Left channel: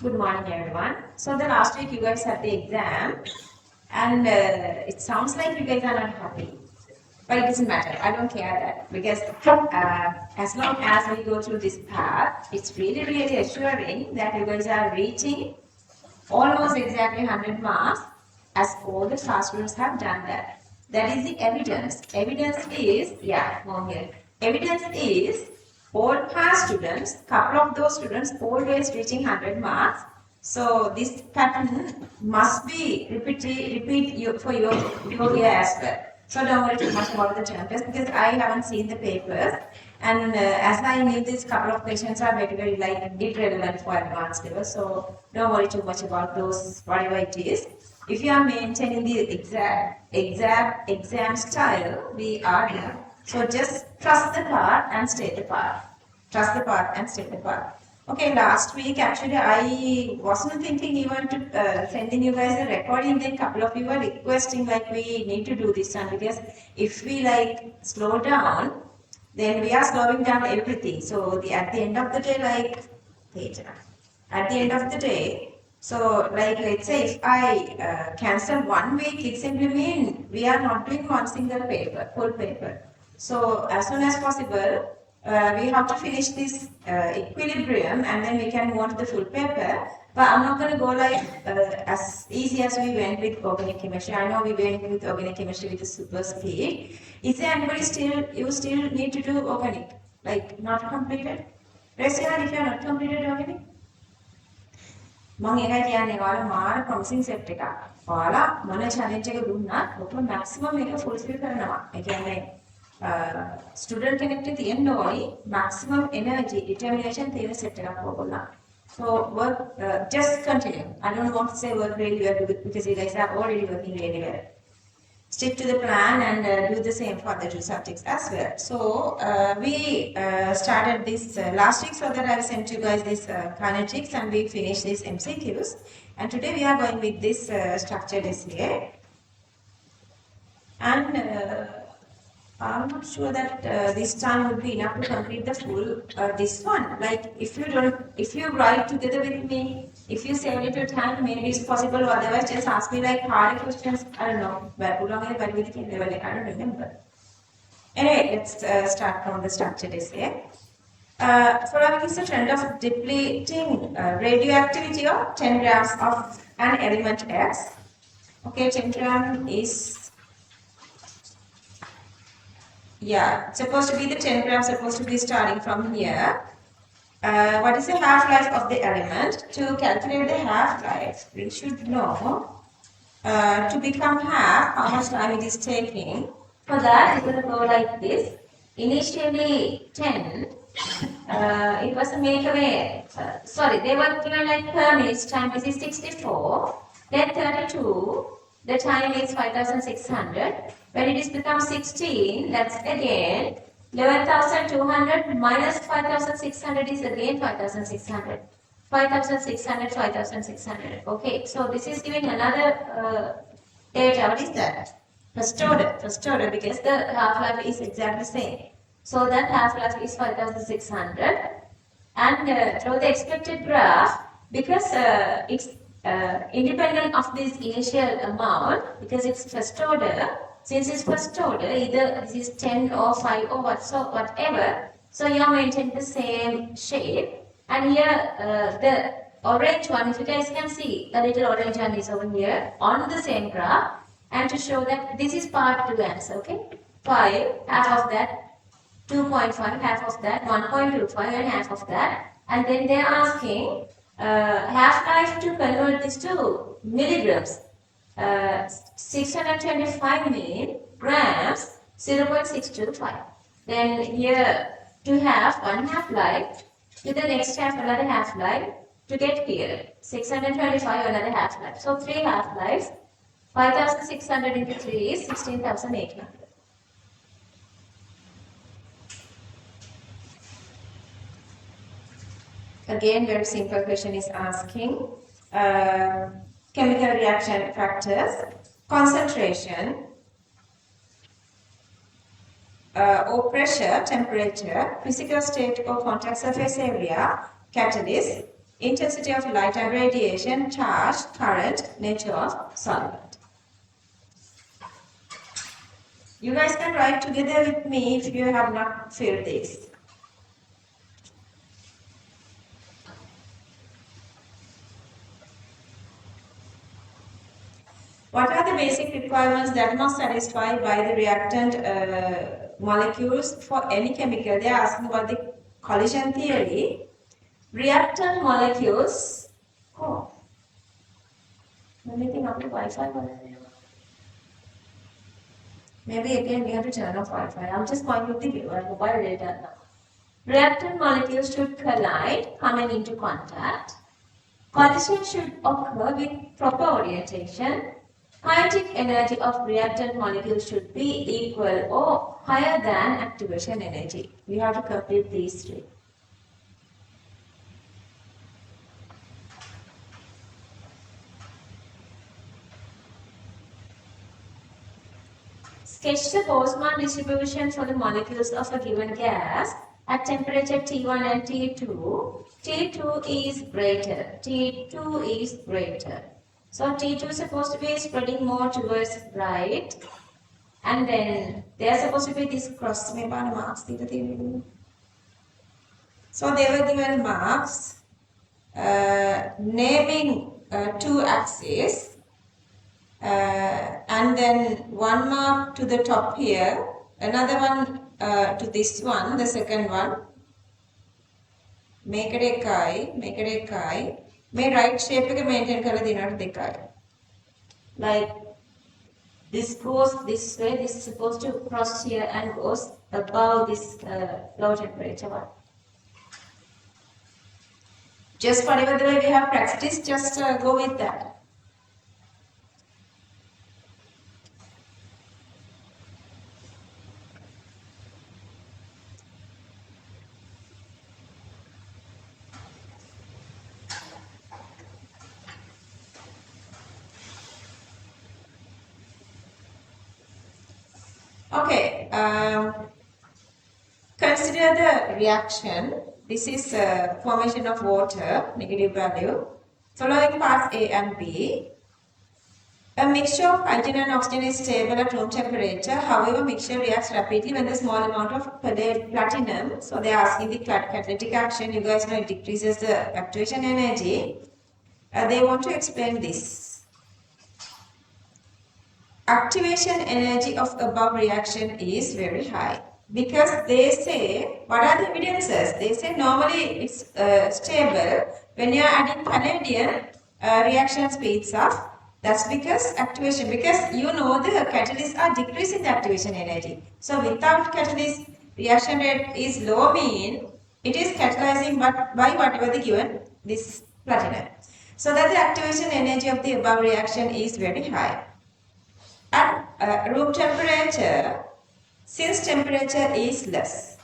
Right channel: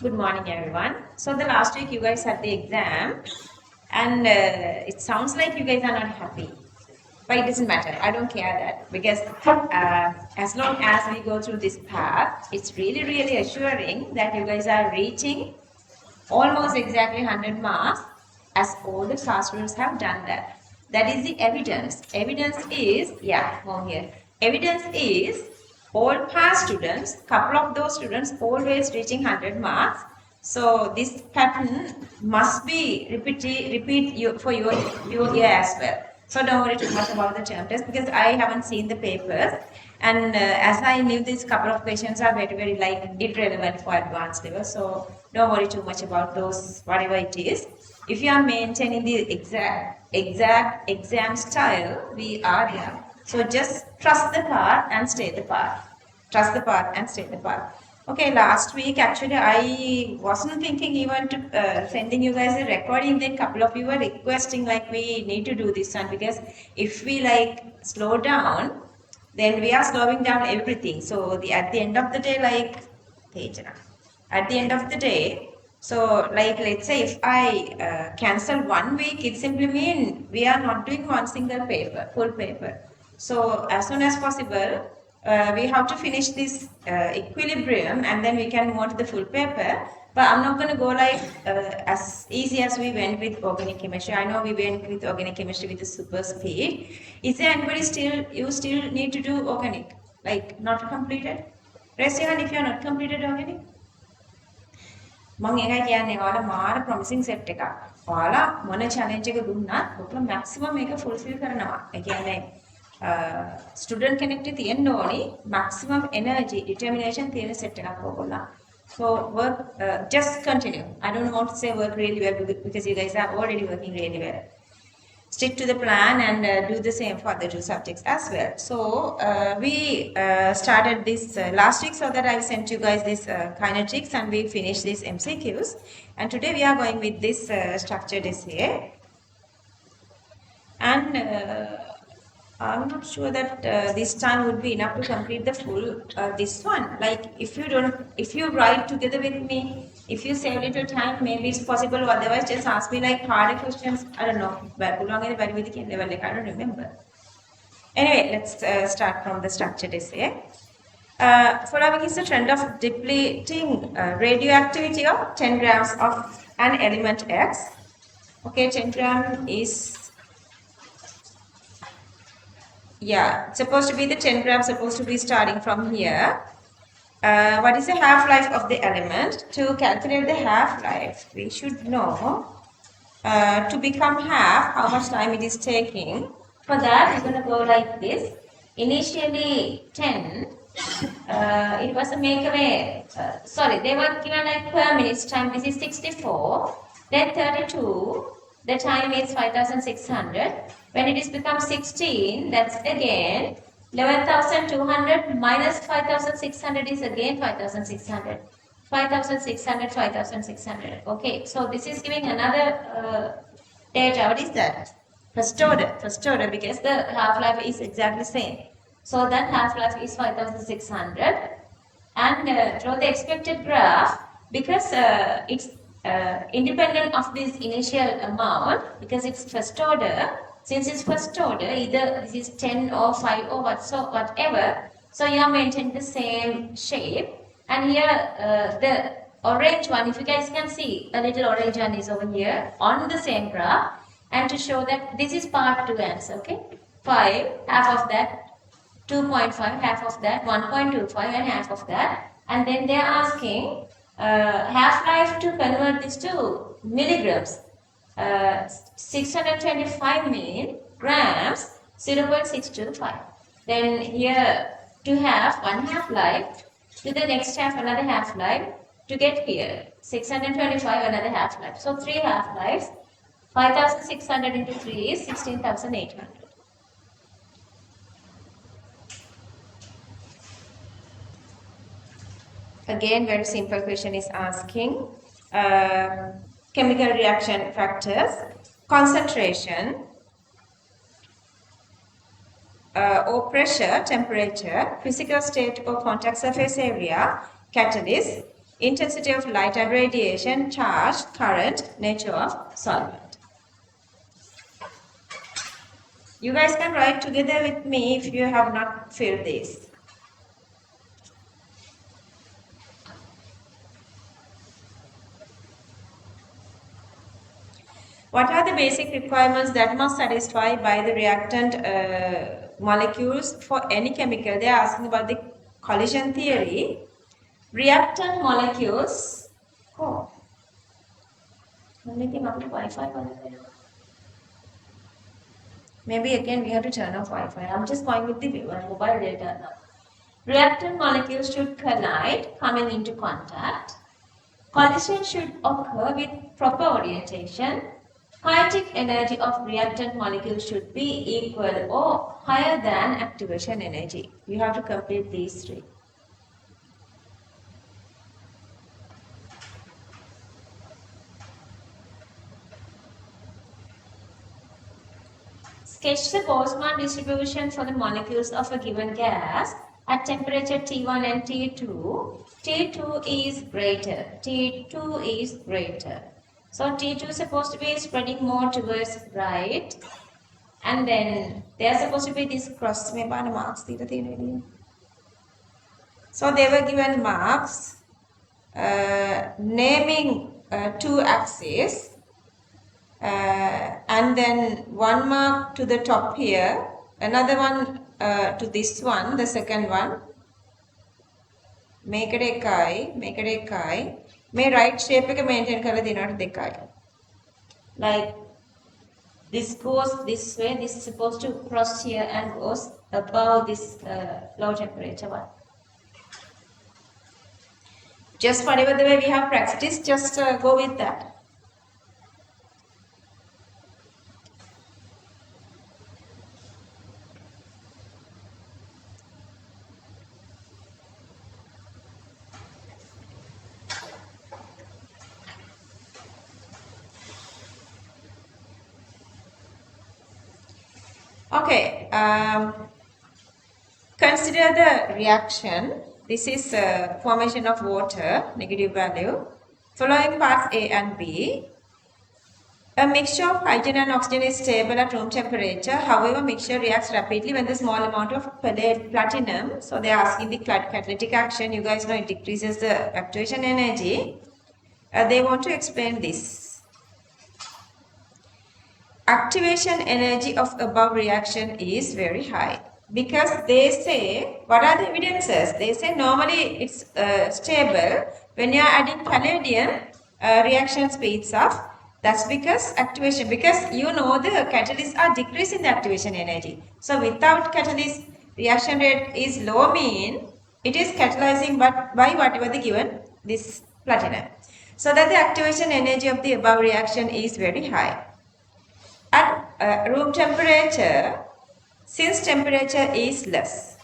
Good morning, everyone. So the last week you guys had the exam, and it sounds like you guys are not happy. But it doesn't matter. I don't care that because as long as we go through this path, it's really, really assuring that you guys are reaching almost exactly 100 marks as all the SAR students have done that. That is the evidence. Evidence is, yeah, more here. Evidence is all past students, couple of those students always reaching 100 marks. So this pattern must be repeat for your year as well. So don't worry too much about the term test because I haven't seen the papers. And as I knew, these couple of questions are very, very like irrelevant for advanced level. So don't worry too much about those, whatever it is. If you are maintaining the exam style, we are there. So just trust the path and stay the path. Trust the path and stay the path. Okay, last week actually I wasn't thinking even to sending you guys a recording. Then couple of you were requesting like we need to do this one because if we like slow down, then we are slowing down everything. So at the end of the day, like at the end of the day, so like let's say if I cancel 1 week, it simply means we are not doing one single paper, full paper. So as soon as possible, we have to finish this equilibrium and then we can move on to the full paper. But I'm not going to go like as easy as we went with organic chemistry. I know we went with organic chemistry with the super speed. Is there anybody you still need to do organic? Like not completed? Raise your hand if you are not completed organic. මම ඒකයි කියන්නේ ඔයාලා මාර ප්‍රොමිසිං set එකක්. ඔයාලා මොන challenge එක දුන්නත් ඔයාලා මැක්සිමම් මේක ෆුල්ෆිල් කරනවා. ඒ කියන්නේ ස්ටුඩන්ට් කෙනෙක්ට තියෙන්න ඕනි මැක්සිමම් එනර්ජි ඩිටර්මිනේෂන් තියෙන සෙට් එකක් ඕගොල්ලෝ. So work just continue. I don't want to say work really well because you guys are already working really well. Stick to the plan and do the same for the two subjects as well. So we started this last week so that I sent you guys this kinetics and we finished these MCQs. And today we are going with this structured essay. And I'm not sure that this time would be enough to complete the full this one. Like if you write together with me, if you save little time, maybe it's possible. Otherwise, just ask me like harder questions. I don't know. But I don't remember. Anyway, let's start from the structured essay. Following is the trend of depleting radioactivity of 10 grams of an element X. Okay, 10 gram is it's supposed to be the 10 grams supposed to be starting from here. What is the half-life of the element? To calculate the half-life, we should know to become half how much time it is taking. For that, we're going to go like this. Initially 10, it was a makeaway, sorry, they were given like per minute time, this is 64, then 32, the time is 5600. When it is become 16, that's again 11,200 minus 5,600 is again 5,600. 5,600, 5,600. Okay, so this is giving another data. What is that? First order because the half-life is exactly the same. So that half-life is 5,600. And draw the expected graph because it's independent of this initial amount because it's first order. Since it's first order, either this is 10 or 5 or whatever, so you are maintaining the same shape. And here the orange one, if you guys can see, the little orange one is over here on the same graph. And to show that this is part 2 answer, okay? 5, half of that, 2.5, half of that, 1.25 and half of that. And then they are asking half-life to convert this to milligrams. 625 milligrams, 0.625. Then here to have one half-life, to the next half another half-life, to get here 625 another half-life. So 3 half-lives, 5,600 into 3 is 16,800. Again, very simple question is asking chemical reaction factors, concentration, or pressure, temperature, physical state or contact surface area, catalyst, intensity of light and radiation, charge, current, nature of solvent. You guys can write together with me if you have not filled this. What are the basic requirements that must satisfy by the reactant molecules for any chemical? They are asking about the collision theory. Reactant molecules. Oh. Anything after Wi-Fi? Maybe again we have to turn off Wi-Fi. I'm just going with the mobile data now. Reactant molecules should collide, coming into contact. Collision should occur with proper orientation. Kinetic energy of reactant molecules should be equal or higher than activation energy. You have to complete these three. Sketch the Boltzmann distribution for the molecules of a given gas at temperature T1 and T2. T2 is greater. T2 is greater. So T2 is supposed to be spreading more towards right. And then they are supposed to be this cross marks. So they were given marks naming two axes. And then one mark to the top here, another one to this one, the second one. Make it a kai. May right shape maintain color dinner. Like this goes this way, this is supposed to cross here and goes above this low temperature one. Just whatever the way we have practiced, just go with that. Okay, consider the reaction. This is formation of water, negative value. Following parts A and B. A mixture of hydrogen and oxygen is stable at room temperature. However, mixture reacts rapidly when the small amount of platinum. So they are asking the catalytic action. You guys know it decreases the activation energy. They want to explain this. Activation energy of above reaction is very high because they say, what are the evidences? They say normally it's stable. When you are adding vanadium, reaction speeds up. That's because activation, because you know the catalysts are decreasing the activation energy. So without catalyst, reaction rate is low mean, it is catalyzing but by whatever the given, this platinum. So that the activation energy of the above reaction is very high. At room temperature, since temperature is less,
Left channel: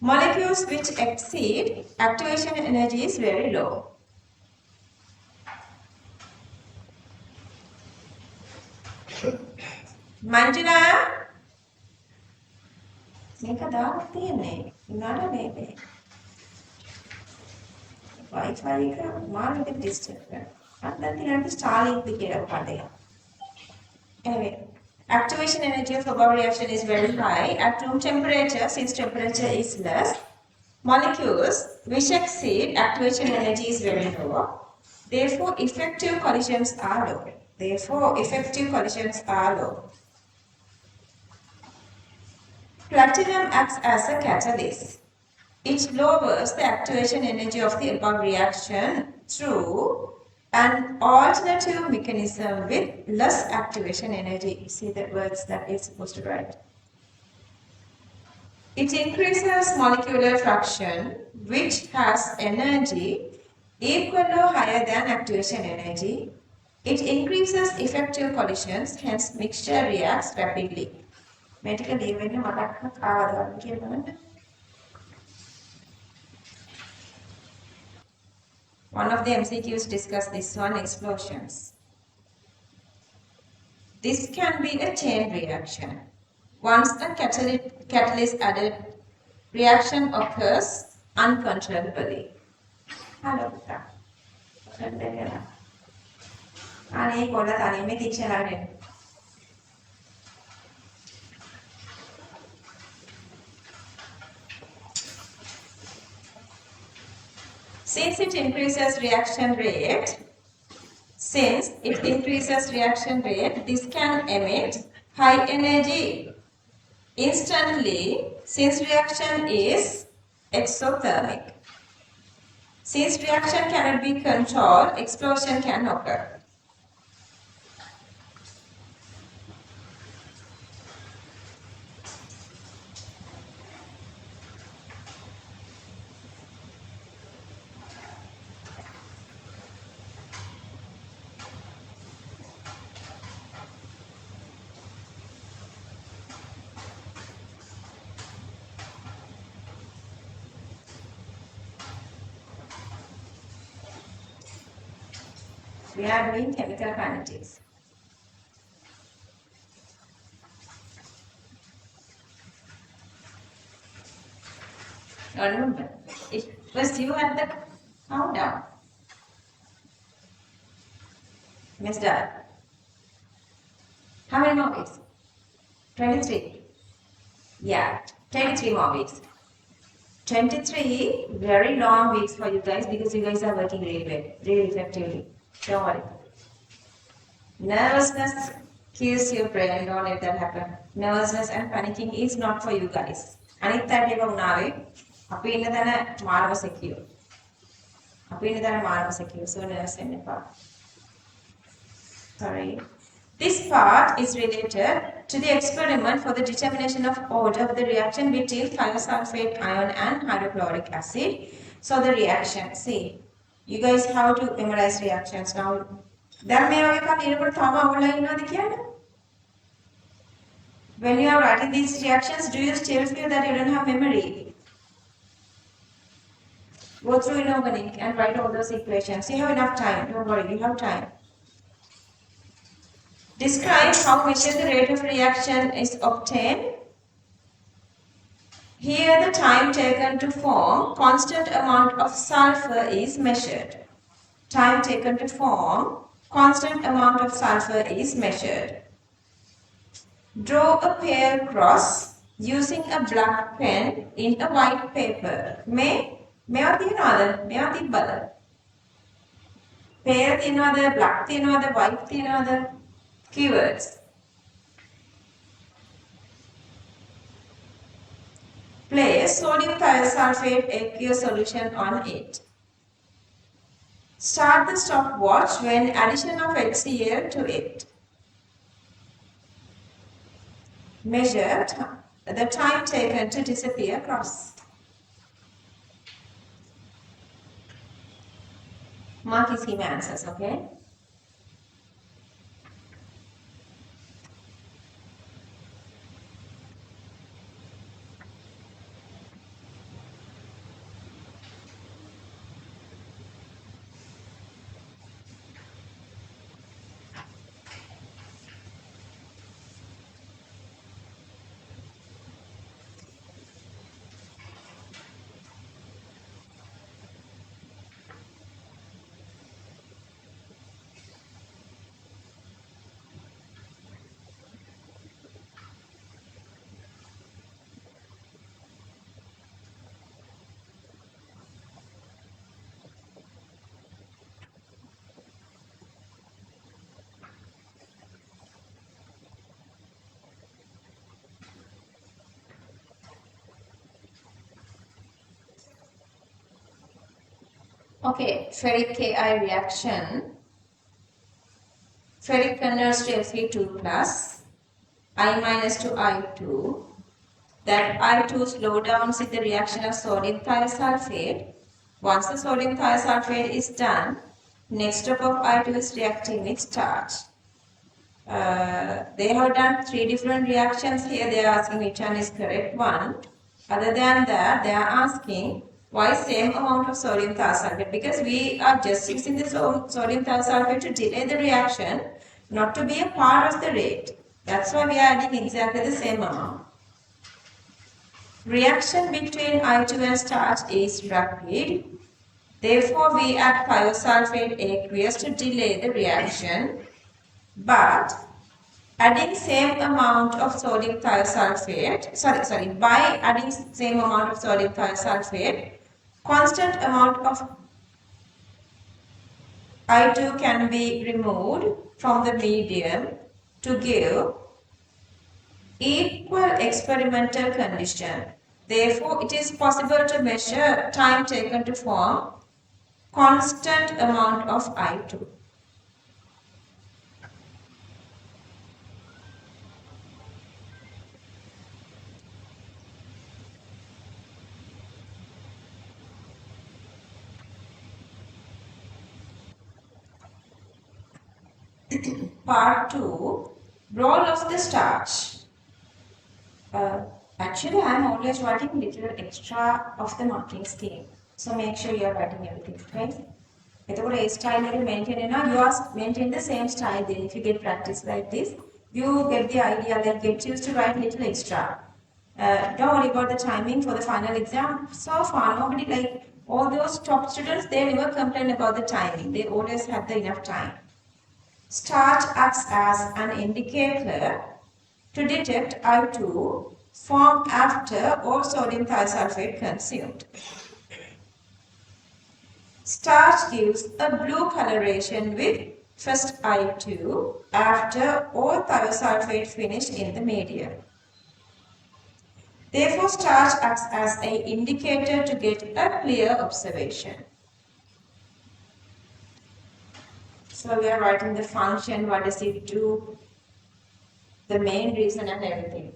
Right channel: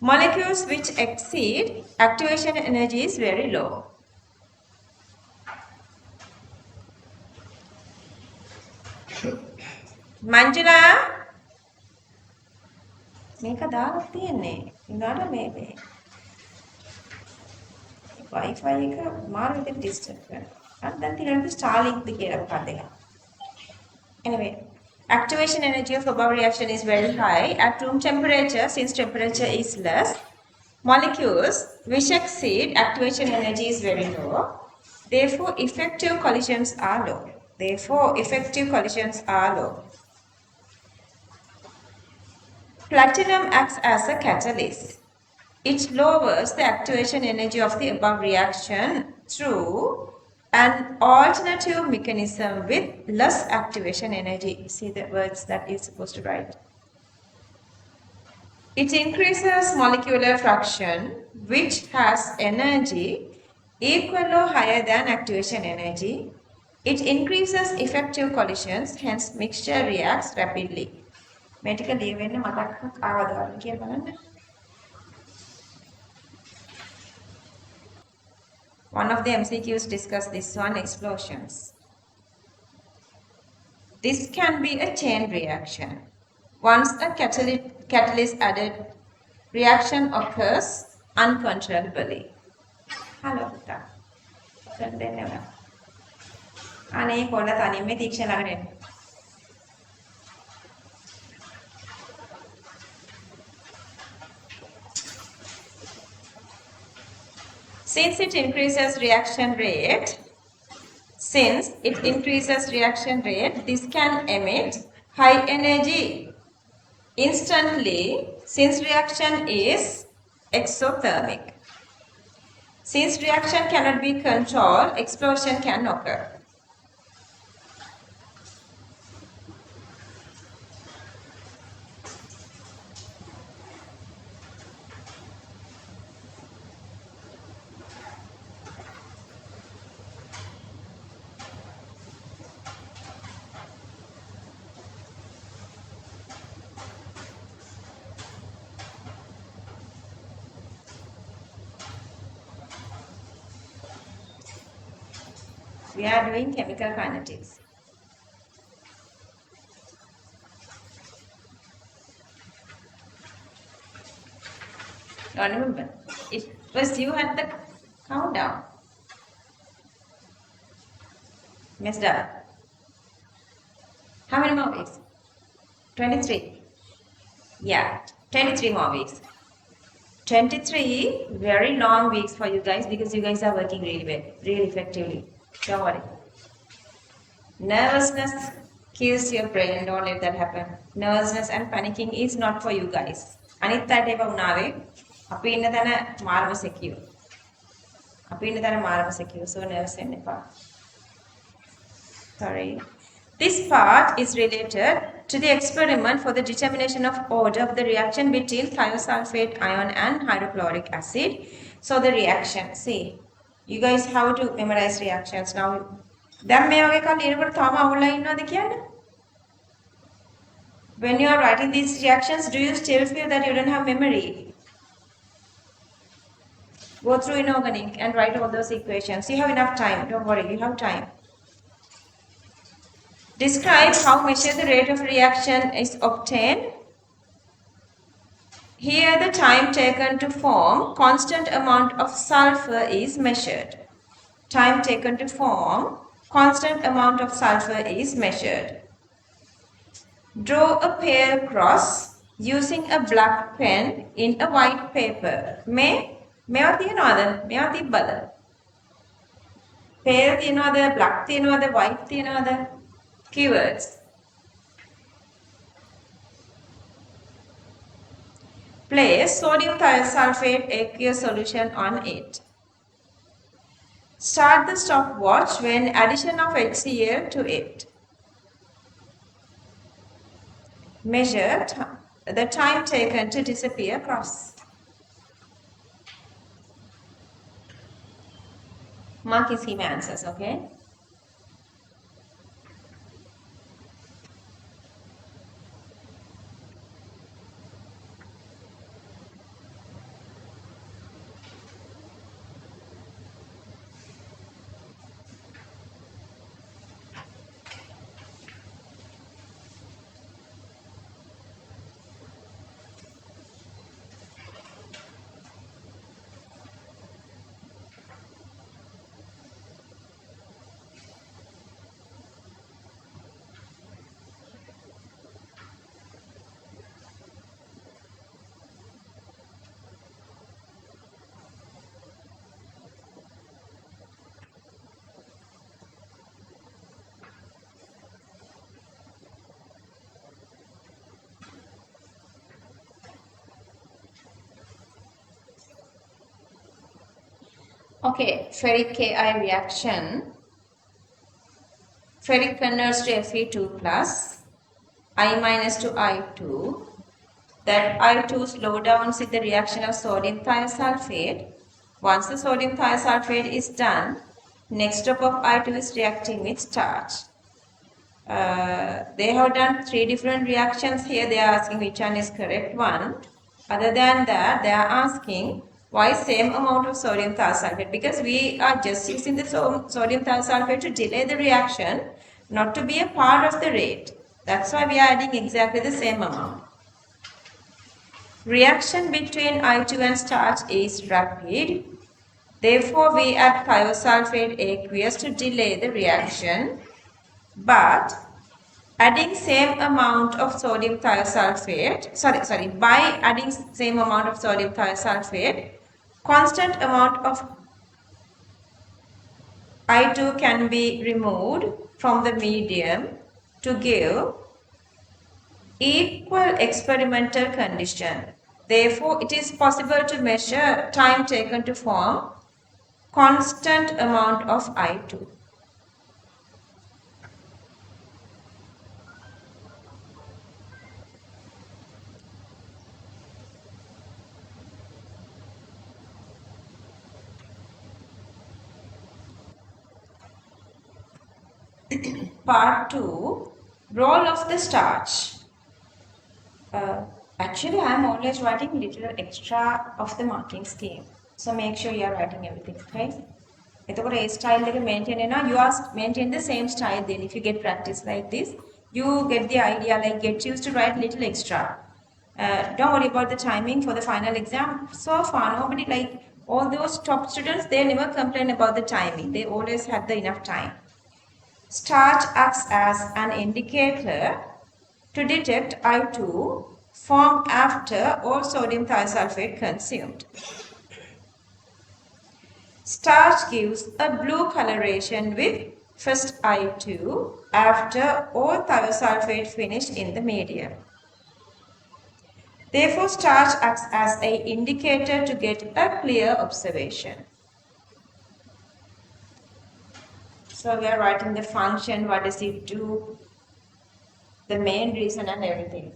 molecules which exceed activation energy is very low. Manjula, මේක දාලා තියෙන්නේ. උනාට මේකේ. Wi-Fi එක මාර්ගෙට disturb වෙනවා. අර දැන් තියෙනවා Starlink කියලා පාඩේ. Anyway, activation energy of above reaction is very high. At room temperature, since temperature is less, molecules which exceed activation energy is very low. Therefore, effective collisions are low. Platinum acts as a catalyst. It lowers the activation energy of the above reaction through an alternative mechanism with less activation energy. See the words that you're supposed to write. It increases molecular fraction which has energy equal or higher than activation energy. It increases effective collisions, hence mixture reacts rapidly. Medical one of the MCQs discuss this one, explosions. This can be a chain reaction. Once a catalyst added, reaction occurs uncontrollably. Hello, instruction දෙන්නවා. අනේ කොල්ල තනියම තීක්ෂණ ළඟට එන්න. Since it increases reaction rate, this can emit high energy instantly since reaction is exothermic. Since reaction cannot be controlled, explosion can occur. We are doing chemical kinetics. Remember, it was you at the countdown. Miss Dad. How many more weeks? 23. Yeah, 23 more weeks. 23 very long weeks for you guys because you guys are working really well, really effectively. Don't worry. Nervousness kills your brain. Don't let that happen. Nervousness and panicking is not for you guys. අනිත් අයට ඒවා වුණාවේ අපි ඉන්න තැන මාරම secure. අපි ඉන්න තැන මාරම secure. So nervous වෙන්න එපා. Sorry. This part is related to the experiment for the determination of order of the reaction between thiosulfate ion and hydrochloric acid. So the reaction, see, you guys have to memorize reactions now. දැන් මේ වගේ කල් ඉරකට තාම අවුල්ලා ඉන්නවද කියන්නේ? When you are writing these reactions, do you still feel that you don't have memory? Go through inorganic and write all those equations. You have enough time. Don't worry, you have time. Describe how measure the rate of reaction is obtained. Here the time taken to form constant amount of sulfur is measured. Time taken to form constant amount of sulfur is measured. Draw a pale cross using a black pen in a white paper. මේවා තියනවාද? මේවා තිබ්බද? pale තියනවාද? black තියනවාද? white තියනවාද? Keywords. Place sodium thiosulfate aqueous solution on it. Start the stopwatch when addition of HCl to it. Measure the time taken to disappear cross. Mark his key answers, okay? Okay, ferric Ki reaction. Ferric converts to Fe2 plus, I minus to I2. That I2 slow downs with the reaction of sodium thiosulfate. Once the sodium thiosulfate is done, next step of I2 is reacting with starch. They have done 3 different reactions here. They are asking which one is correct one. Other than that, they are asking why same amount of sodium thiosulfate? Because we are just using the sodium thiosulfate to delay the reaction, not to be a part of the rate. That's why we are adding exactly the same amount. Reaction between I2 and starch is rapid. Therefore, we add thiosulfate aqueous to delay the reaction, but adding same amount of sodium thiosulfate, by adding same amount of sodium thiosulfate, constant amount of I2 can be removed from the medium to give equal experimental condition. Therefore, it is possible to measure time taken to form constant amount of I2. Part 2, role of the starch. Actually, I am always writing little extra of the marking scheme. So make sure you are writing everything, okay? එතකොට ඒ style එක maintain වෙනවා. You are maintain the same style then. If you get practice like this, you get the idea, like get used to write little extra. Don't worry about the timing for the final exam. So far, nobody, like all those top students, they never complain about the timing. They always have the enough time. Starch acts as an indicator to detect I2 formed after all sodium thiosulfate consumed. Starch gives a blue coloration with first I2 after all thiosulfate finished in the medium. Therefore, starch acts as an indicator to get a clear observation. So we are writing the function, what does it do, the main reason and everything.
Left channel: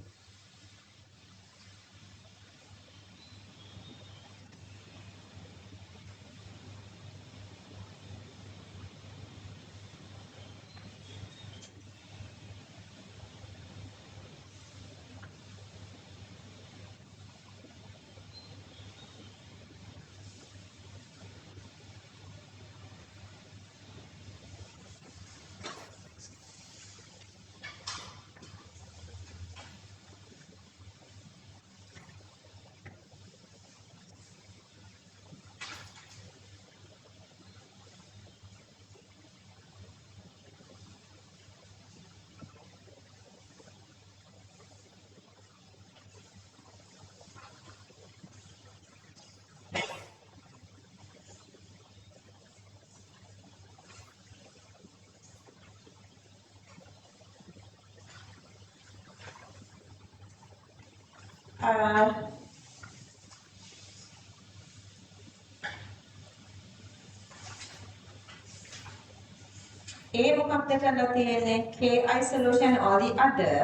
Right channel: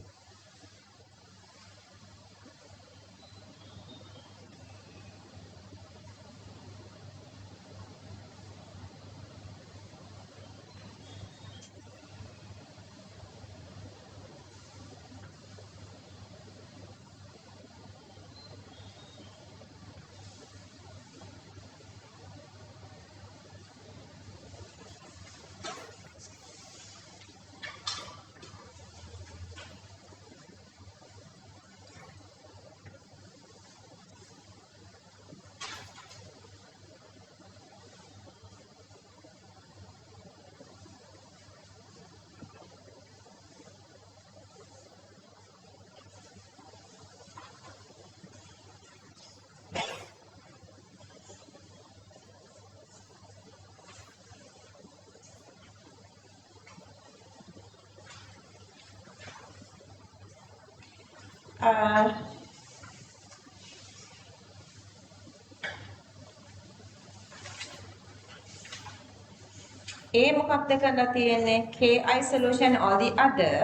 A මොකක්ද කරලා තියෙන්නේ? KI solution or the other.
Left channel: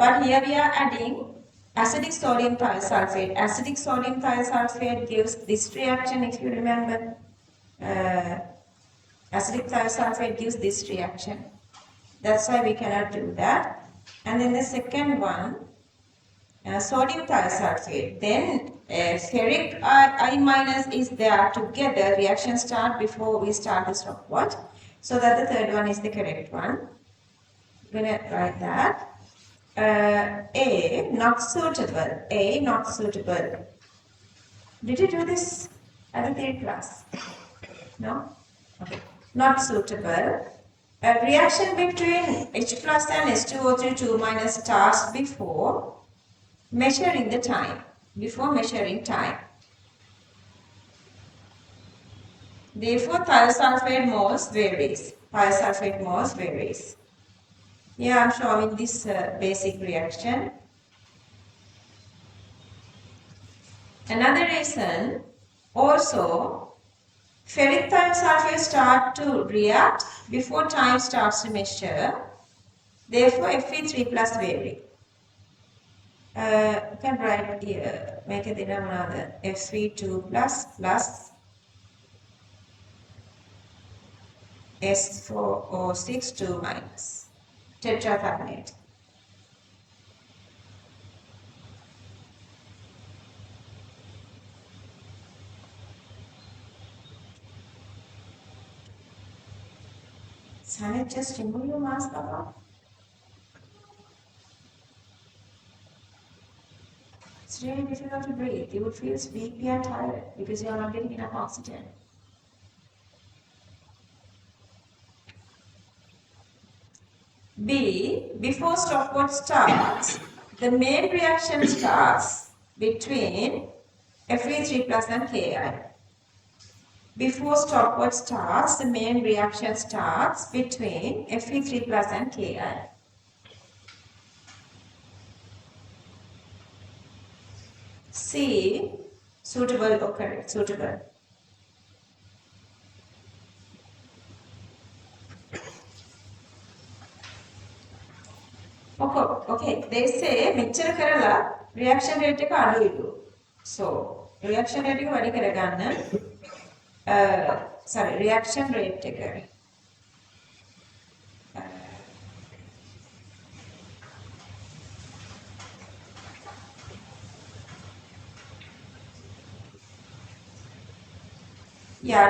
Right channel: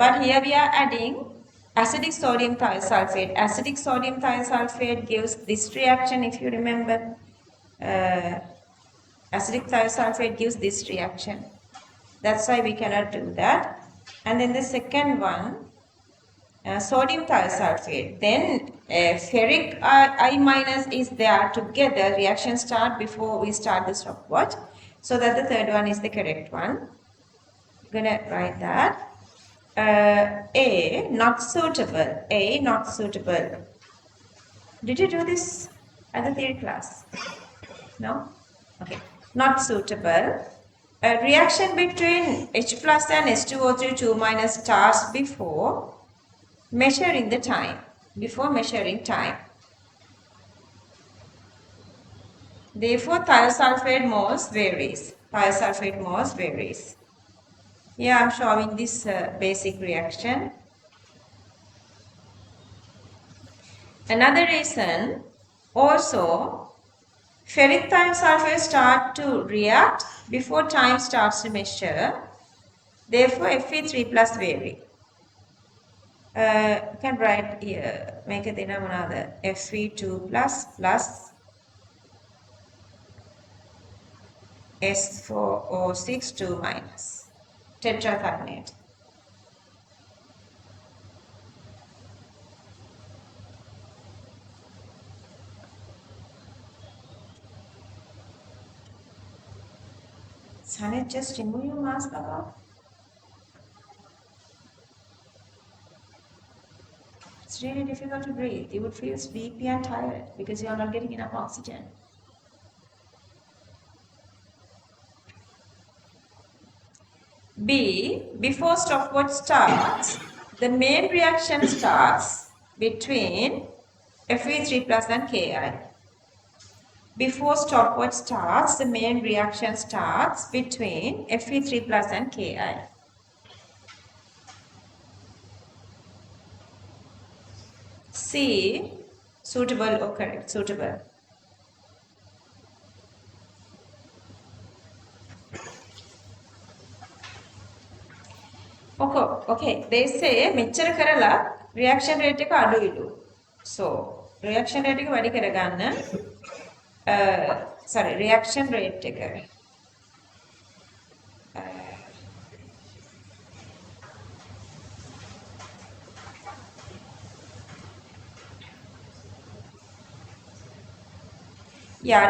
But here we are adding acidic sodium thiosulfate. Acidic sodium thiosulfate gives this reaction, if you remember. Acidic thiosulfate gives this reaction. That's why we cannot do that. And then the second one, sodium thiosulfate. Then ferric I minus is there together. Reaction start before we start the stopwatch. So that the third one is the correct one. I'm going to write that. A, not suitable. A, not suitable. Did you do this at the theory class? No? Okay. Not suitable. A reaction between H plus and H2O3 2 minus starts before measuring the time. Before measuring time. Therefore, thiosulfate moles varies. Thiosulfate moles varies. Here I am showing this basic reaction. Another reason, also, ferric thiosulfate start to react before time starts to measure. Therefore, Fe3 plus vary. You can write here, make a denominator Fe2 plus S4O6 2 minus tetracarbonate. Sunny, just remove your mask above. It's really difficult to breathe. You would feel sleepy and tired because you are not getting enough oxygen. B. Before stopwatch starts, the main reaction starts between Fe3 plus and Ki. Before stopwatch starts, the main reaction starts between Fe3 plus and Ki. C. Suitable or correct? Suitable. Okay. They say මෙච්චර කරලා reaction rate එක අඩුයිලු. So reaction rate එක වැඩි කරගන්න reaction rate එක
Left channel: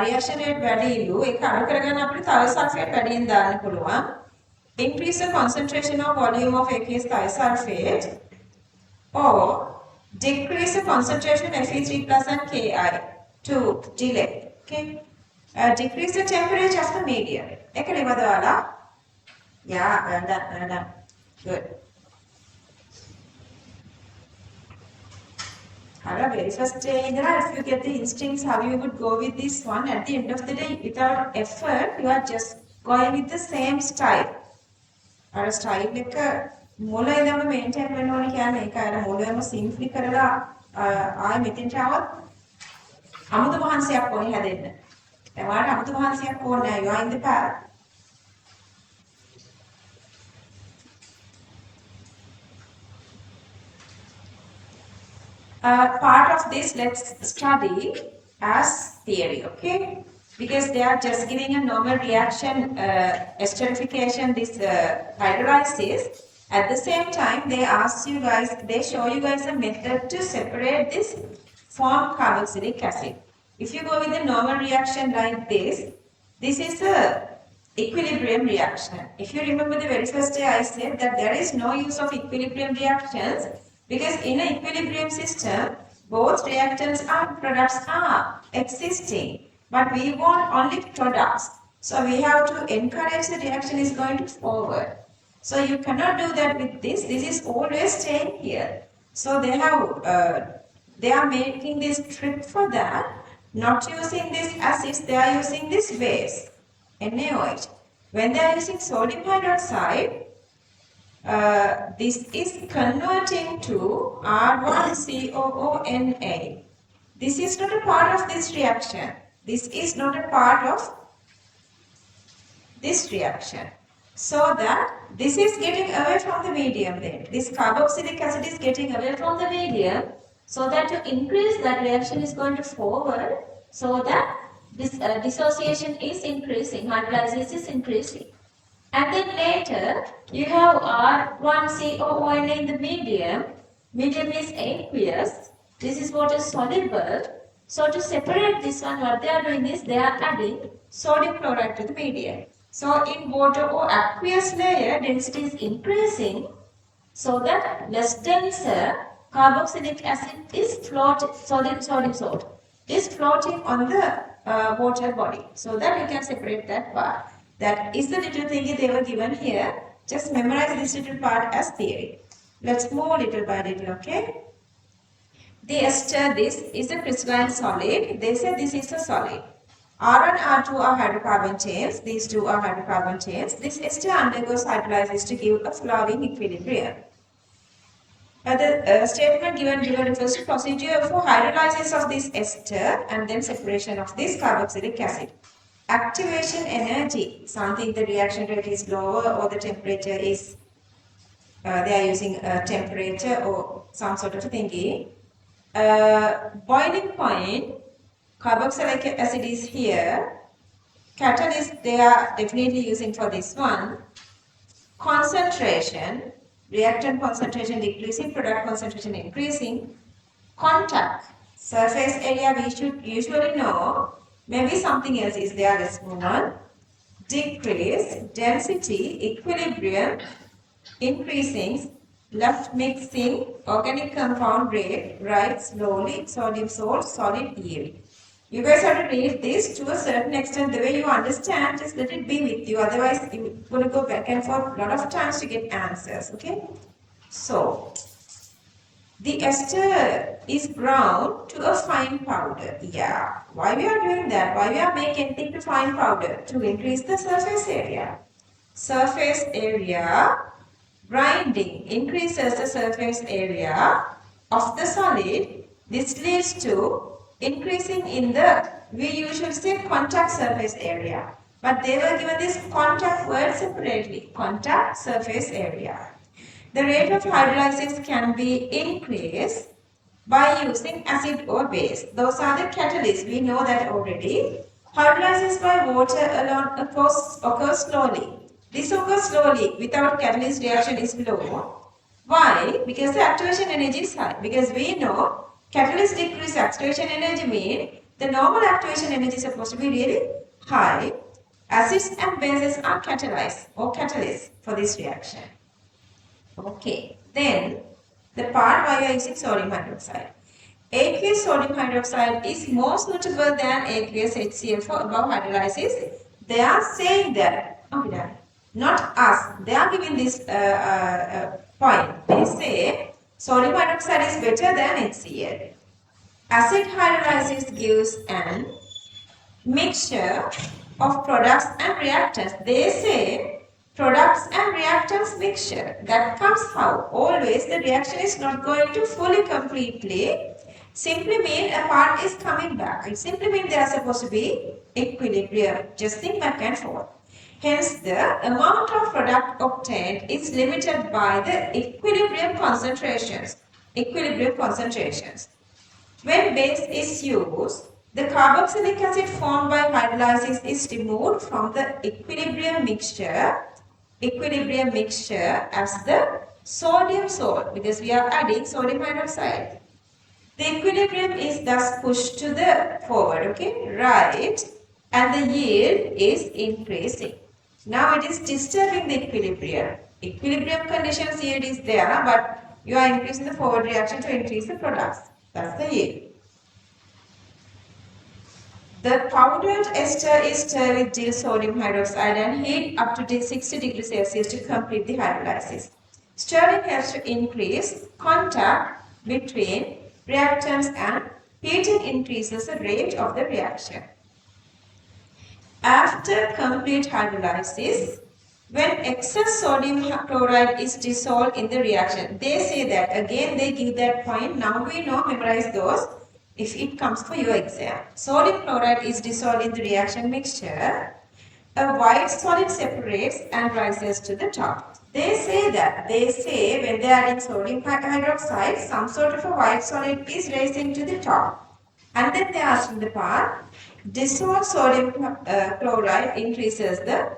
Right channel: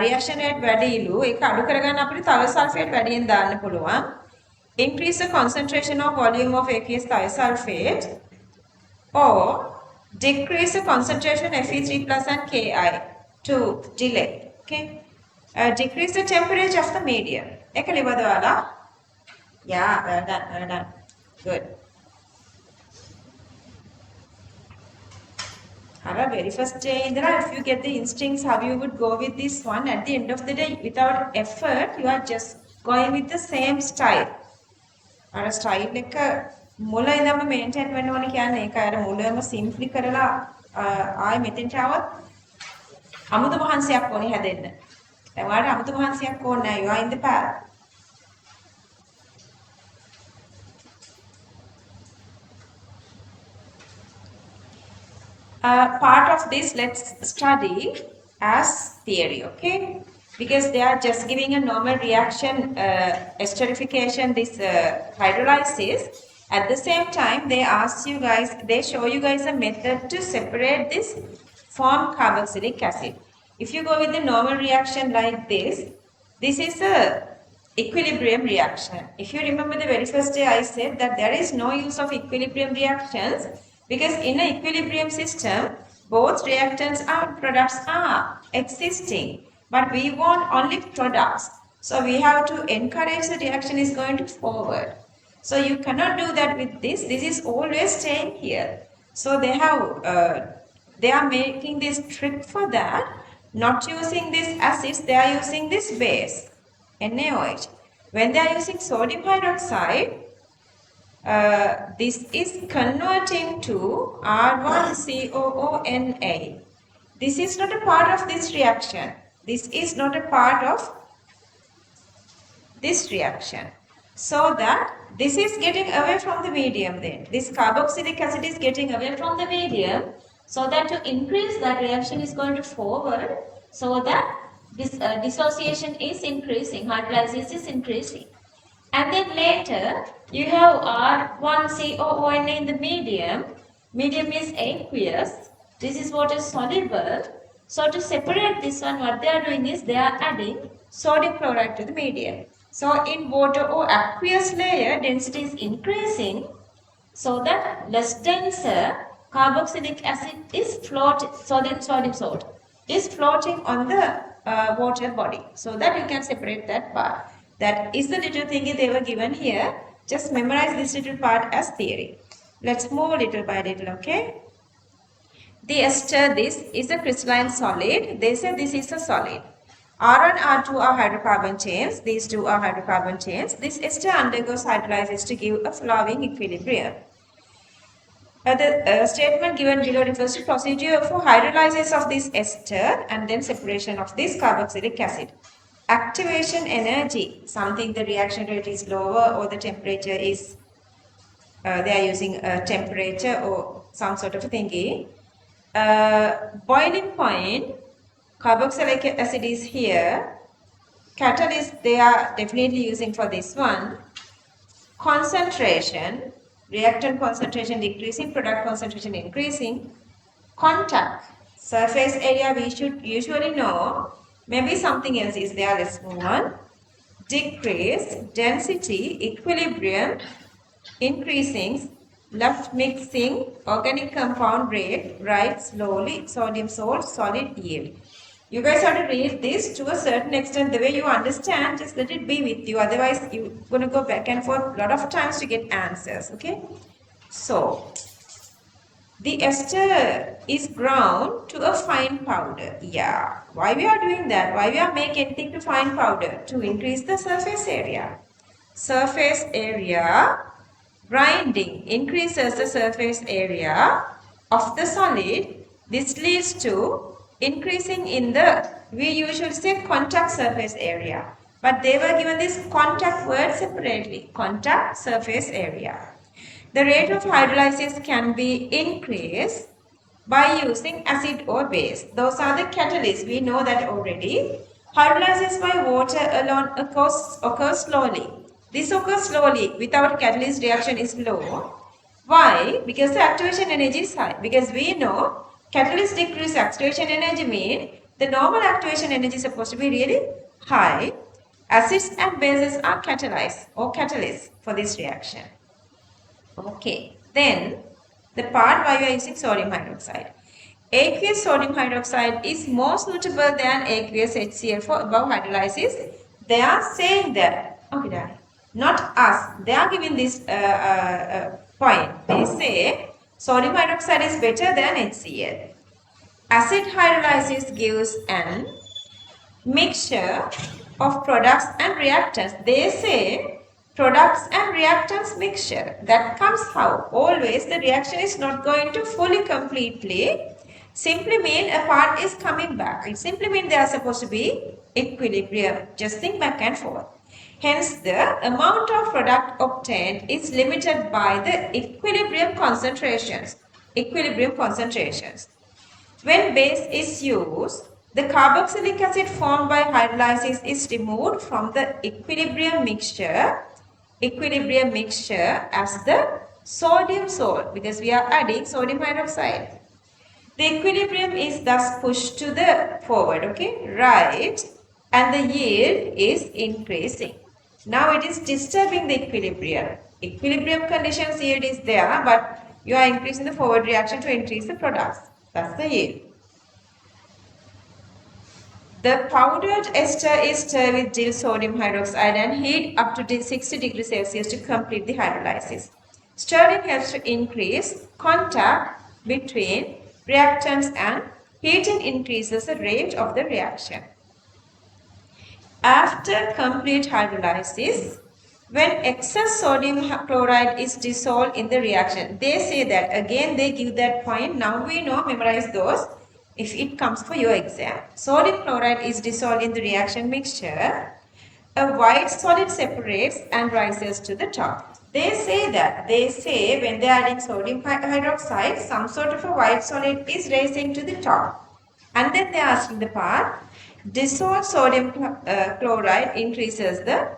reaction rate වැඩිලු. ඒක අඩු කරගන්න අපිට thiosulfate වැඩියෙන් දාන්න පුළුවන්. Increase the concentration or volume of aqueous thiosulfate or decrease the concentration Fe3 plus and Ki to delay. Okay. Decrease the temperature of the medium. Ek libadwala. Yeah, well done. Good. Very first day, Indra, if you get the instincts how you would go with this one, at the end of the day, without effort, you are just going with the same style. Our style එක මුල ඉඳන්ම maintain වෙන්න ඕනේ කියන්නේ ඒකයි. අර මුලම simply කරලා ආයෙ මෙතෙන්ට આવත් අමුතු මහන්සියක් ඕනේ හැදෙන්න. දැන් ඔයාලට අමුතු මහන්සියක් ඕනේ නැහැ. You are in the path. Part of this let's study as theory, okay? Because they are just giving a normal reaction, esterification, this hydrolysis. At the same time, they show you guys a method to separate this formed carboxylic acid. If you go with the normal reaction like this is a equilibrium reaction. If you remember the very first day I said that there is no use of equilibrium reactions because in an equilibrium system, both reactants and products are existing. But we want only products. So we have to encourage the reaction is going to forward. So you cannot do that with this. This is always staying here. So they are making this trick for that. Not using this acids, they are using this base, NaOH. When they are using sodium hydroxide, this is converting to R1COONA. This is not a part of this reaction. This is not a part of this reaction. So that this is getting away from the medium then. This carboxylic acid is getting away from the medium. So that to increase that reaction is going to forward. So that this dissociation is increasing, hydrolysis is increasing. And then later you have R1COONA in the medium. Medium is aqueous. This is water soluble. So to separate this one, what they are doing is they are adding sodium chloride to the medium. So in water or aqueous layer, density is increasing so that less denser carboxylic acid is sodium salt is floating on the water body. So that you can separate that part. That is the little thingy they were given here. Just memorize this little part as theory. Let's move little by little, okay? The ester, this is a crystalline solid. They say this is a solid. R and R2 are hydrocarbon chains. These two are hydrocarbon chains. This ester undergoes hydrolysis to give a flowing equilibrium. The statement given below refers to procedure for hydrolysis of this ester and then separation of this carboxylic acid. Activation energy, something the reaction rate is lower or the temperature is, they are using a temperature or some sort of thingy. Boiling point, carboxylic acid is here. Catalyst, they are definitely using for this one. Concentration, reactant concentration decreasing, product concentration increasing. Contact, surface area we should usually know. Maybe something else is there, let's move on. Decrease, density, equilibrium, increasing, left mixing organic compound rate, right slowly, sodium salt, solid yield. You guys have to read this to a certain extent. The way you understand, just let it be with you. Otherwise, you're going to go back and forth a lot of times to get answers. Okay? So, the ester is ground to a fine powder. Yeah. Why we are doing that? Why we are making anything to fine powder? To increase the surface area. Surface area grinding increases the surface area of the solid. This leads to increasing in the, we usually say contact surface area. But they were given this contact word separately. Contact surface area. The rate of hydrolysis can be increased by using acid or base. Those are the catalysts. We know that already. Hydrolysis by water alone occurs slowly. This occurs slowly without catalyst reaction is low. Why? Because the activation energy is high. Because we know catalyst decrease activation energy means the normal activation energy is supposed to be really high. Acids and bases are catalyzed or catalysts for this reaction. Okay, then the part why we are using sodium hydroxide. Aqueous sodium hydroxide is more suitable than aqueous HCl for above hydrolysis. They are saying that, okay, not us, they are giving this point. They say sodium hydroxide is better than HCl. Acid hydrolysis gives an mixture of products and reactants. They say products and reactants mixture. That comes how? Always the reaction is not going to fully completely simply mean a part is coming back. It simply means they are supposed to be equilibrium, just think back and forth. Hence, the amount of product obtained is limited by the equilibrium concentrations. Equilibrium concentrations. When base is used, the carboxylic acid formed by hydrolysis is removed from the equilibrium mixture as the sodium salt, because we are adding sodium hydroxide. The equilibrium is thus pushed to the forward, okay, right, and the yield is increasing. Now it is disturbing the equilibrium. Equilibrium conditions yield is there, but you are increasing the forward reaction to increase the products. That's the yield. The powdered ester is stirred with dill sodium hydroxide and heat up to 60 degrees Celsius to complete the hydrolysis. Stirring helps to increase contact between reactants and heating increases the rate of the reaction. After complete hydrolysis, when excess sodium chloride is dissolved in the reaction, they say that, again they give that point, now we know, memorize those if it comes for your exam. Sodium chloride is dissolved in the reaction mixture, a white solid separates and rises to the top. They say when they are adding sodium hydroxide, some sort of a white solid is rising to the top. And then they are asking the part, dissolved sodium chloride increases the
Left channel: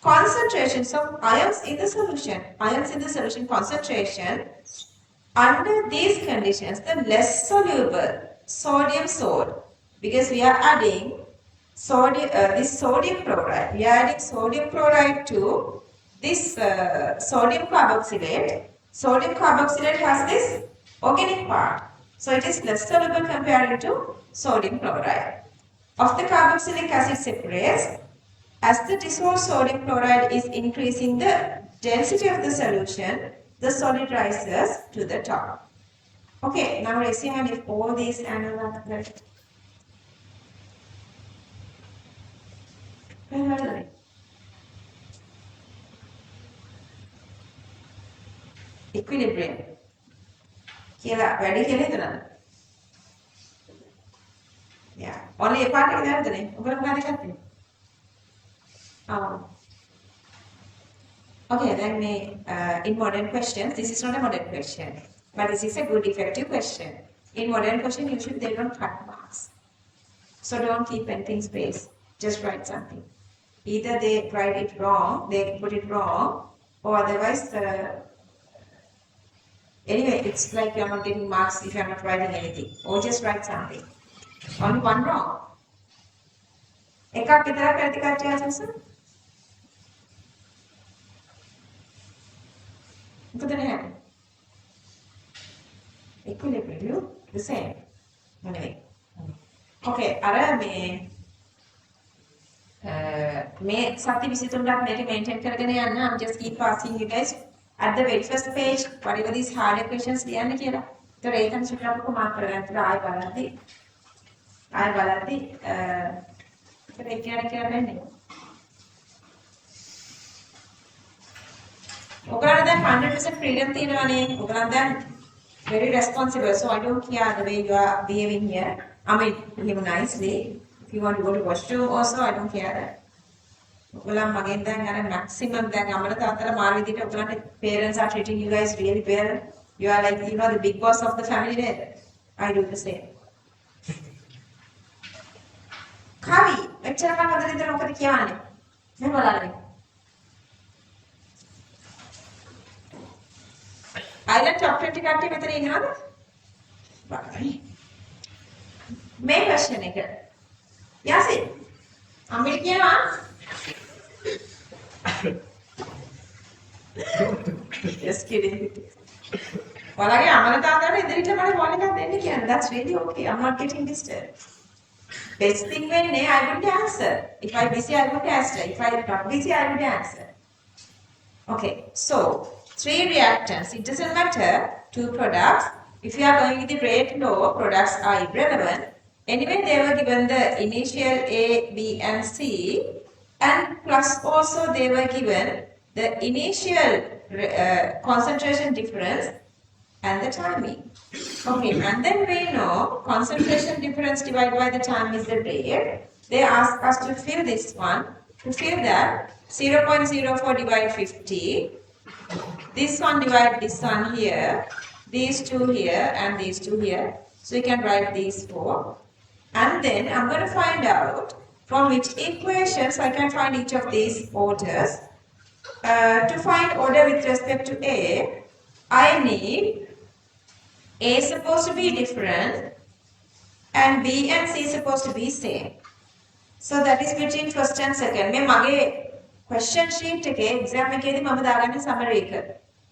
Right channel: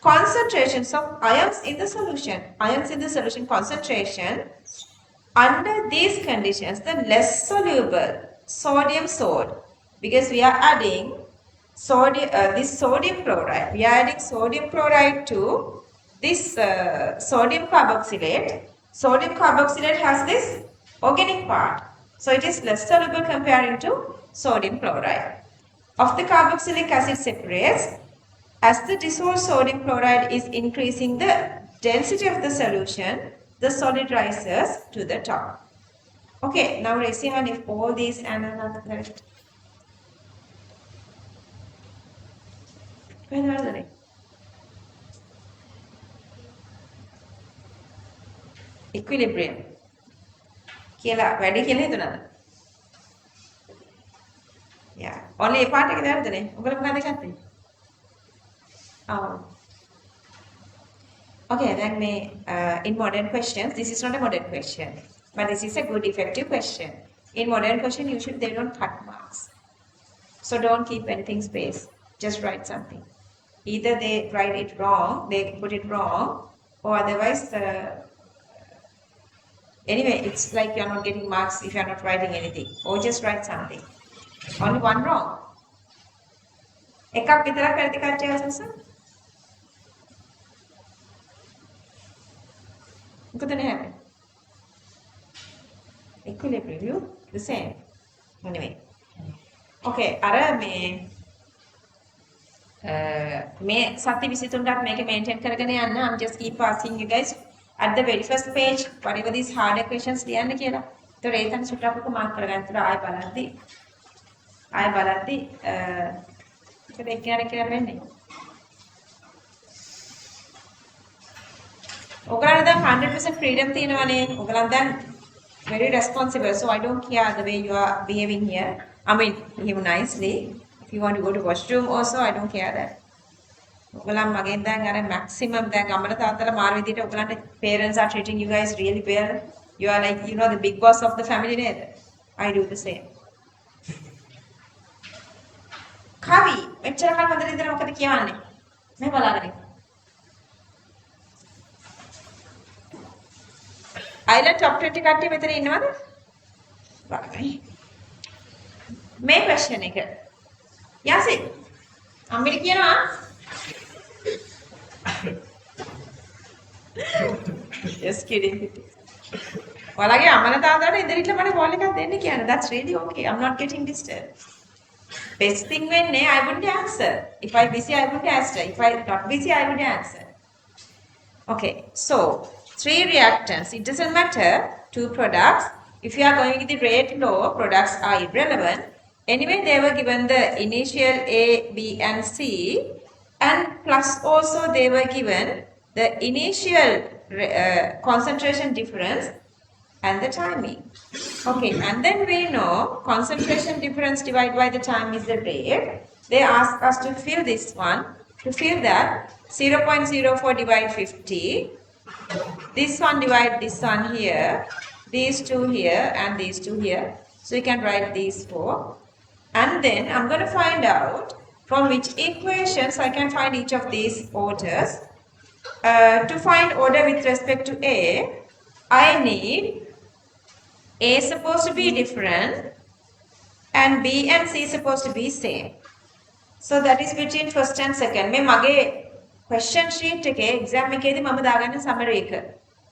concentrations of ions in the solution. Ions in the solution concentration. Under these conditions, the less soluble sodium salt, because we are adding this sodium chloride. We are adding sodium chloride to this sodium carboxylate. Sodium carboxylate has this organic part. So it is less soluble comparing to sodium chloride. Of the carboxylic acid separates, as the dissolved sodium chloride is increasing the density of the solution, the solid rises to the top. Okay, now raise your hand if all these are left. When are they? Equilibrium. කියලා වැඩි කියලා හිතනද? Yeah. Only a part එක දැනදනේ. ඔබට මොකක්ද ගත්තේ? Okay, then in modern questions, this is not a modern question, but this is a good effective question. In modern question, usually they don't cut marks. So don't keep anything space. Just write something. Either they write it wrong, they put it wrong, or otherwise, anyway, it's like you're not getting marks if you're not writing anything. Or just write something. Only one wrong. එකක් විතරක් වැරදි කට්ටිය අසස. මොකද නැහැ. equilibrium, you the same. Anyway. Okay, අර මේ සති 23ක් මේක මේන්ටේන් කරගෙන යන්න. I'm just keep asking you guys at the very first page whatever these hard equations ලියන්න කියලා. ඒතර ඒකෙන් සුට්ටක් මාක් කරගන්න. ඒතර ආයෙ බලද්දි ඒක කියන්නේ වෙන්නේ. ඔයගොල්ලෝ දැන් 100% freedom තියෙනවානේ. ඔයගොල්ලෝ දැන් very responsible, so I don't care the way you are behaving here. I mean, behave nicely. If you want to go to washroom also, I don't care that. ඔයගොල්ලෝ මගෙන් දැන් අර maximum දැන් අම්මලා තාත්තලා මාර විදිහට ඔයගොල්ලන්ගේ parents are treating you guys really well. You are like, you know, the big boss of the family නේද? I do the same. කවි මෙච්චර කල් හොඳට ඉඳලා මොකද කියවන්නේ? මේ බලාගෙන. Island top 20 කට්ටිය මෙතන ඉන්නවද? බලන්න. මේ question එක. යසින්. අම්මිට කියනවා. Just kidding. ඔයාලගේ අමන තාත්තාට ඉදිරියට මට call එකක් දෙන්න කියන්නේ. That's really okay. I'm not getting disturbed. Best thing වෙන්නේ I would answer. If I busy I would answer. If I not busy I would answer. Okay. So 3 reactants. It doesn't matter. 2 products. If you are going with the rate law, products are irrelevant. Anyway, they were given the initial A, B and C, and plus also they were given the initial concentration difference and the timing. Okay, and then we know concentration difference divided by the time is the rate. They ask us to fill this one. To fill that, 0.04 divide 50. This one divide this one here, these 2 here and these 2 here. So you can write these 4. And then I'm going to find out from which equations I can find each of these orders. To find order with respect to A, I need A supposed to be different and B and C supposed to be same. So that is between first and second. මේ මගේ question sheet එකේ exam එකේදී මම දාගන්න summary එක.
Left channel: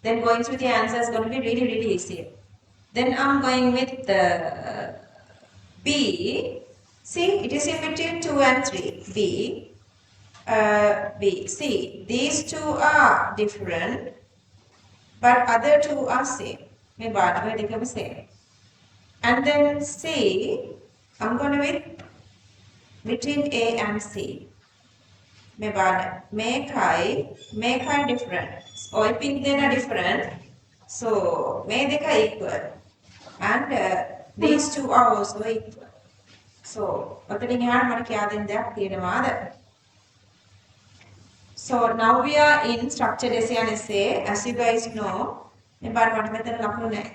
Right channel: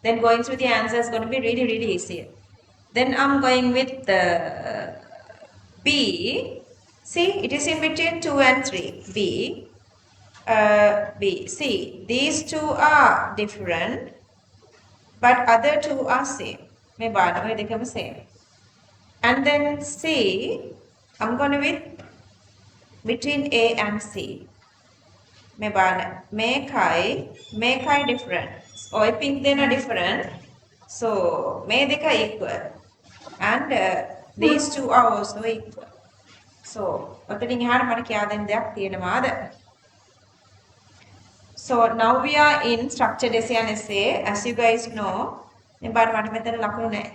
Then going through the answers is going to be really easy. Then I'm going with the B. See, it is in between 2 and 3. B. See, these 2 are different, but other 2 are same. May bana dekama same. And then C, I'm going to with between A and C. May bana make I different. So I think they are different. So may they are equal, and these 2 are also equal. So opening hand මට කියා දෙන්න දෙයක් තියෙනවාද? So now we are in structured essay and essay. As you guys know, මේ බාර මට මෙතන ලකුණු නැහැ.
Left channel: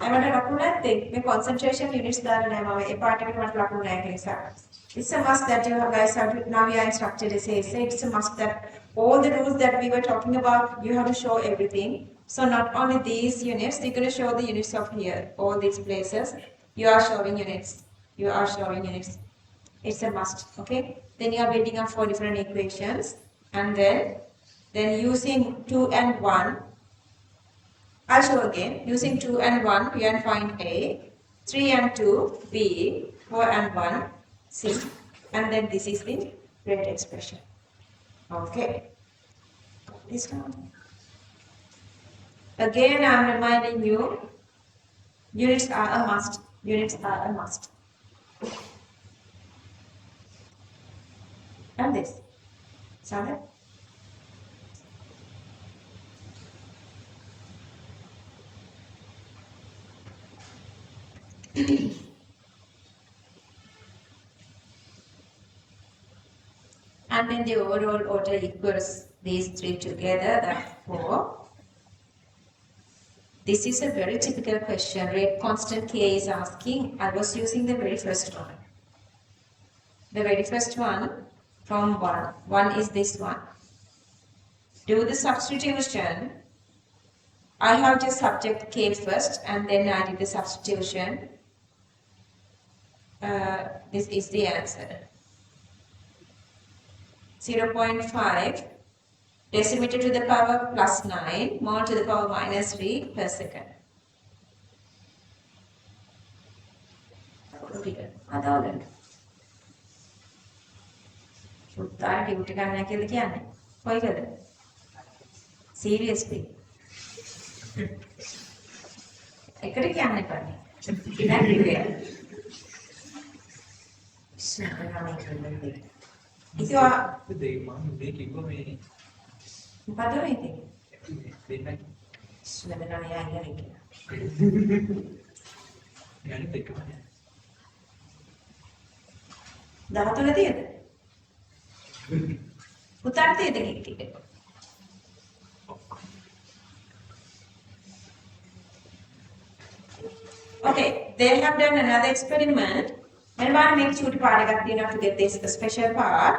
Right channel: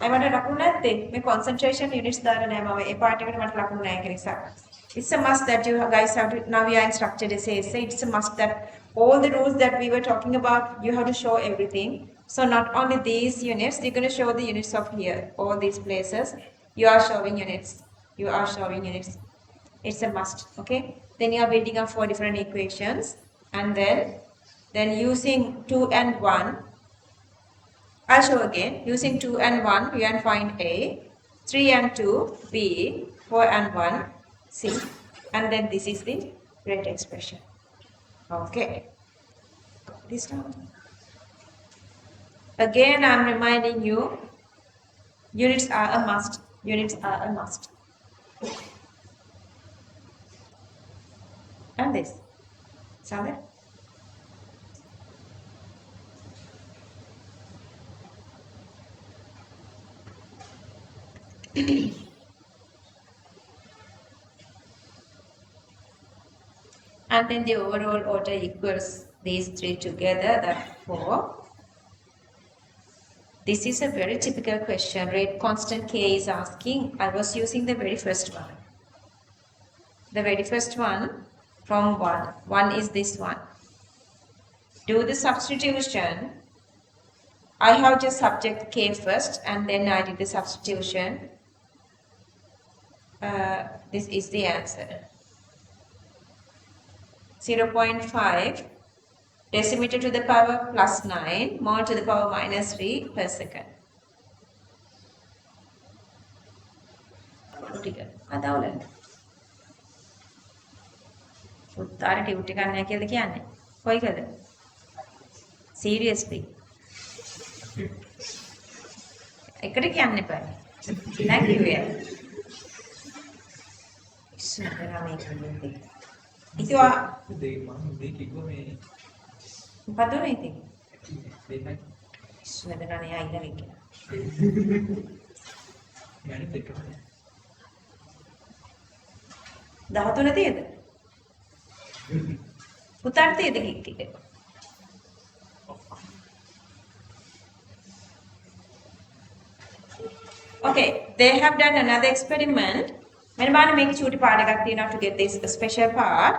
මට ලකුණු නැත්තේ. මේ concentration units දාලා නැහැ මම. ඒ part එකට මට ලකුණු නැහැ ඒක නිසා. It's a must that you guys have to, now we are in structured essay. It's a must that all the rules that we were talking about, you have to show everything. So not only these units, you're going to show the units of here, all these places. You are showing units. It's a must. Okay. Then you are building up 4 different equations, and then using 2 and 1. I'll show again. Using 2 and 1, you can find A. 3 and 2, B. 4 and 1, C. And then this is the rate expression. Okay. This one. Again, I'm reminding you, units are a must. And this. Sandra? And then the overall order equals these 3 together, that's 4. This is a very typical question. Rate constant K is asking. I was using the very first one. The very first one from 1. 1 is this one. Do the substitution. I have just subject K first and then I did the substitution. This is the answer. 0.5 decimeter to the power plus 9 mole to the power minus 3 per second. ටික අදවලන. පුතාට tute එකක් නැහැ කියලා කියන්නේ. කොයිකද? seriously. එකට කියන්න එපා. කිනා කිව්වේ. සුපරාමේ කියන්නේ. ඉතින් දෙක මම මේ කිව්වා මේ මොකද මේක? දෙන්න සුවඳ ගන්න යා ඉන්න මේක. මම දෙකම 13 තියෙද? පුතාට තියෙද ටික? Okay, they have done another experiment. When make chuti පාඩයක් තියෙනවා to get this special part.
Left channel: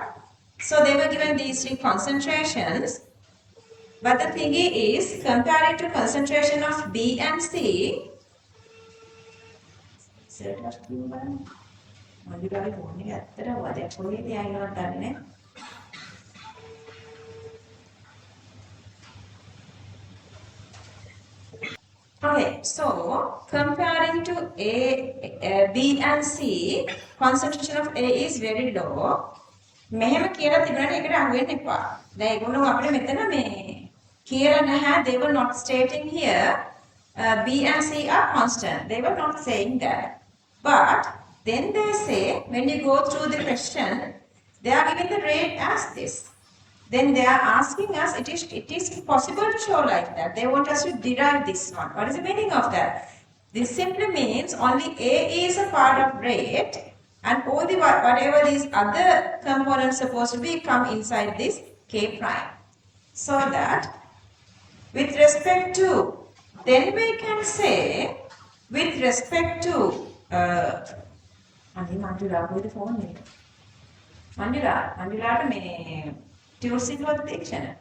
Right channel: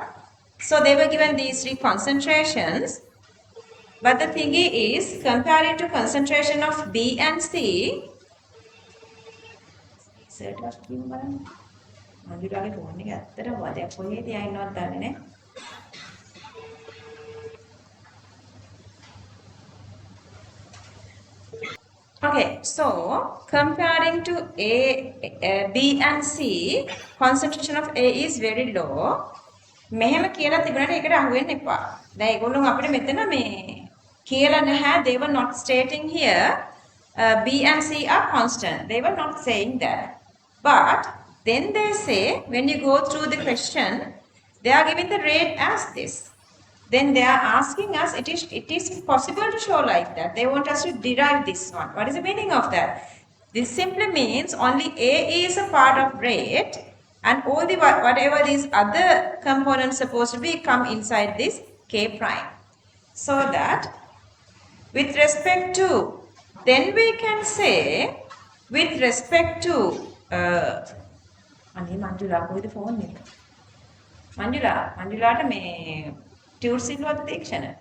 So they were given these 3 concentrations. But the thing is, comparing to concentration of B and C, සර්ටස් කියන්න බලන්න. මගේ ළඟ phone එක ඇත්තට වදයක් කොහෙද යයිනවද දන්නේ නැහැ. Okay, so comparing to B and C, concentration of A is very low. මෙහෙම කියලා තිබුණාට ඒකට අහු වෙන්න එපා. දැන් ඒගොල්ලෝ අපිට මෙතන මේ කියලා නැහැ. They were not stating here B and C are constant. They were not saying that. But then they say when you go through the question, they are giving the rate as this. Then they are asking us, it is possible to show like that. They want us to derive this one. What is the meaning of that? This simply means only A is a part of rate and all the whatever these other components supposed to be come inside this K prime. So that with respect to, then we can say with respect to Manjula, who is the phone name? Manjula me Tuesday was the dictionary.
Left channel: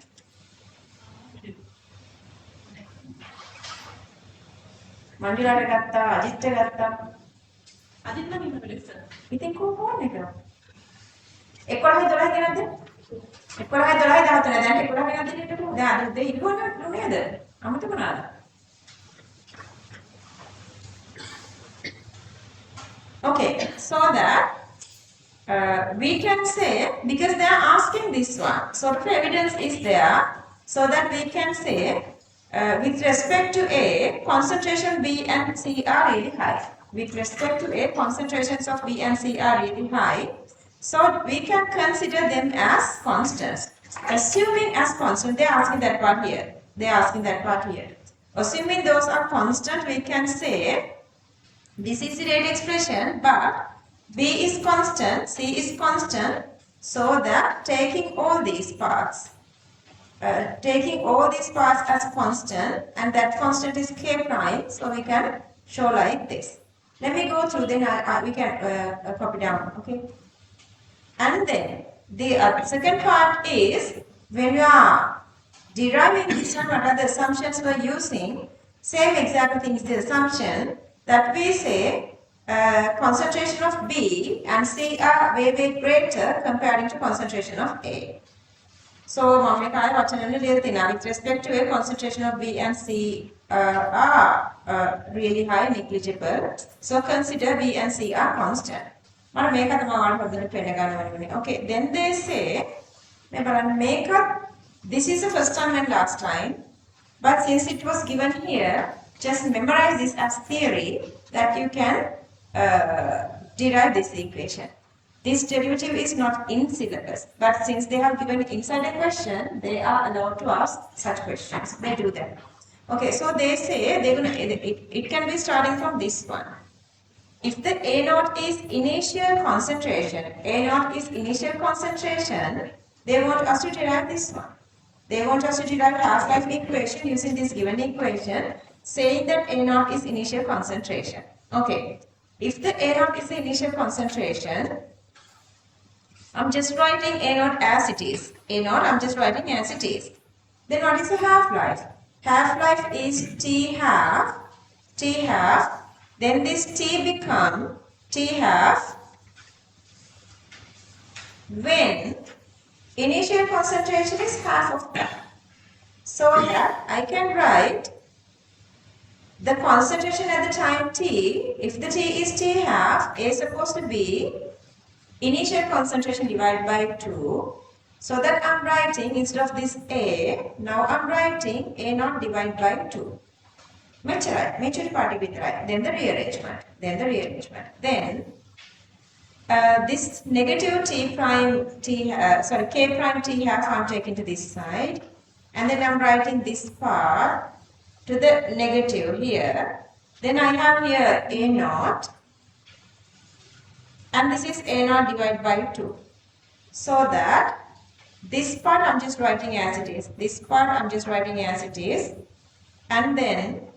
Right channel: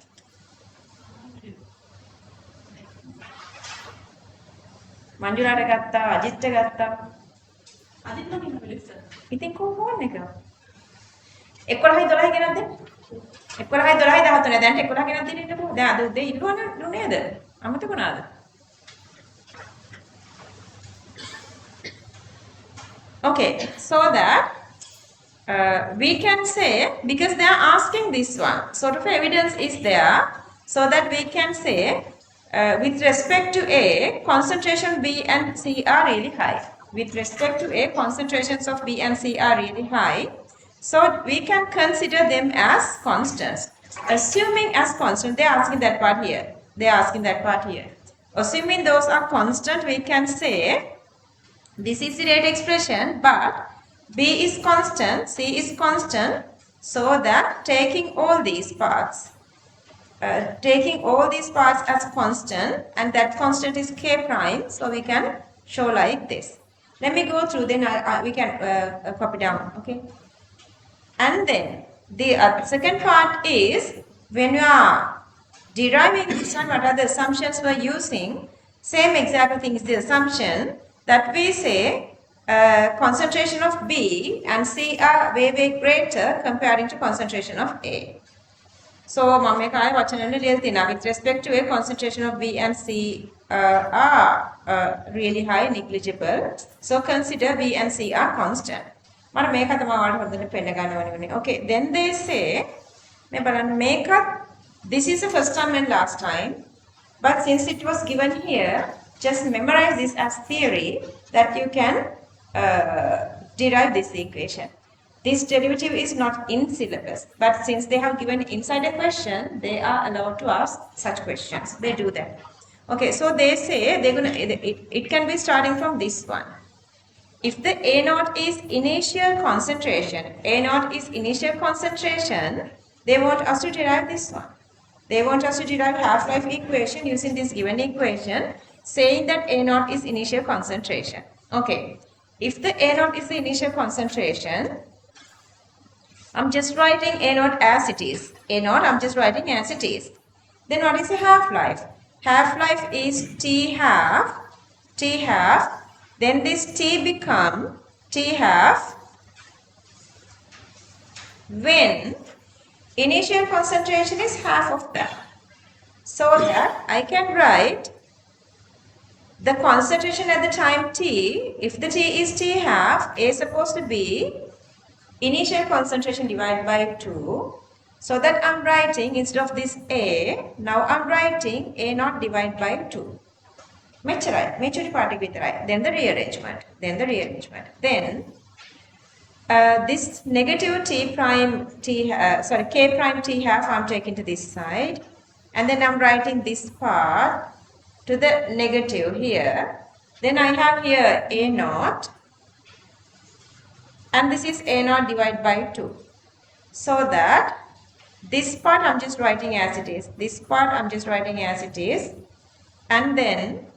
Manjula gatta, Ajit gatta. Ajit නම් ඉන්න බැලුවා ඉස්සර. ඉතින් කොහොම phone එක? 11යි 12යි ගෙනත් දෙන්න. 11යි 12යි 13යි දැන් 11 ගෙනත් දෙන්න ඉන්නකෝ. දැන් අද උදේ ඉල්ලුවා නේද? අමතක වුණාද? Okay, so that we can say, because they are asking this one, sort of evidence is there, so that we can say, with respect to A, concentration B and C are really high. With respect to A, concentrations of B and C are really high. So we can consider them as constants. Assuming as constant, they are asking that part here. They are asking that part here. Assuming those are constant, we can say, this is the rate expression, but B is constant, C is constant, so that taking all these parts as constant, and that constant is K prime, so we can show like this. Let me go through, then we can copy down, okay? And then the second part is, when we are deriving this one, what are the assumptions we are using? Same exact thing is the assumption that we say concentration of B and C are way greater comparing to concentration of A. So, මම මේක ආයෙ වචනෙන් ලියලා තිනවා. With respect to A, concentration of B and C are really high, negligible. So, consider B and C are constant. මම මේක තමයි ඔයාලට හොඳට පෙන්න ගන්න ඕනේ. Okay, then they say, මේ බලන්න මේක, this is the first time and last time, but since it was given here, just memorize this as theory that you can derive this equation. This derivative is not in syllabus, but since they have given inside a question, they are allowed to ask such questions. They do that. Okay, so they say it can be starting from this one. If the A naught is initial concentration, they want us to derive this one. They want us to derive half-life equation using this given equation, saying that A naught is initial concentration. Okay, if the A naught is the initial concentration, I'm just writing A naught as it is. A naught I'm just writing as it is. Then what is the half-life? Half-life is T half, then this T become T half when initial concentration is half of that. So that I can write the concentration at the time t, if the t is t half, A is supposed to be initial concentration divided by 2. So that I'm writing, instead of this A, now I'm writing A naught divided by 2. Mechury party with right. Then the rearrangement. Then this negative t prime t, k prime t half I'm taking to this side. And then I'm writing this part to the negative here. Then I have here A naught. And this is A naught divided by 2. So that this part I'm just writing as it is. This part I'm just writing as it is. And then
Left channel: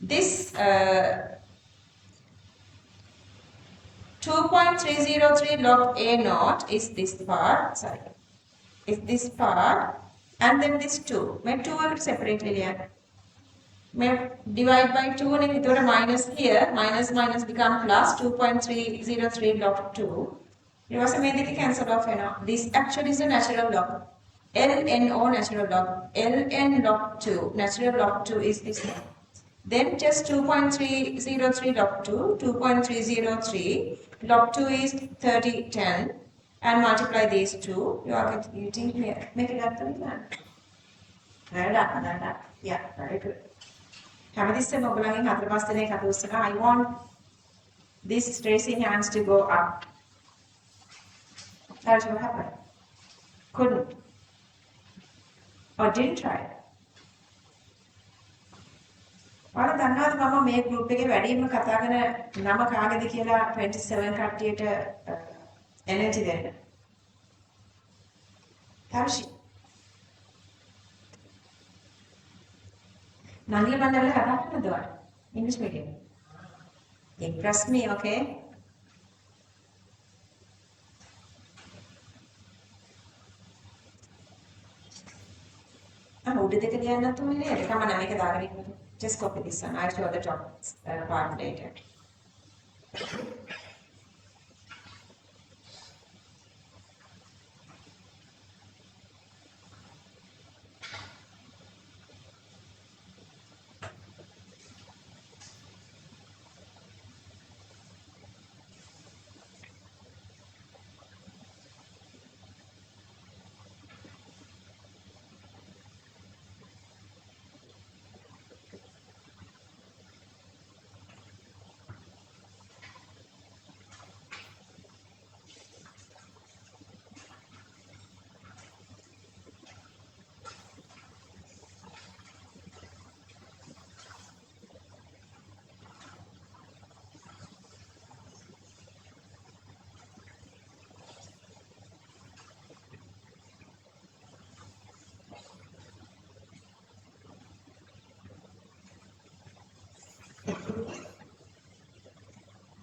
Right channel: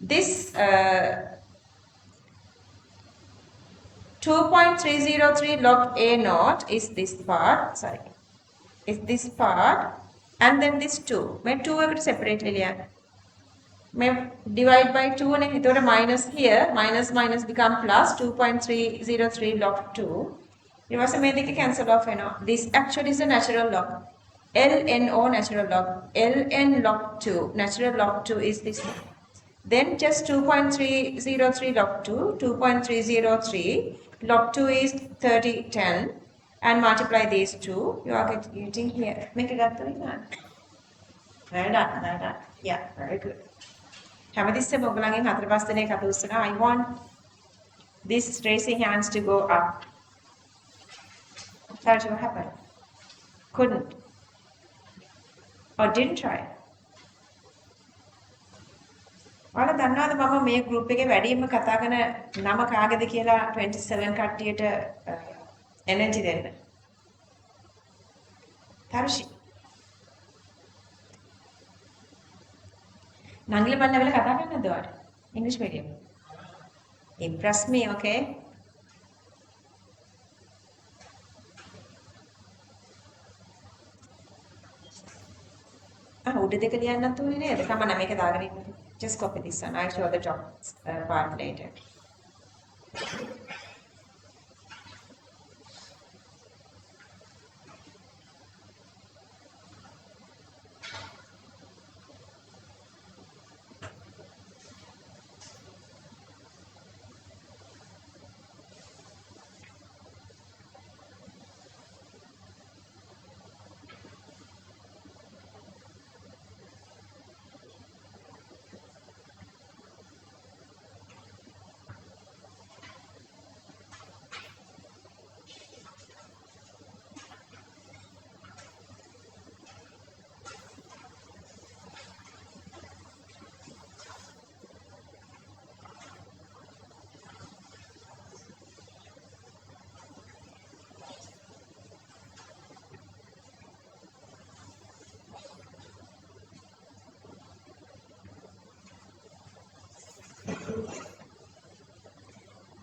this 2.303 log A naught is this part. Is this part. And then this 2. मैं 2 अगर separately लिया मैं divide by 2 and it will minus here. Minus become plus 2.303 log 2. It was a medical cancel off. This actually is a natural log. LNO natural log. LN log 2. Natural log 2 is this one. Then just 2.303 log 2. 2.303 log 2 is 3010. And multiply these two. You are getting here. Make it up to me. Very done. Yeah, very good. I want these raising hands to go up. That's what happened. Couldn't. Or didn't try. ඔයාලා දන්නවද මම මේ group එකේ වැඩිම කතා කරන නම කාගේද කියලා 27 කට්ටියට energy දෙන්න. තරෂි. නංගිල බන්න වෙලාව කතා කරන්නද ඔයාලා? English medium. Impress me, okay? උඩ දෙක ලියන්න නැතුව නේද? කමන්න මේක දාගෙන ඉන්න. Just copy this one. I'll show the top part later.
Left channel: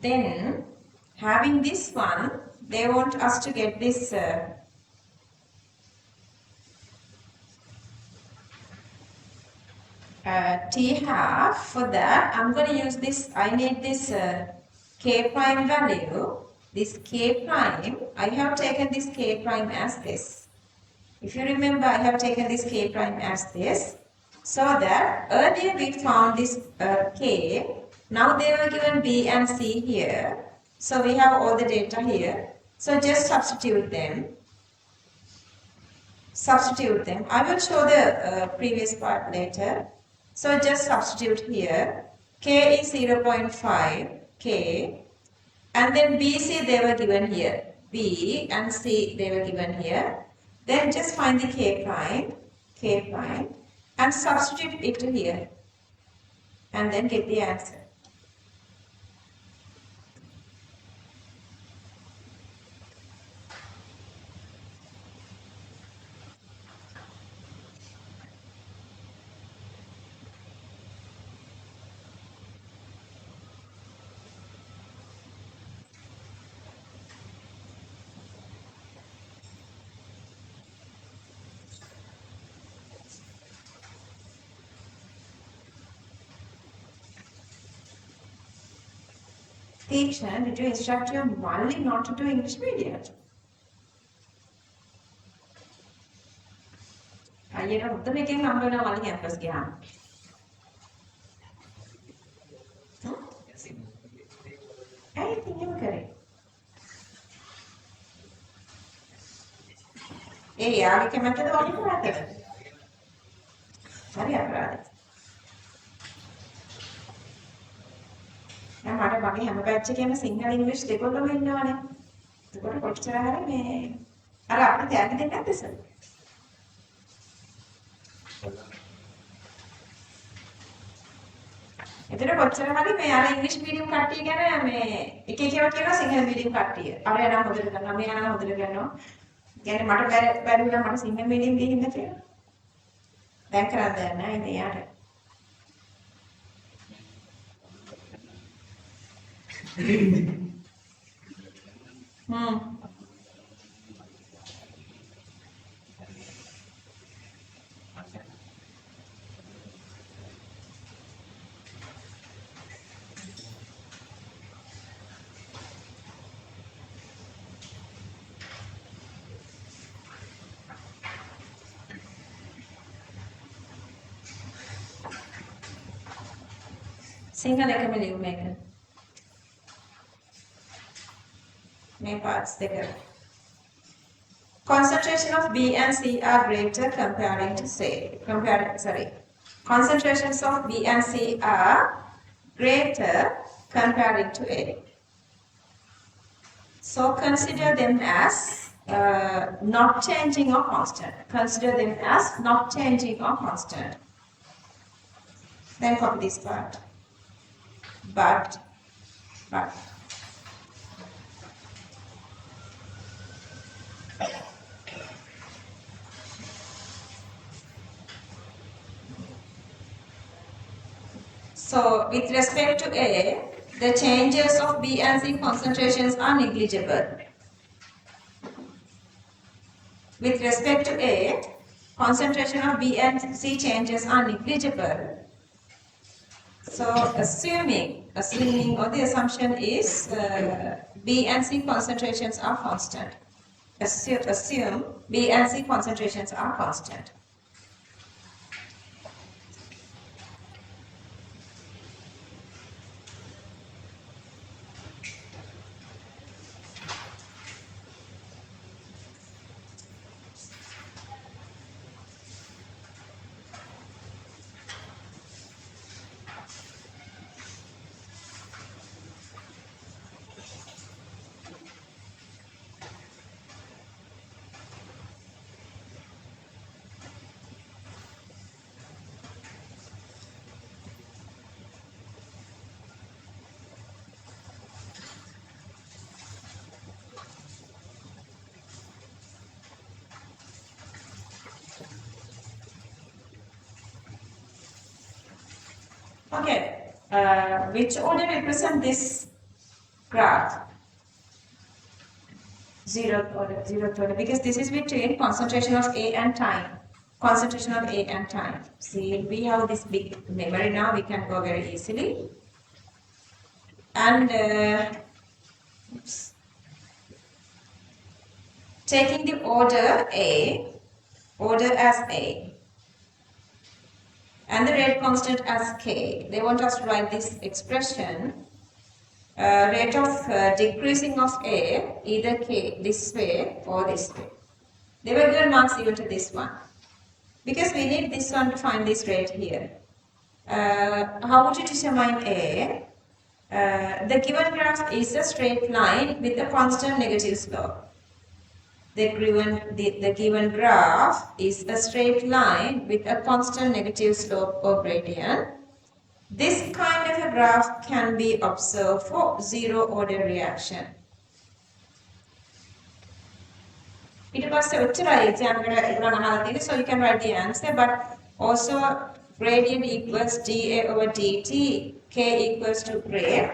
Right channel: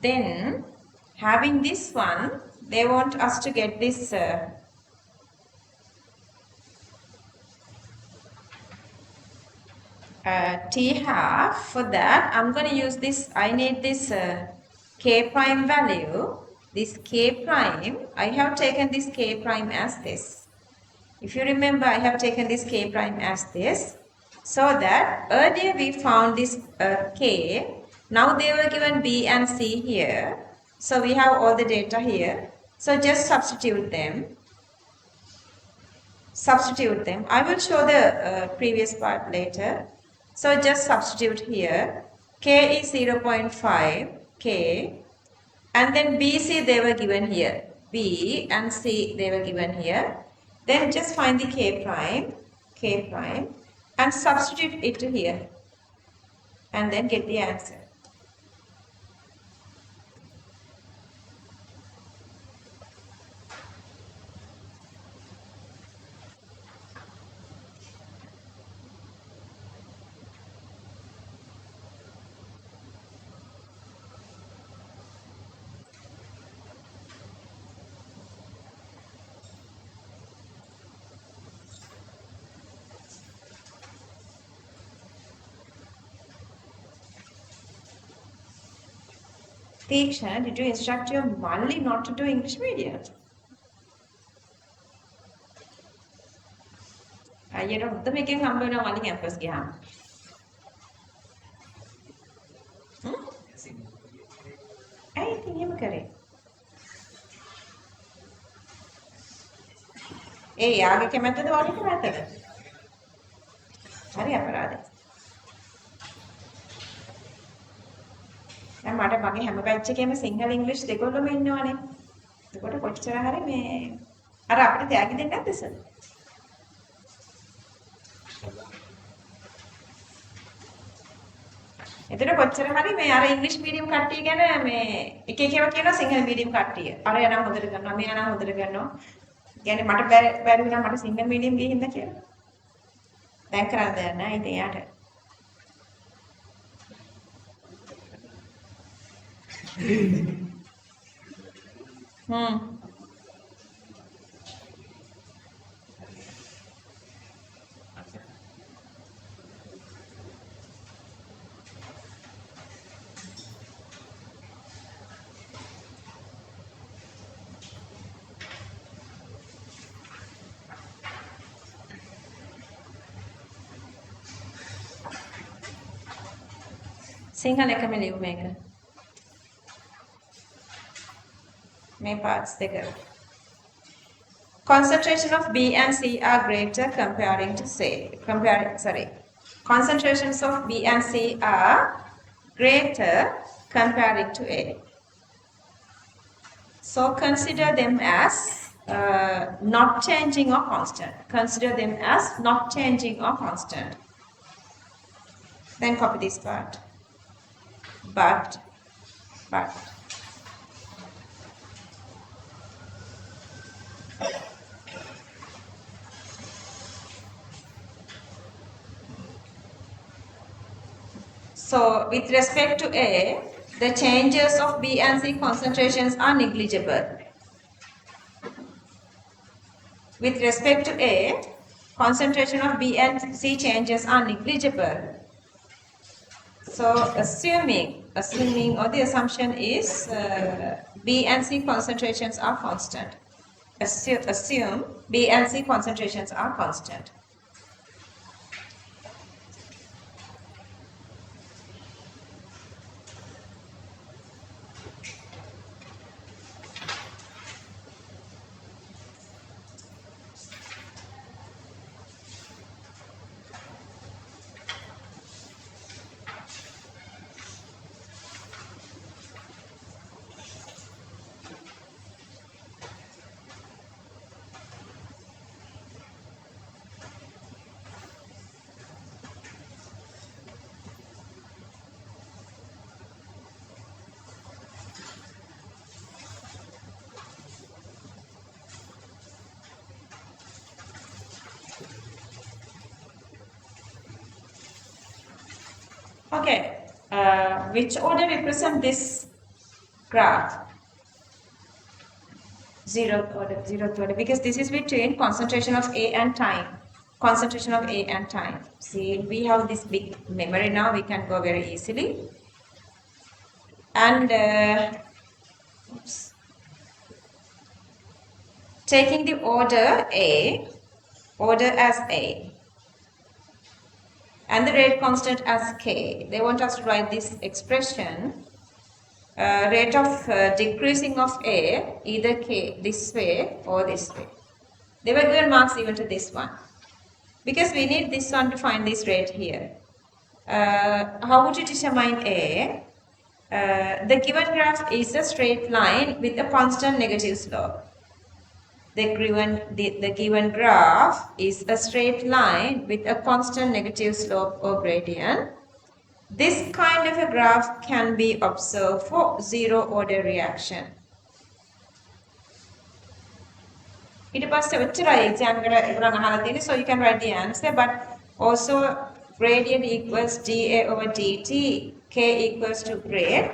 Then, having this one, they want us to get this t half. For that, I'm going to use this. I need this k prime value. This k prime, I have taken this k prime as this. If you remember, I have taken this k prime as this. So that earlier we found this k. Now they were given B and C here. So we have all the data here. So just substitute them. I will show the previous part later. So just substitute here. K is 0.5 K. And then B, C they were given here. B and C they were given here. Then just find the K prime and substitute it to here. And then get the answer. Teacher, did you instruct your Mali not to do English medium? අයියට හොඳ මේකෙන් හම්බ වෙනවා මල්ලි campus ගියාම. ඒ යාගේ කැමැත්තද ඕනේ කැමැත්තද? හරි අපරාධයි. දැන් මට මගේ හැම බැච් එකේම සිංහල ඉංග්‍රීසි දෙකොල්ලම ඉන්නවනේ. එතකොට කොච්චර හරි මේ අර අපිට තෑගි දෙන්නේ නැද්ද සර්? එතන කොච්චර හරි මේ අර ඉංග්‍රීසි මීඩියම් කට්ටිය ගැන මේ එක එක ඒවා කියනවා සිංහල මීඩියම් කට්ටිය. අර යනවා හොඳට කරනවා, මේ යනවා හොඳට කරනවා. කියන්නේ මට බැරි වුණා මට සිංහල මීඩියම් ගිහින් ඉන්න කියලා. දැන් කරන්න දෙයක් නැහැ ඉතින් යාට. සිංහල එකම ලියු මේක. මේ parts දෙක. Concentration of B and C are greater concentrations of B and C are greater comparing to A. So consider them as not changing or constant. Consider them as not changing or constant. Then copy this part. But. So, with respect to A, the changes of B and C concentrations are negligible. With respect to A, concentration of B and C changes are negligible. So, assuming or the assumption is B and C concentrations are constant. Assume B and C concentrations are constant. Okay, which order represent this graph? Zeroth order, because this is between concentration of A and time. Concentration of A and time. See, we have this big memory now, we can go very easily. And taking the order as A. And the rate constant as K. They want us to write this expression, rate of decreasing of A, either K this way or this way. They were given marks even to this one. Because we need this one to find this rate here. How would you determine A? The given graph is a straight line with a constant negative slope. The given graph is a straight line with a constant negative slope or gradient. This kind of a graph can be observed for zero order reaction. ඊට පස්සේ ඔච්චරයි exam එකට ඉදන් අහලා තියෙන්නේ, so you can write the answer, but also gradient equals dA over dt, K equals to rate.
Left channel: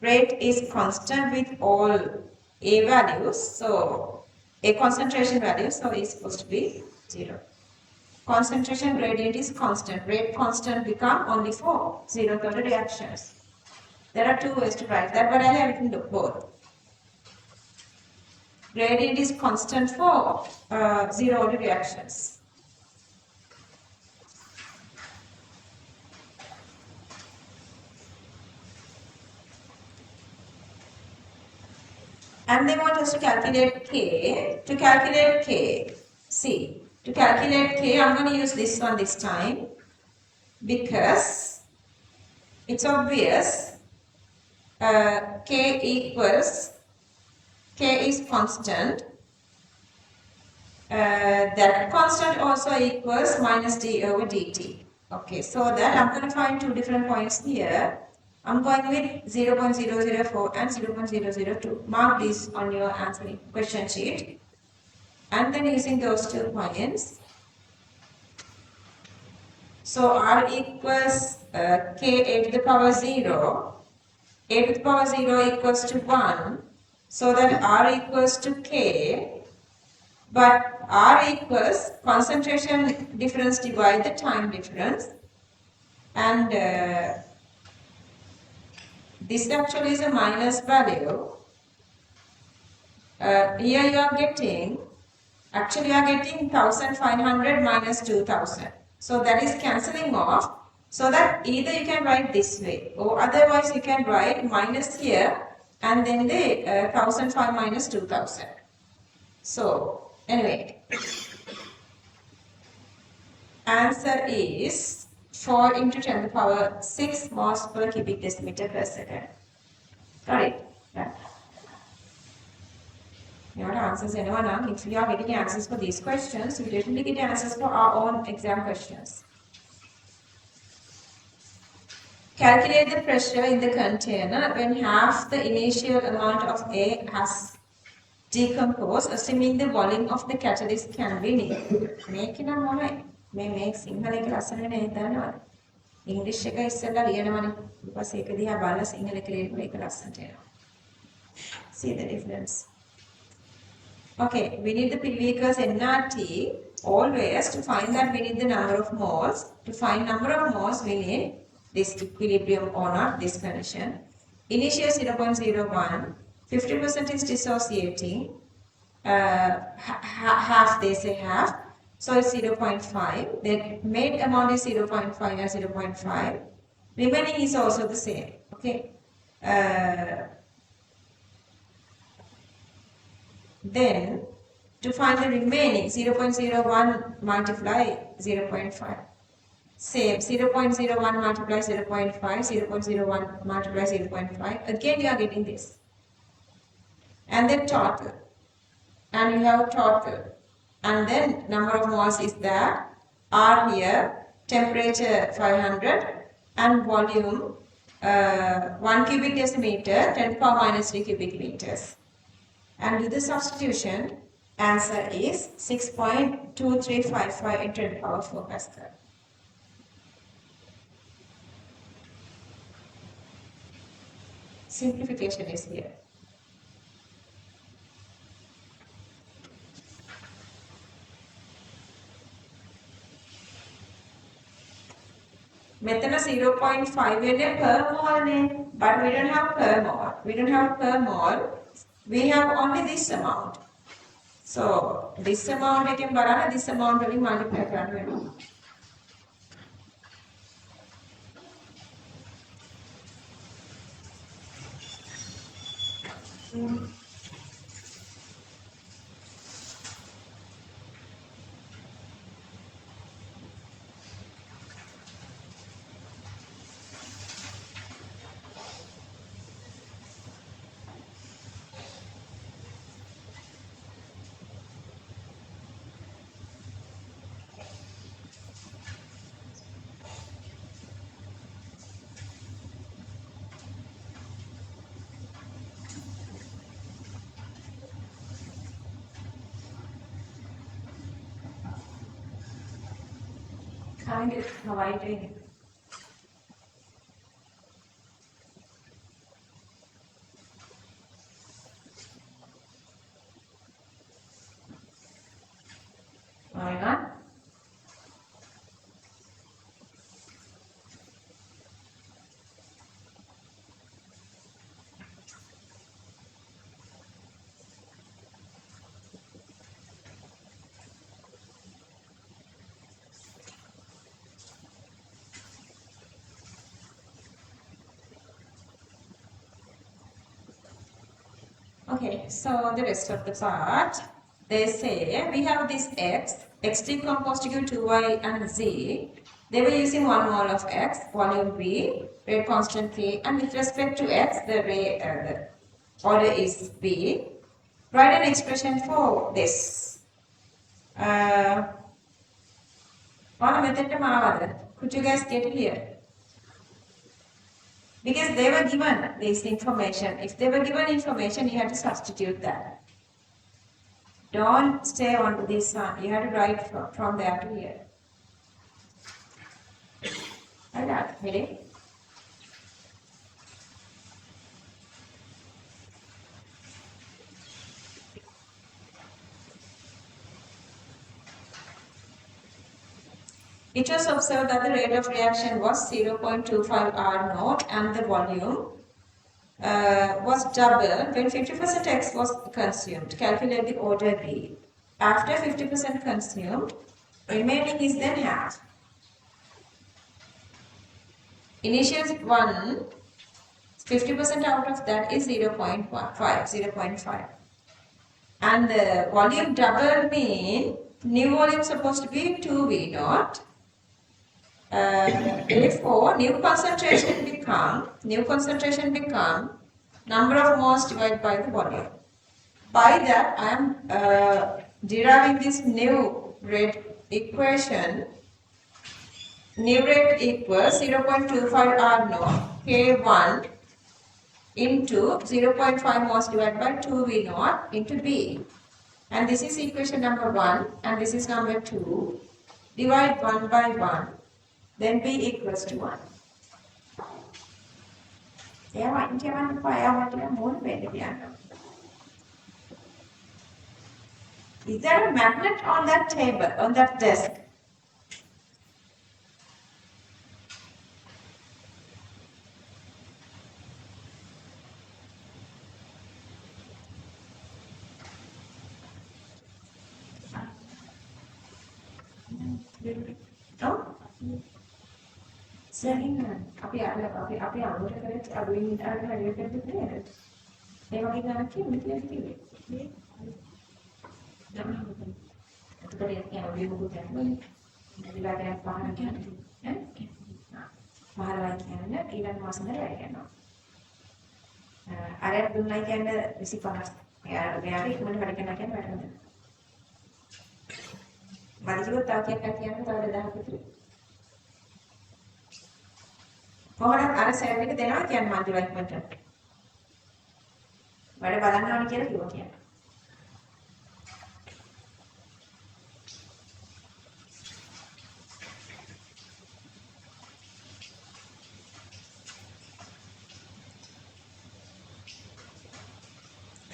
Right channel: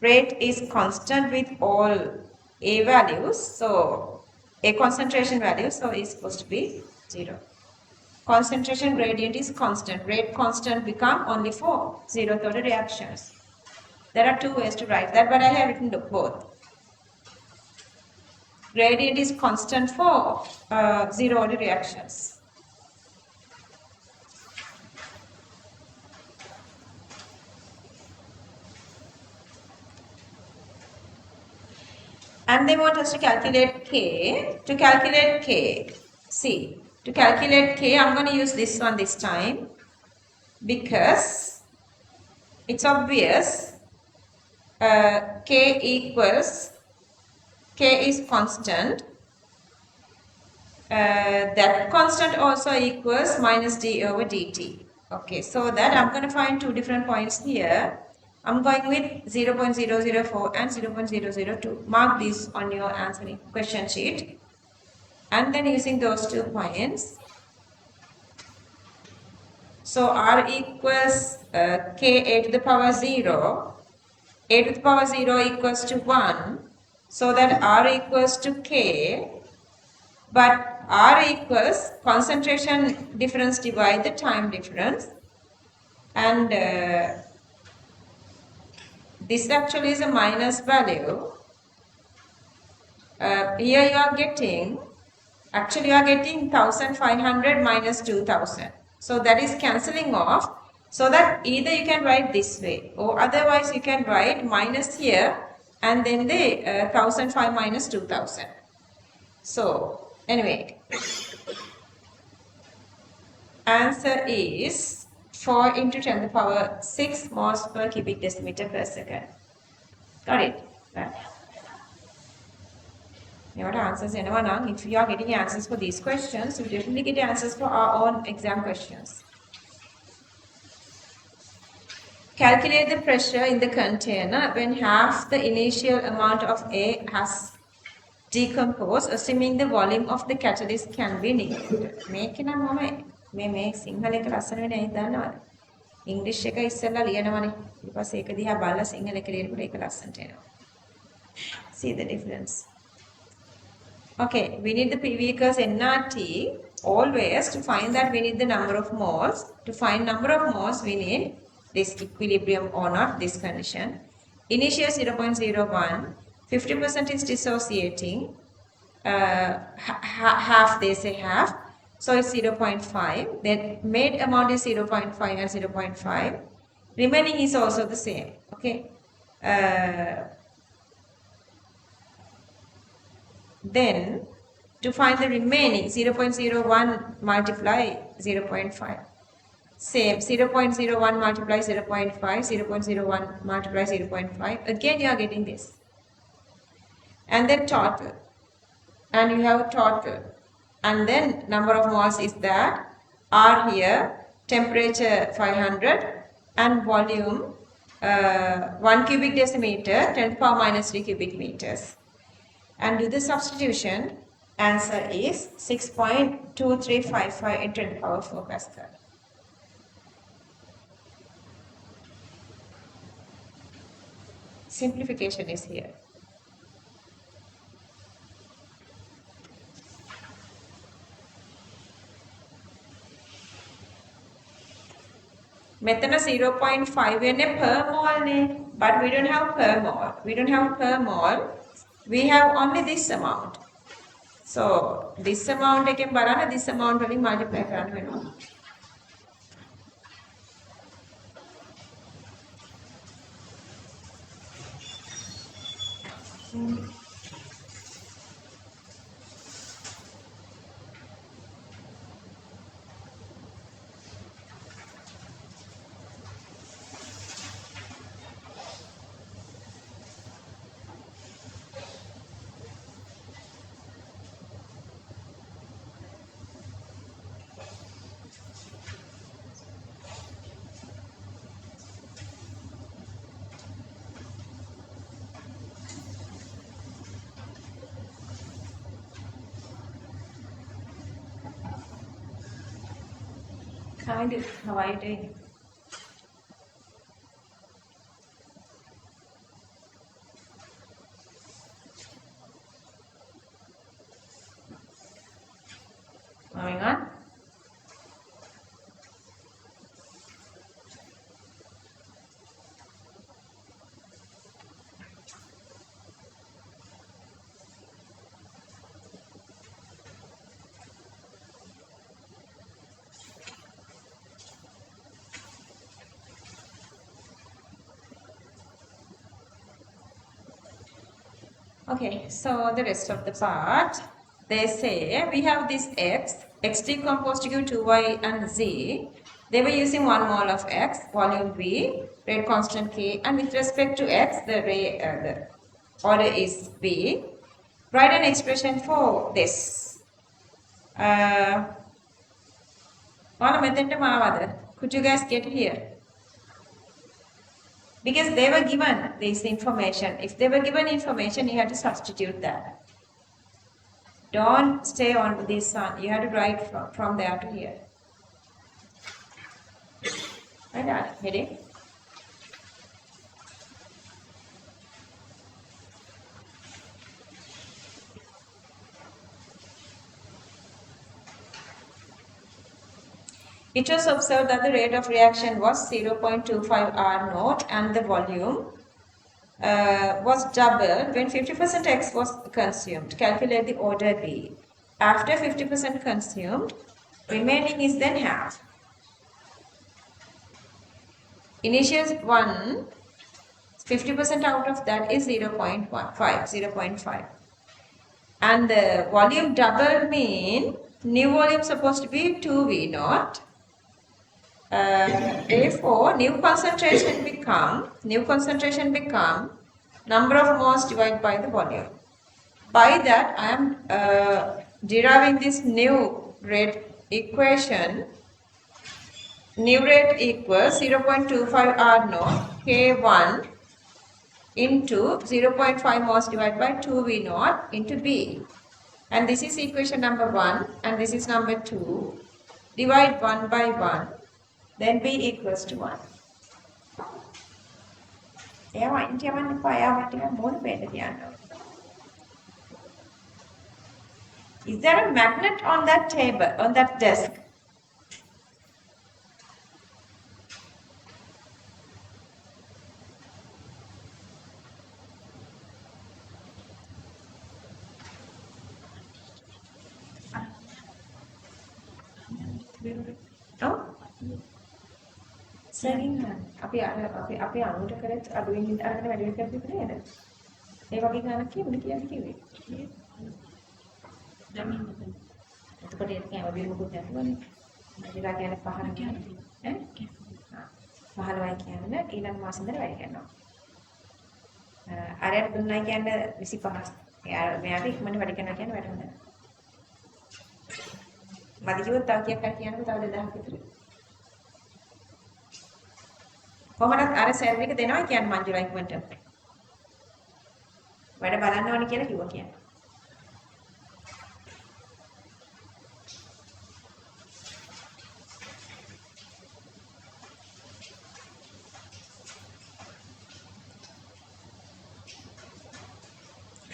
Rate is constant with all A values, so A concentration value, so it's supposed to be 0. Concentration gradient is constant. Rate constant become only for zeroth order reactions. There are two ways to write that, but I have written both. Gradient is constant for zero order reactions. And they want us to calculate K. To calculate K, See, to calculate K, I'm going to use this one this time because it's obvious. K is constant. That constant also equals minus d over dt. Okay, so that I'm going to find two different points here. I'm going with 0.004 and 0.002. Mark this on your answering question sheet. And then using those 2 points, so r equals k a to the power 0. A to the power 0 equals to 1. So that r equals to k. But r equals concentration difference divide the time difference. And this actually is a minus value. Here you are getting, actually you are getting 1500 minus 2000. So that is cancelling off. So that either you can write this way or otherwise you can write minus here and then the 1005 minus 2000. So anyway, answer is 4 into 10 to the power 6 moles per cubic decimeter per second. Got it? Right. Your answers, anyone? If you are getting answers for these questions, you definitely get answers for our own exam questions. Calculate the pressure in the container when half the initial amount of A has decomposed, assuming the volume of the catalyst can be negated. මේක නම් මම මේ සිංහල එක ලස්සන වෙන එක දන්නවද? ඉංග්‍රීසි එක ඉස්සෙල්ලා ලියනවනේ. ඊට පස්සේ ඒක දිහා බලලා සිංහල එක ලියනකොට ඒක ලස්සනට එනවා. See the difference. Okay, we need the PV equals nRT. Always to find that we need the number of moles. To find number of moles, we need this equilibrium or not, this condition. Initial 0.01, 50% is dissociating, half, they say half, so it's 0.5. Then made amount is 0.5 and 0.5. Remaining is also the same. Okay. Then to find the remaining 0.01 multiply 0.5. Same 0.01 multiply 0.5, 0.01 multiply 0.5. Again you are getting this. And then total. And you have total. And then number of moles is that. R here, temperature 500 and volume 1 cubic decimeter, 10 to the power minus 3 cubic meters. And do the substitution, answer is 6.2355 into 10 to the power 4 Pascal. Simplification is here. Method 0.5 in per mole, but we don't have per mole. We don't have per mole. We have only this amount. So this amount again, banana this amount only multiply කරන්න. Kind of how are you doing? Moving on. Okay, so the rest of the part. they say we have this x decomposed to 2y and z. They were using 1 mole of x, volume V, rate constant K, and with respect to x, the order is V. Write an expression for this. Could you guys get here? Because they were given this information. If they were given information, you have to substitute that. Don't stay on this one. You have to write from there to here. Like that. Ready? It was observed that the rate of reaction was 0.25 R naught and the volume was doubled when 50% X was consumed. Calculate the order B. After 50% consumed, remaining is then half. Initial 1, 50% out of that is 0.5. And the volume double mean new volume supposed to be 2V naught. Therefore, new concentration become number of moles divided by the volume. By that, I am deriving this new rate equation. New rate equals 0.25 R naught K1 into 0.5 moles divided by 2V naught into B. And this is equation number 1 and this is number 2. Divide 1 by 1. Then B equals to 1. Is there a magnet on that table, on that desk? No? අපි අනුර කරත් අඩුවෙන් අරගෙන වැඩි කරද්දි නේද? ඒ වගේ ගණන් කියන්නේ කිව්වේ. එතකොට ඒක කියන්නේ මොකද කියන්නේ? ඉතිලා කියන්නේ පහන කියන්නේ. ඈ? 15යි කියන්නේ ඊළඟ මාසෙ ඉඳලා වැඩි කරනවා. අරයට දුන්නයි කියන්නේ 25. මෙයාට ඉක්මනට වැඩි කරනවා කියන්නේ වැඩම නැහැ. මදි කිව්වොත් තව කීයක් හරි කියනකොට තව 2000ක් විතර. කොහොමද අර සර්වර් එක දෙනවා කියන්නේ මංජුලා ඉක්මනට. වැඩ බලන්න ඕනි කියලා කිව්වා කියන්නේ.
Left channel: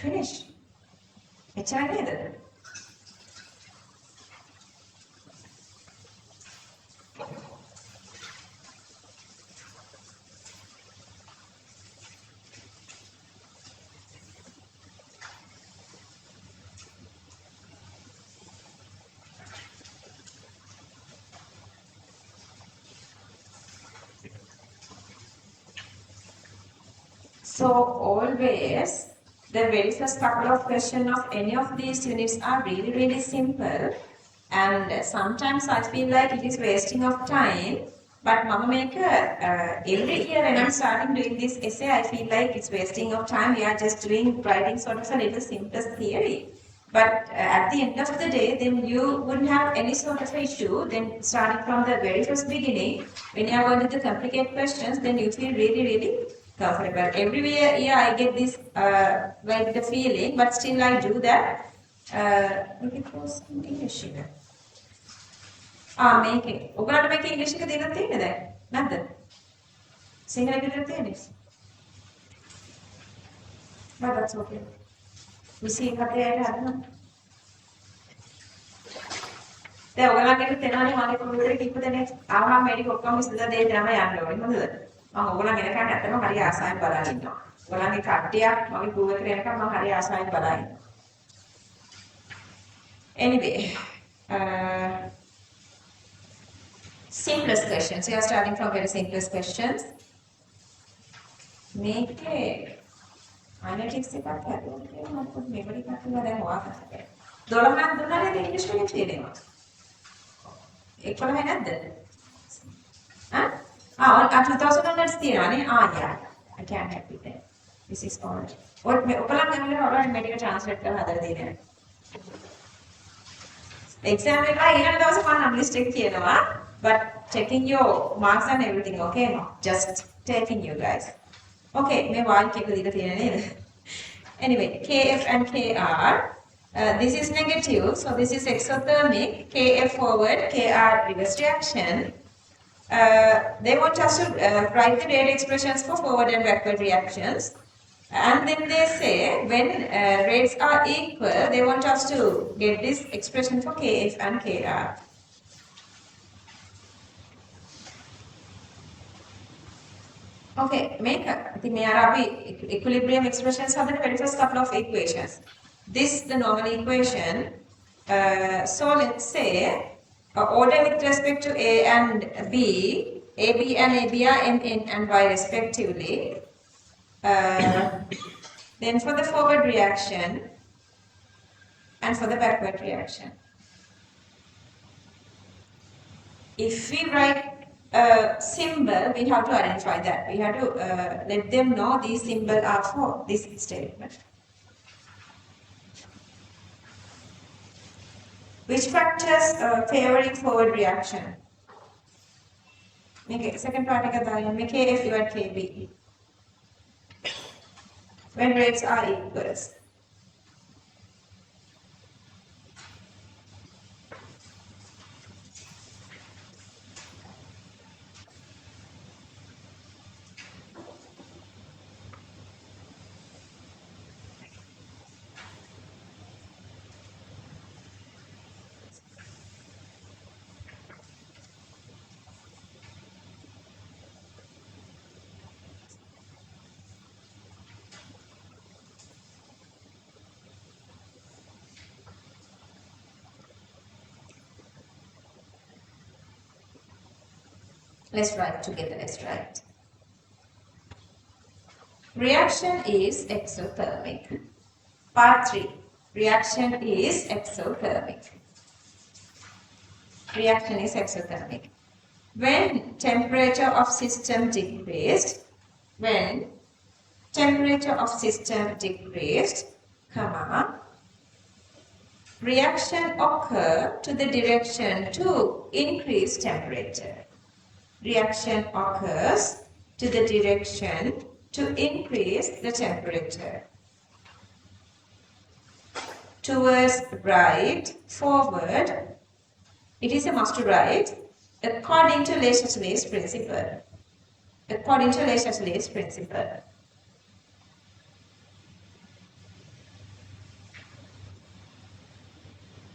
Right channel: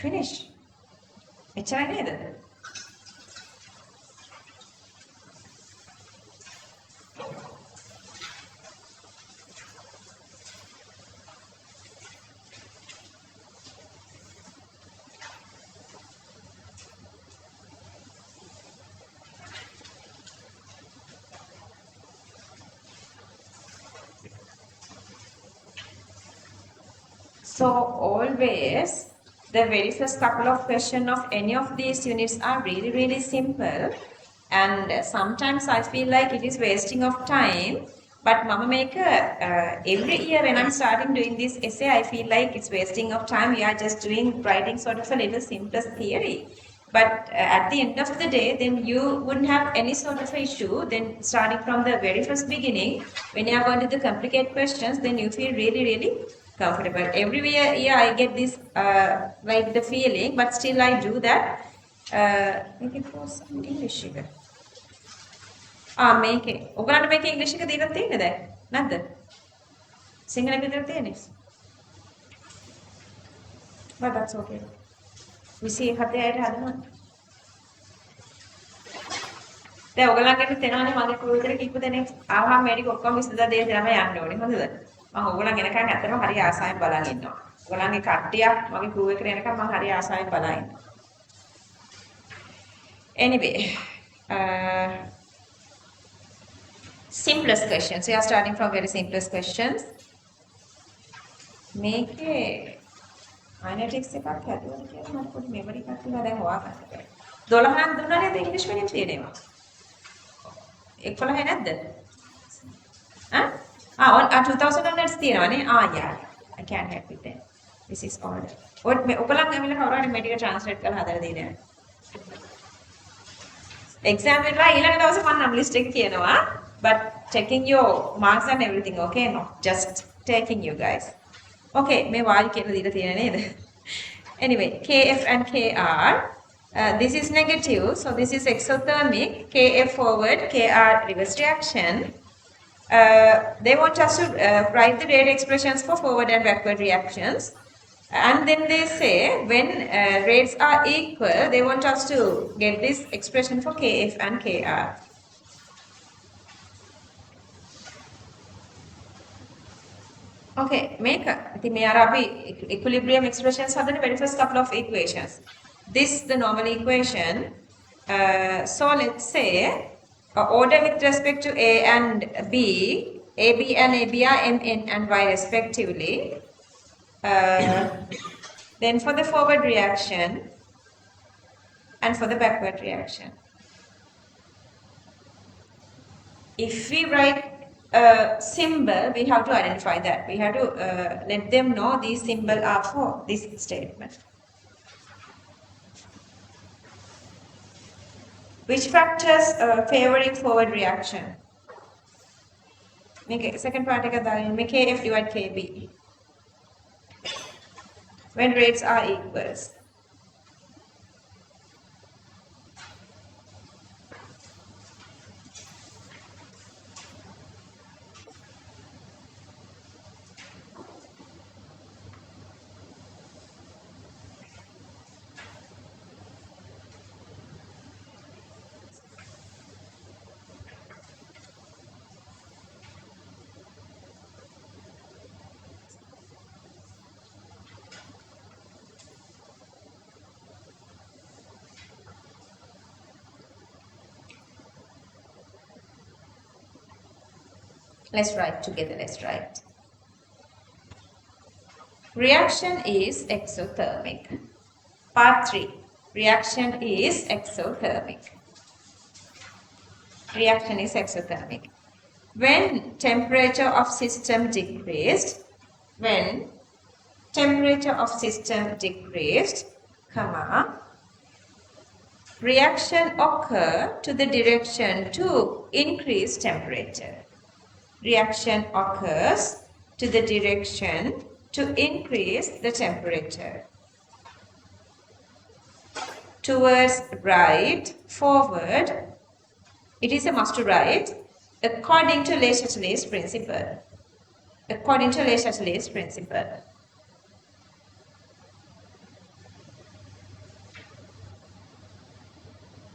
Finish. එච්චරයි නේද? So always the very first couple of questions of any of these units are really simple, and sometimes I feel like it is wasting of time. But Mama Maker, every year when I'm starting doing this essay, I feel like it's wasting of time. We are just writing sort of a little simplest theory. But at the end of the day, then you wouldn't have any sort of issue. Then starting from the very first beginning, when you are going to the complicated questions, then you feel really comfortable. Every year I get this like the feeling, but still I do that. Make it for some English එක. මේකේ. ඔයගලන්ට මේකේ ඉංග්‍රීසි එක දීලා තියෙන්නේ දැන්. නැද්ද? සිංහල විදිහට තියෙන්නේ. But that's okay. We see හතේ අයට හදනවා. දැන් ඔයගලන්ට තේරෙනවනේ මගේ කුරුතර කිව්ව දෙනෙක් ආවම මේක ඔක්කොම ඉස්සෙල්ලා දෙන්න යන්න ඕනේ. හොඳද? මම ඕගොල්ලන් එනකන් ඇත්තටම හරි ආසාවෙන් බලන් ඉන්නවා. ඕගොල්ලන්ගේ කට්ටියක් මගේ ගෲප් එකට එනකන් මම හරි ආසාවෙන් බලන් ඉන්නවා. Anyway, simplest questions. We are starting from very simplest questions. මේකේ Kinetics එකක් හැදුවා කියලා මම පොඩි මෙමරි එකක් තියලා දැන් ඔයා කරා. 12ක් දුන්නා නේද ඉංග්‍රීසි medium තියෙනවා. 11 නැද්ද? on 2000 onwards තියෙනවා නේ. yeah. I can help with that. This is all. ඔයගොල්ලන් ගමින් කවුරු හරි මේක ට්‍රාන්ස්ලේට් කරලා හදලා දෙන්න. exam එකලා ඊළඟ දවසේ මම list එක කියනවා. But checking your marks and everything, okay? No, just taking you guys. Okay, මේ වාල් කියලා දීලා තියෙන නේද? Anyway, KF and KR. This is negative, so this is exothermic. KF forward, KR reverse reaction. They want us to write the rate expressions for forward and backward reactions. And then they say when rates are equal, they want us to get this expression for KF and KR. Okay, make the equilibrium expressions have the very first couple of equations. This is the normal equation. So let's say order with respect to A and B, AB and AB are N and Y respectively. Then for the forward reaction and for the backward reaction. If we write a symbol, we have to identify that. We have to let them know these symbols are for this statement. Which factors favoring forward reaction? Okay, second part make KF divided KB. When rates are equals. Let's write together, let's write. Reaction is exothermic. Part 3. Reaction is exothermic. Reaction is exothermic. When temperature of system decreased, reaction occur to the direction to increase temperature. Reaction occurs to the direction to increase the temperature. Towards right, forward, it is a must to write according to Le Chatelet's principle. According to Le Chatelet's principle.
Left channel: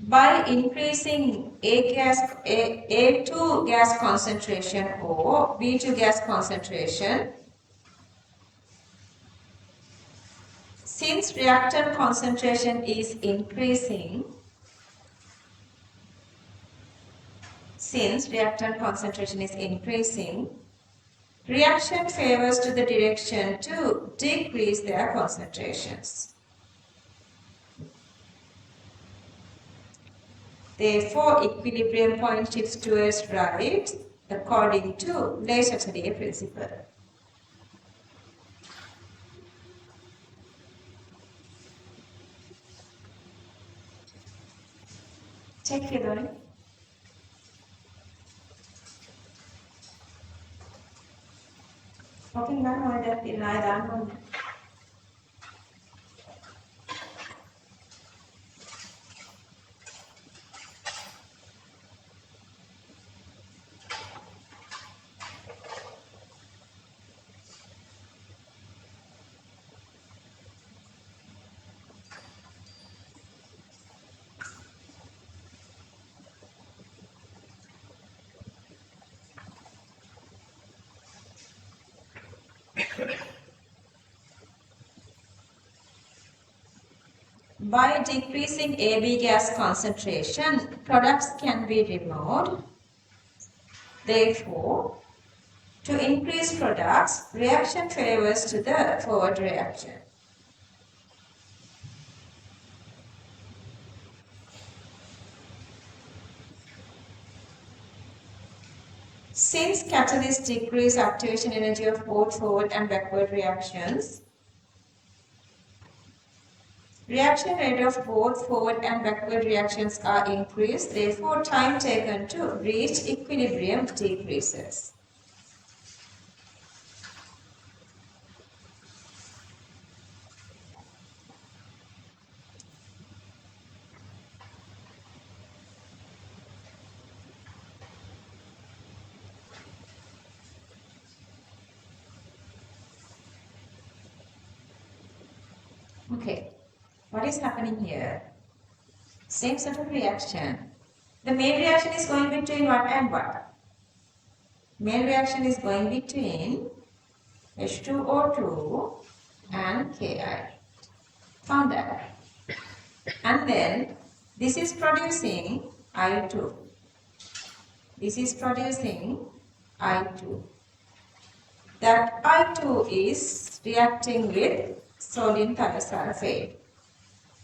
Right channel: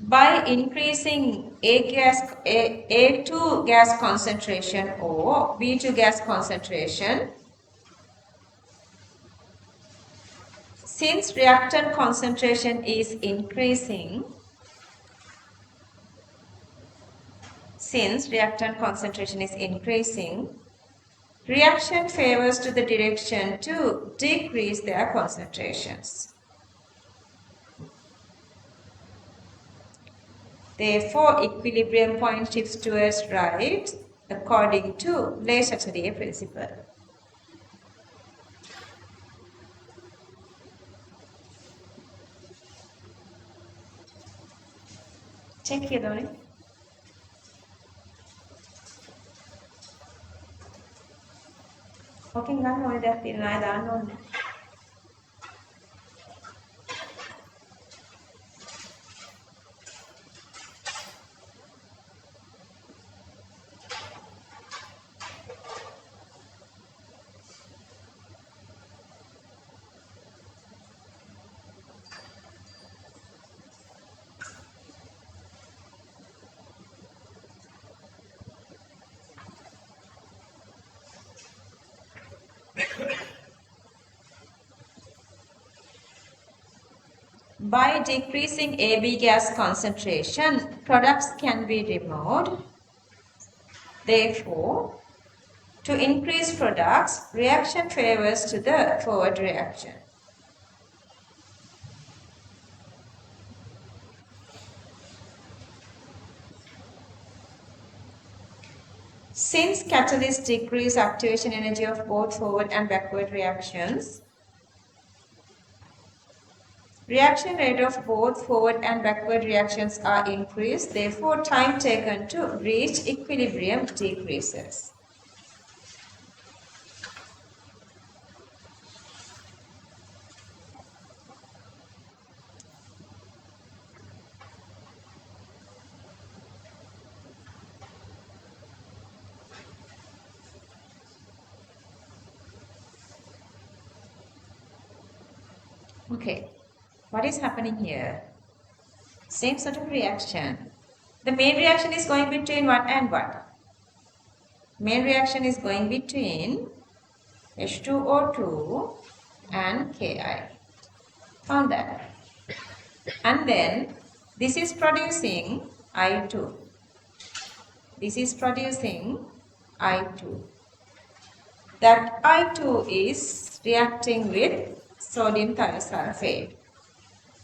By increasing A2 gas concentration or B2 gas concentration, since reactant concentration is increasing, reaction favors to the direction to decrease their concentrations. Therefore, equilibrium point shifts towards right according to Le Chatelet principle. Check here, Donnie. Okay, now I don't. By decreasing AB gas concentration, products can be removed. Therefore, to increase products, reaction favors to the forward reaction. Since catalysts decrease activation energy of both forward and backward reactions, reaction rate of both forward and backward reactions are increased, therefore time taken to reach equilibrium decreases. Okay, what is happening here? Same sort of reaction. The main reaction is going between what and what? Main reaction is going between H2O2 and Ki. Found that. And then this is producing I2. This is producing I2. That I2 is reacting with sodium thiosulfate.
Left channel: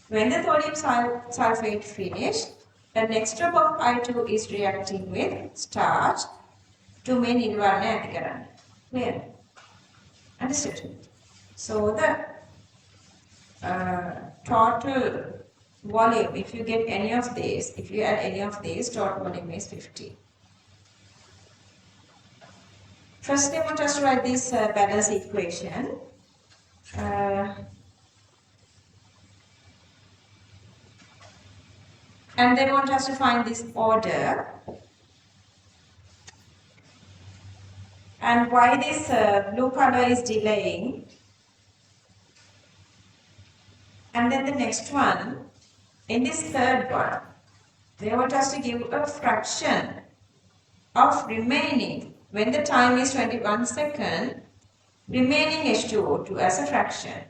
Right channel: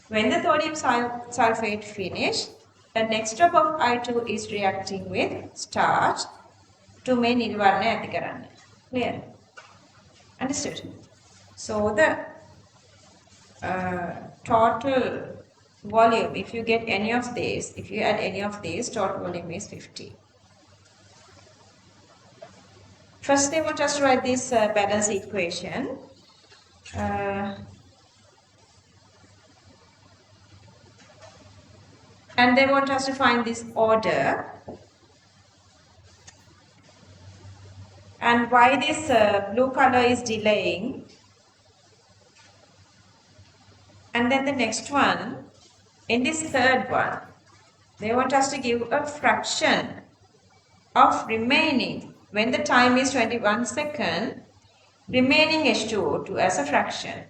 When the sodium sulfate finished, the next drop of I2 is reacting with starch to make nirvana ඇති කරන්න. Clear? Understood? So the total volume, if you get any of these, if you add any of these, total volume is 50. First, they want us to write this balance equation. And they want us to find this order. And why this blue color is delaying. And then the next one, in this third one, they want us to give a fraction of remaining, when the time is 21 seconds, remaining H2O2 as a fraction.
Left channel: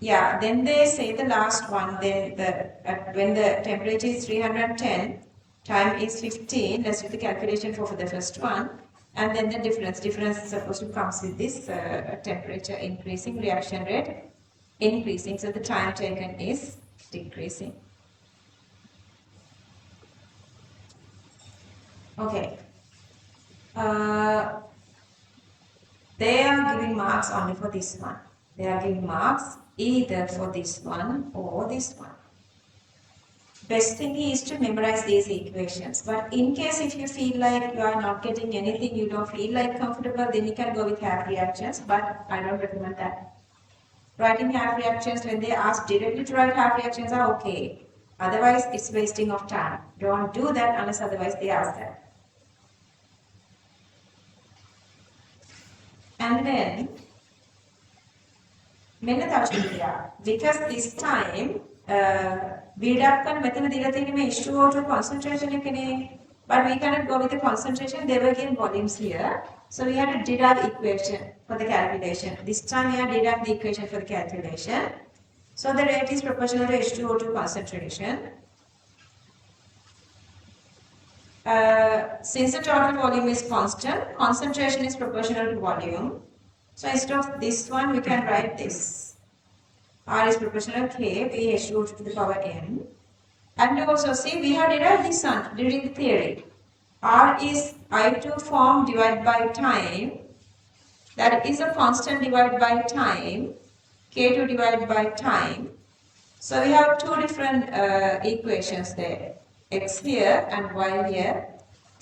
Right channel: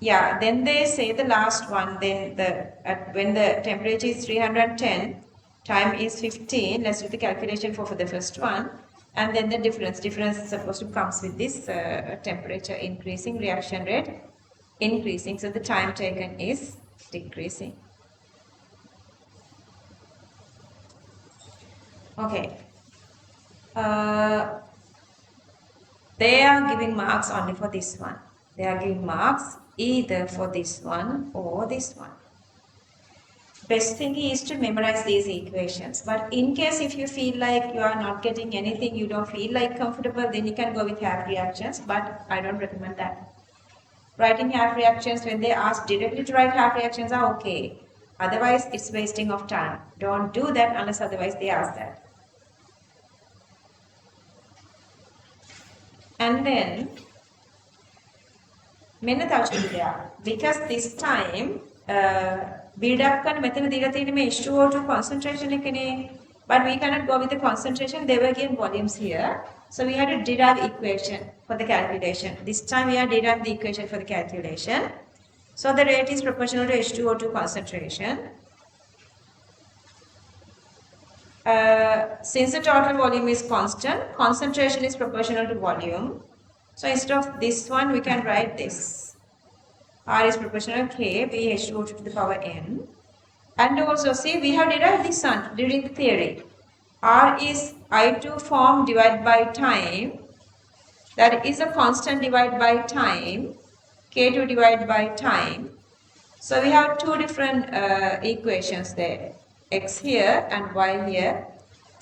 Yeah, then they say the last one, then when the temperature is 310, time is 15, let's do the calculation for the first one. And then the difference is supposed to come with this temperature increasing, reaction rate increasing, so the time taken is decreasing. Okay. They are giving marks only for this one. They are giving marks either for this one or this one. Best thing is to memorize these equations. But in case if you feel like you are not getting anything, you don't feel like comfortable, then you can go with half reactions. But I don't recommend that. Writing half reactions, when they ask directly to write half reactions, are okay. Otherwise, it's wasting of time. Don't do that unless otherwise they ask that. And then, because this time, build up and method H2O2 concentration, but we cannot go with the concentration, they were given volumes here. So we had to derive equation for the calculation. This time we have derived the equation for the calculation. So the rate is proportional to H2O2 concentration. Since the total volume is constant, concentration is proportional to volume. So instead of this one, we can write this. R is proportional to K, we H2O2 to the power n. And also see, we have derived this one during the theory. R is I2 form divided by time. That is a constant divided by time. K2 divided by time. So we have two different equations there. X here and Y here.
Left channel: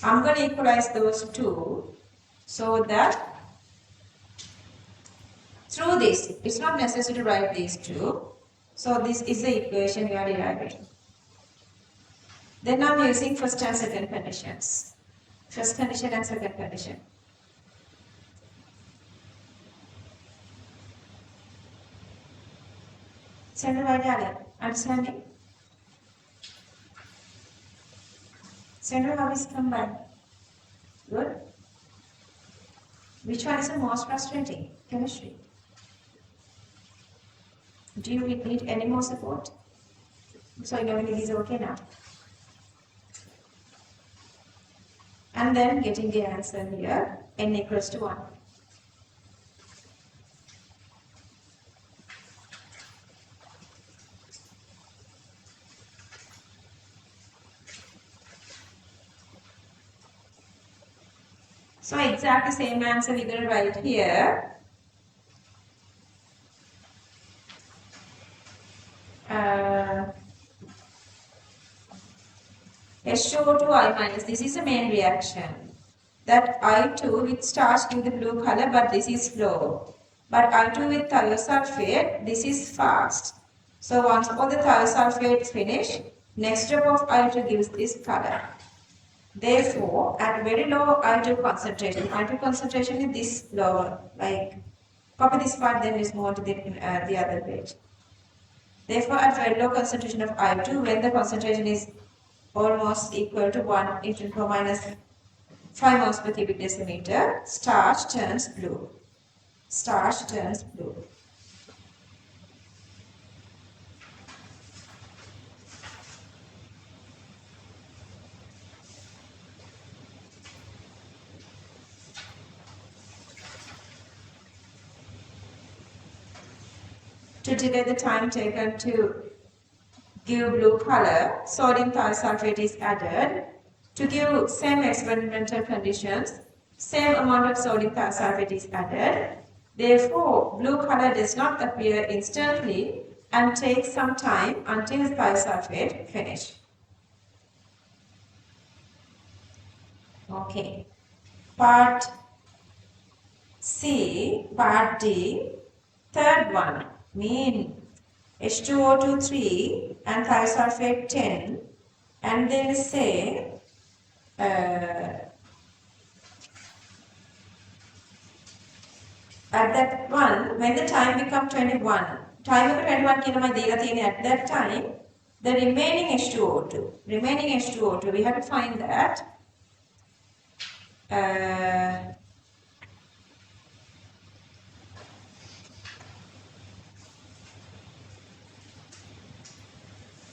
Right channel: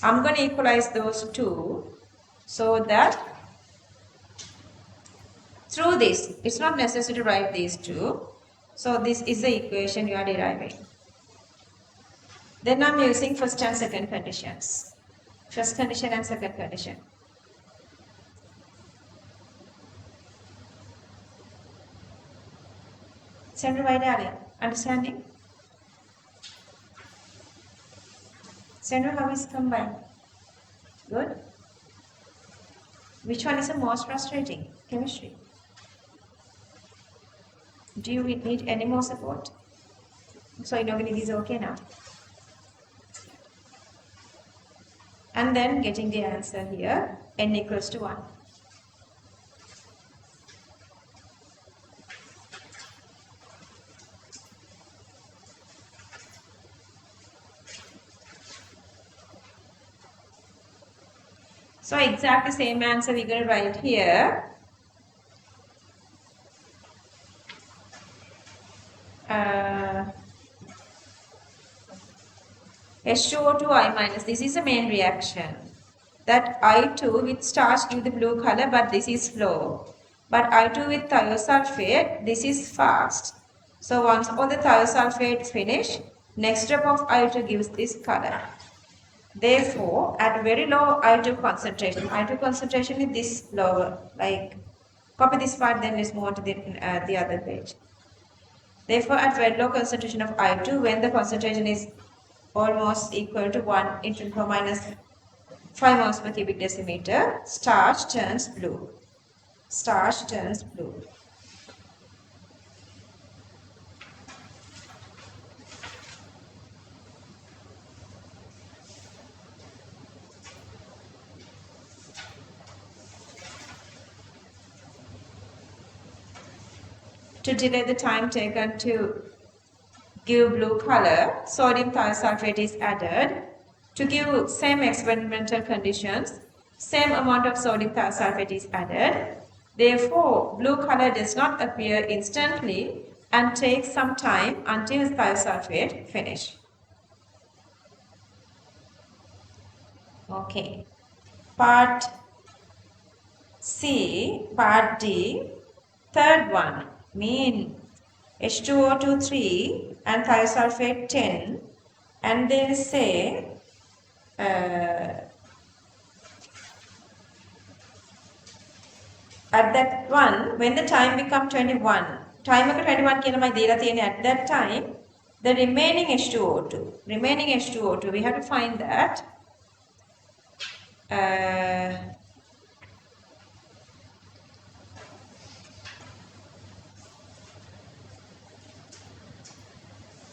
I'm going to equalize those two so that through this, it's not necessary to write these two. So this is the equation you are deriving. Then I'm using first and second conditions. First condition and second condition. Send by Dale. Understanding? Send how is combined? Good. Which one is the most frustrating? Chemistry. Do you need any more support? So inorganic is okay now. And then getting the answer here, n equals to 1. So exactly same answer we're going to write here. H2O2 I minus, this is a main reaction. That I2 with starch give the blue color, but this is slow. But I2 with thiosulfate, this is fast. So once all the thiosulfates finish, next step of I2 gives this color. Therefore, at a very low I2 concentration is this lower, like copy this part, then let's move on to the other page. Therefore, at very low concentration of I2, when the concentration is almost equal to 1 into 10 minus 5 moles per cubic decimeter, starch turns blue. Starch turns blue. To delay the time taken to give blue color, sodium thiosulfate is added. To give same experimental conditions, same amount of sodium thiosulfate is added. Therefore, blue color does not appear instantly and takes some time until thiosulfate finish. Okay. Part C, part D, third one, mean H2O2 3 and thiosulfate 10, and they will say at that one, when the time become 21, time of 21 at that time, the remaining H2O2, we have to find that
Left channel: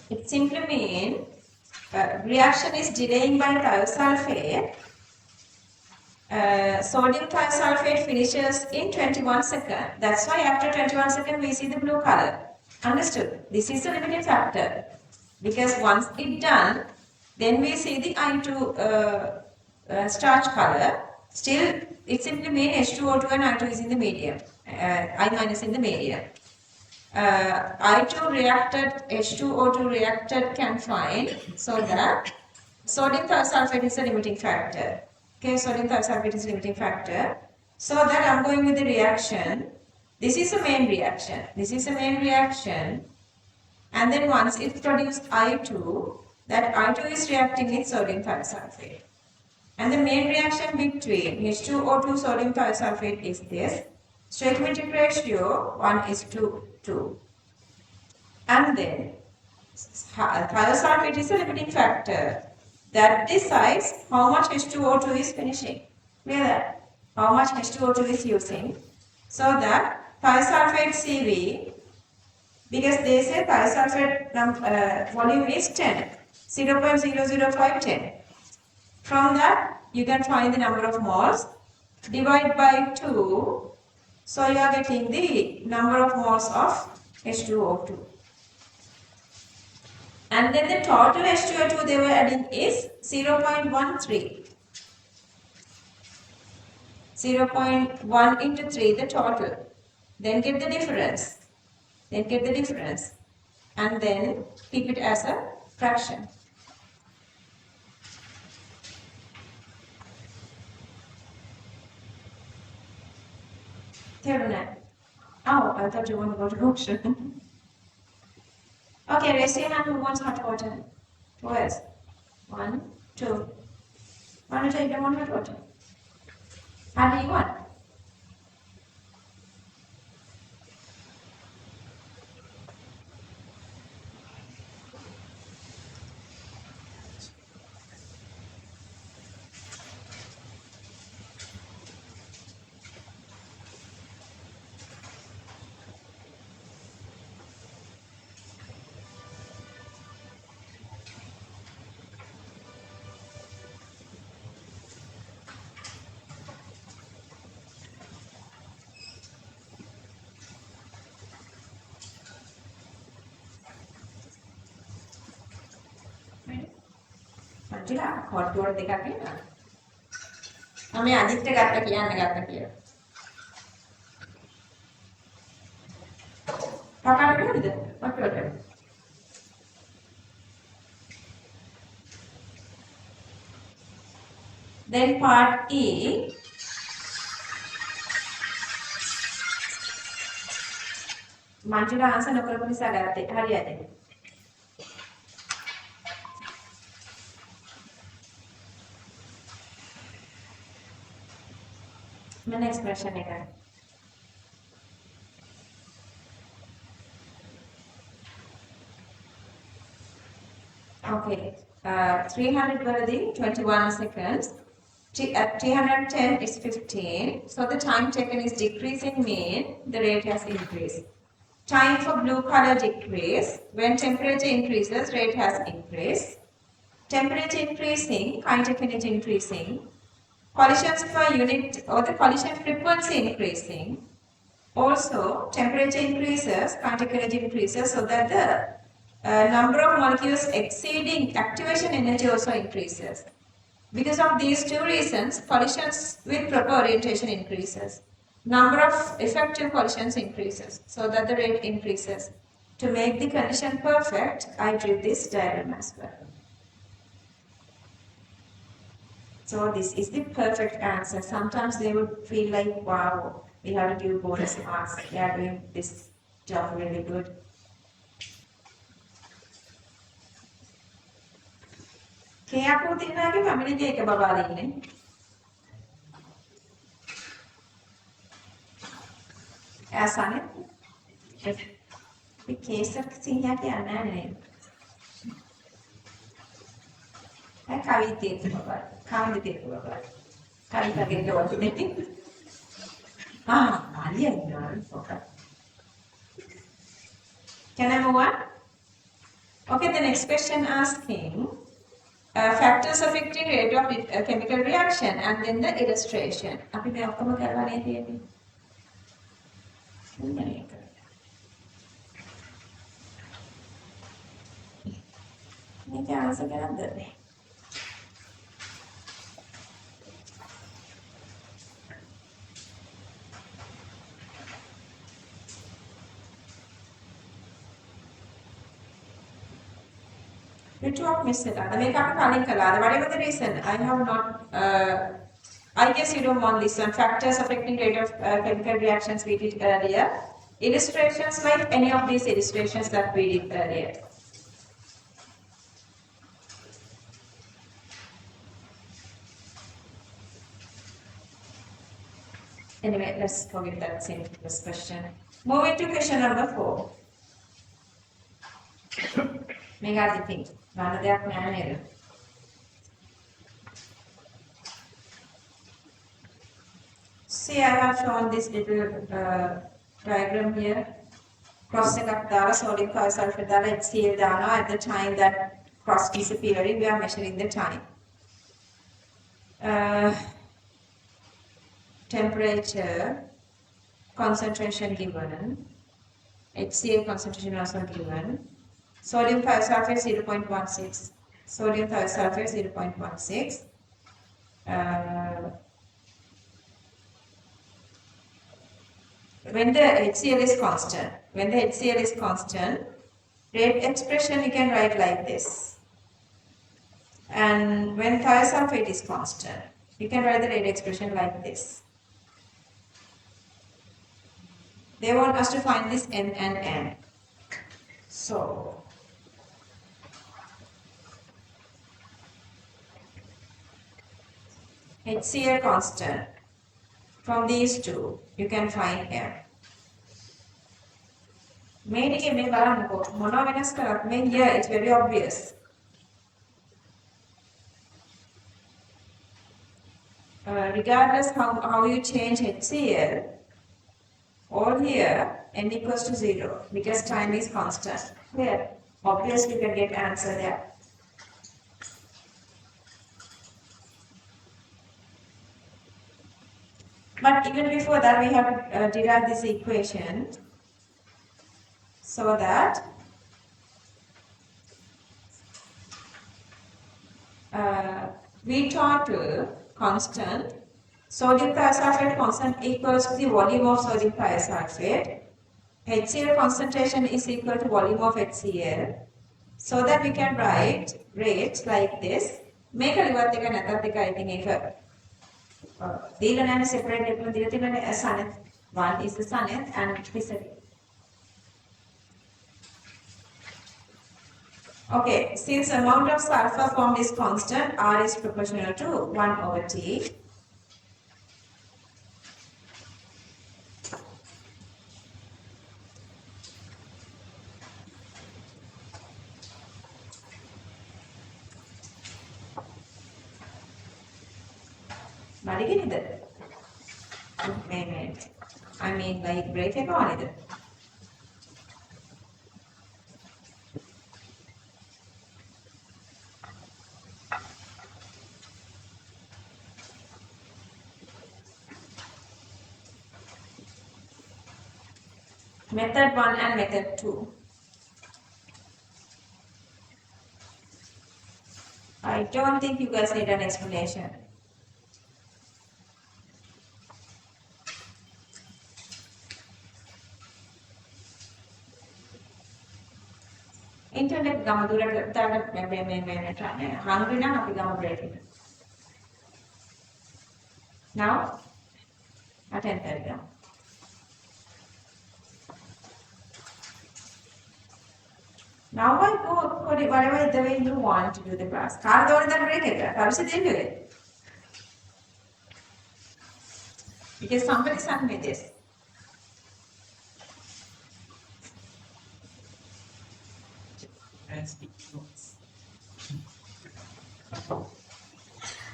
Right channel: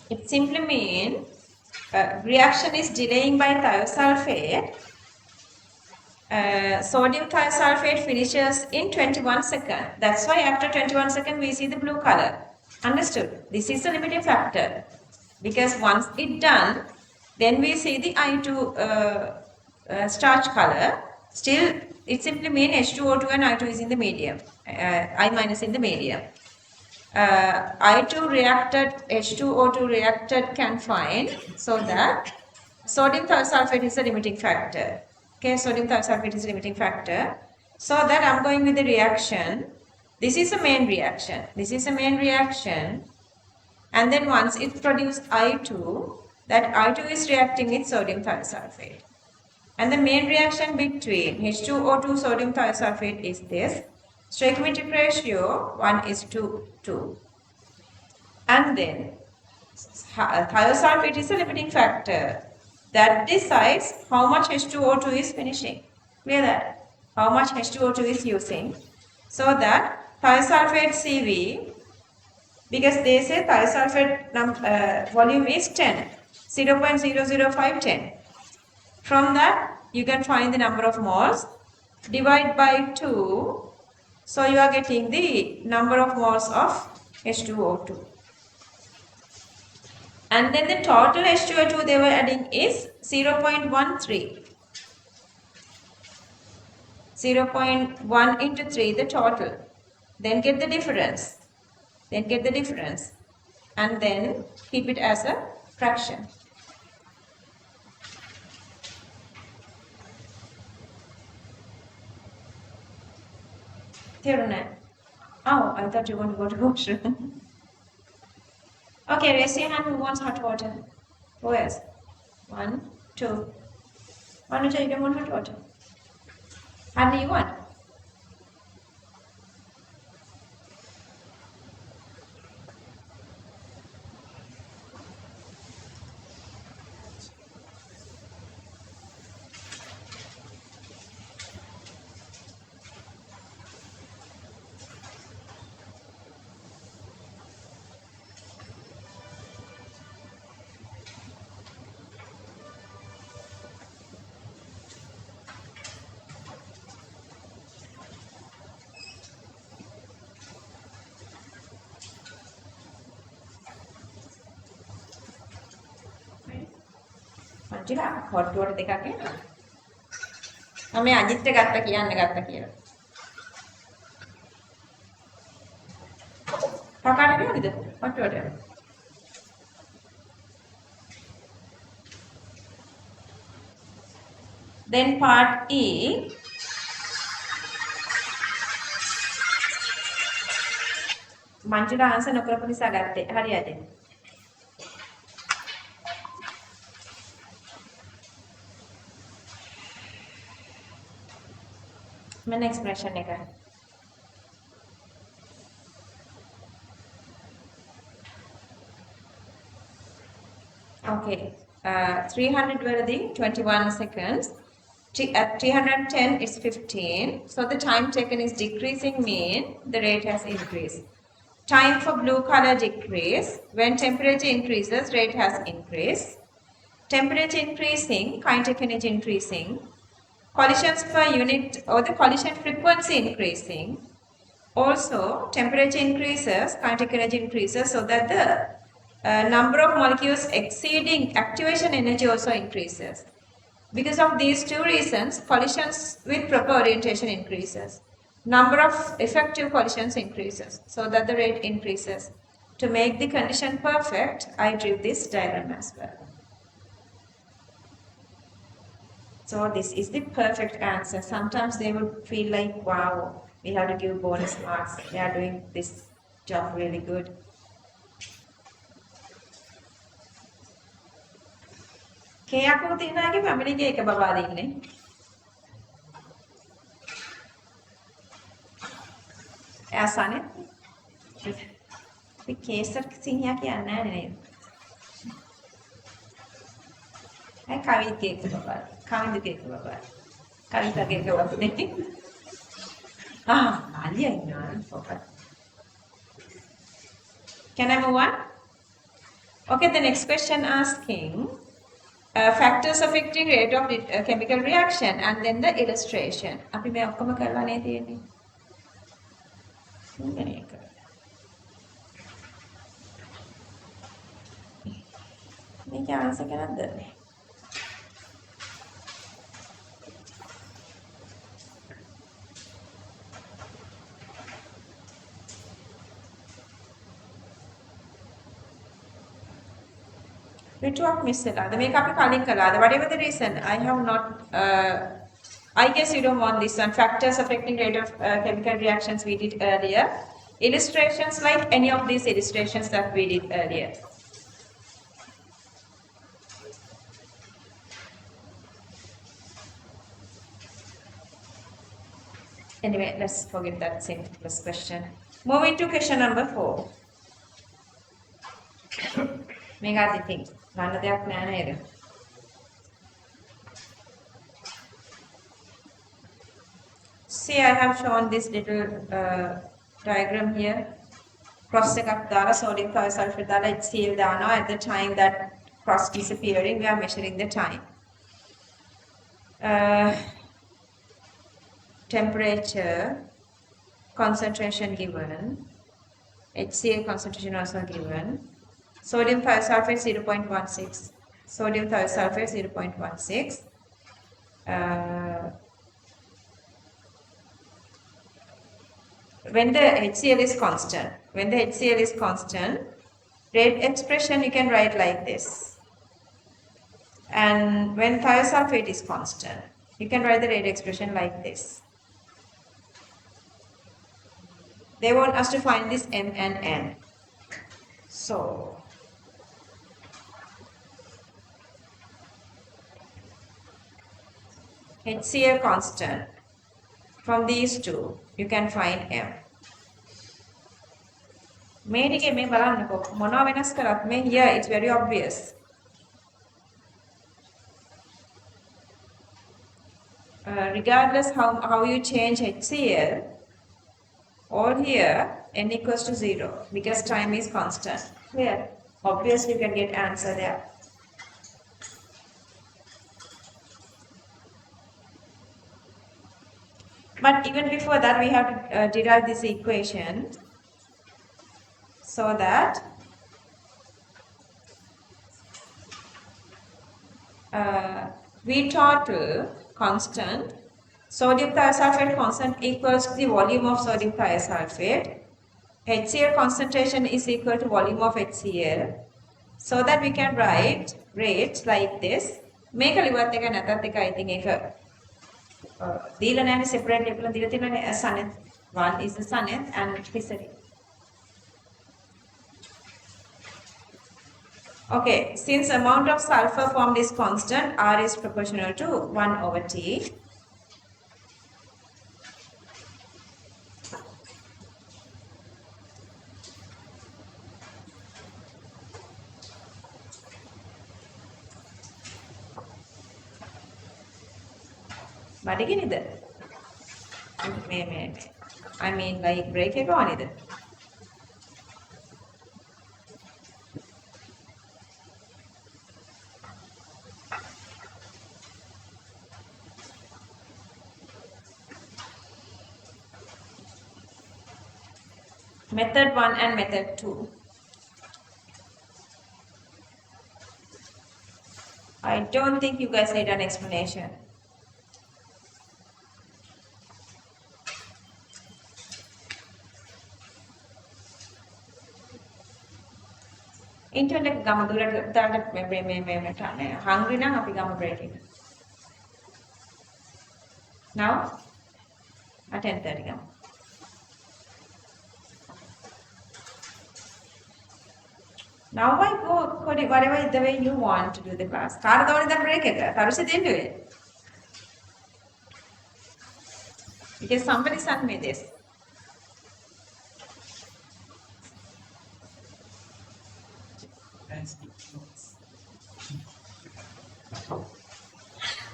it simply means reaction is delaying by thiosulfate. Sodium thiosulfate finishes in 21 seconds. That's why after 21 seconds we see the blue color. Understood? This is the limiting factor. Because once it's done, then we see the I2 starch color. Still, it simply means H2O2 and I2 is in the medium. I minus in the medium. I2 reacted, H2O2 reacted can find so that sodium thiosulfate is a limiting factor. Okay, sodium thiosulfate is a limiting factor. So that I'm going with the reaction. This is a main reaction. This is a main reaction. And then once it produces I2, that I2 is reacting with sodium thiosulfate. And the main reaction between H2O2 sodium thiosulfate is this. Stoichiometric ratio 1:2. And then thiosulfate is a limiting factor that decides how much H2O2 is finishing. Clear that? How much H2O2 is using. So that thiosulfate CV, because they say thiosulfate volume is 10, 0.00510. From that, you can find the number of moles, divide by 2, so you are getting the number of moles of H2O2. And then the total H2O2 they were adding is 0.13. 0.1 into 3, the total. Then get the difference. And then keep it as a fraction. Oh, I thought you want to go to washroom. Okay, raise your hand who wants hot water. Who else? 1, 2. 1 or 2, you don't want hot water. How many you want? Angela, hot water dekak. මම මේ අජිත්ට ගත්ත කියලා. පකාට නේද? වටවට. Then part E. Manjula answer නොකරපු නිසා ගත්තේ. හරියද? මම expression එක. Okay. 300 wording, 21 seconds. At 310 it's 15. So the time taken is decreasing, mean the rate has increased. Time for blue color decrease. When temperature increases, rate has increased. Temperature increasing, kinetic energy increasing. Collisions per unit or the collision frequency increasing. Also, temperature increases, kinetic energy increases, so that the number of molecules exceeding activation energy also increases. Because of these two reasons, collisions with proper orientation increases. Number of effective collisions increases, so that the rate increases. To make the condition perfect, I drew this diagram as well. So this is the perfect answer. Sometimes they would feel like, wow, we have to give bonus marks. They are doing this job really good. කේයක්ව තියනවාගේ පැමිණිගේ එක බබා දෙන්නේ. ඇසනේ. මේ කේසර් සිංහයා කියන්නේ නැහැ නේද? ඒ කවිගේ එක බබා. කවිගේ එක බබා. කවිතගේ එක වගේ. අලියා ඉන්නවා focus. Can I move on? Okay, the next question asking factors affecting rate of chemical reaction and then the illustration. අපි මේ ඔක්කොම කරලා නේ තියෙන්නේ. මේක. මේක ආන්සර් කරන්නද? Which one missed it? Make up a whatever the reason, I have not. I guess you don't want this one. Factors affecting rate of chemical reactions we did earlier. Illustrations like any of these illustrations that we did earlier. Anyway, let's forget that simple question. Moving to question number 4. Mega the thing. None of that man. See, I have shown this little diagram here. Cross the sodium thiosulfate HCl dana at the time that cross disappearing, we are measuring the time. Temperature, concentration given, HCl concentration also given. Sodium thiosulfate 0.16. Sodium thiosulfate 0.16. When the HCl is constant, rate expression you can write like this. And when thiosulfate is constant, you can write the rate expression like this. They want us to find this N and N. So, HCl constant. From these two, you can find M. Here it's very obvious. Regardless how you change HCl, all here N equals to 0 because time is constant. Here, obviously you can get answer there. But even before that, we have to derive this equation so that V total constant Sodium thiosulfate constant equals to the volume of sodium thiosulfate. HCl concentration is equal to volume of HCl. So that we can write rates like this. Make a liwat එක නැතත් එක I think එක දීලා නැහැ separate එකලා දීලා තියෙනනේ Saneth. One is the Saneth and Hisari. Okay, since amount of sulfur formed is constant, R is proportional to 1 over T. බඩගිනිද? මේ I mean like break එක ඕනේද? Method 1 and method 2. I don't think you guys need an explanation. Internet ගම දුරට දාන්න මේ hungry නම් අපි ගම break එක. Now at 10:30 ගම. Now I go whatever the way you want to do the class. කාටද ඕනේ දැන් break එක? කරුෂ දෙන්නුවේ. Because somebody sent me this.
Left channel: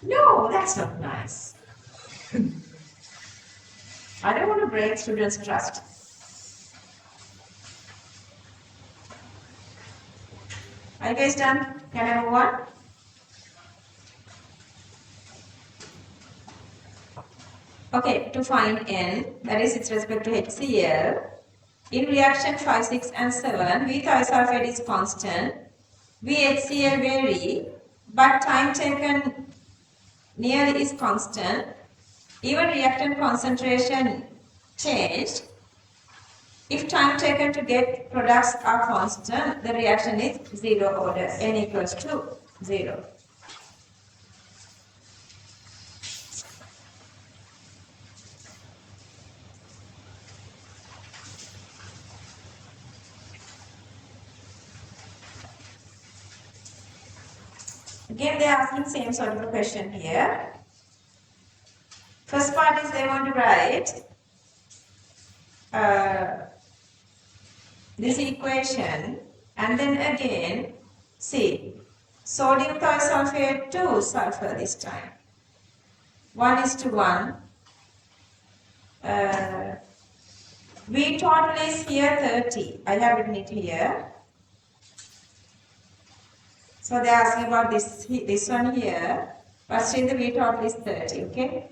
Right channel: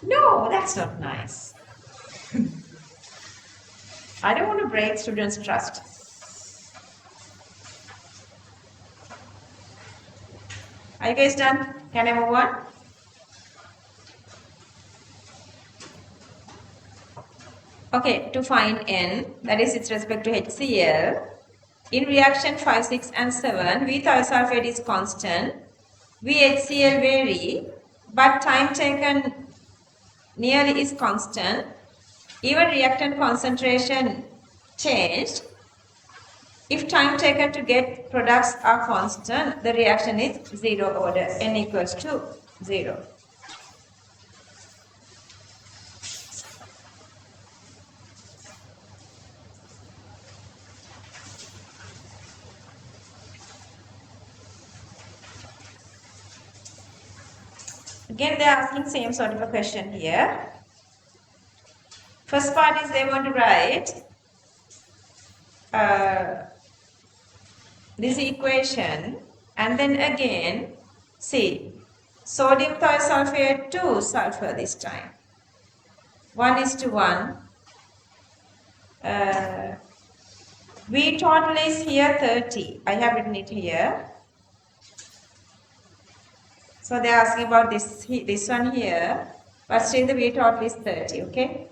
No, that's not nice. I don't want to break students' trust. Are you guys done? Can I move on? Okay, to find N, that is with respect to HCl, in reaction 5, 6 and 7, V thiosulfate is constant, VHCl vary, but time taken nearly is constant. Even reactant concentration changed. If time taken to get products are constant, the reaction is zero order, N equals to 0. Again, they are asking same sort of a question here. First part is they want to write this equation and then again see sodium thiosulfate to sulfur this time. 1:1. V total is here 30. I have written it here. So they are asking about this one here, but still the V total is 30, okay?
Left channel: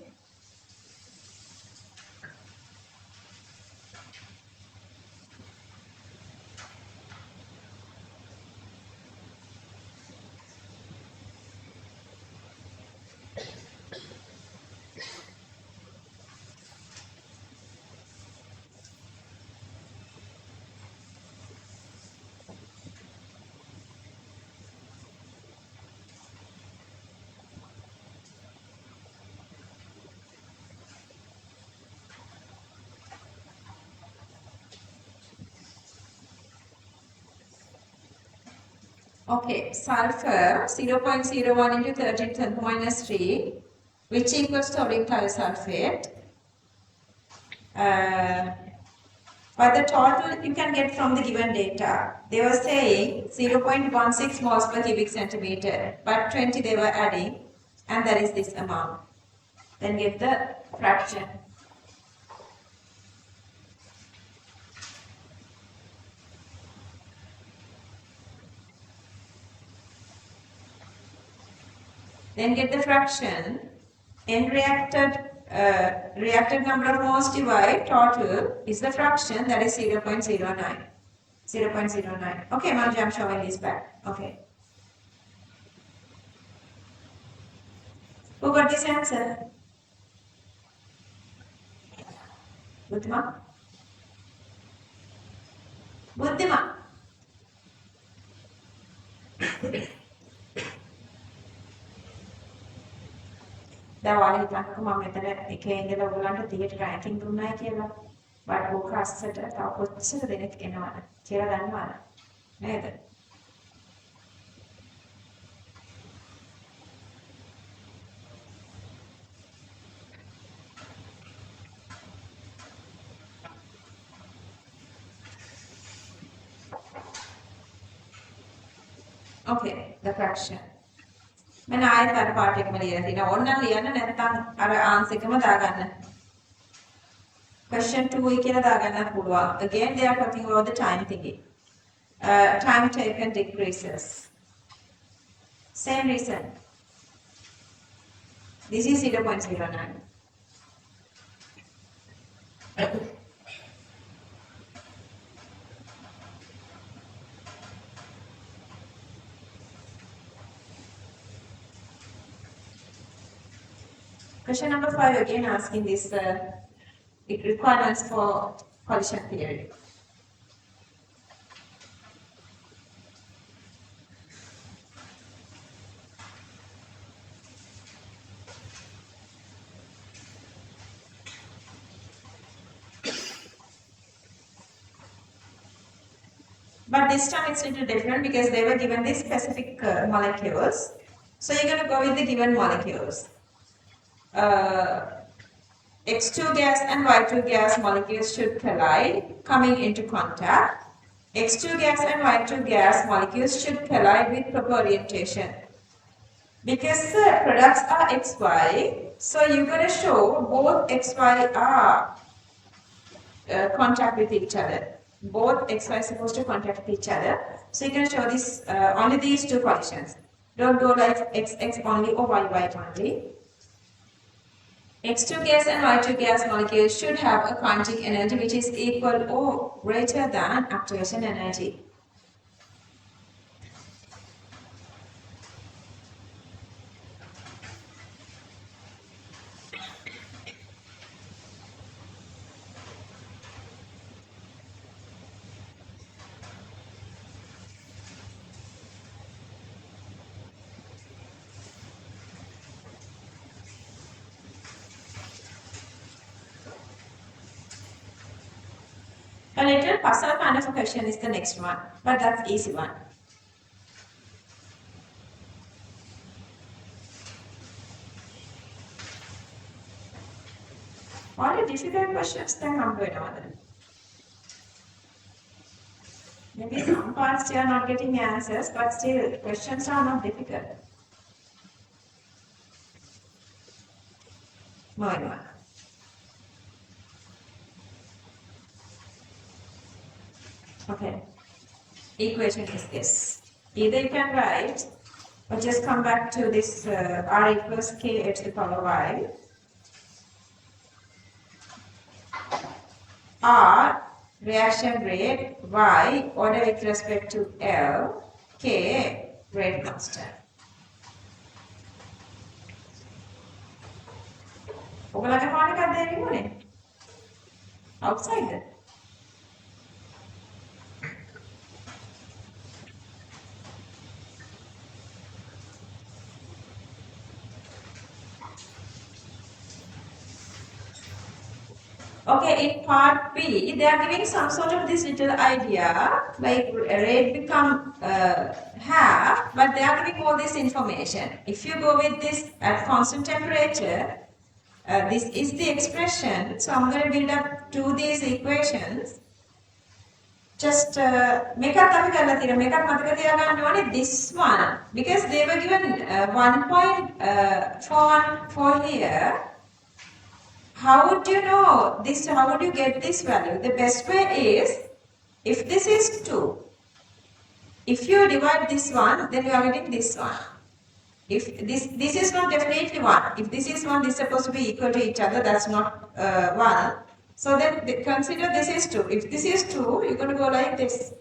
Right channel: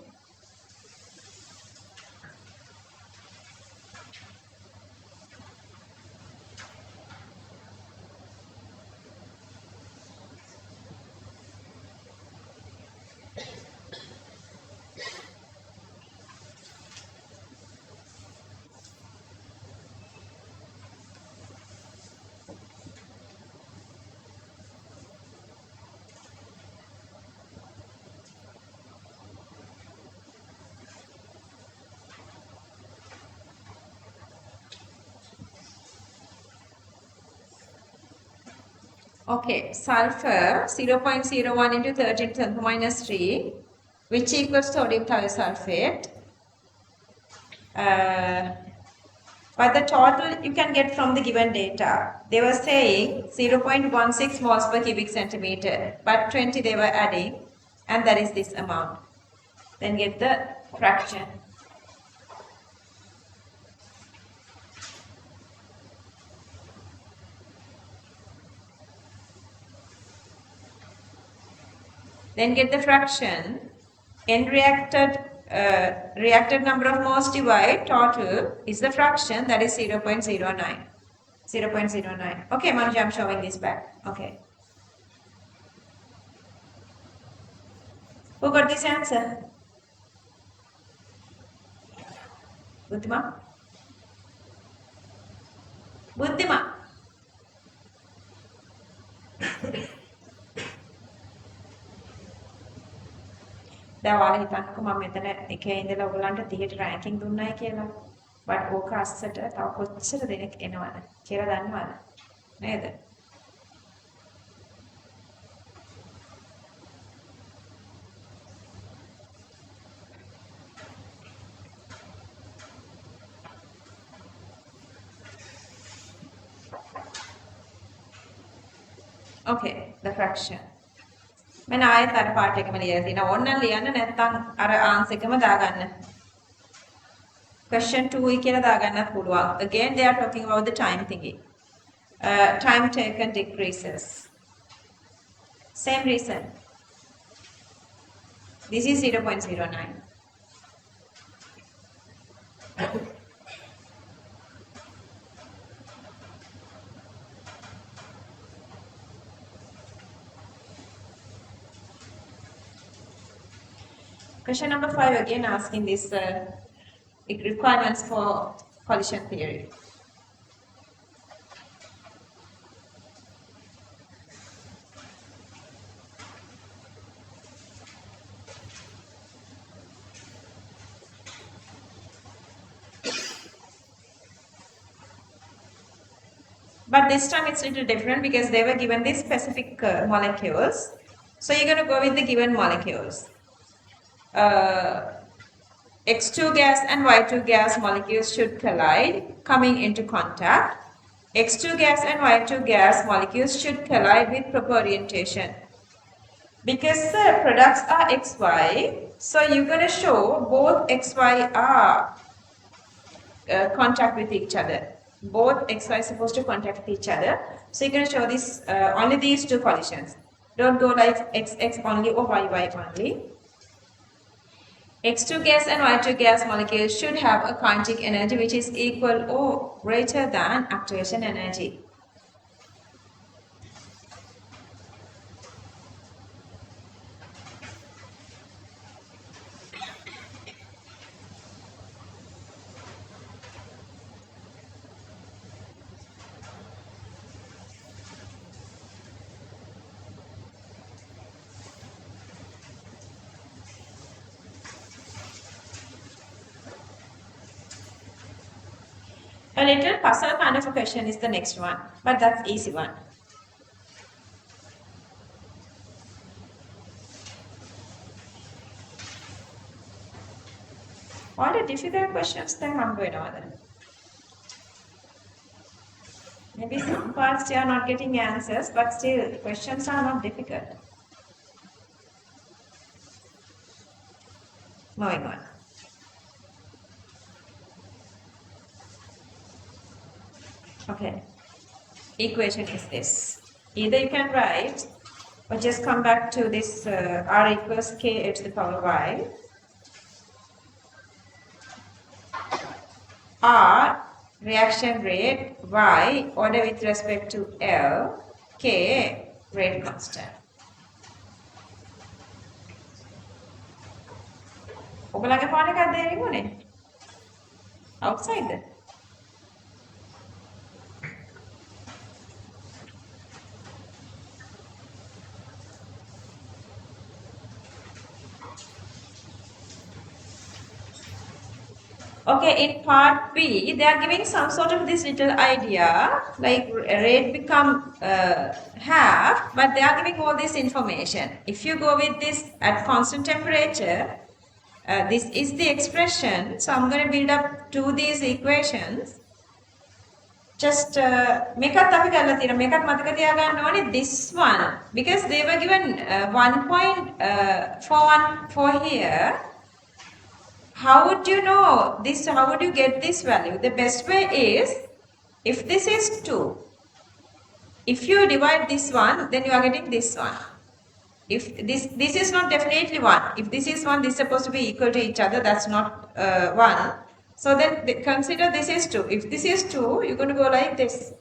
Okay, sulfur 0.01 into 13 to the minus 3, which equals sodium thiosulfate. But the total you can get from the given data. They were saying 0.16 moles per cubic centimeter, but 20 they were adding, and that is this amount. Then get the fraction. Then get the fraction. N reacted number of moles divide total is the fraction, that is 0.09. 0.09. Okay, Manju, I'm showing this back. Okay. Who got this answer? Buddhima? Buddhima? දැන් ඔයාලා හිතන්නකෝ මම මෙතන එකේ ඉඳලා ඔයගලන්ට 30ට ranking දුන්නයි කියලා. But ඕක අස්සට තව කොච්චර දෙනෙක් එනවද කියලා දන්නවද? නේද? Okay, the fraction. මම ආයෙත් අර පාට එකම ලියලා තිනවා. ඕනනම් ලියන්න නැත්නම් අර ආන්සර් එකම දාගන්න. Question 2 කියලා දාගන්නත් පුළුවන්. Again they are talking about the time thingy. Time taken decreases. Same reason. This is 0.09. Question number 5 again asking this requirements for collision theory. But this time it's a little different because they were given these specific molecules. So you're going to go with the given molecules. X2 gas and Y2 gas molecules should collide coming into contact. X2 gas and Y2 gas molecules should collide with proper orientation. Because the products are XY, so you're going to show both XY are contact with each other. Both XY are supposed to contact with each other. So you're going to show this only these two collisions. Don't go like XX only or YY only. X2 gas and Y2 gas molecules should have a kinetic energy which is equal or greater than activation energy. A little puzzle kind of a question is the next one, but that's easy one. All the difficult questions then I'm going over them. Maybe some parts you are not getting answers, but still the questions are not difficult. Moving on. Okay, equation is this. Either you can write or just come back to this R equals K to the power Y. R reaction rate, Y order with respect to L, K rate constant. ඔයගොල්ලන්ගේ phone එකක් දෙන්නේ මොනේ? Outside. Okay, in part B, they are giving some sort of this little idea, like rate become half, but they are giving all this information. If you go with this at constant temperature, this is the expression. So I'm going to build up to these equations. Just make up this one, because they were given 1.414 here. How would you know this? How would you get this value? The best way is, if this is 2, if you divide this one, then you are getting this one. If this is not definitely 1. If this is 1, this is supposed to be equal to each other. That's not 1. So then consider this is 2. If this is 2, you're going to go like this.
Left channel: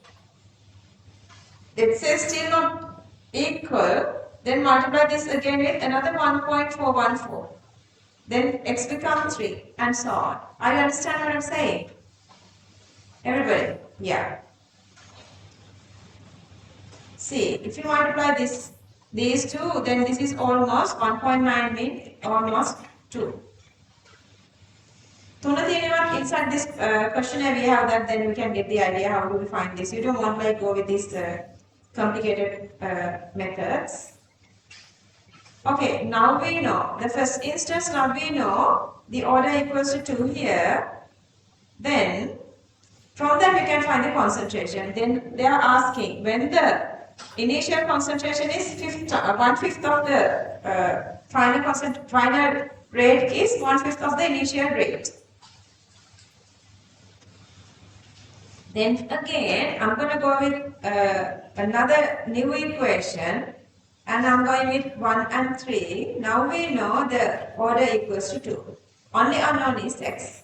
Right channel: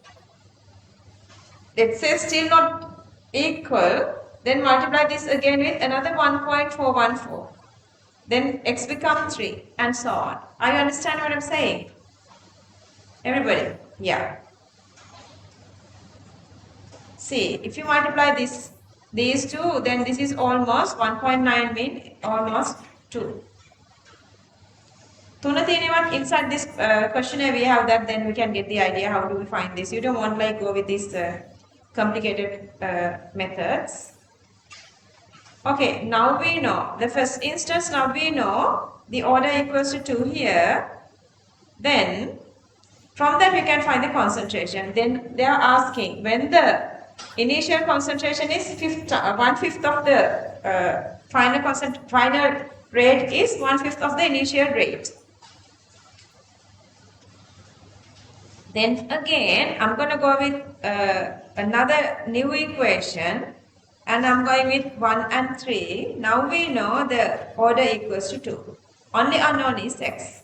Let's say still not equal. Then multiply this again with another 1.414. then x becomes 3, and so on. Are you understand what I'm saying? Everybody? Yeah. See, if you multiply these two, then this is almost 1.9 mean almost 2. Inside this questionnaire we have that, then we can get the idea how do we find this. You don't want like go with these complicated methods. Okay, now we know the first instance. Now we know the order equals to 2 here. Then from that we can find the concentration. Then they are asking when the initial concentration is 1/5 of the final rate is 1/5 of the initial rate. Then again, I'm going to go with another new equation, and I'm going with 1 and 3. Now we know the order equals to 2. Only unknown is x.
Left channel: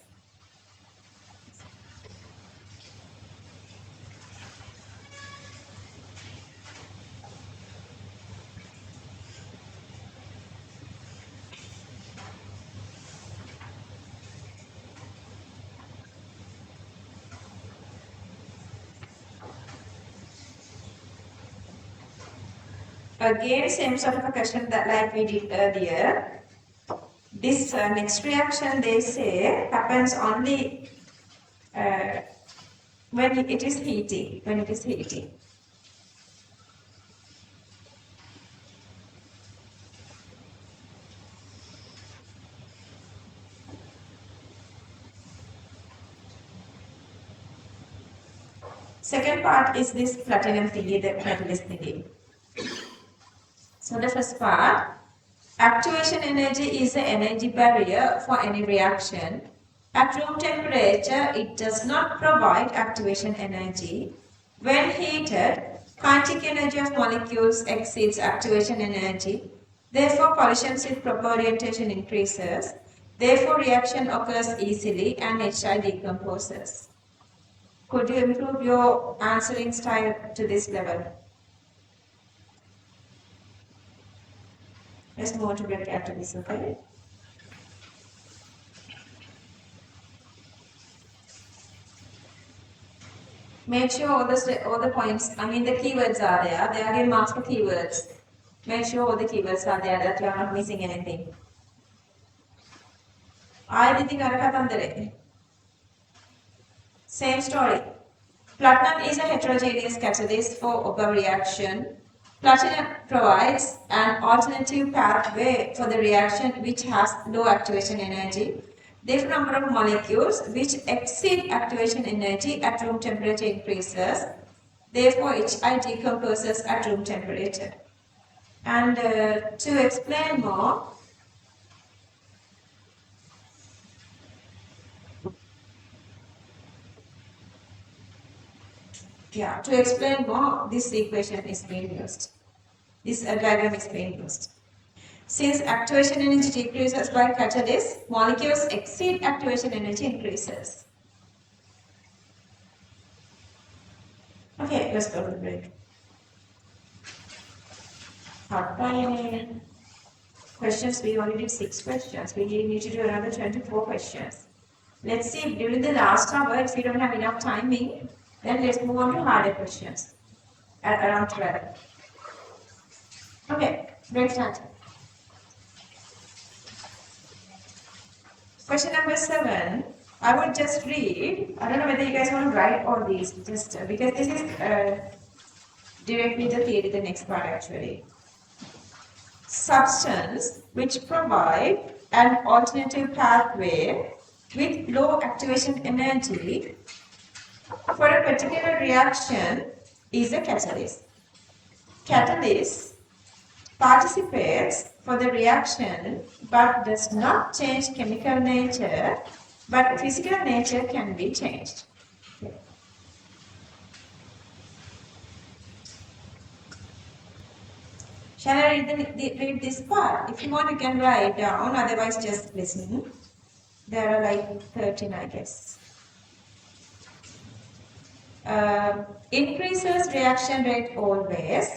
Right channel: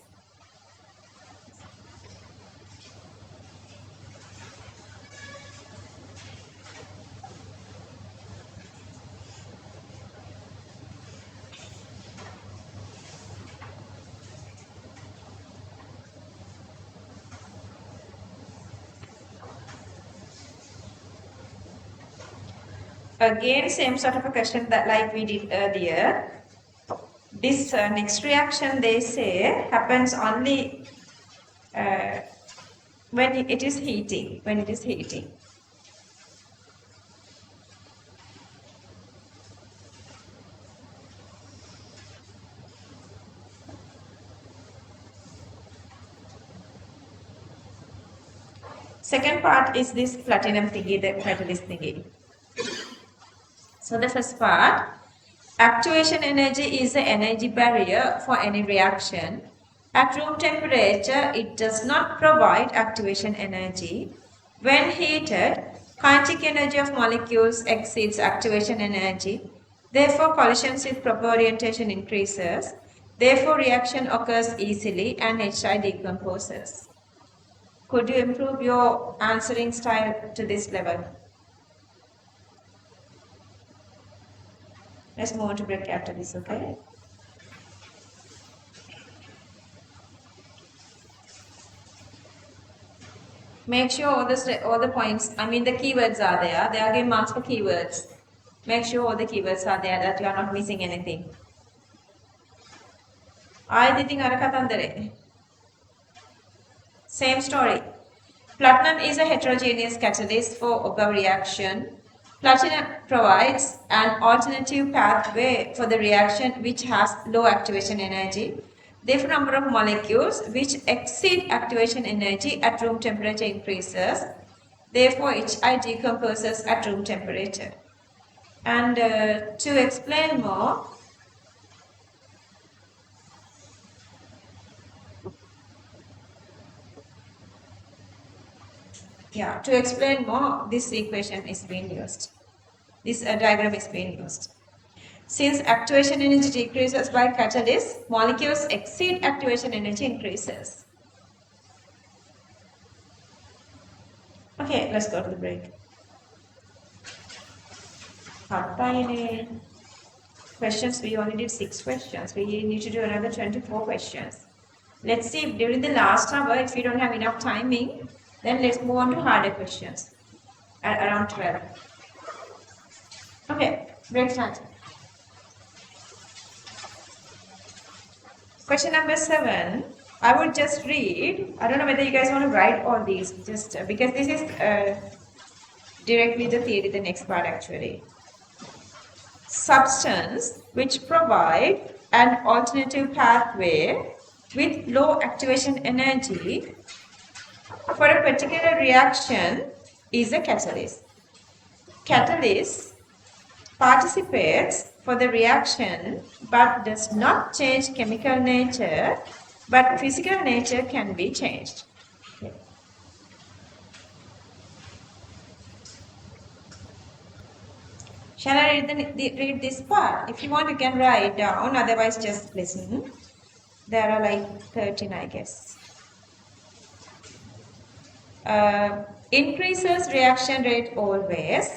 Again, same sort of a question that like we did earlier. This next reaction, they say, happens only when it is heating. When it is heating. Second part is this platinum thingy, the catalyst thingy. So the first part, activation energy is the energy barrier for any reaction. At room temperature, it does not provide activation energy. When heated, kinetic energy of molecules exceeds activation energy. Therefore, collision-shift proper orientation increases. Therefore, reaction occurs easily and HI decomposes. Could you improve your answering style to this level? Let's move on to break after this, okay? Make sure all the points, I mean the keywords are there. They are given marks for keywords. Make sure all the keywords are there, that you are not missing anything. Same story. Platinum is a heterogeneous catalyst for Ogawa reaction. Platinum provides an alternative pathway for the reaction which has low activation energy. Therefore, number of molecules which exceed activation energy at room temperature increases. Therefore, HI decomposes at room temperature. And to explain more, to explain more, this equation is being used. This diagram is being used. Since activation energy decreases by catalyst, molecules exceed activation energy increases. Okay, let's go to the break. Questions, we only did 6 questions. We need to do another 24 questions. Let's see if during the last hour, if you don't have enough timing, then let's move on to harder questions at around 12. Okay, break start. Question number 7. I would just read. I don't know whether you guys want to write all these, just because this is directly the theory, the next part actually. Substance which provide an alternative pathway with low activation energy for a particular reaction is a catalyst. Catalyst participates for the reaction but does not change chemical nature, but physical nature can be changed. Okay. Shall I read this part? If you want, you can write down, otherwise just listen. There are like 13, I guess. Increases reaction rate always,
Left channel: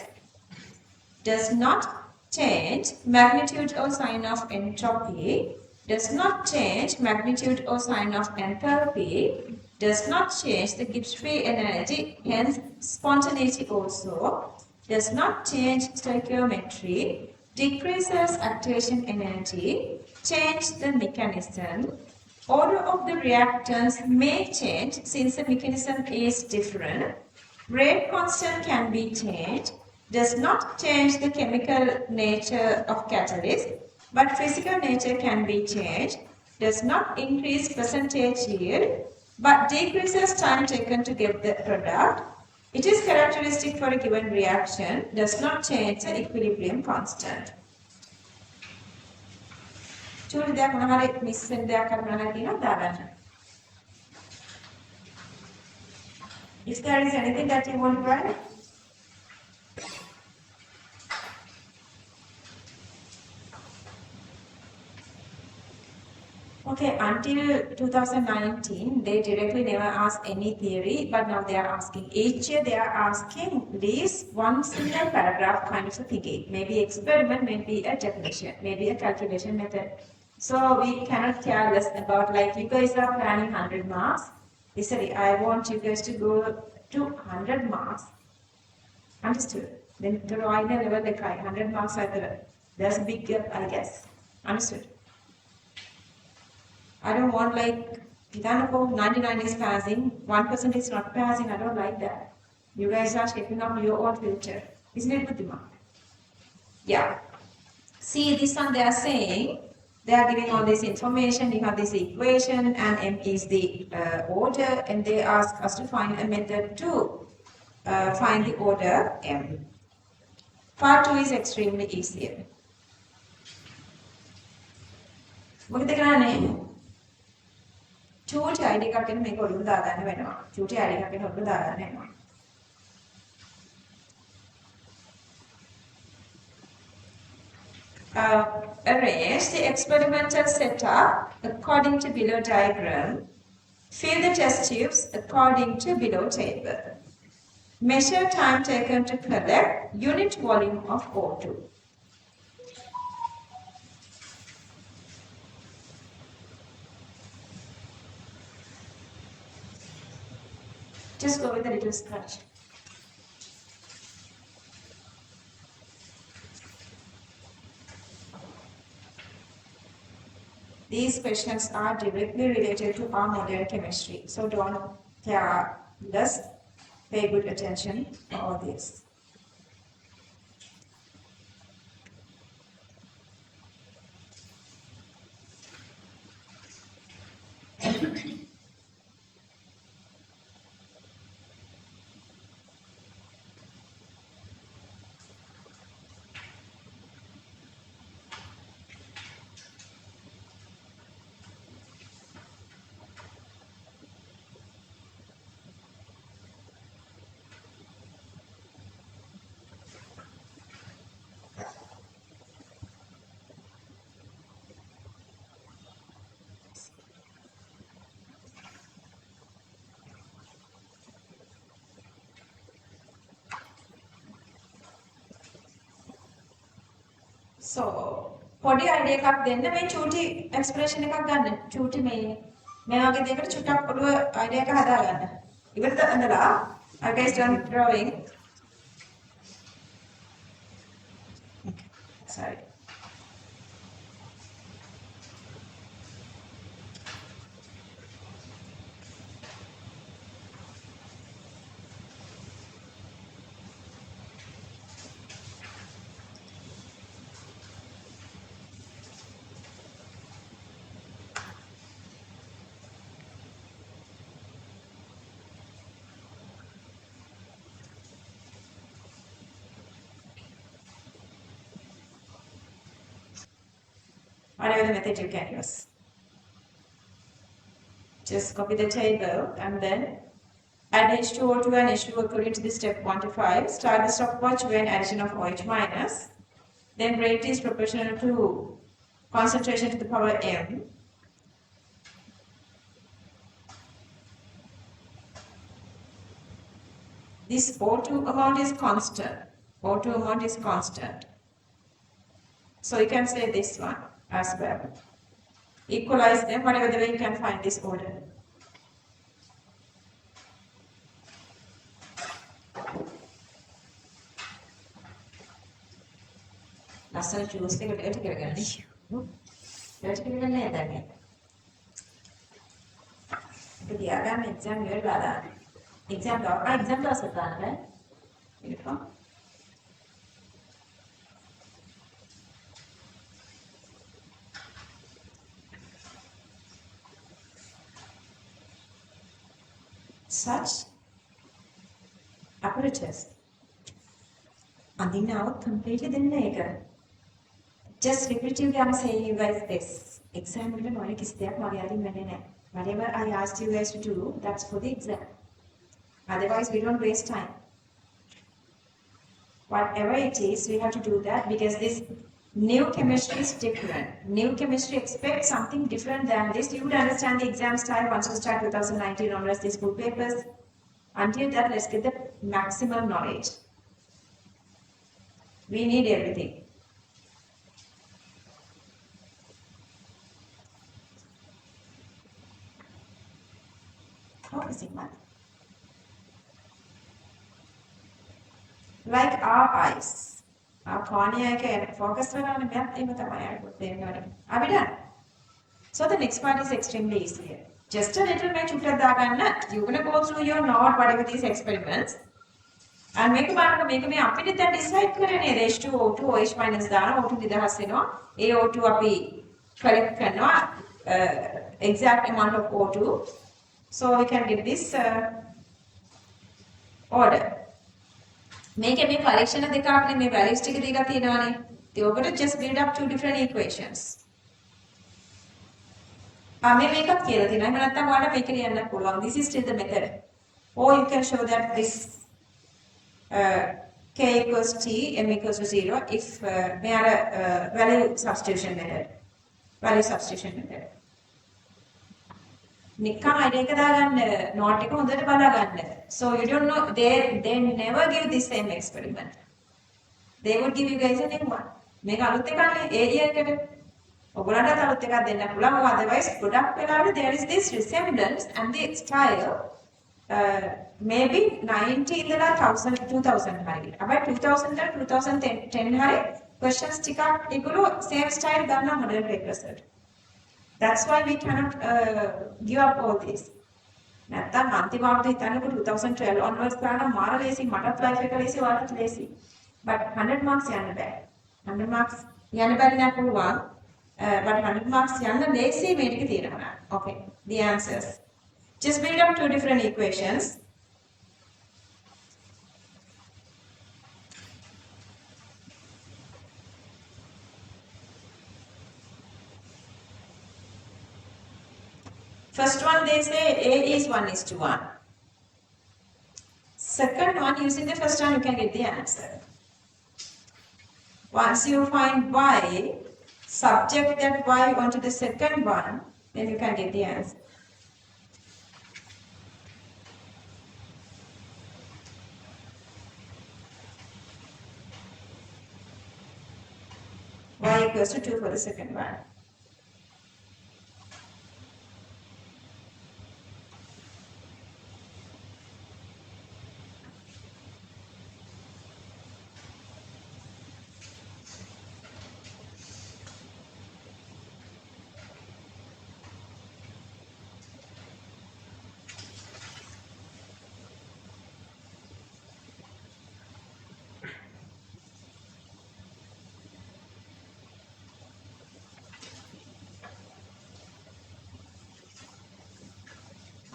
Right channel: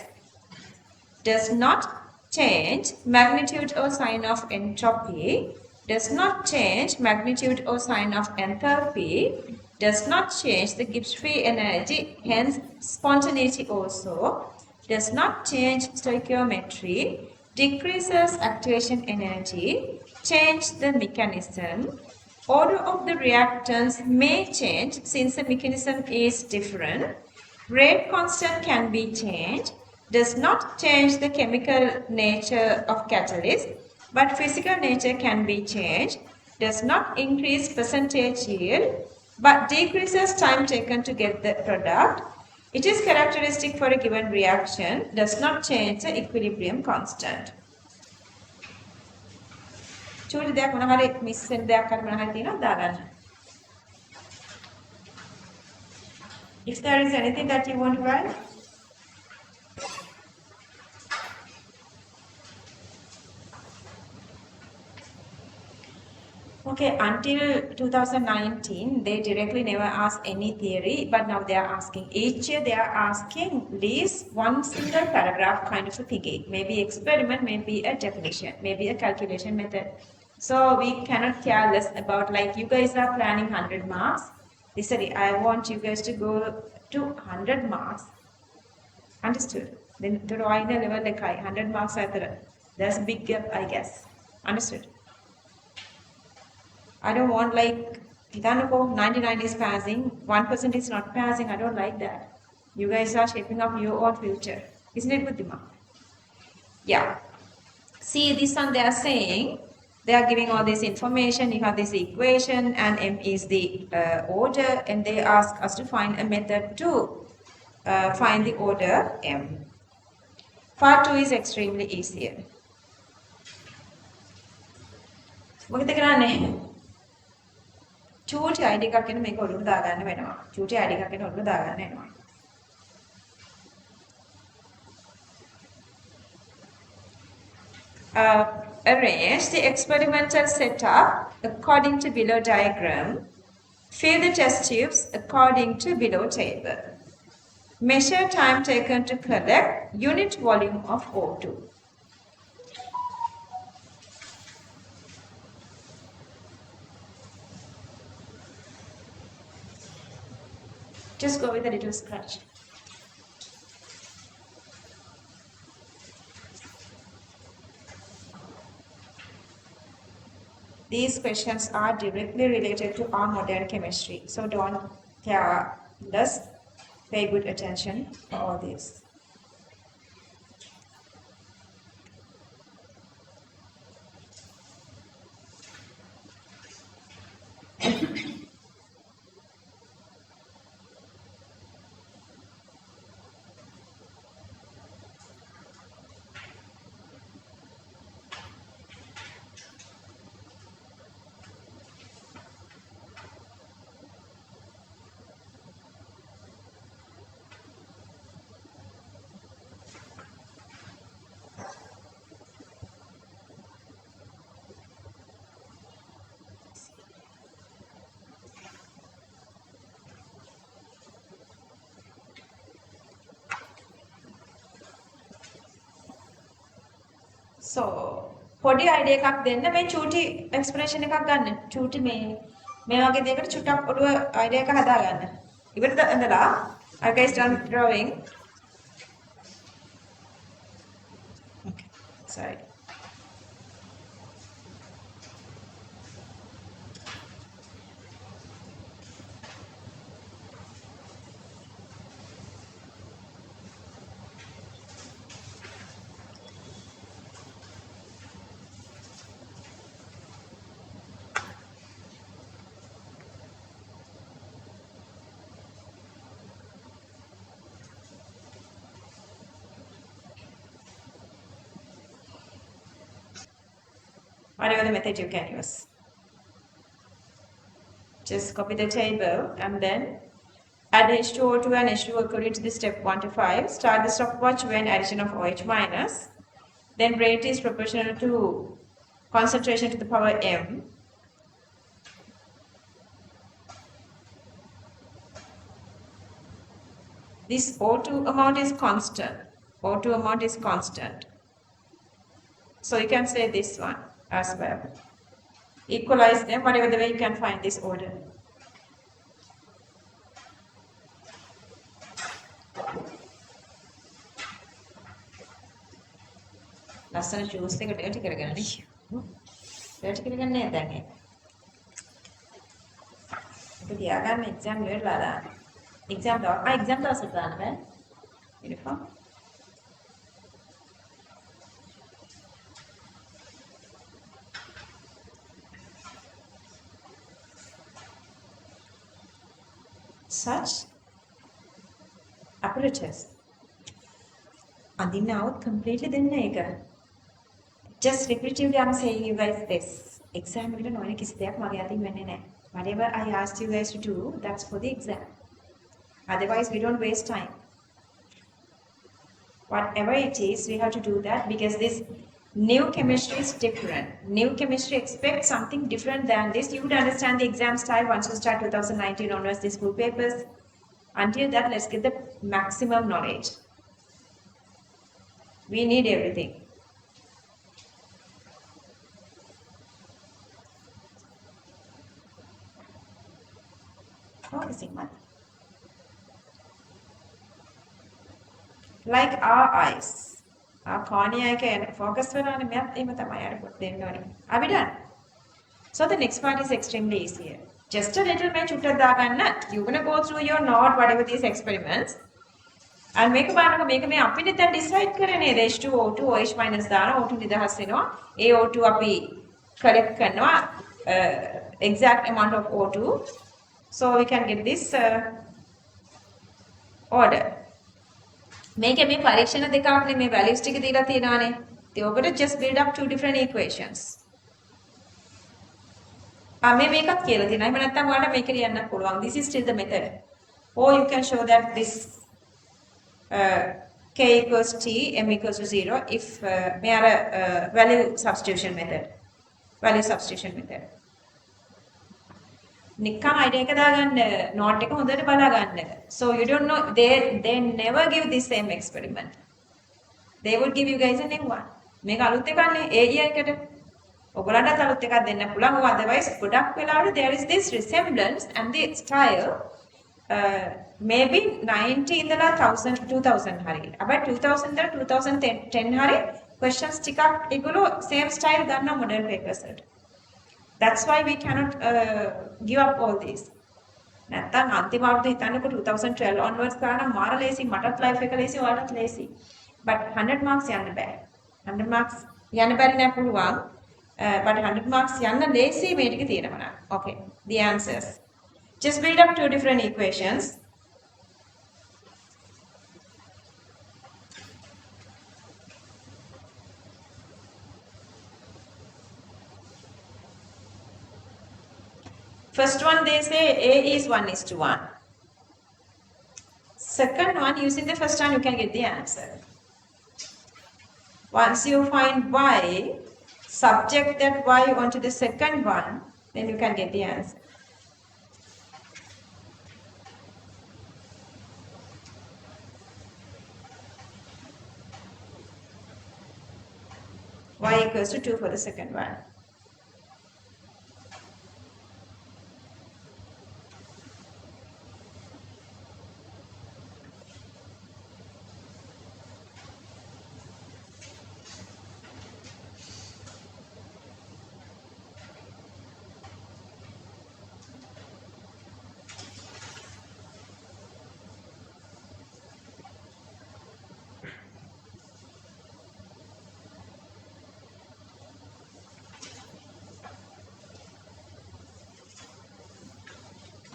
does not change magnitude or sign of entropy, does not change magnitude or sign of enthalpy, does not change the Gibbs free energy, hence spontaneity also, does not change stoichiometry, decreases activation energy, change the mechanism, order of the reactants may change since the mechanism is different, rate constant can be changed, does not change the chemical nature of catalyst, but physical nature can be changed, does not increase percentage yield, but decreases time taken to get the product. It is characteristic for a given reaction, does not change the equilibrium constant. චූටි දෙයක් මොන හරි miss වෙන දෙයක් හරි මොන හරි තියෙනවද දාගන්න. If there is anything that you want to write. Okay, until 2019, they directly never asked any theory, but now they are asking. Each year they are asking at least one single paragraph kind of a thinking. Maybe experiment, maybe a definition, maybe a calculation method. So we cannot care less about, like, you guys are planning 100 marks. Sorry, I want you guys to go to 100 marks. Understood? Then to the level like 100 marks, there's a big gap, I guess. Understood? I don't want, like, 99 is passing, 1% is not passing. I don't like that. You guys are shaping up your own future. Isn't it, Buddhima? Yeah. See, this one they are saying, they are giving all this information. You have this equation, and M is the order, and they ask us to find a method to find the order M. Part 2 is extremely easier. මොකද කරන්නේ? චූටි ID එකක් එන්න මේක ඔළුවට දාගන්න වෙනවා. චූටි ID එකක් එන්න ඔළුවට දාගන්න වෙනවා. Arrange the experimental setup according to below diagram. Fill the test tubes according to below table. Measure time taken to collect unit volume of O2. Just go with a little scratch. These questions are directly related to our modern chemistry, so don't care less. Pay good attention to all this. So, පොඩි idea එකක් දෙන්න මේ චූටි expression එකක් ගන්න. චූටි මේ වගේ දෙයකට චුට්ටක් ඔළුව idea එක හදා ගන්න. ඉවරද ඇඳලා? Are guys done drawing? Okay. Sorry. Whatever the method you can use. Just copy the table and then add H2O2 and H2O according to the step 1 to 5. Start the stopwatch when addition of OH minus. Then rate is proportional to concentration to the power M. This O2 amount is constant. O2 amount is constant. So you can say this one as well. equalize them, whatever the way you can find this order. ලස්සන juice එක dirty කරගන්න නේ. dirty කරගන්නේ නැහැ දැන් ඒක. අපි තියාගන්න exam ඉවරලා exam දවසට දාන්න බෑ. Beautiful. Such apparatus. And now completely then just repetitively I'm saying you guys this. Exam whatever I asked you guys to do, that's for the exam. Otherwise we don't waste time. Whatever it is, we have to do that because this new chemistry is different. New chemistry expects something different than this. You would understand the exam style once you start 2019 onwards, the school papers. Until that, let's get the maximum knowledge. We need everything. Oh, is it one? Like our eyes. Our cornea can focus on the map. Are we done? So the next part is extremely easier. Just a little bit, you're going to go through your note, whatever these experiments, and make me up in that decide H2 O2 OH minus O2 nidahasino AO2 api collect exact amount of O2, so we can get this order. Make a collection of the values they just build up two different equations. This is still the method. Or you can show that this k equals t, m equals to 0 if we are a value substitution method. So you don't know, they never give the same experiment. They will give you guys a new one. Otherwise, there is this resemblance and the style maybe 90 in the 1000 2000 about 2000 2010 questions same style modern papers. That's why we cannot give up all these. 2012 onwards lazy life lazy, but 100 marks 100 marks but 100 marks lazy made. Okay, the answers. Just build up two different equations. First one, they say A is 1:1. Second one, using the first one, you can get the answer. Once you find Y, subject that Y onto the second one, then you can get the answer. Y equals to 2 for the second one.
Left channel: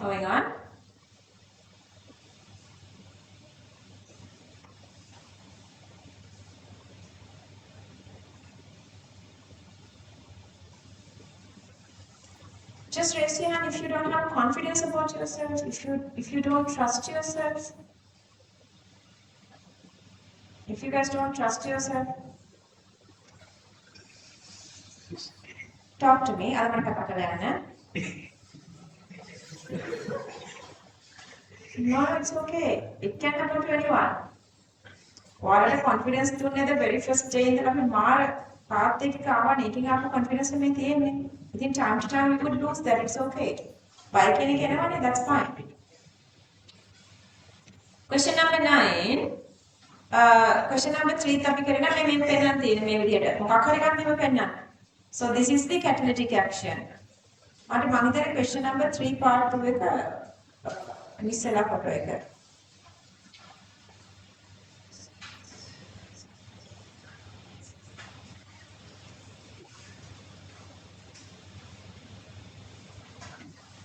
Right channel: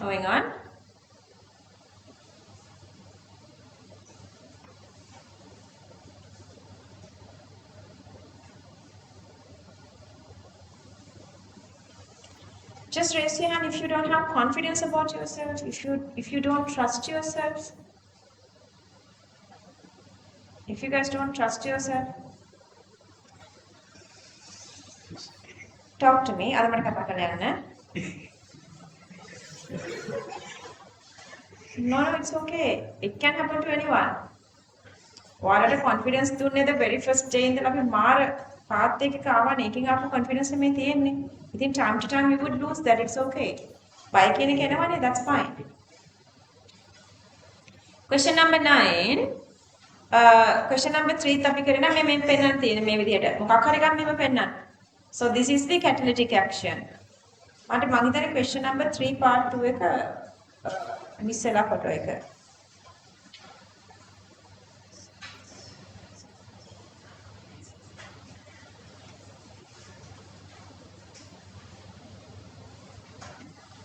Going on. Just raise your hand if you don't have confidence about yourself, if you don't trust yourself. If you guys don't trust yourself, talk to me. No, it's okay. It can happen to anyone. What are the confidence the very first day in the path එකක ආවනේ එකකින් ආපු confidence මේ තියෙන්නේ. ඉතින් time to time we would lose that, it's okay. Bye කියන එක එනවනේ, that's fine. Question number 9. Question number 3 අපි කරන මේ පෙන්නන්න තියෙන මේ විදිහට. මොකක් හරි ගන්න මේව පෙන්නන්න. So this is the catalytic action. මට මම හිතන්නේ question number 3 part 2 එක ඉස්සෙල්ලා ෆොටෝ එක.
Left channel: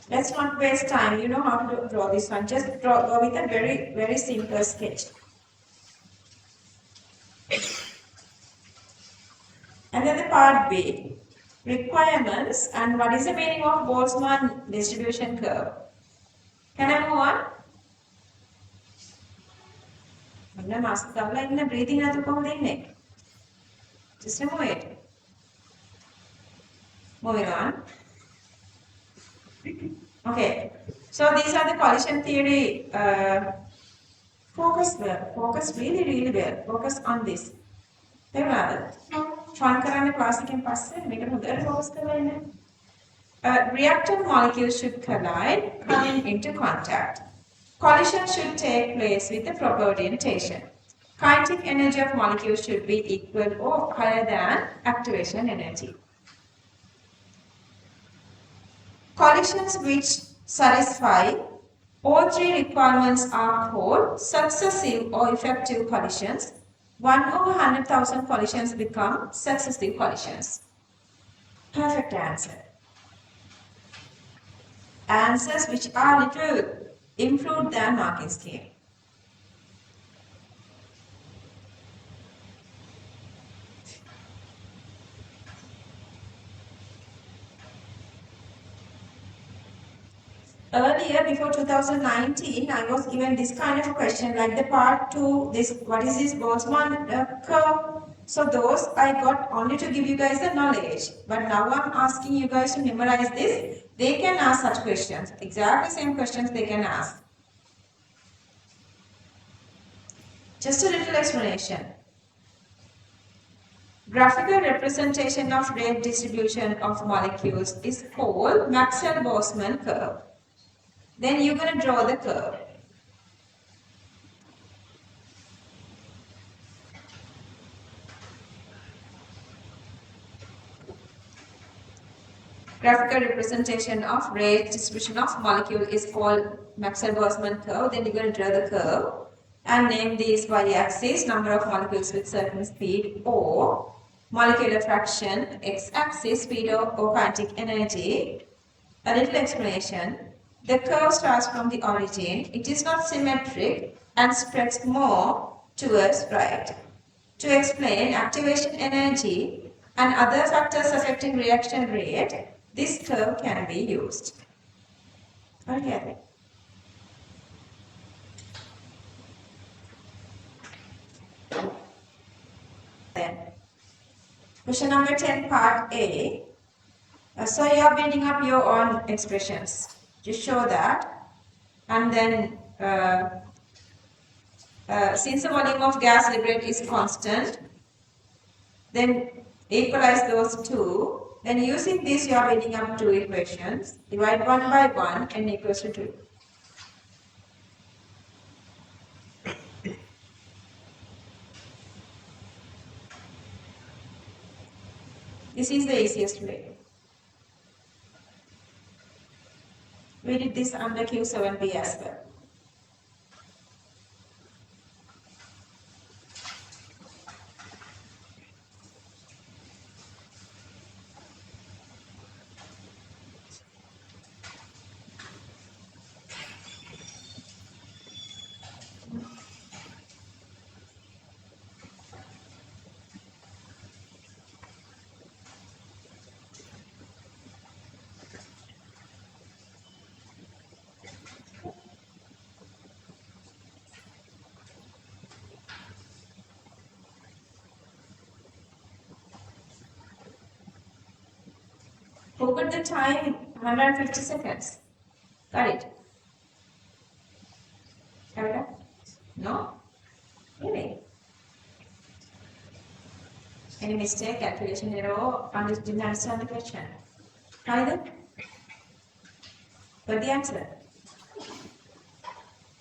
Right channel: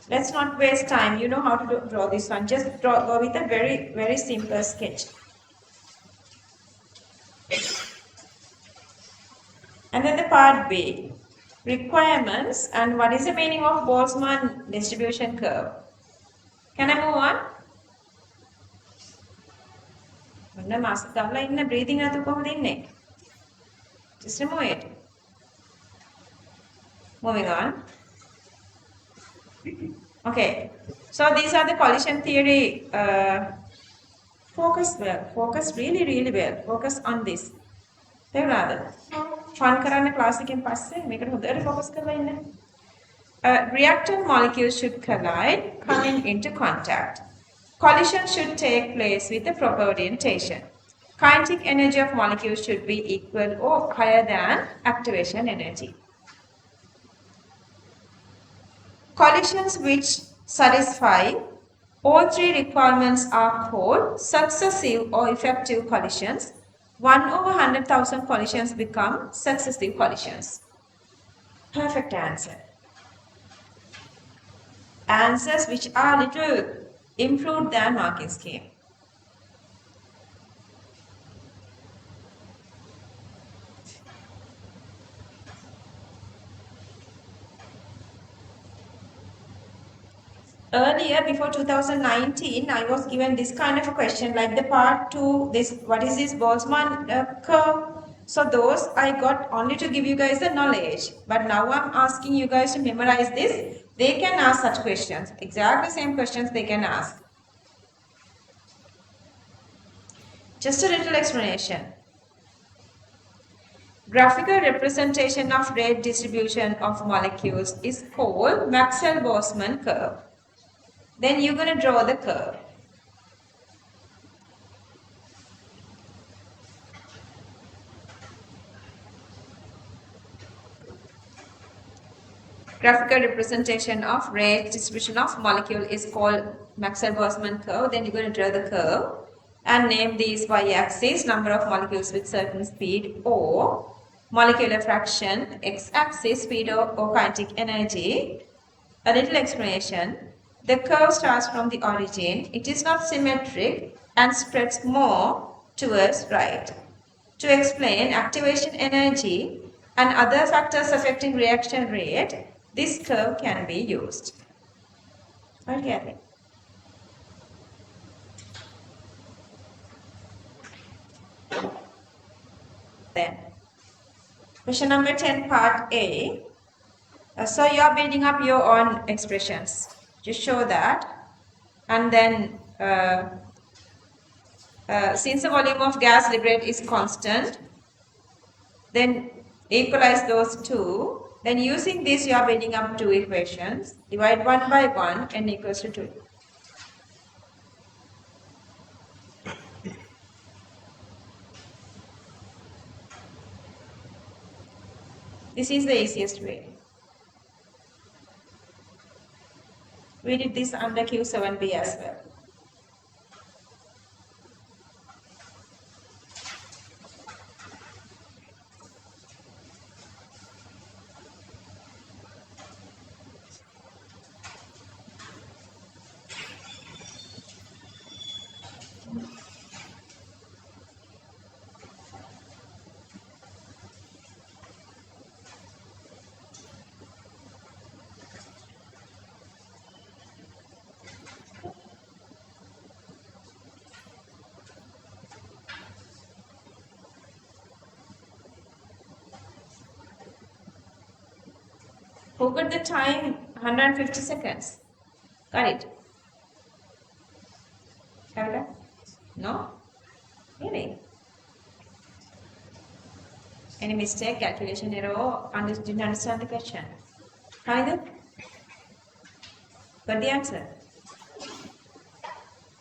Let's not waste time. You know how to draw this one. Just draw with a very, very simple sketch. And then the part B. Requirements and what is the meaning of Boltzmann distribution curve? Can I move on? ඔන්න mask දාලා ඉන්න breathing නැතුව කොහොමද ඉන්නේ? Just remove it. Moving on. Okay, so these are the collision theory. Focus well. Focus really well. Focus on this. තේරුණාද? Fun කරන්න class එකෙන් පස්සේ මේකට හොඳට focus කරලා ඉන්න. Reactant molecules should collide, coming into contact. Collision should take place with the proper orientation. Kinetic energy of molecules should be equal or higher than activation energy. Collisions which satisfy all three requirements are called successive or effective collisions. 1/100,000 collisions become successive collisions. Perfect answer. Answers which are little improved than marking scheme. Earlier, before 2019, I was given this kind of a question, like the part 2, this, what is this Boltzmann curve? So those I got only to give you guys the knowledge. But now I'm asking you guys to memorize this. They can ask such questions. Exactly same questions they can ask. Just a little explanation. Graphical representation of rate distribution of molecules is called Maxwell-Boltzmann curve. Then you're going to draw the curve. Graphical representation of rate distribution of molecule is called Maxwell-Boltzmann curve. Then you're going to draw the curve and name these y-axis, number of molecules with certain speed, or molecular fraction, x-axis, speed or kinetic energy. A little explanation. The curve starts from the origin. It is not symmetric and spreads more towards right. To explain activation energy and other factors affecting reaction rate, this curve can be used. Okay. Then, question number 10, part A. So you are building up your own expressions. Just show that, and then since the volume of gas liberated is constant, then equalize those two. Then using this, you are building up two equations. Divide 1 by 1 n equals to 2. This is the easiest way. We did this under Q7B as well. Who got the time? 150 seconds. Got it? Have you done? No? Really? Any mistake, calculation error, didn't understand the question? Either? But the answer?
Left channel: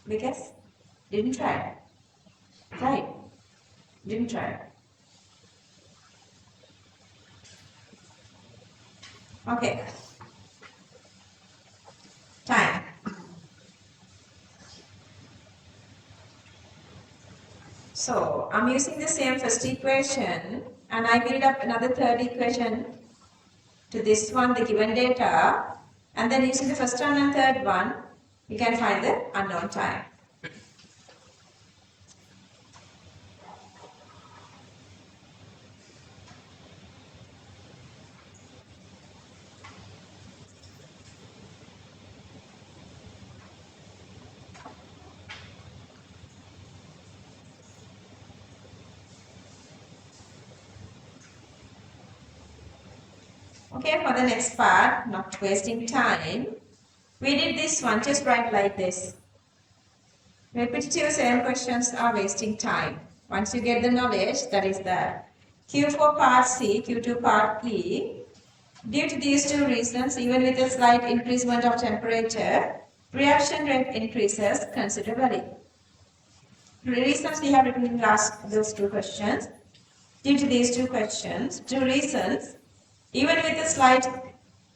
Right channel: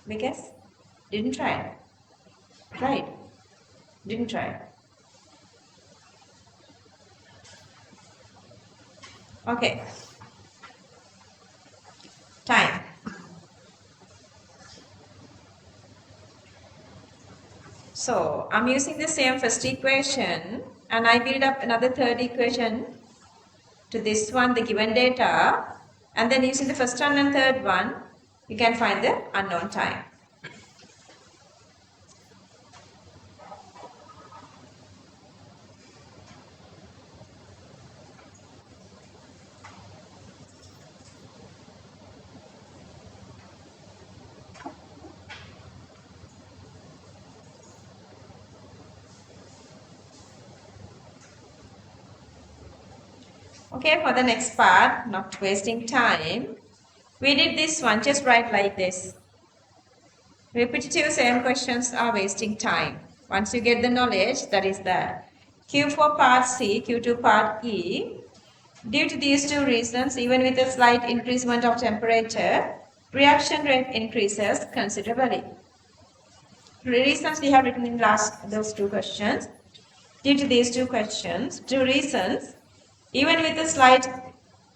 Because? Didn't try. Right? Didn't try. Okay. Time. So I'm using the same first equation and I build up another third equation to this one, the given data, and then using the first one and third one, you can find the unknown time. Okay, for the next part, not wasting time, we did this one, just write like this. Repetitive same questions are wasting time. Once you get the knowledge, that is that. Q for part C, Q2 part E. Due to these two reasons, even with a slight increasement of temperature, reaction rate increases considerably. The reasons we have written in those two questions. Due to these two reasons, even with a slight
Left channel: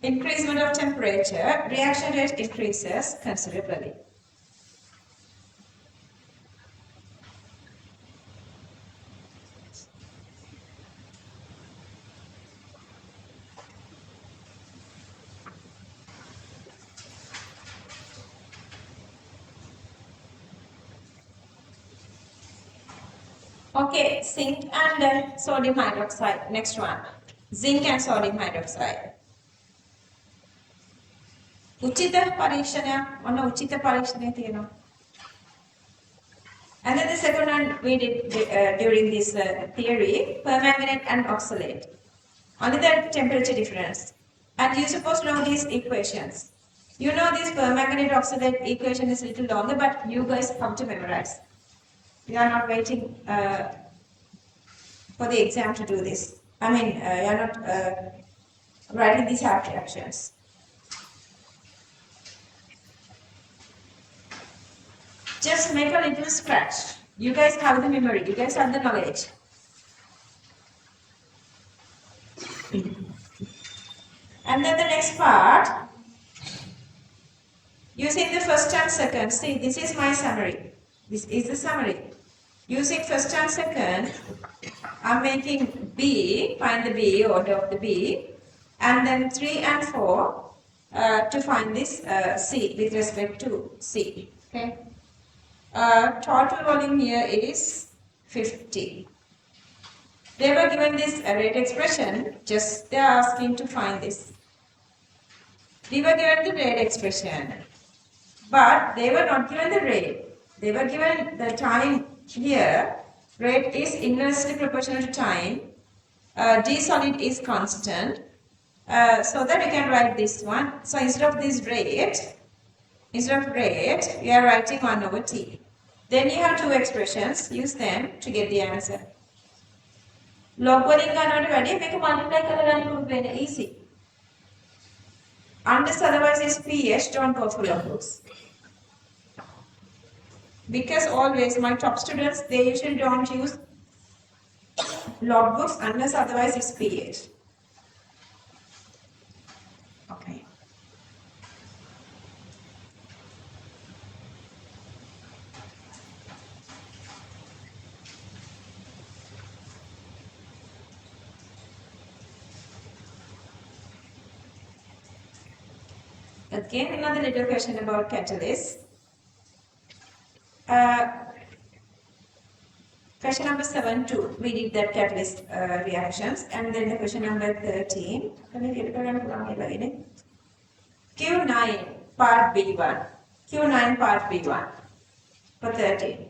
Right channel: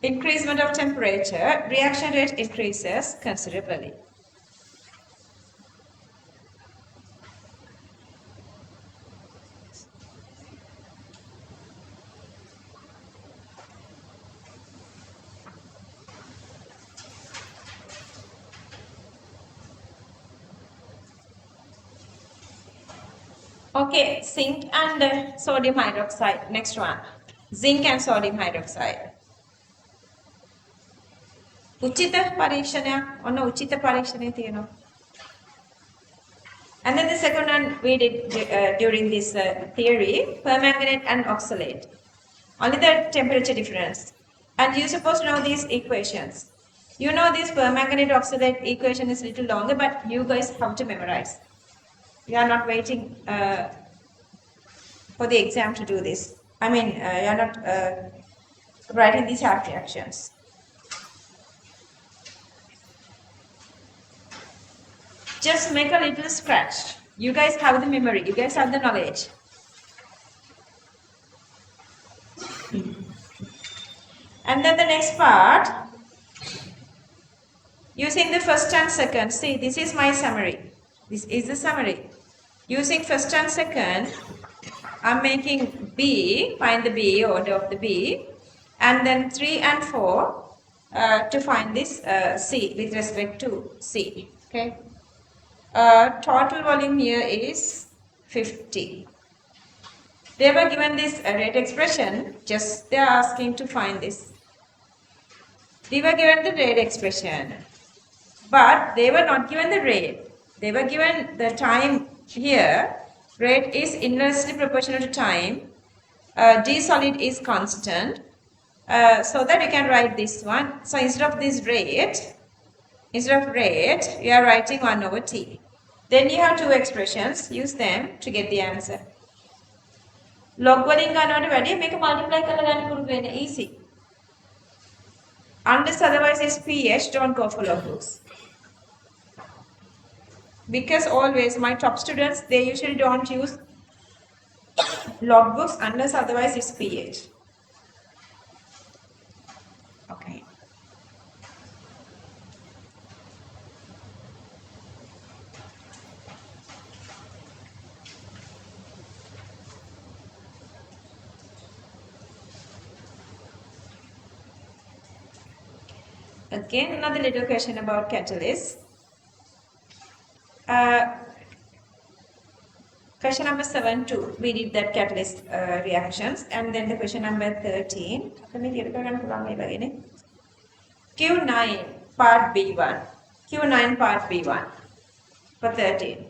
increasement of temperature, reaction rate increases considerably. Okay, zinc and sodium hydroxide. Next one. Zinc and sodium hydroxide. උචිත පරීක්ෂණයක් ඔන්න උචිත පරීක්ෂණය තියෙනවා. And then the second one we did during this theory, permanganate and oxalate. Only the temperature difference. And you supposed to know these equations. You know this permanganate oxalate equation is a little longer, but you guys have to memorize. You are not waiting for the exam to do this. I mean, you are not writing these half reactions. Just make a little scratch. You guys have the memory. You guys have the knowledge. And then the next part, using the first and second. See, this is my summary. This is the summary. Using first and second, I'm making B, find the B, order of the B, and then 3 and 4 to find this C with respect to C. Okay. Total volume here is 50. They were given this rate expression, just they are asking to find this. They were given the rate expression, but they were not given the rate. They were given the time here. Rate is inversely proportional to time. D solid is constant. So that you can write this one. So instead of this rate, we are writing 1 over T. Then you have two expressions. Use them to get the answer. Log වලින් ගන්නවට වැඩිය මේක multiply කරලා ගන්න පුරුදු වෙන්න easy. Unless otherwise is PH, don't go for log books. Because always my top students, they usually don't use log books unless otherwise is PH. Okay. Again, another little question about catalyst. Question number 7 too. We did that catalyst reactions, and then the question number 13. Q9 part B1. Q9 part B1 for 13.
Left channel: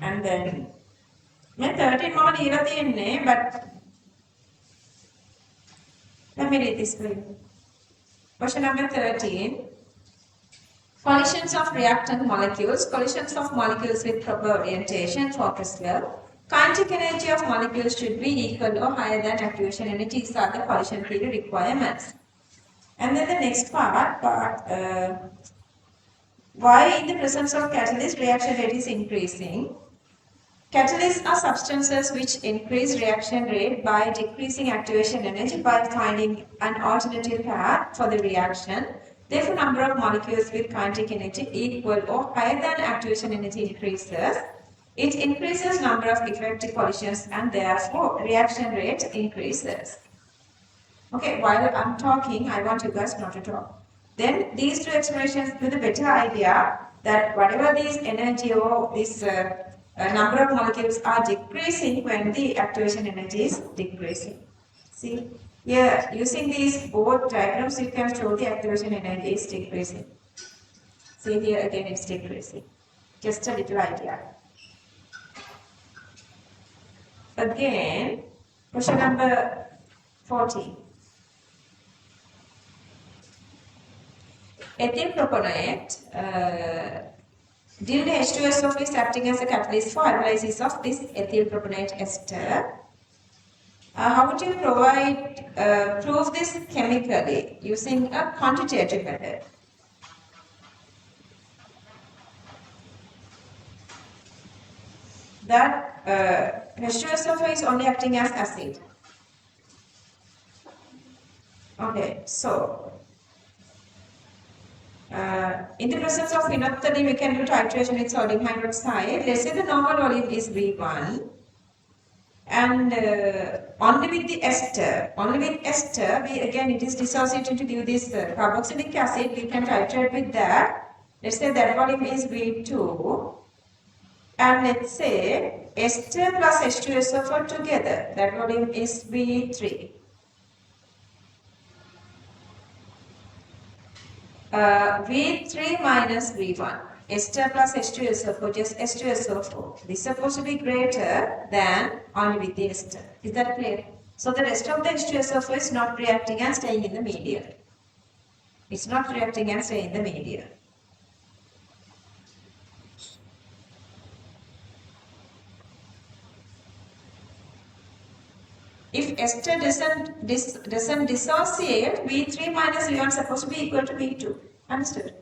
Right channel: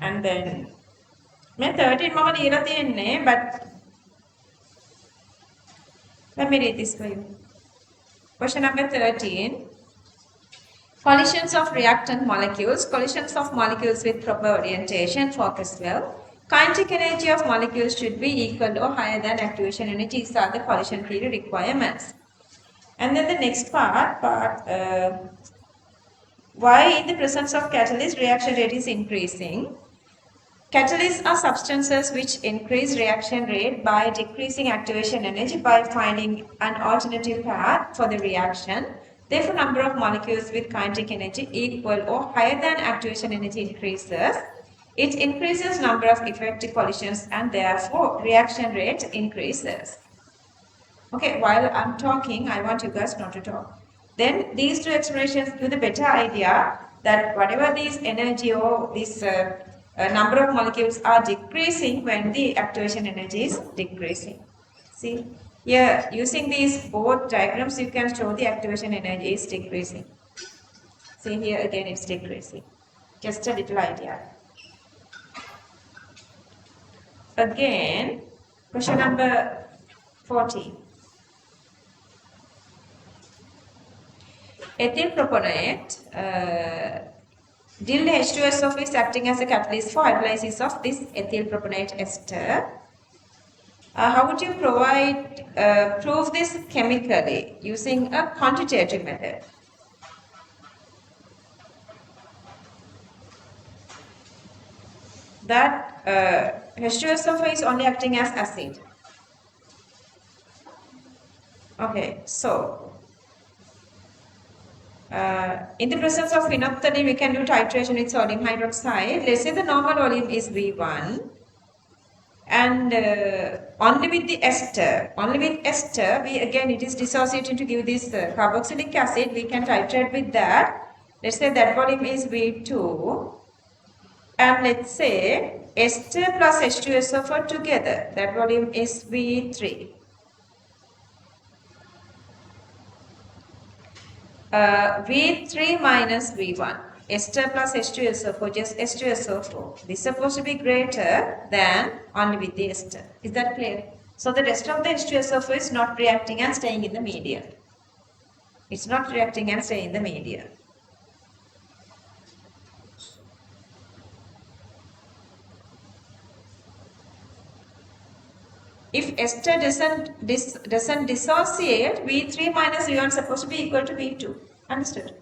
And then මේ 13 මම ලියලා තියෙන්නේ but Let me read this for you. Question number 13. Collisions of reactant molecules. Collisions of molecules with proper orientation focus well. Kinetic energy of molecules should be equal or higher than activation energy. These are the collision theory requirements. And then the next part, why in the presence of catalyst reaction rate is increasing. Catalysts are substances which increase reaction rate by decreasing activation energy by finding an alternative path for the reaction. Therefore, number of molecules with kinetic energy equal or higher than activation energy increases. It increases number of effective collisions and therefore reaction rate increases. Okay, while I'm talking, I want you guys not to talk. Then these two expressions give the better idea that whatever these energy or this number of molecules are decreasing when the activation energy is decreasing. See, here using these both diagrams, you can show the activation energy is decreasing. See here again, it's decreasing. Just a little idea. Again, question number 14. Ethyl propanate, dill H2SO is acting as a catalyst for hydrolysis of this ethyl propanate ester. How would you prove this chemically using a quantitative method? That H2SO is only acting as acid. Okay, so in the presence of phenolphthalein, we can do titration with sodium hydroxide. Let's say the normal volume is V1. And only with the ester, it is dissociated to give this carboxylic acid. We can titrate with that. Let's say that volume is V2. And let's say ester plus H2SO4 together, that volume is V3. V3 minus V1, ester plus H2SO4, just H2SO4. This is supposed to be greater than only with the ester. Is that clear? So the rest of the H2SO4 is not reacting and staying in the media. It's not reacting and staying in the media. If ester doesn't dissociate, V3 minus V1 is supposed to be equal to V2. Understood?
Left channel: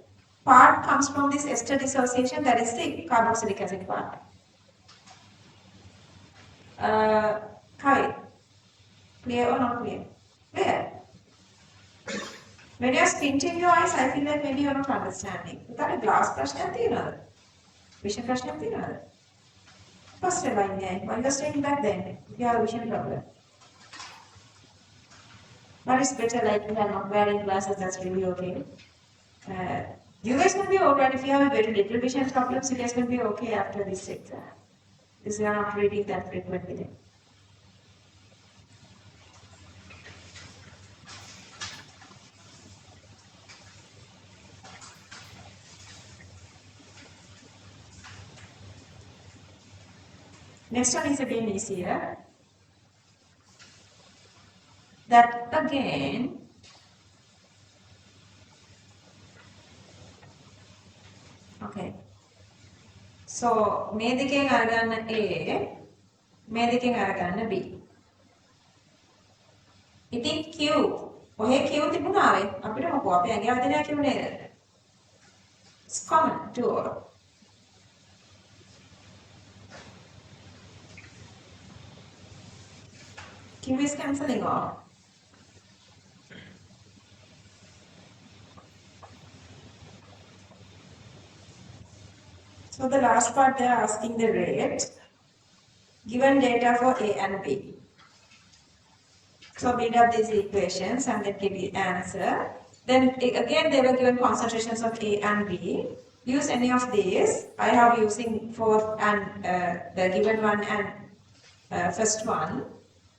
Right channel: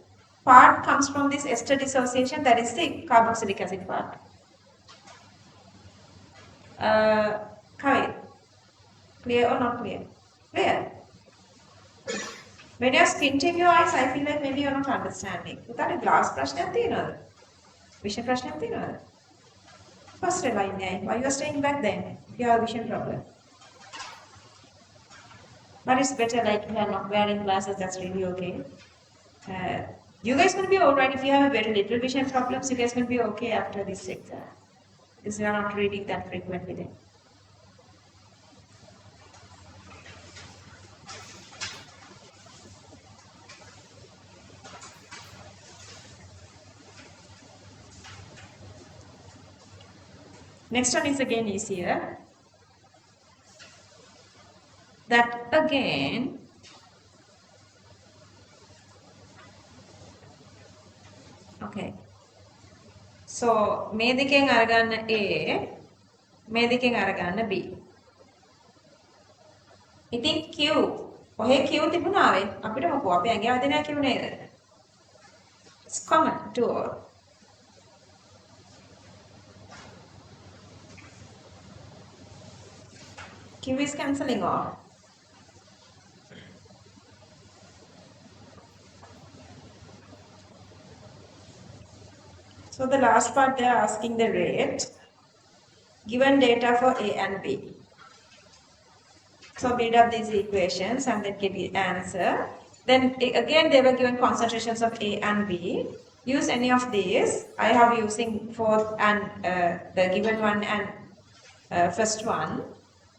Part comes from this ester dissociation, that is the carboxylic acid part. Kavit, clear or not clear? Clear? When you're squinting your eyes, I feel like maybe you're not understanding. You got a glass prashna thinner. Vision prashna thinner. First line, why you're staying back then? If you have a vision problem. But it's better like you are not wearing glasses, that's really okay. You guys will be alright if you have very little vision problems, you guys will be okay after this exam. Because you are not reading that frequently. Next one is again easier. That again okay. So මේ දෙකෙන් අරගන්න A මේ දෙකෙන් අරගන්න B. ඉතින් Q ඔහේ Q තිබුණාවේ අපිට මොකෝ අපි ඇඟ හදන්නේ Q නේද? It's common to all. Q is cancelling off. So the last part they are asking the rate, given data for A and B. So build up these equations and then give the answer. Then again they were given concentrations of A and B. Use any of these. I have using fourth and the given one and first one.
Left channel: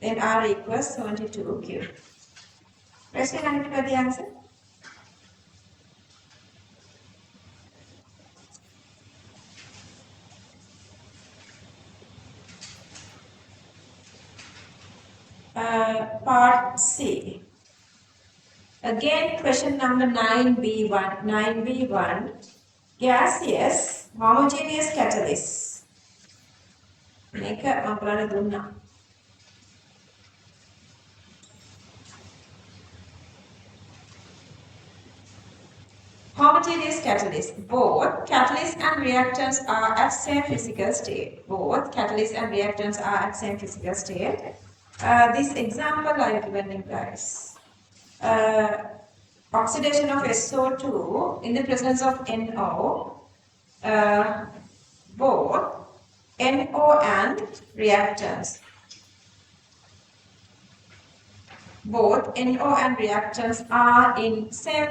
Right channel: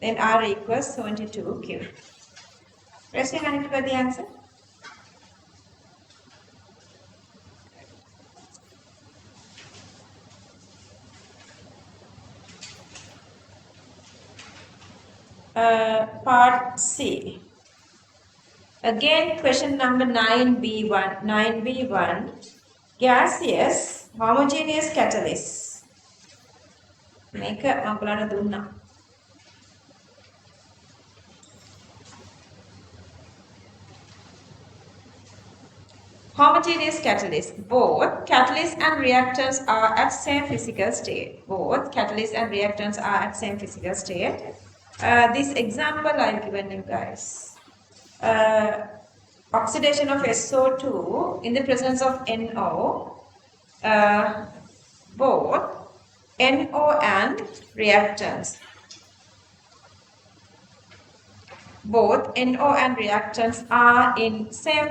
Then R equals 72Q. Rest in it for the answer. Part C. Again, question number 9b1. 9b1. Gaseous homogeneous catalyst. Make a makulana dunna. Homogeneous catalyst. Both catalysts and reactants are at same physical state. Both catalysts and reactants are at same physical state. This example I've given you guys. Oxidation of SO2 in the presence of NO. Both NO and reactants. Both NO and reactants are in same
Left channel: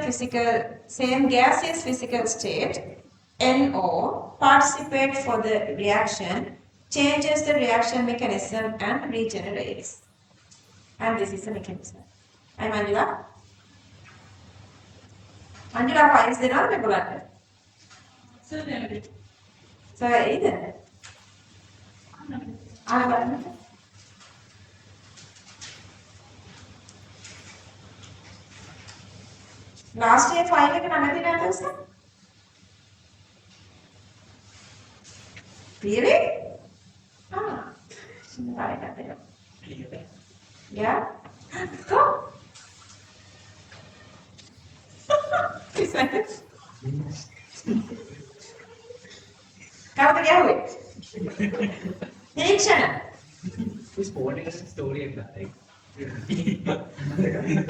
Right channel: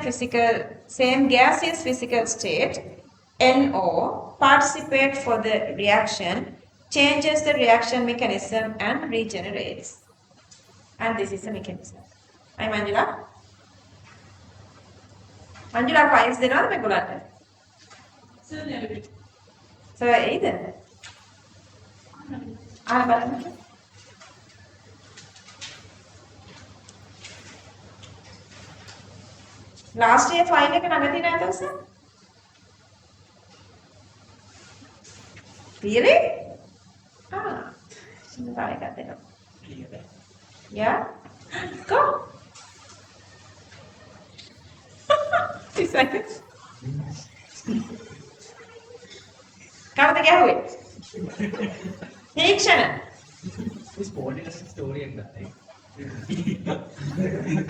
gaseous physical state. NO participates for the reaction, changes the reaction mechanism and regenerates. And this is the mechanism. I'm Angela. Angela files the non-regular. So there. So either. I'm last year file එක නැමැති නැද්ද sir? Really? Ah. Şimdi daha iyi dedim. Yeah? Go. 2 seconds. කවුද ගැහුවේ? තීක්ෂණ. Story එකක් නැත්තේ.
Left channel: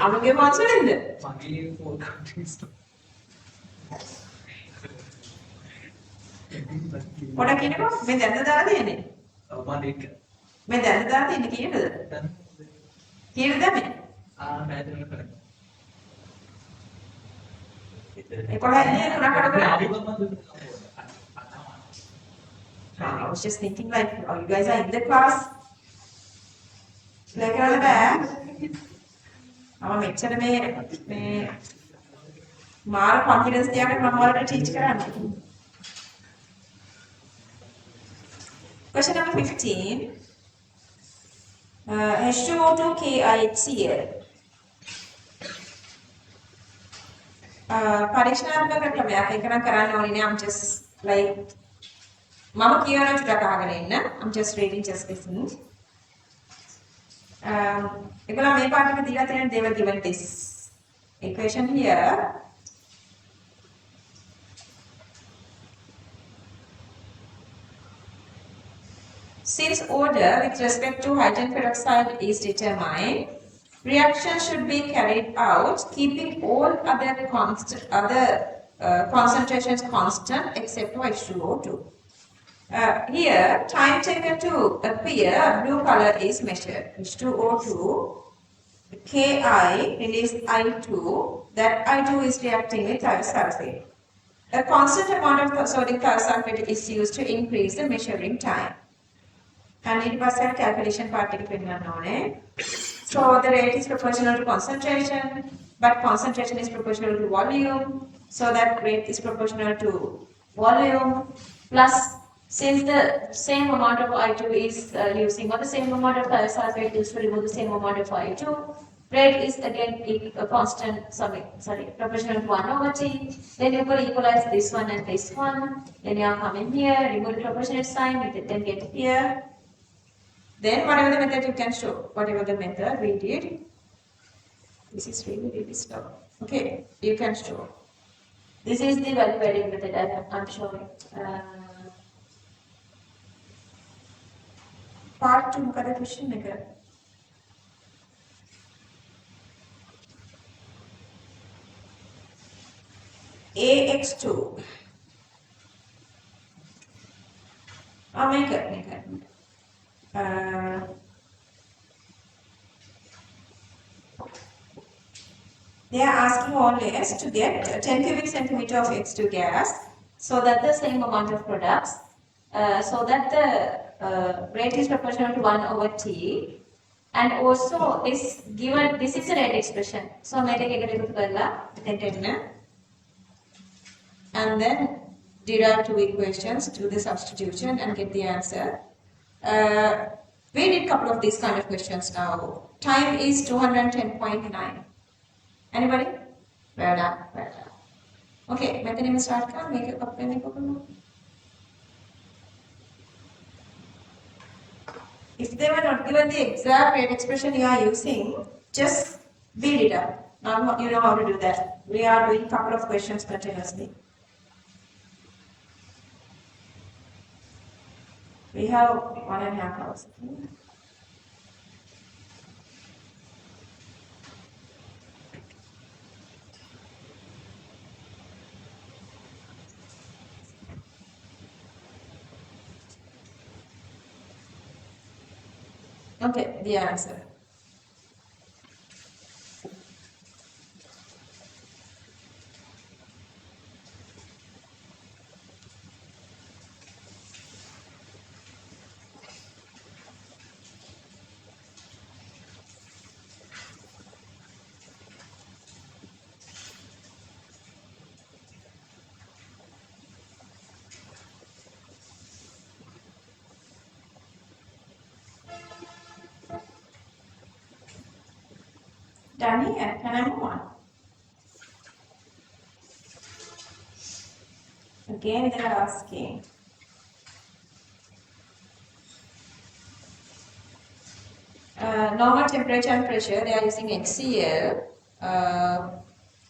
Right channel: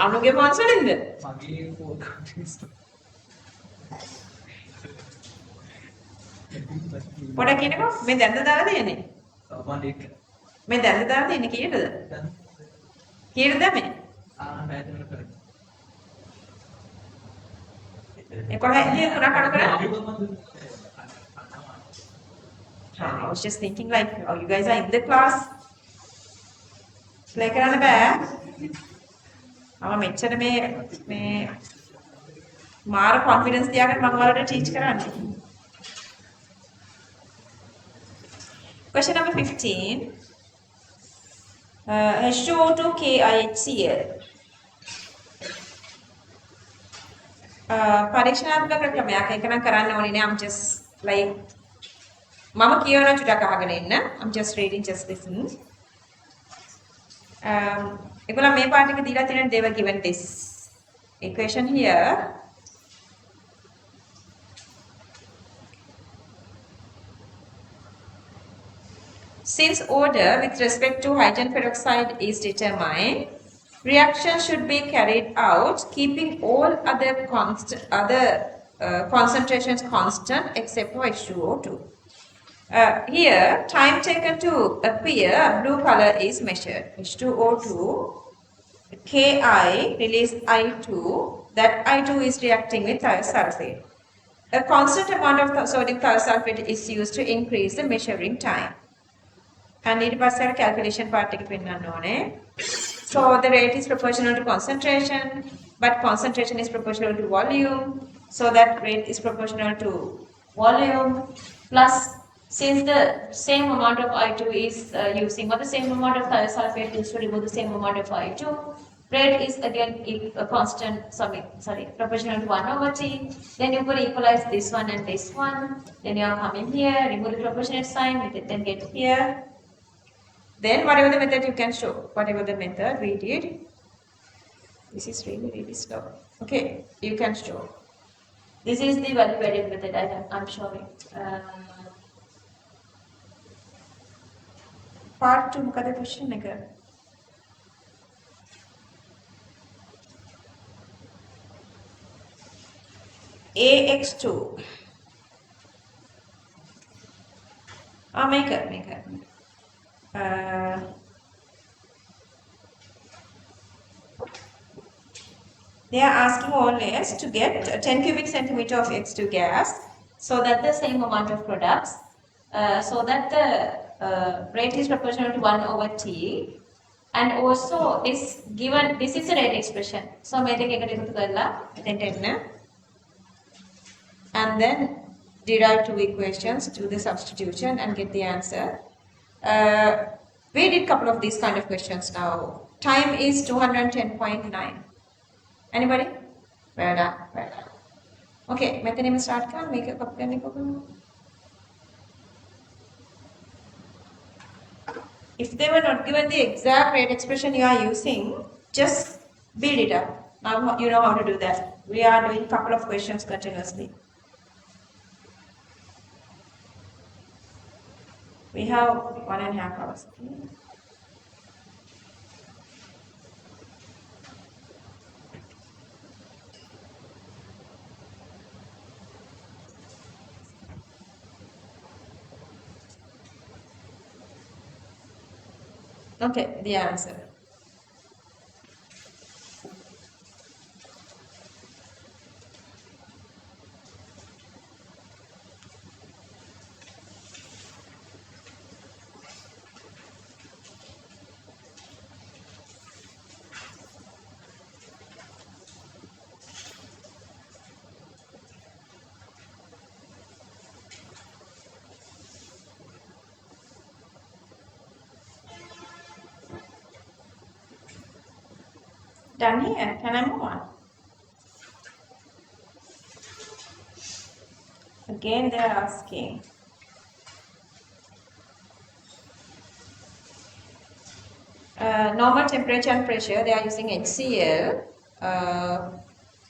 අනුගේ phones වලින්ද? මගේ phone context. පොඩ කියනකො මේ දැන්ද දාලා තියෙන්නේ? ඔව් මම ඒක. මේ දැන්ද දාලා තියෙන්නේ කීයටද? කීයටද මේ? පැහැදිලි කරන්න. 11 ඉන්නේ 3 කඩ කරා. I was just thinking like, oh, you guys are in the class. Play කරන්න බෑ. මම මෙච්චර මේ මාර confidence තියාගෙන මම ඔයාලට teach කරන්නේ. Question number 15. H2O2 KIHCl. පරීක්ෂණාත්මක ක්‍රමයක්. ඒක නම් කරන්න ඕනේ නෑ. I'm just like මම කියවන චුට්ටක් අහගෙන ඉන්න. I'm just reading, just listen. ඒගොල්ලෝ මේ පාඩ එක දීලා තියෙන they were given this equation here. Since order with respect to hydrogen peroxide is determined, reaction should be carried out keeping all other concentrations constant except for H2O2. Here, time taken to appear blue color is measured. H2O2, Ki release I2, that I2 is reacting with thiosulfate. A constant amount of sodium thiosulfate is used to increase the measuring time. And ඊට පස්සේ calculation part එක පෙන්නන්න ඕනේ. So the rate is proportional to concentration, but concentration is proportional to volume. So that rate is proportional to volume plus since the same amount of I2 is using, or the same amount of thiosulfate used to remove the same amount of I2, rate is again constant, proportional to 1/T. Then you could equalize this one and this one. Then you are coming here, remove the proportionate sign, then get here. Then whatever the method you can show, whatever the method we did. This is really slow. Okay, you can show. This is the value adding method that I'm showing. Part 2 මොකද question එක? AX2. මේක. They are asking always to get 10 cubic centimeter of X2 gas, so that the same amount of products, so that the rate is proportional to 1/T, and also this is a rate expression. So මේ දෙක එකට එකතු කරලා එතෙන්ට එන්න, and then derive two equations, do the substitution and get the answer. We did a couple of these kind of questions now. Time is 210.9. Anybody? Vera. Okay, method name start ka make a cup pen ko. If they were not given the exact rate expression you are using, just build it up. Now you know how to do that. We are doing a couple of questions continuously. We have 1.5 hours. Okay, the answer. Done here. Can I move on? Again, they are asking. Normal temperature and pressure, they are using HCl.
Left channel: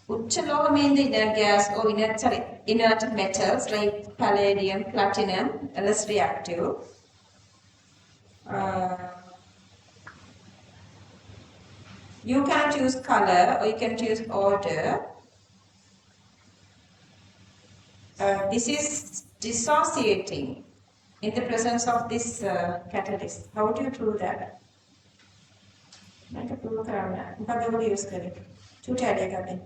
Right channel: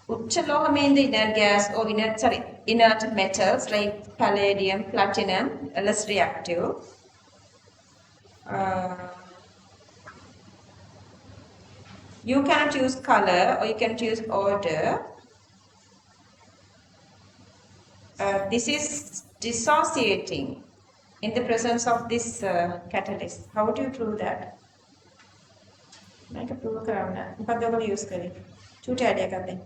Uchaloha mean the inert gas or inert metals like palladium, platinum, less reactive. You can choose color or you can choose order. This is dissociating in the presence of this catalyst. How would you prove that? Make a prove around that. But they will use it. Tute idea.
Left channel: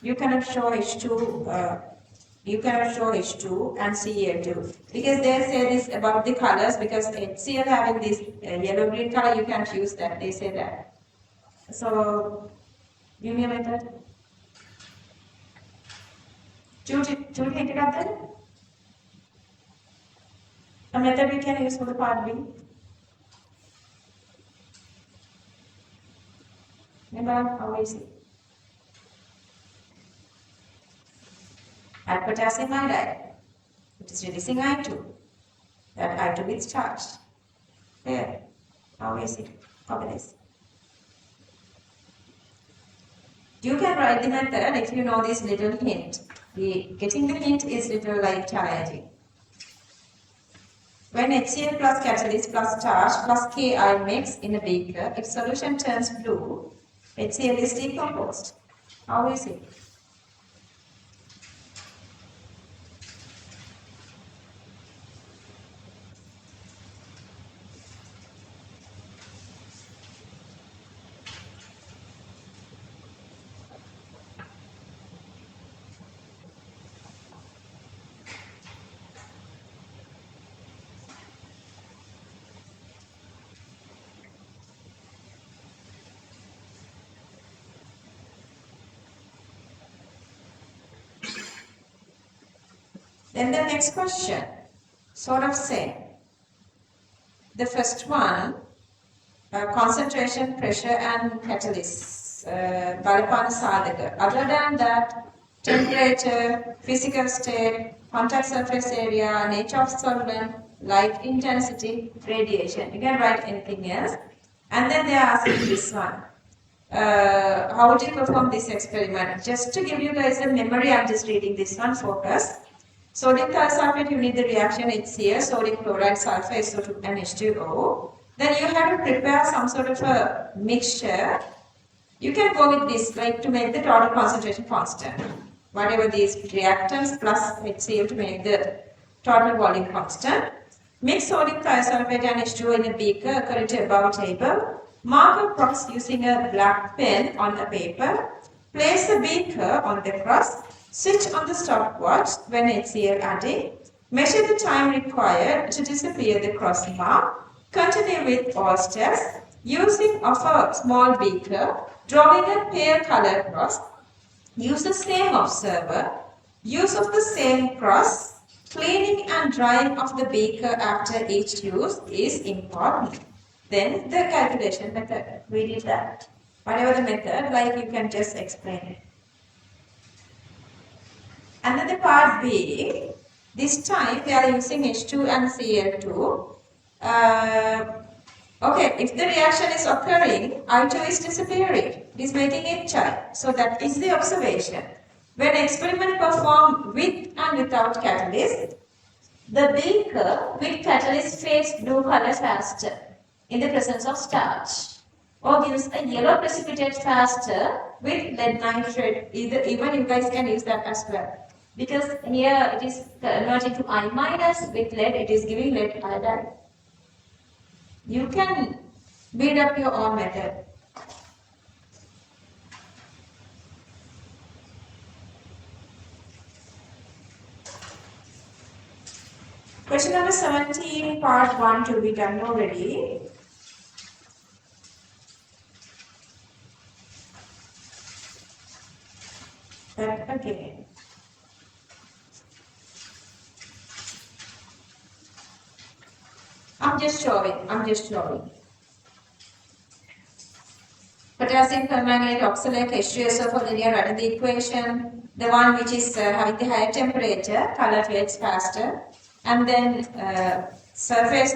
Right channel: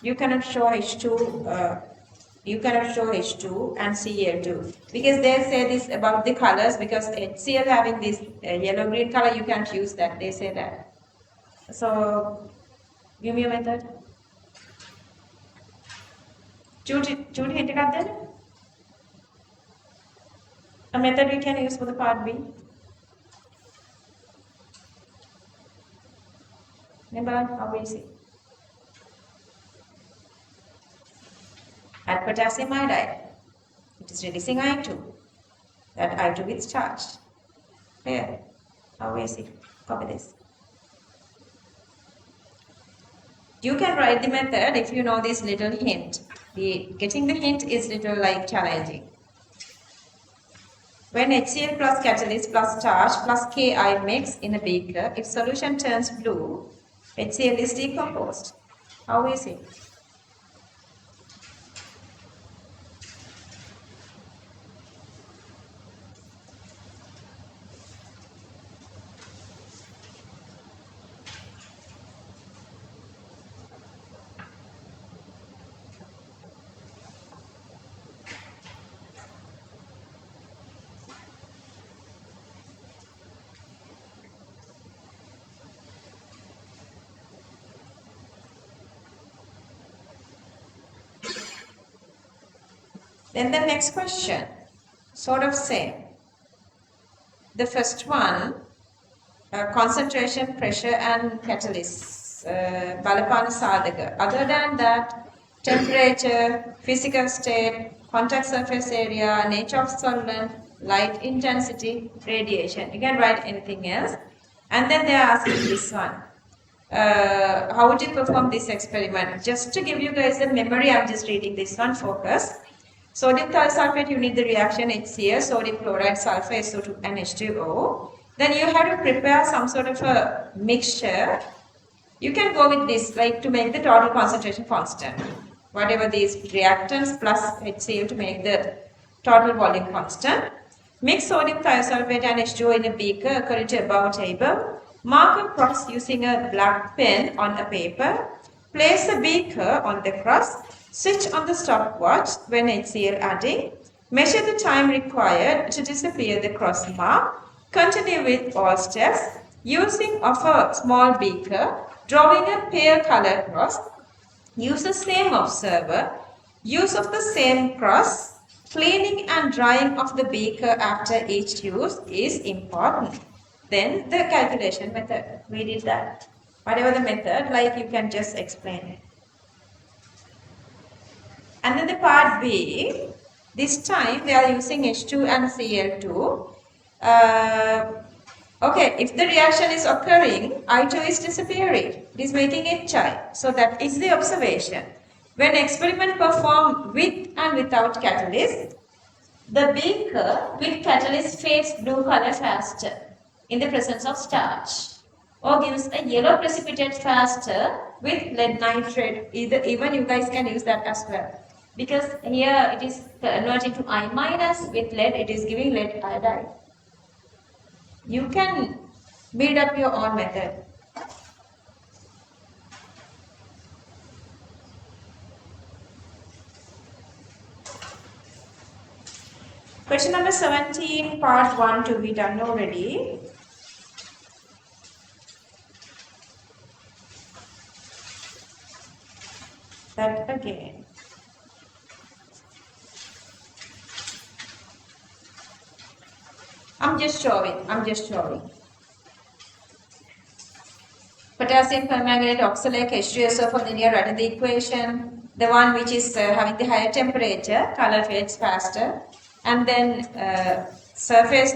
You cannot show H2. You cannot show H2 and Cl2 because they say this about the colors because HCl having this yellow green color you can't use that. They say that. So give me a method. Judy, a method you can use for the part B. Remember how is it? At potassium iodide, it is releasing I2. That I2 is charged. Here, how is it? Copy this. You can write the method if you know this little hint. Getting the hint is little like challenging. When HCl plus catalyst plus charge plus Ki mix in a beaker, if solution turns blue, HCl is decomposed. How is it? Then the next question, sort of same. The first one, concentration, pressure and catalyst, balapana sadhaka. Other than that, temperature, physical state, contact surface area, nature of solvent, light intensity, radiation. You can write anything else. And then they are asking this one. How would you perform this experiment? Just to give you guys a memory, I'm just reading this one, focus. Sodium thiosulfate, you need the reaction HCl, sodium chloride, sulfur, SO2 and H2O. Then you have to prepare some sort of a mixture. You can go with this, like to make the total concentration constant. Whatever these reactants plus HCl to make the total volume constant. Mix sodium thiosulfate and H2O in a beaker according to above table. Mark a cross using a black pen on a paper. Place the beaker on the cross. Switch on the stopwatch when HCl adding. Measure the time required to disappear the cross mark. Continue with all steps. Using of a small beaker, drawing a pale colored cross. Use the same observer. Use of the same cross. Cleaning and drying of the beaker after each use is important. then the calculation method. We did that. Whatever the method, like you can just explain it. And then the part B, this time we are using H2 and Cl2. Okay, if the reaction is occurring, I2 is disappearing. It is making HI. So that is the observation. When experiment performed with and without catalyst, the beaker with catalyst fades blue color faster in the presence of starch, or gives a yellow precipitate faster with lead nitrate. Even you guys can use that as well. Because here it is converting to I minus, with lead it is giving lead iodide. You can build up your own method. Question number 17, part 1 to be done already. That again. I'm just showing. Potassium permanganate oxalate H2SO for linear, write the equation. The one which is having the higher temperature, color fades faster. And then surface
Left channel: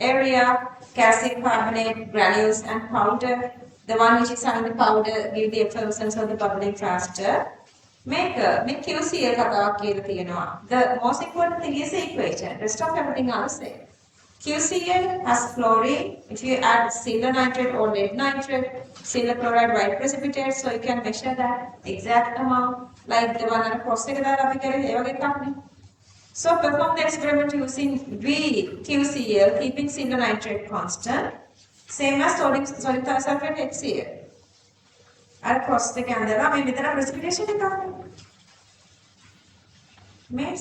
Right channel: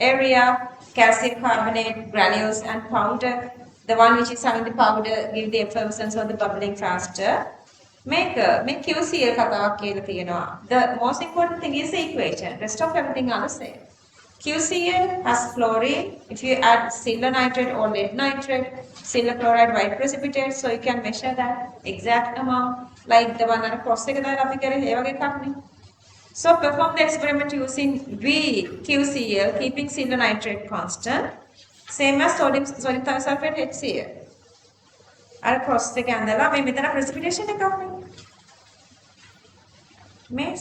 area, calcium carbonate, granules and powder. The one which is having the powder give the effervescence or the bubbling faster. Make QCl කතාවක් කියලා තියෙනවා. The most important thing is the equation. Rest of everything are the same. QCl has chlorine. If you add silver nitrate or lead nitrate, silver chloride white precipitate, so you can measure that exact amount, like the one on cross එක දාලා අපි කරේ ඒ වගේ එකක් නේ. So perform the experiment using VQCl, keeping silver nitrate constant, same as sodium thiosulfate HCl. අර cross එක ඇඳලා මේ මෙතන precipitation එකක් නේ.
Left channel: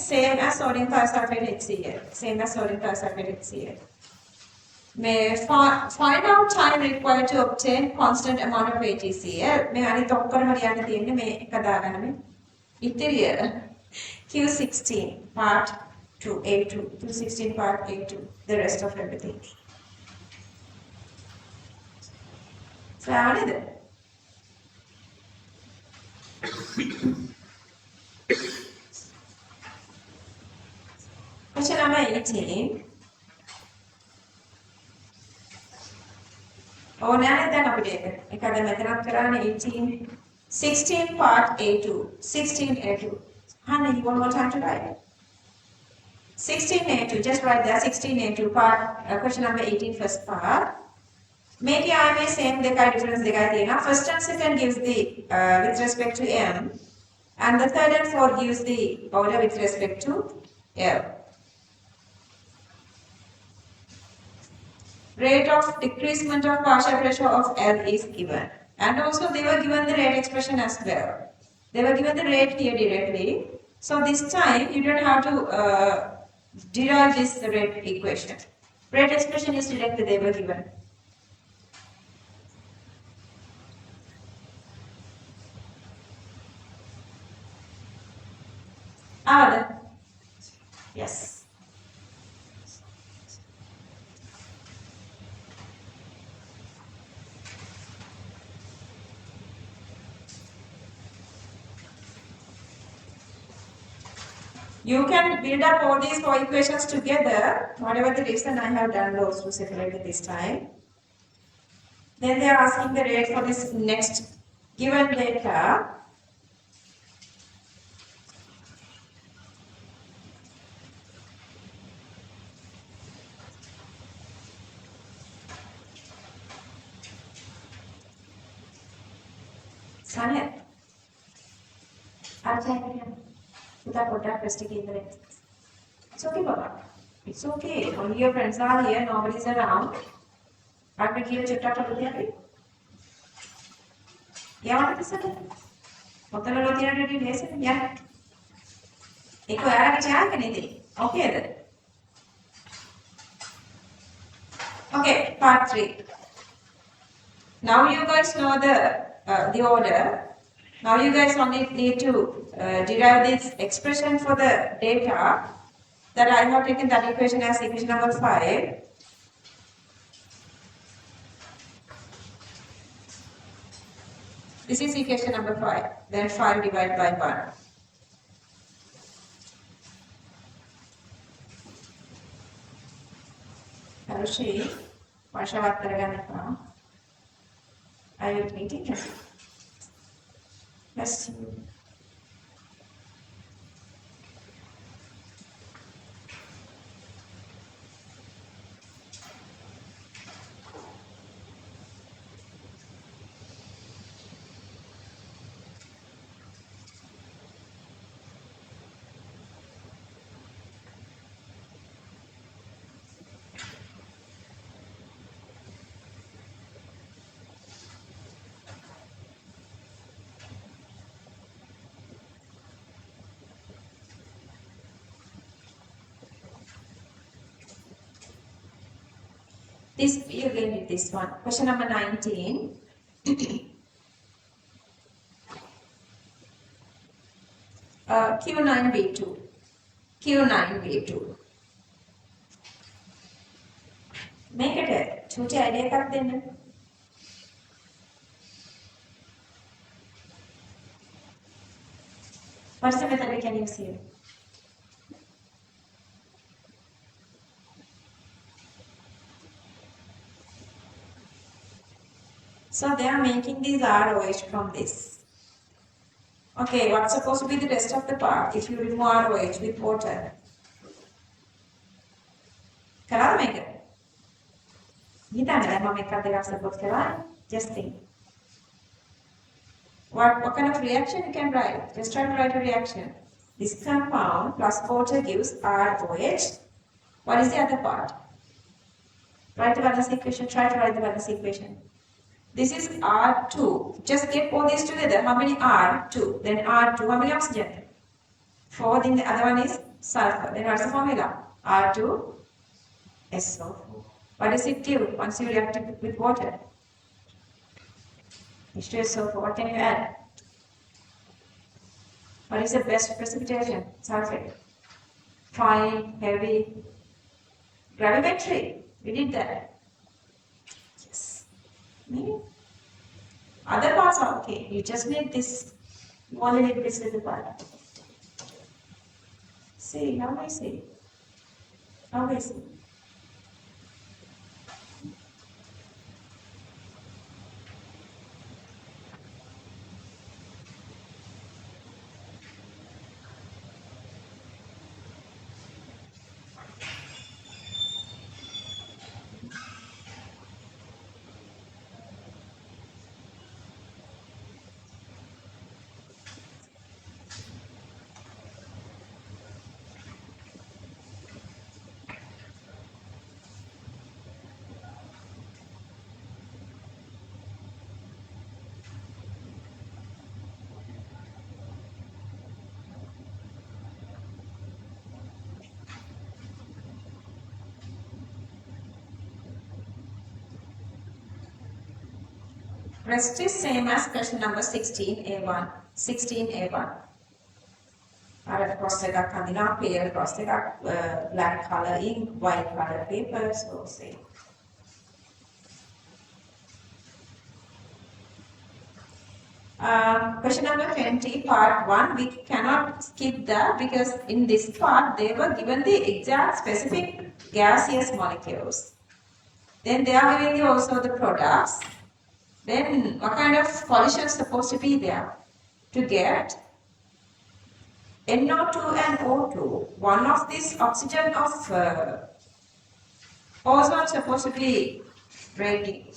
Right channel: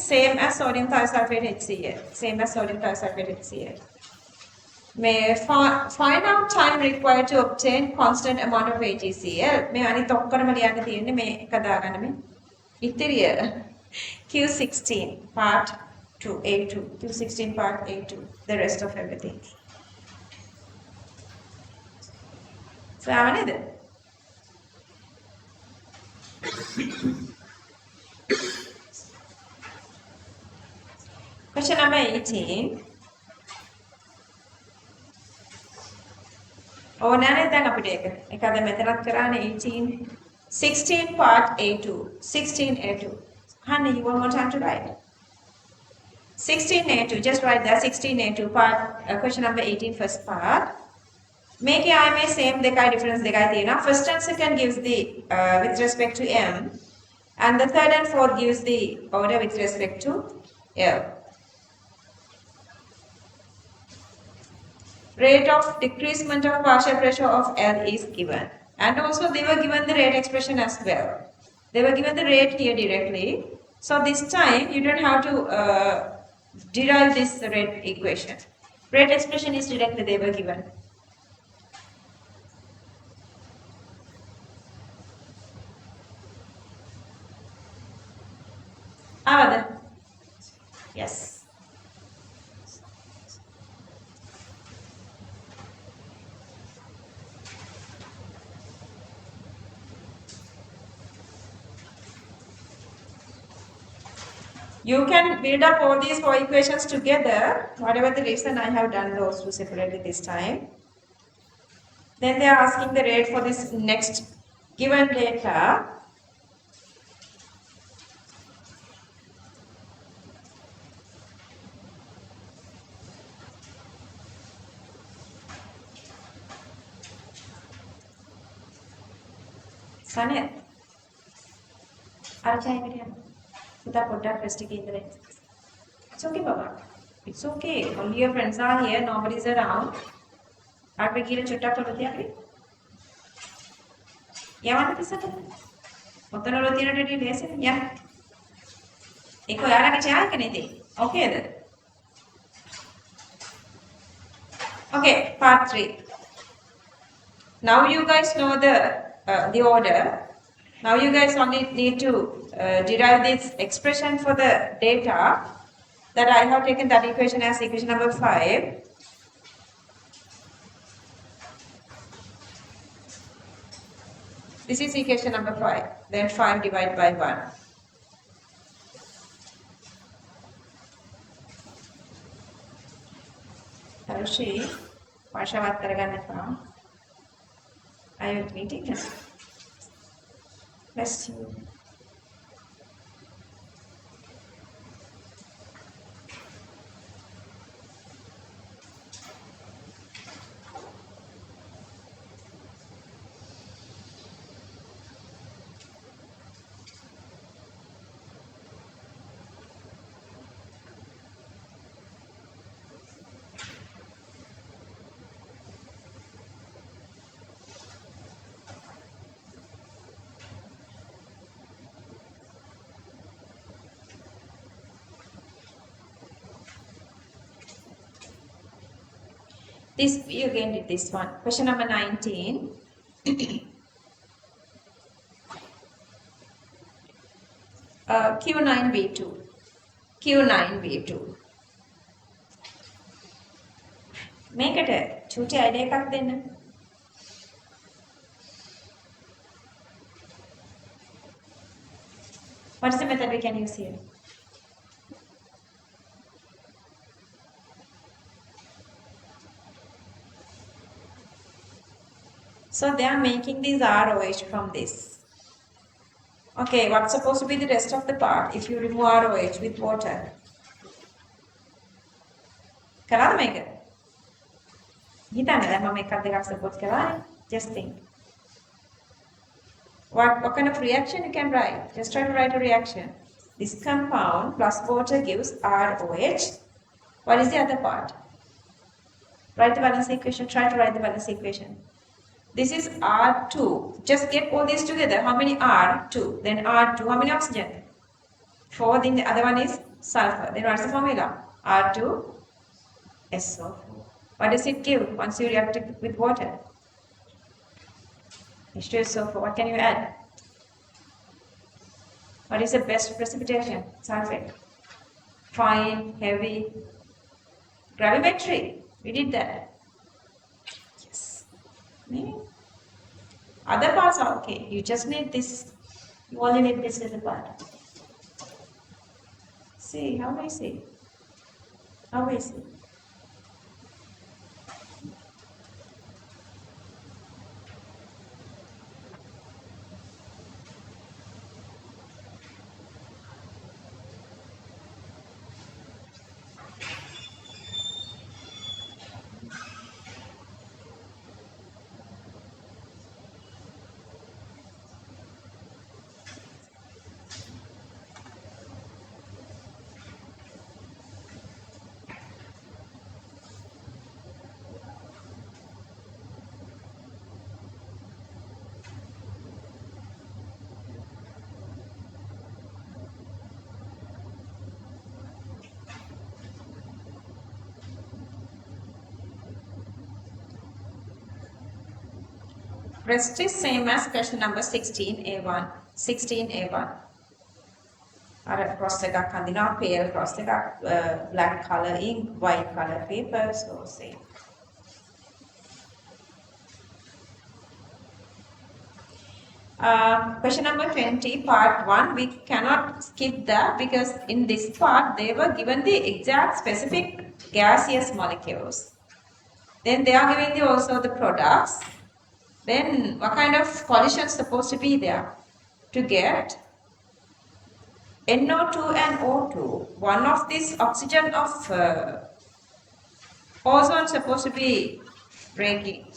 Same as sodium thiosulfate HCl. Same as sodium thiosulfate HCl. May find out time required to obtain constant amount of HCl. මේ අනිත් ඔක්කොම ලියන්න තියෙන්නේ මේ එක දාගන්න මේ. ඉතිරිය Q16 part 2 A2. Q16 part A2. The rest of everything. So I want it. Question number 18. Oh, now then අපිට ඒක. එකද මෙතනත් කරන්නේ 18. 16 part A2. 16 A2. Honey, you want more time to write? 16 A2. Just write that 16 A2 part. Question number 18 first part. Make your I same දෙකයි difference දෙකයි තියෙනවා. First and second gives the with respect to M, and the third and fourth gives the order with respect to L. Rate of decreasement of partial pressure of L is given, and also they were given the rate expression as well. They were given the rate here directly, so this time you don't have to derive this rate equation. Rate expression is directly they were given. Yes. You can build up all these four equations together. Whatever the reason, I have done those two separately this time. Then they are asking the rate for this next given data. Sanet, it's okay, Baba. It's okay. Only your friends are here, nobody's around. I will give a chutta for the yeah, what is it? What the Lord did you listen? Yeah. Eco Arakacha, anything. Okay, then. Okay, part 3. Now you guys know the order. Now you guys only need to derive this expression for the data that I have taken that equation as equation number 5. This is equation number 5. Then 5 divided by 1. Hello, Shri. Varshavat karagana now. Are you meeting? Yes. Yes. This, you again did this one. Question number 19. Q9V2. Q9V2. මේකට චූටි idea එකක් දෙන්න. What is the method we can use here? So they are making this ROH from this. Okay, what's supposed to be the rest of the part if you remove ROH with water? Kalada මේක? හිතන්න දැන් මම එකක් දෙකක් suppose කරානේ. Just think. What kind of reaction you can write? Just try to write a reaction. This compound plus water gives ROH. What is the other part? Write the balance equation. Try to write the balance equation. This is R2. Just get all these together. How many R? 2. Then R2. How many oxygen? 4. Then the other one is sulfur. Then what's the formula? R2 SO4. What does it give once you react it with water? H2SO4. What can you add? What is the best precipitation? Sulfate. Fine, heavy, gravimetry. We did that. Yes. Other parts are okay. You just need this. You only need this little part. See, how I see? How I see? Rest is same as question number 16A1. 16A1. Alright, cross the kandina pair, cross the black color ink, white color paper, so same. Question number 20, part 1, we cannot skip that because in this part they were given the exact specific gaseous molecules. Then they are giving you also the products. Then what kind of collision is supposed to be there? To get NO2 and O2, one of this oxygen of ozone supposed to be breaking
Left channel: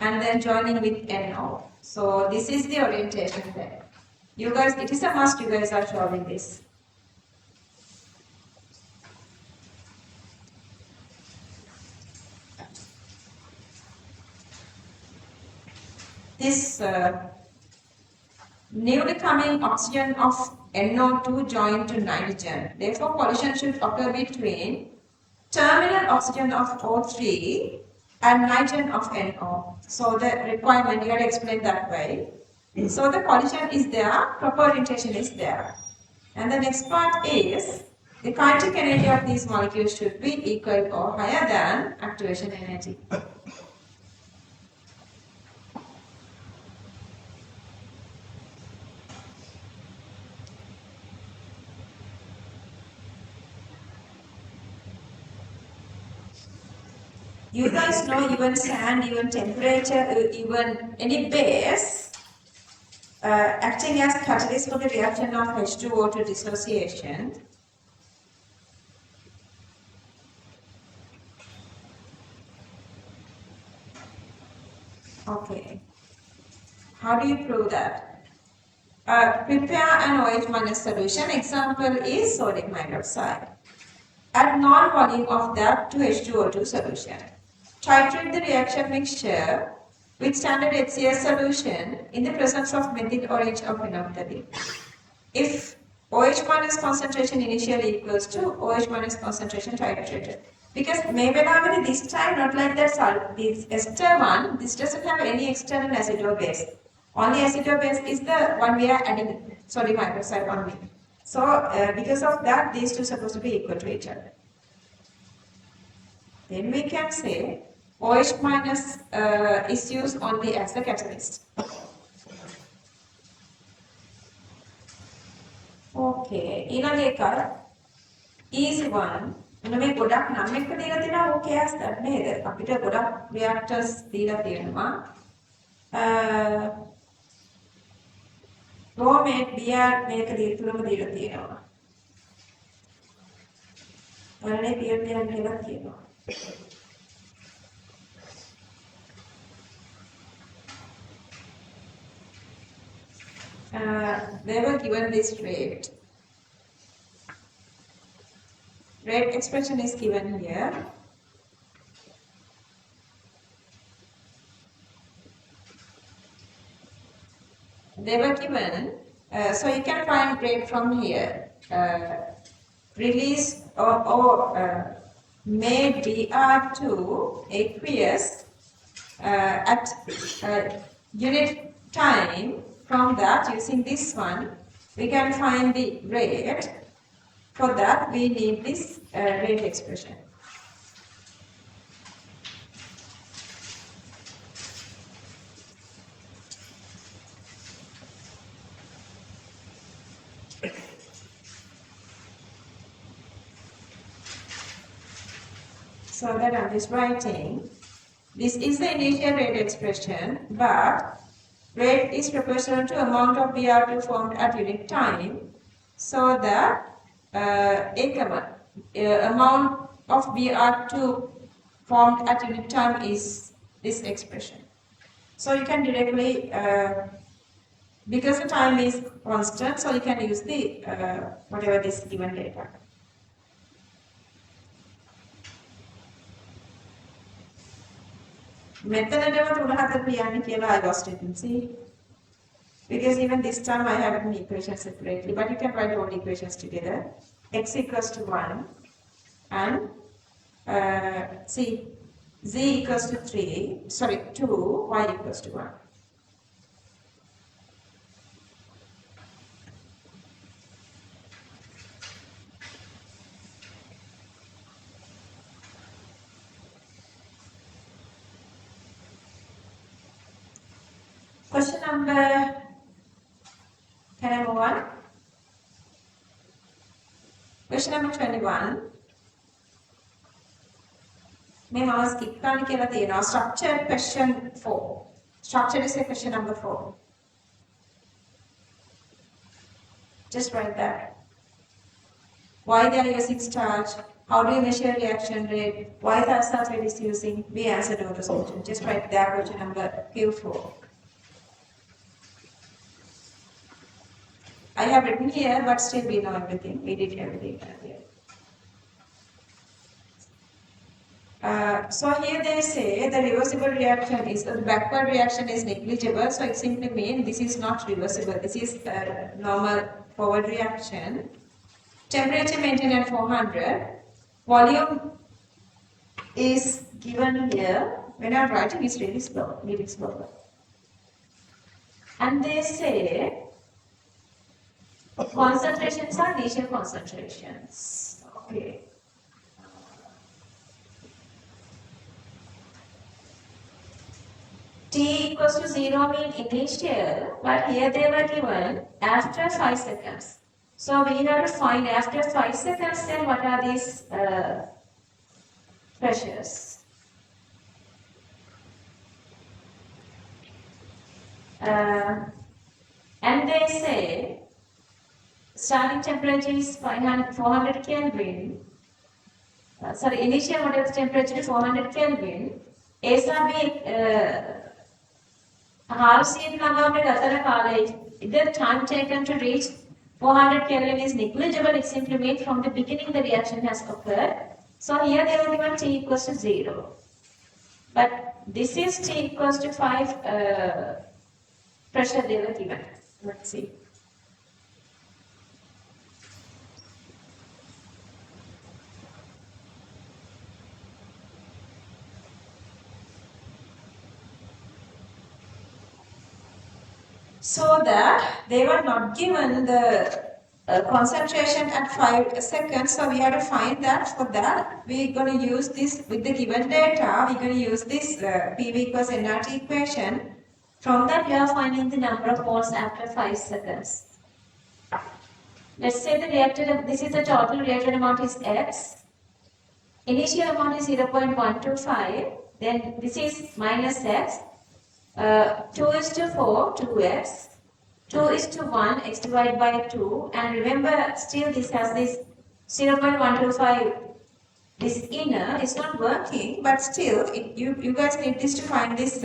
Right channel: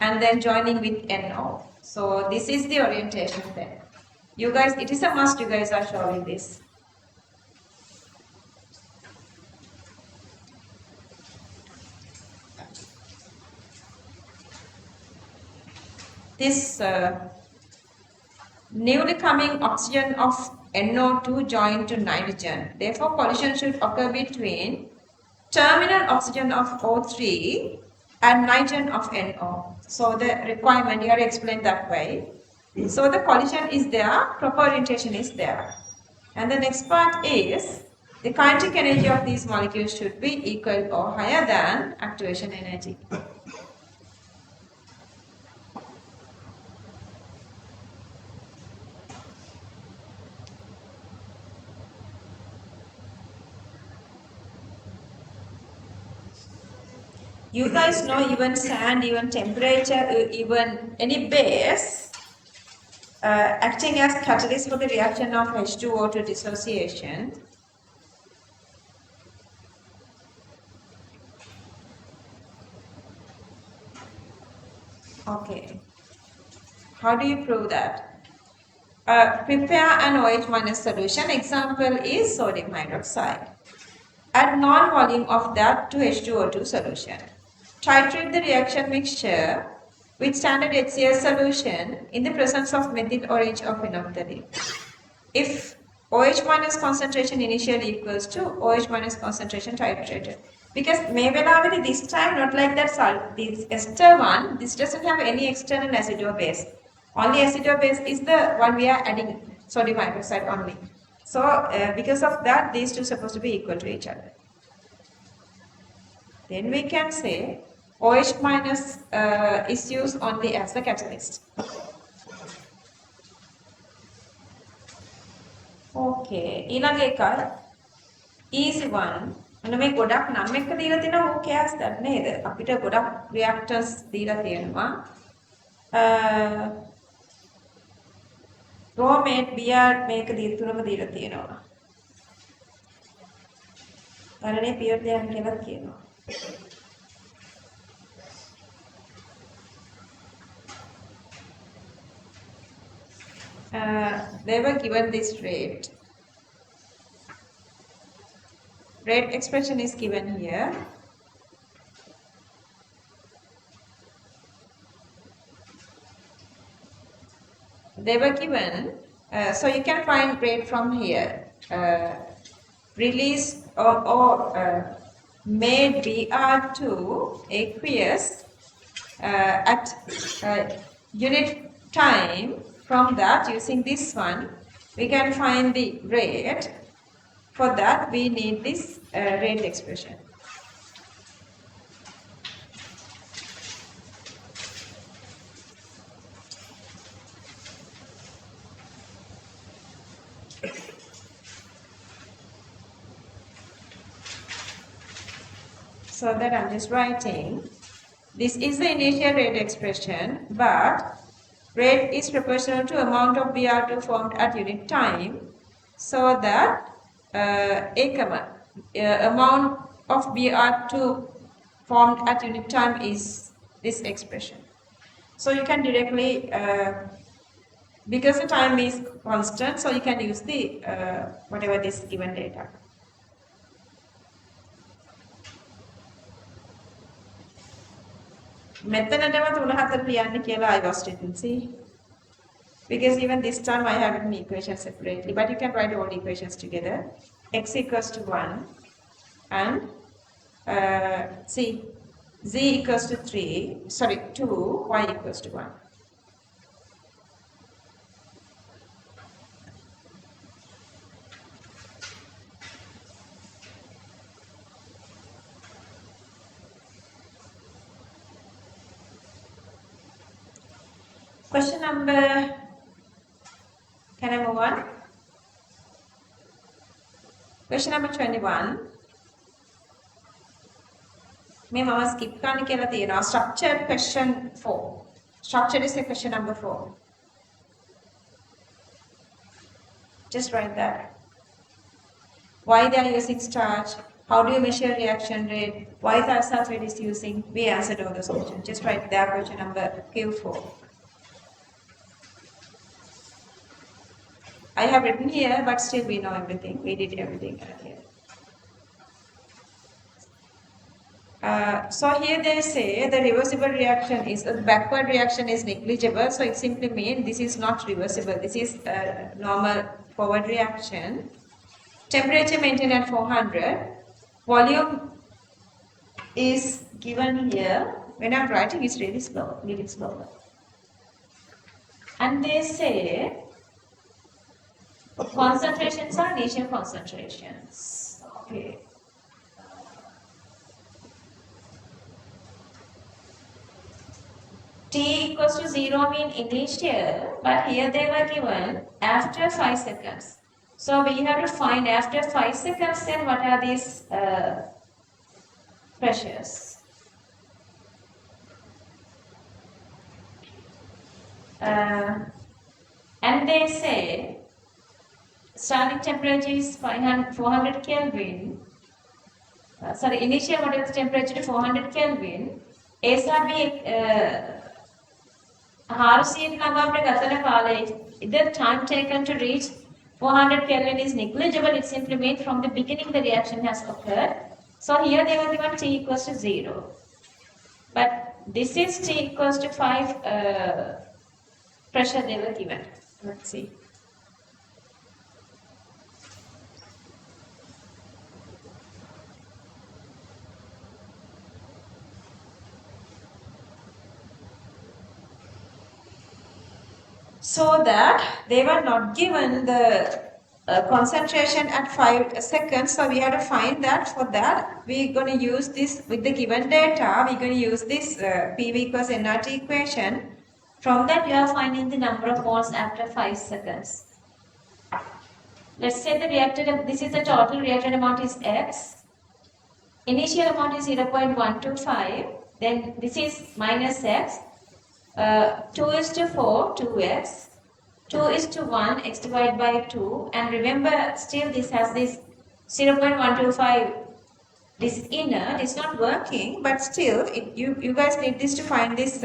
and then joining with NO. So this is the orientation there. You guys, it is a must, you guys are showing this. This newly coming oxygen of NO2 joined to nitrogen. Therefore, collision should occur between terminal oxygen of O3 and nitrogen of NO. So the requirement here explained that way. So the collision is there, proper orientation is there. And the next part is the kinetic energy of these molecules should be equal or higher than activation energy. You guys know even sand, even temperature, even any base acting as catalyst for the reaction of H2O to dissociation. Okay. How do you prove that? Prepare an OH minus solution. Example is sodium hydroxide. Add non-volume of that to H2O2 solution. Titrate the reaction mixture with standard HCl solution in the presence of methyl orange or phenolphthalein. If OH minus concentration initially equals to OH minus concentration titrated. Because maybe this time not like that this ester one, this doesn't have any external acid or base. Only acid or base is the one we are adding sodium hydroxide only. So because of that, these two are supposed to be equal to each other. Then we can say OH minus is used only as the catalyst. Okay, ඊළඟ එක easy one. මෙන්න මේ ගොඩක් නම් එක දීලා තියෙනවා who cares that නේද? අපිට ගොඩක් reactors දීලා තියෙනවා. bromate Br මේක තුනම දීලා තියෙනවා. වරනේ pure ධ්‍යාන කියලා කියනවා. They were given this rate. Rate expression is given here. They were given, so you can find rate from here. Release or made Br2 aqueous at unit time. From that, using this one, we can find the rate. For that, we need this rate expression. So that I'm just writing. This is the initial rate expression, but rate is proportional to amount of Br2 formed at unit time, so that amount of Br2 formed at unit time is this expression. So you can directly, because the time is constant, so you can use the whatever this given data. I lost it, see? Because even this time I have written equations separately, but you can write all equations together. X equals to 1 and z equals to 2, y equals to 1. Question number, can I move on? Question number 21. May mama skip කරන්න කියලා තියෙනවා. Structured question 4. Structured is a question number 4. Just write that. Why they are using starch? How do you measure reaction rate? Why calcium is using? We answered all those questions. Just write that question number Q4. I have written here, but still we know everything. We did everything here. So here they say the reversible reaction is, the backward reaction is negligible. So it simply means this is not reversible. This is a normal forward reaction. Temperature maintained at 400. Volume is given here. When I'm writing, it's really slow, really slow. And they say concentrations are initial concentrations. Okay. T equals to 0 mean initial, but here they were given after 5 seconds. So we have to find after 5 seconds then what are these pressures. And they say starting temperature is 400 Kelvin. Initial moderate temperature is 400 Kelvin. ASAB Harsian Nagam College, the time taken to reach 400 Kelvin is negligible. It simply made from the beginning the reaction has occurred. So here they were given T equals to 0. But this is T equals to 5 pressure they were given. Let's see. So that they were not given the concentration at 5 seconds. So we have to find that. For that, we're going to use this with the given data. We're going to use this PV equals nRT equation. From that, you are finding the number of moles after 5 seconds. Let's say the reactor, this is the total reactor amount is X. Initial amount is 0.125. Then this is minus X. 2 is to 4, 2x. 2 is to 1, x divided by 2. And remember, still this has this 0.125, this inner, it's not working, but still, you guys need this to find this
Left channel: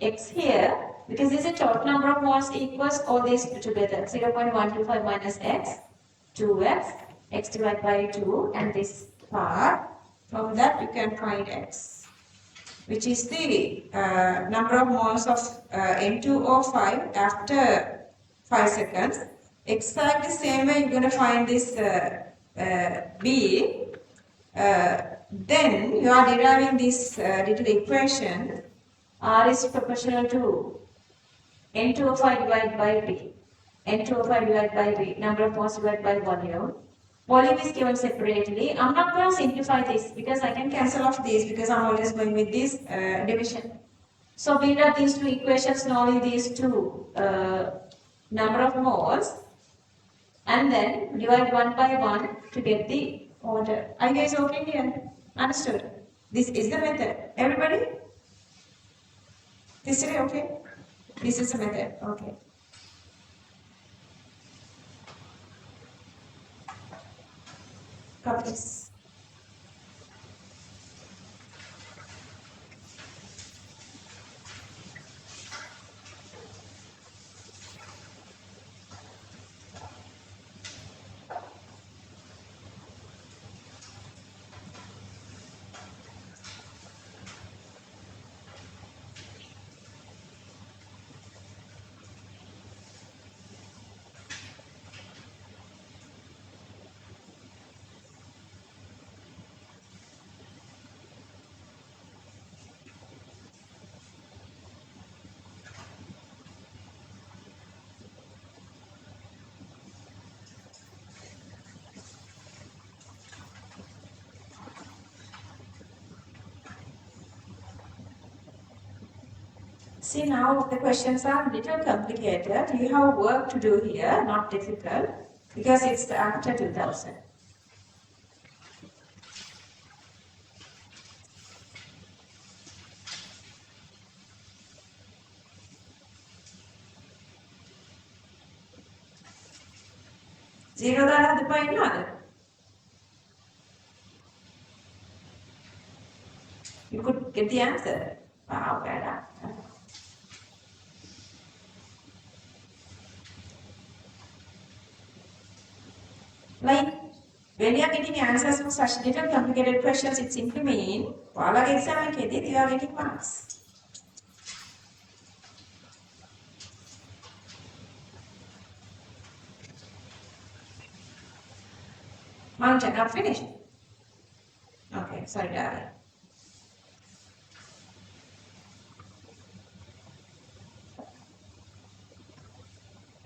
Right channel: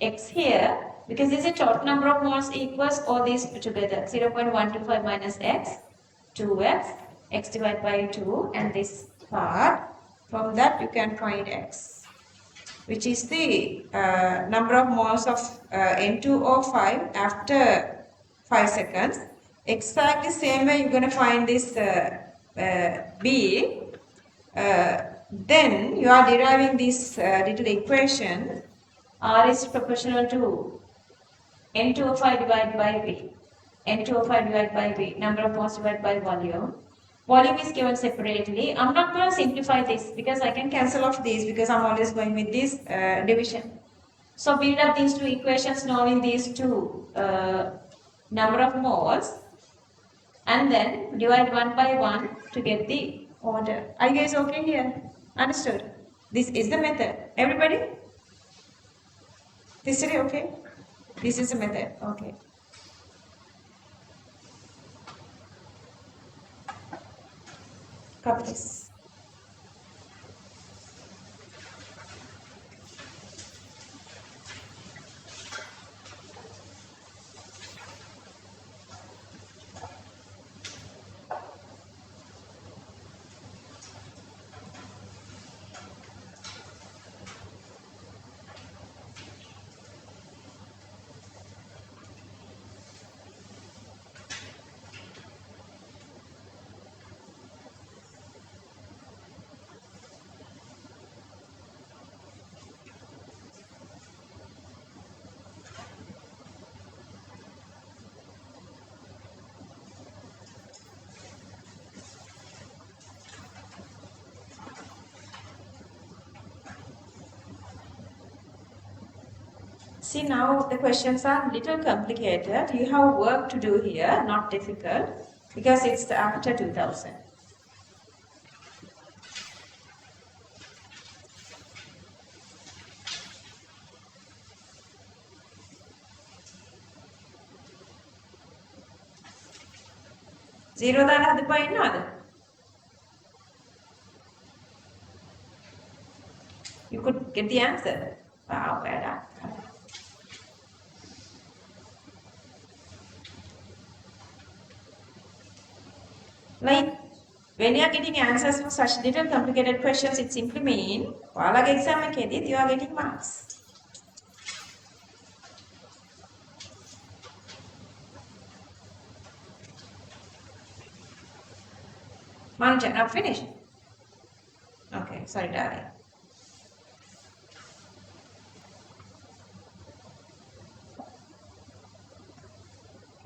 x here, because this is total number of moles equals all these together. 0.125 minus x, 2x, x divided by 2, and this part. From that, you can find x, which is the number of moles of N2O5 after 5 seconds. Exactly same way you're going to find this B. Then you are deriving this little equation. R is proportional to N2O5 divided by B. N2O5 divided by B. Number of moles divided by volume. Volume is given separately. I'm not going to simplify this because I can cancel off these because I'm always going with this division. So build up these two equations knowing these two number of moles and then divide one by one to get the order. Are you guys okay here? Understood? This is the method. Everybody? This is okay? This is the method. Okay. Copy this. See, now the questions are a little complicated. You have work to do here, not difficult, because it's after 2000. Zero දාලා හදපුවා ඉන්නවද? You could get the answer. Wow, well done. Like, when you are getting answers to such little complicated questions, it simply means, ඔයාලගේ exam එකේදී you are getting marks. Manja, not finished? Okay, sorry, darling.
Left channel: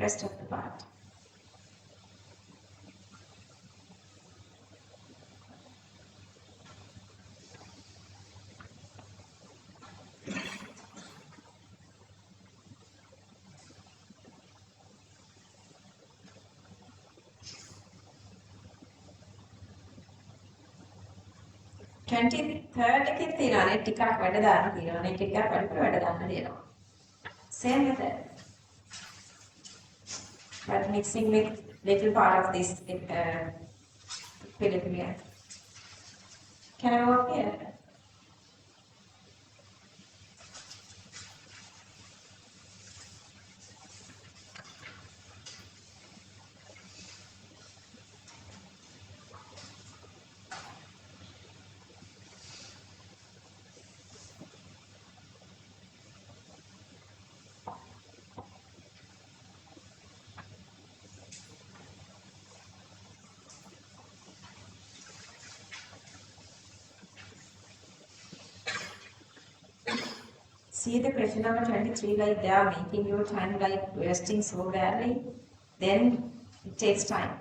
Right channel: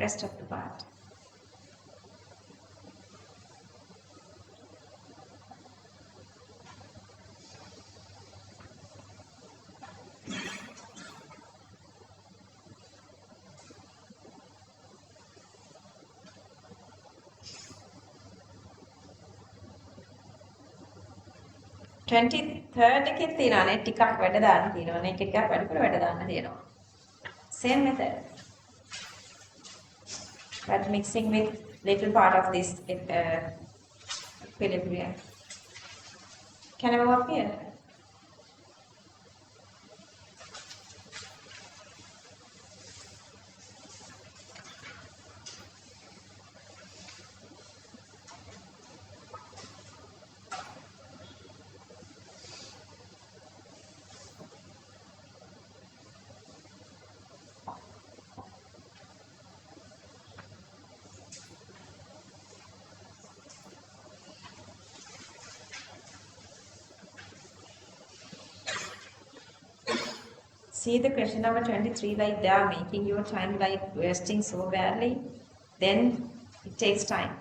Rest of the part. Third එකේ තියෙනවානේ ටිකක් වැඩ දාන්න තියෙනවානේ එක එකක් වැඩිපුර වැඩ දාන්න තියෙනවා. Same method. But mixing with little part of this equilibrium. Can I move up here? See the question number 23, like they are making your time like wasting so badly, then it takes time.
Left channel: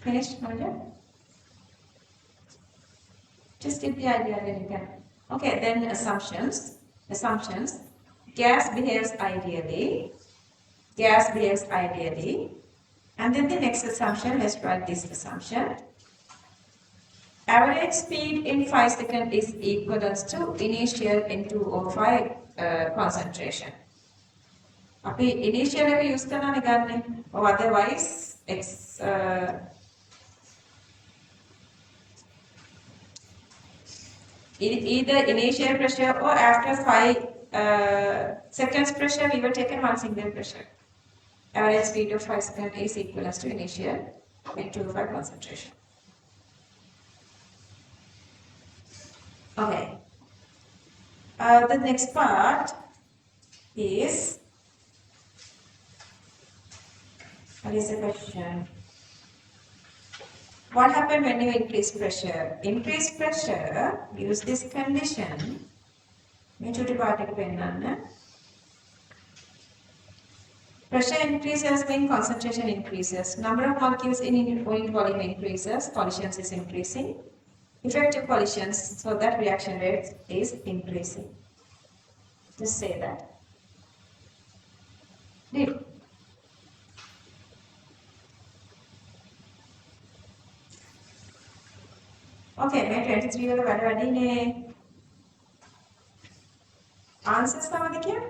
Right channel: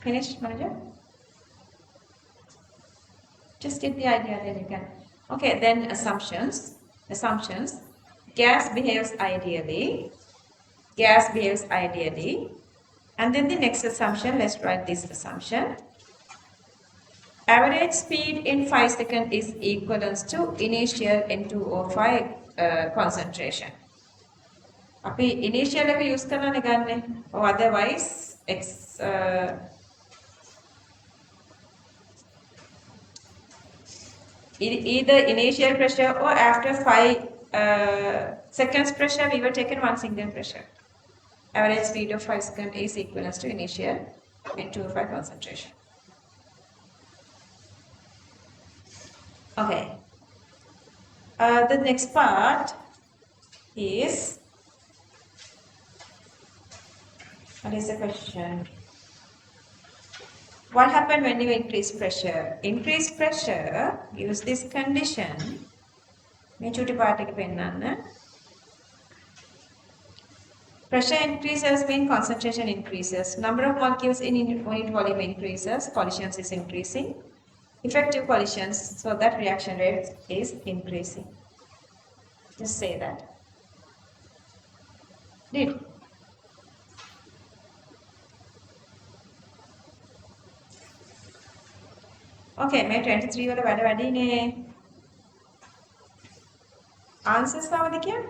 Finished, Manager? Just get the idea, then you can. Okay, then assumptions. Assumptions. Gas behaves ideally. Gas behaves ideally. And then the next assumption, let's write this assumption. Average speed in 5 seconds is equivalent to initial N2O5 concentration. අපි initial එක use කරලානේ ගන්නෙ. or otherwise either initial pressure or after 5 seconds pressure, we were taken one single pressure. Average speed of 5 seconds is equivalent to initial N2O5 concentration. Okay. The next part is, what is the question? What happens when you increase pressure? Increase pressure gives this condition. Pressure increases means concentration increases. Number of molecules in unit volume increases. Collisions is increasing. Effective collisions, so that reaction rate is increasing. Just say that. Did. Okay, මේ 23 වල වැඩ වැඩිනේ. Answers මොනවද කියන්නේ?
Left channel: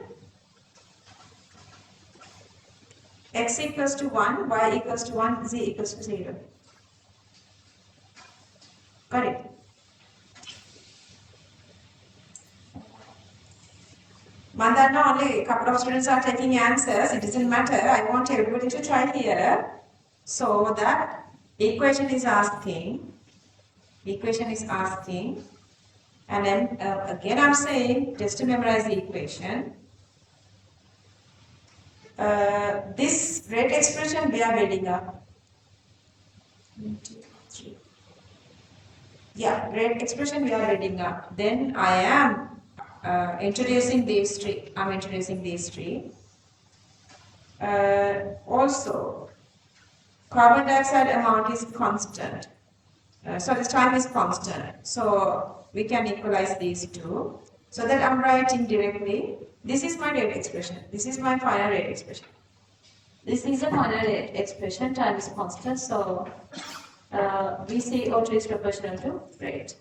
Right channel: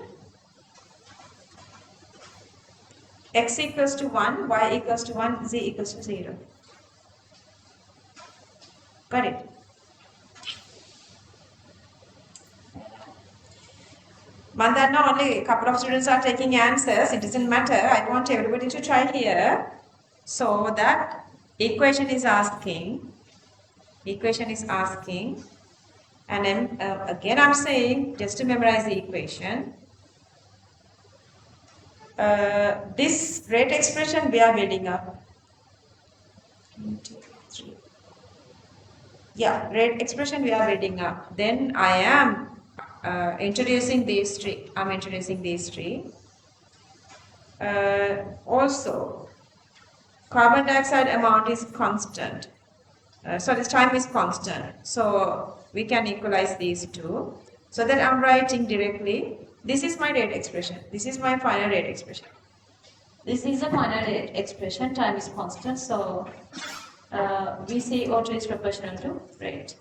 X equals to 1, Y equals to 1, Z equals to 0. Got it? Mandana, only a couple of students are taking answers. It doesn't matter. I want everybody to try here. So that equation is asking, and then again I'm saying, just to memorize the equation, this rate expression we are reading up. 1, 2, 3. Yeah, rate expression we are reading up. Then I am introducing these three. I'm introducing these three. Also, carbon dioxide amount is constant. So this time is constant. So we can equalize these two. So that I'm writing directly. This is my rate expression. This is my final rate expression. This is the final rate expression. Time is constant. So VCO2 is proportional to rate.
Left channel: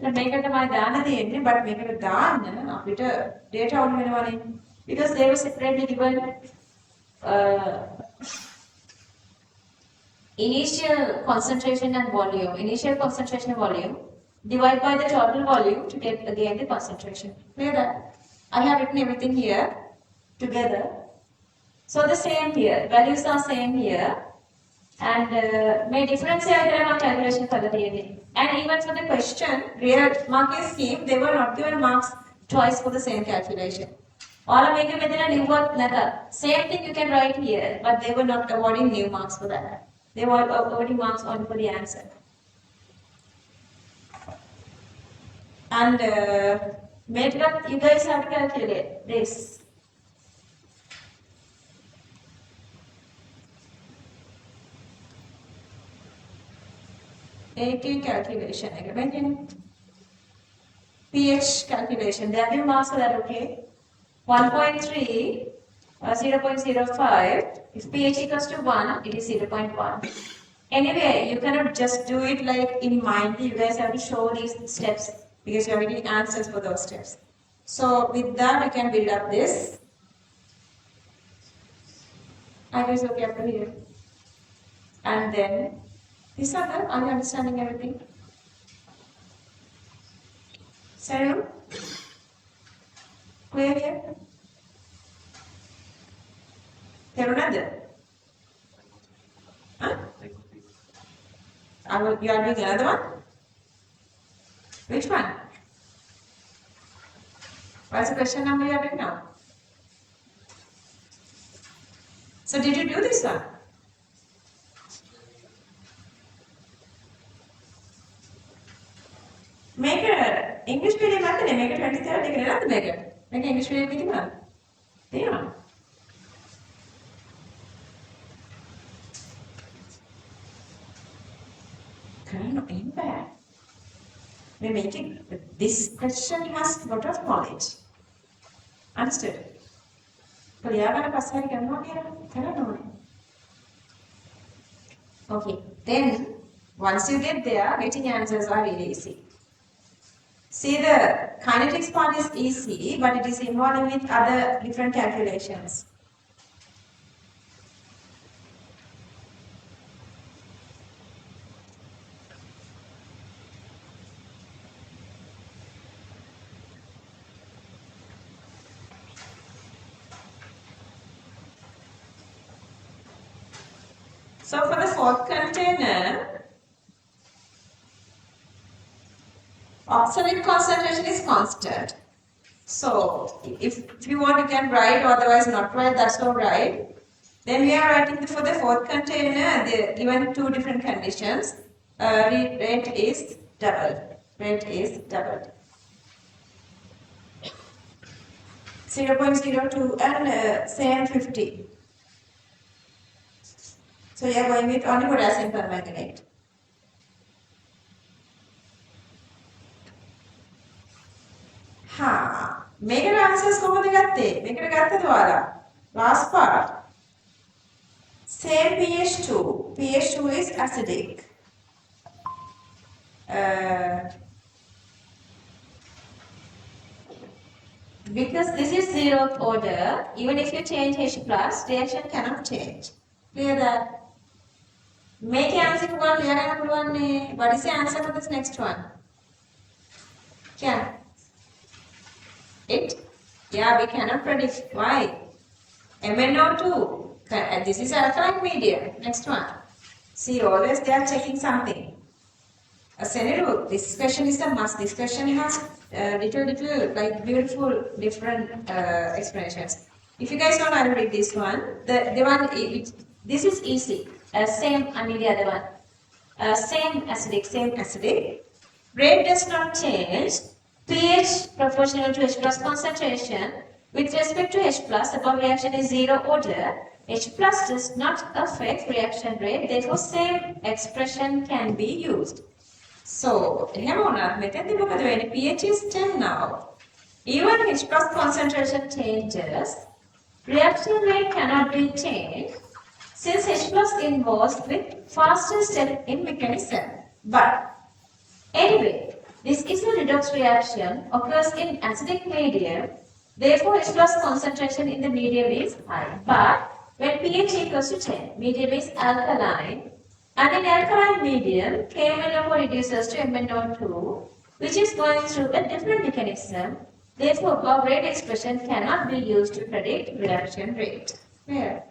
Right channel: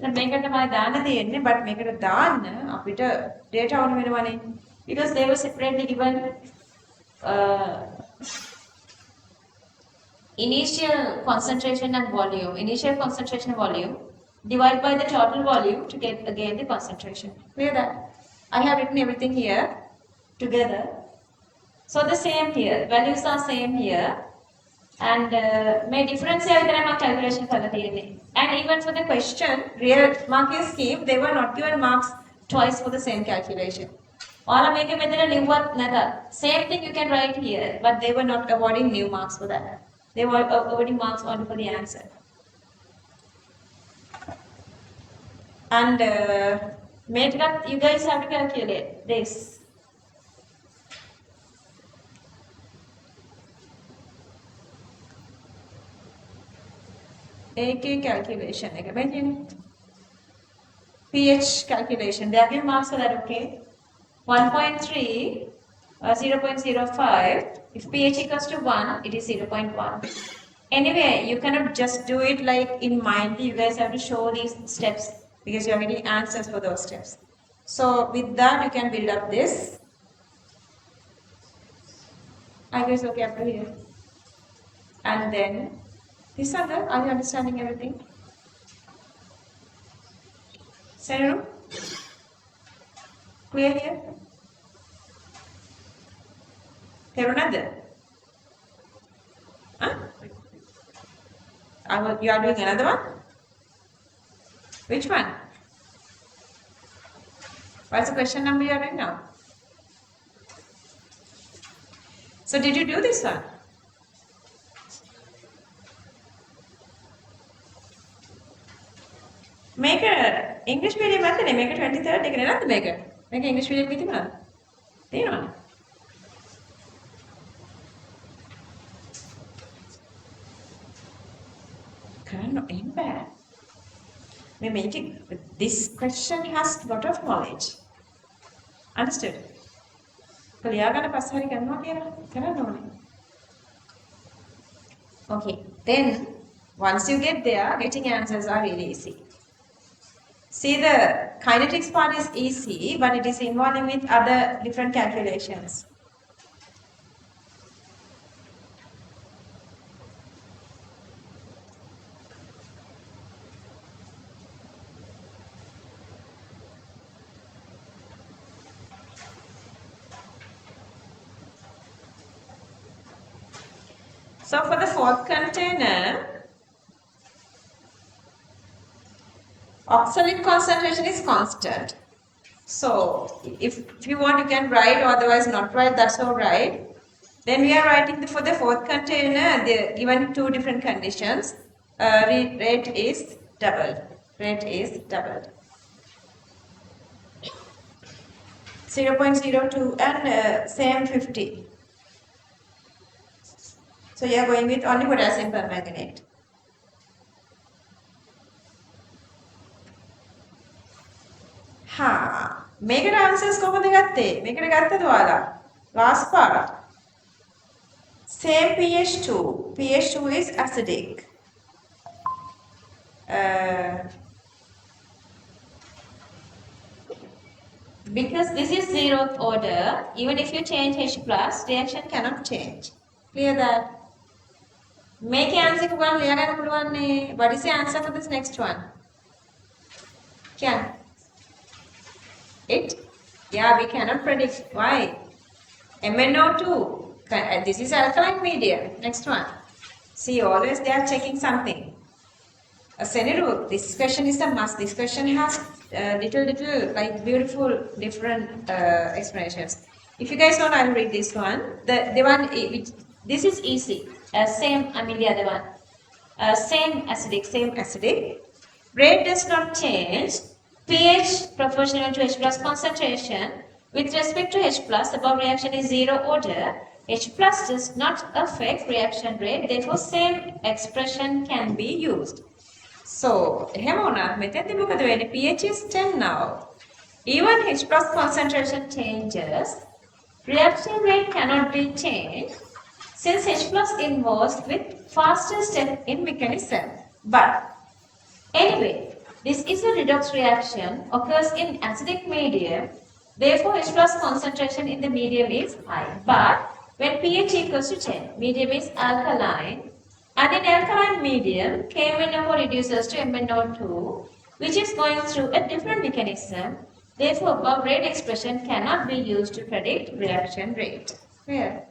මේකට මම දාන්න තියෙන්නේ but මේකට දාන්න අපිට data ඕන වෙනවනේ because they were separately given initial concentration and volume divided by the total volume to get again the concentration. Clear that? I have written everything here together. So the same here, values are same here. And may difference calculation for the and even for the question, real marking scheme, they were not given marks twice for the same calculation. All make a same thing you can write here, but they were not awarding new marks for that. They were awarding marks only for the answer. And you guys have to calculate this. AK calculation, pH calculation. They are giving marks for that, okay? 1.3 0.05. If pH equals to 1, it is 0.1. Anyway, you cannot just do it like in mind. You guys have to show these steps because you are getting answers for those steps. So with that, you can build up this. I guess okay up to here. And then, this other, are you understanding everything? Saru? Clear here? Terunada? Huh? You are doing another one? Which one? What's the question number you are doing now? So did you do this one? Make a English medium method, make a 23rd, make another make it. Make English medium with him. Do you know? In bad. We make it. This question has a lot of knowledge. Understood? Okay. Then once you get there, getting answers are really easy. See, the kinetics part is easy, but it is involving with other different calculations. So for the fourth container, oxalate concentration is constant. So if you want, you can write, or otherwise not write, that's all right. Then we are writing for the fourth container, given two different conditions. Rate is doubled. Rate is doubled. 0.02 and same 50. So you are going with only potassium permanganate. මේකට answers කොහොමද ගත්තේ? මේකට ගත්තද ඔයාලා? Last part. Same pH2. pH2 is acidic. Because this is zeroth order, even if you change H+, reaction cannot change. Clear that? Make answer to one, what is the answer for this next one? Can it? Yeah, we cannot predict. Why? MnO2. This is alkaline medium. Next one. See, always they are checking something. Seneru, this question is a must. This question has little like beautiful different explanations. If you guys want, I'll read this one. The one this is easy. Same. I mean the other one. Same acidic. Rate does not change. pH proportional to H plus concentration with respect to H plus above reaction is zero order. H plus does not affect reaction rate. Therefore, same expression can be used. So, pH is 10 now. Even H plus concentration changes, reaction rate cannot be changed since H plus involves with faster step in mechanism. But anyway, this is a redox reaction, occurs in acidic medium, therefore H plus concentration in the medium is high. But when pH equals to 10, medium is alkaline, and in alkaline medium, KMnO4 reduces to MnO2, which is going through a different mechanism. Therefore, above rate expression cannot be used to predict reaction rate. Here,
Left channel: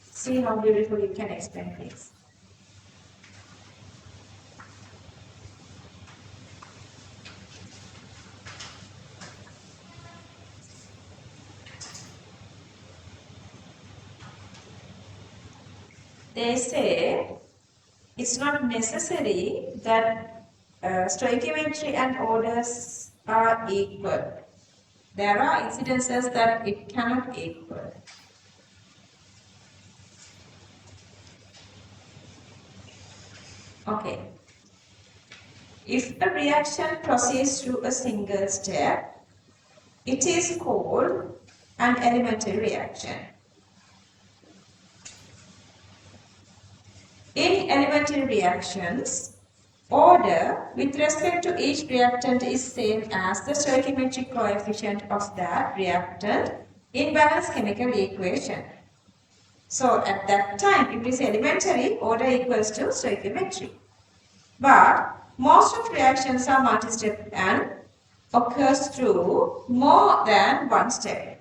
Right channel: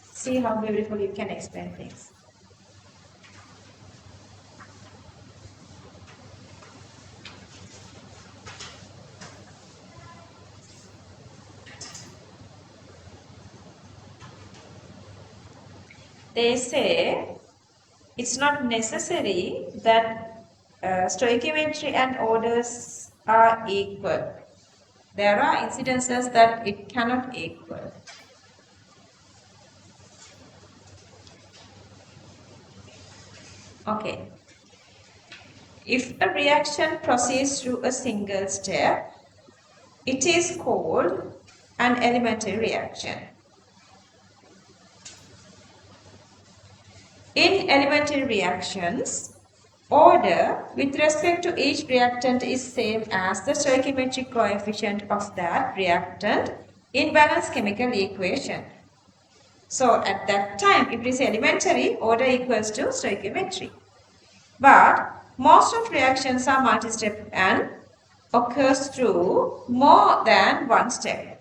see how beautiful you can explain things. They say it's not necessary that stoichiometry and orders are equal. There are incidences that it cannot equal. Okay. If a reaction proceeds through a single step, it is called an elementary reaction. In elementary reactions, order with respect to each reactant is same as the stoichiometric coefficient of that reactant in balanced chemical equation. So at that time, if it is elementary, order equals to stoichiometry. But most of reactions are multi-step and occurs through more than one step.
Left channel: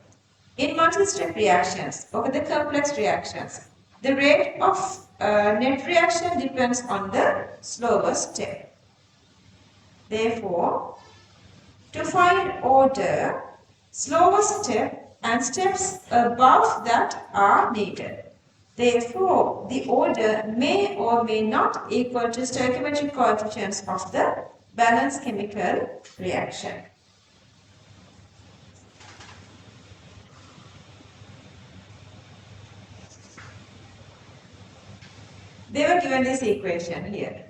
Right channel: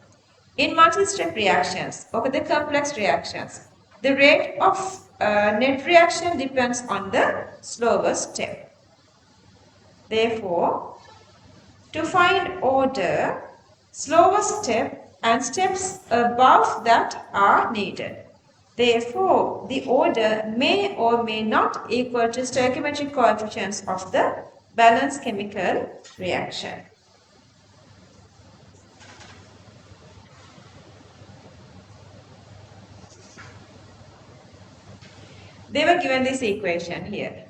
In multi-step reactions, or the complex reactions, the rate of net reaction depends on the slower step. Therefore, to find order, slower step and steps above that are needed. Therefore, the order may or may not equal to stoichiometric coefficients of the balanced chemical reaction. They were given this equation here.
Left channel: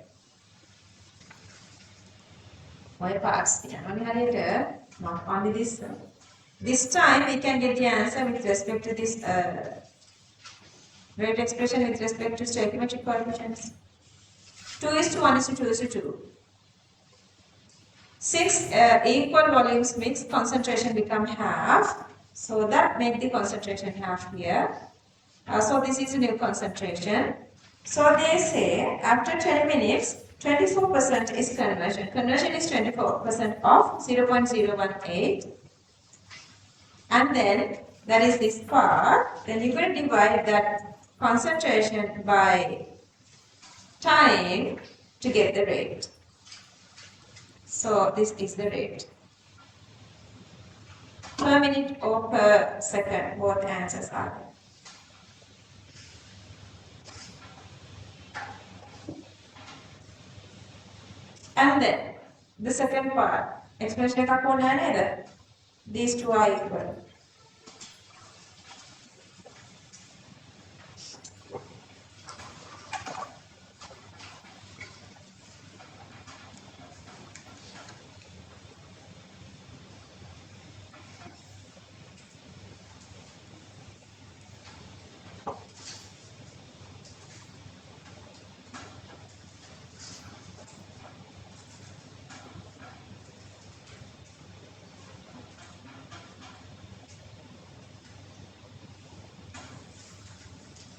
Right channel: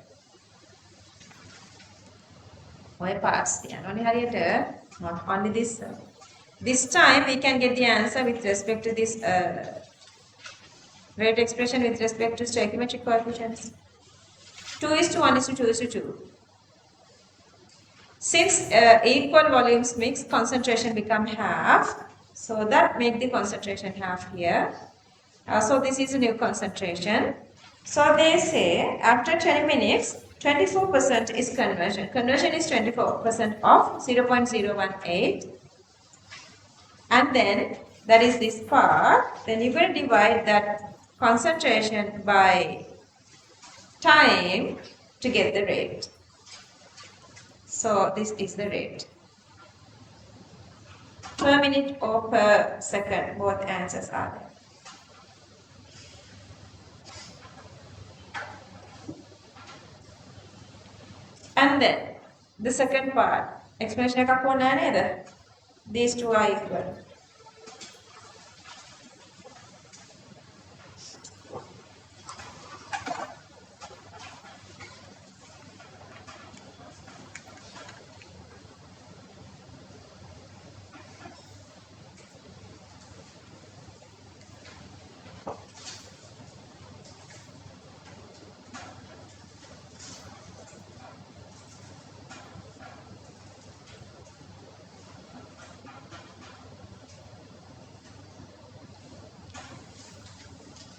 Oil parts, not only this. This time we can get the answer with respect to this rate expression with respect to stoichiometric coefficients. 2:1:2:2. Since equal volumes mix, concentration become half. So that made the concentration half here. So this is a new concentration. So they say after 20 minutes, 24% is conversion. Conversion is 24% of 0.018. And then that is this part. Then you will divide that concentration by time to get the rate. So this is the rate. Per minute or per second, both answers are there. And then the second part, explanation එකක් ඕනේ නැහැ නේද? These two are equal.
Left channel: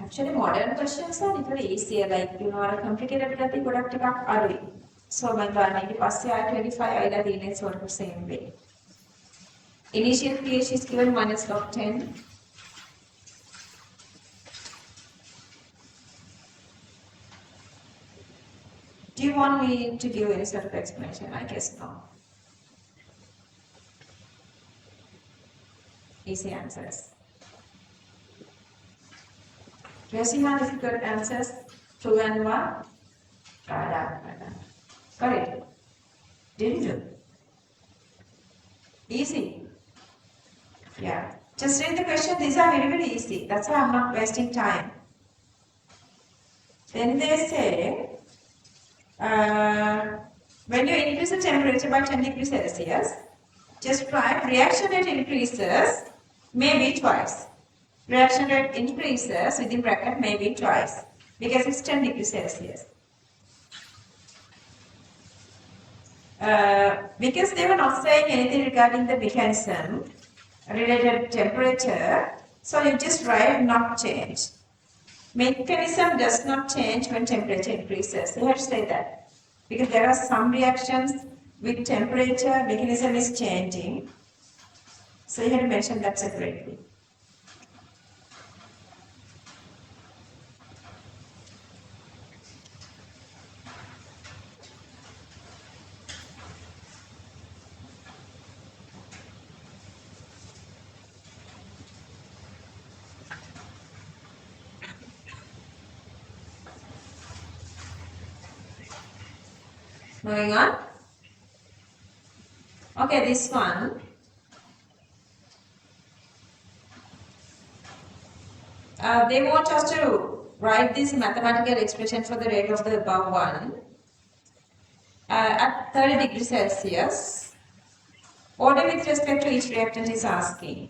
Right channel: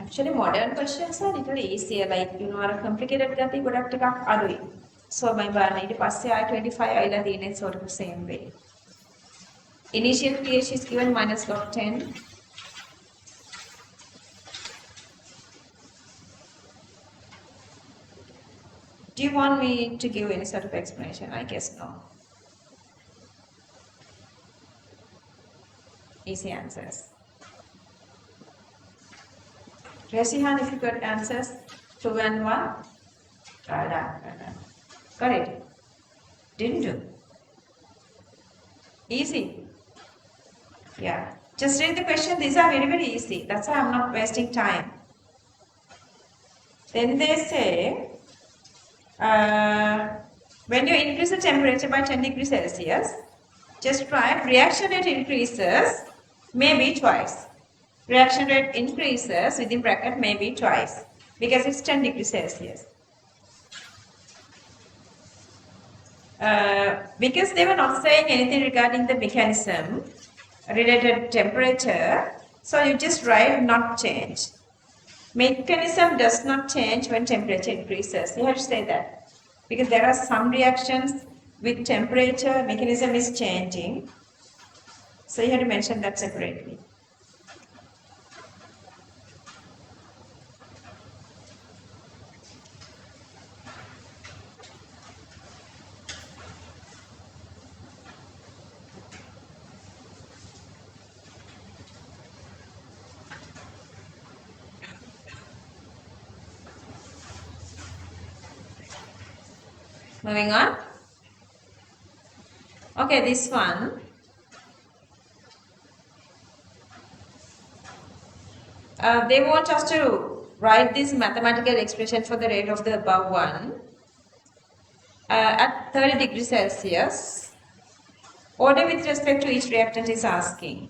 Actually, modern questions are little easier. Like, you know, are complicated gati godak ටිකක් අඩුයි. So my බලන්න ඊට පස්සේ ආය 25 ආයිලා තියෙන්නේ sort of same way. Initial pH is given minus log 10. Do you want me to give any sort of explanation? I guess no. Easy answers. Raise your hand if you got answers. 2 and 1. Try that. Got it? Didn't you? Easy. Yeah. Just read the question. These are very, very easy. That's why I'm not wasting time. Then they say, when you increase the temperature by 10 degrees Celsius, just write reaction rate increases maybe twice. Reaction rate increases within bracket maybe twice because it's 10 degrees Celsius. Because they were not saying anything regarding the mechanism related to temperature, so you just write not change. Mechanism does not change when temperature increases. You have to say that because there are some reactions with temperature, mechanism is changing. So you have to mention that separately. Moving on. Okay, this one. They want us to write this mathematical expression for the rate of the above one at 30 degrees Celsius. Order with respect to each reactant is asking.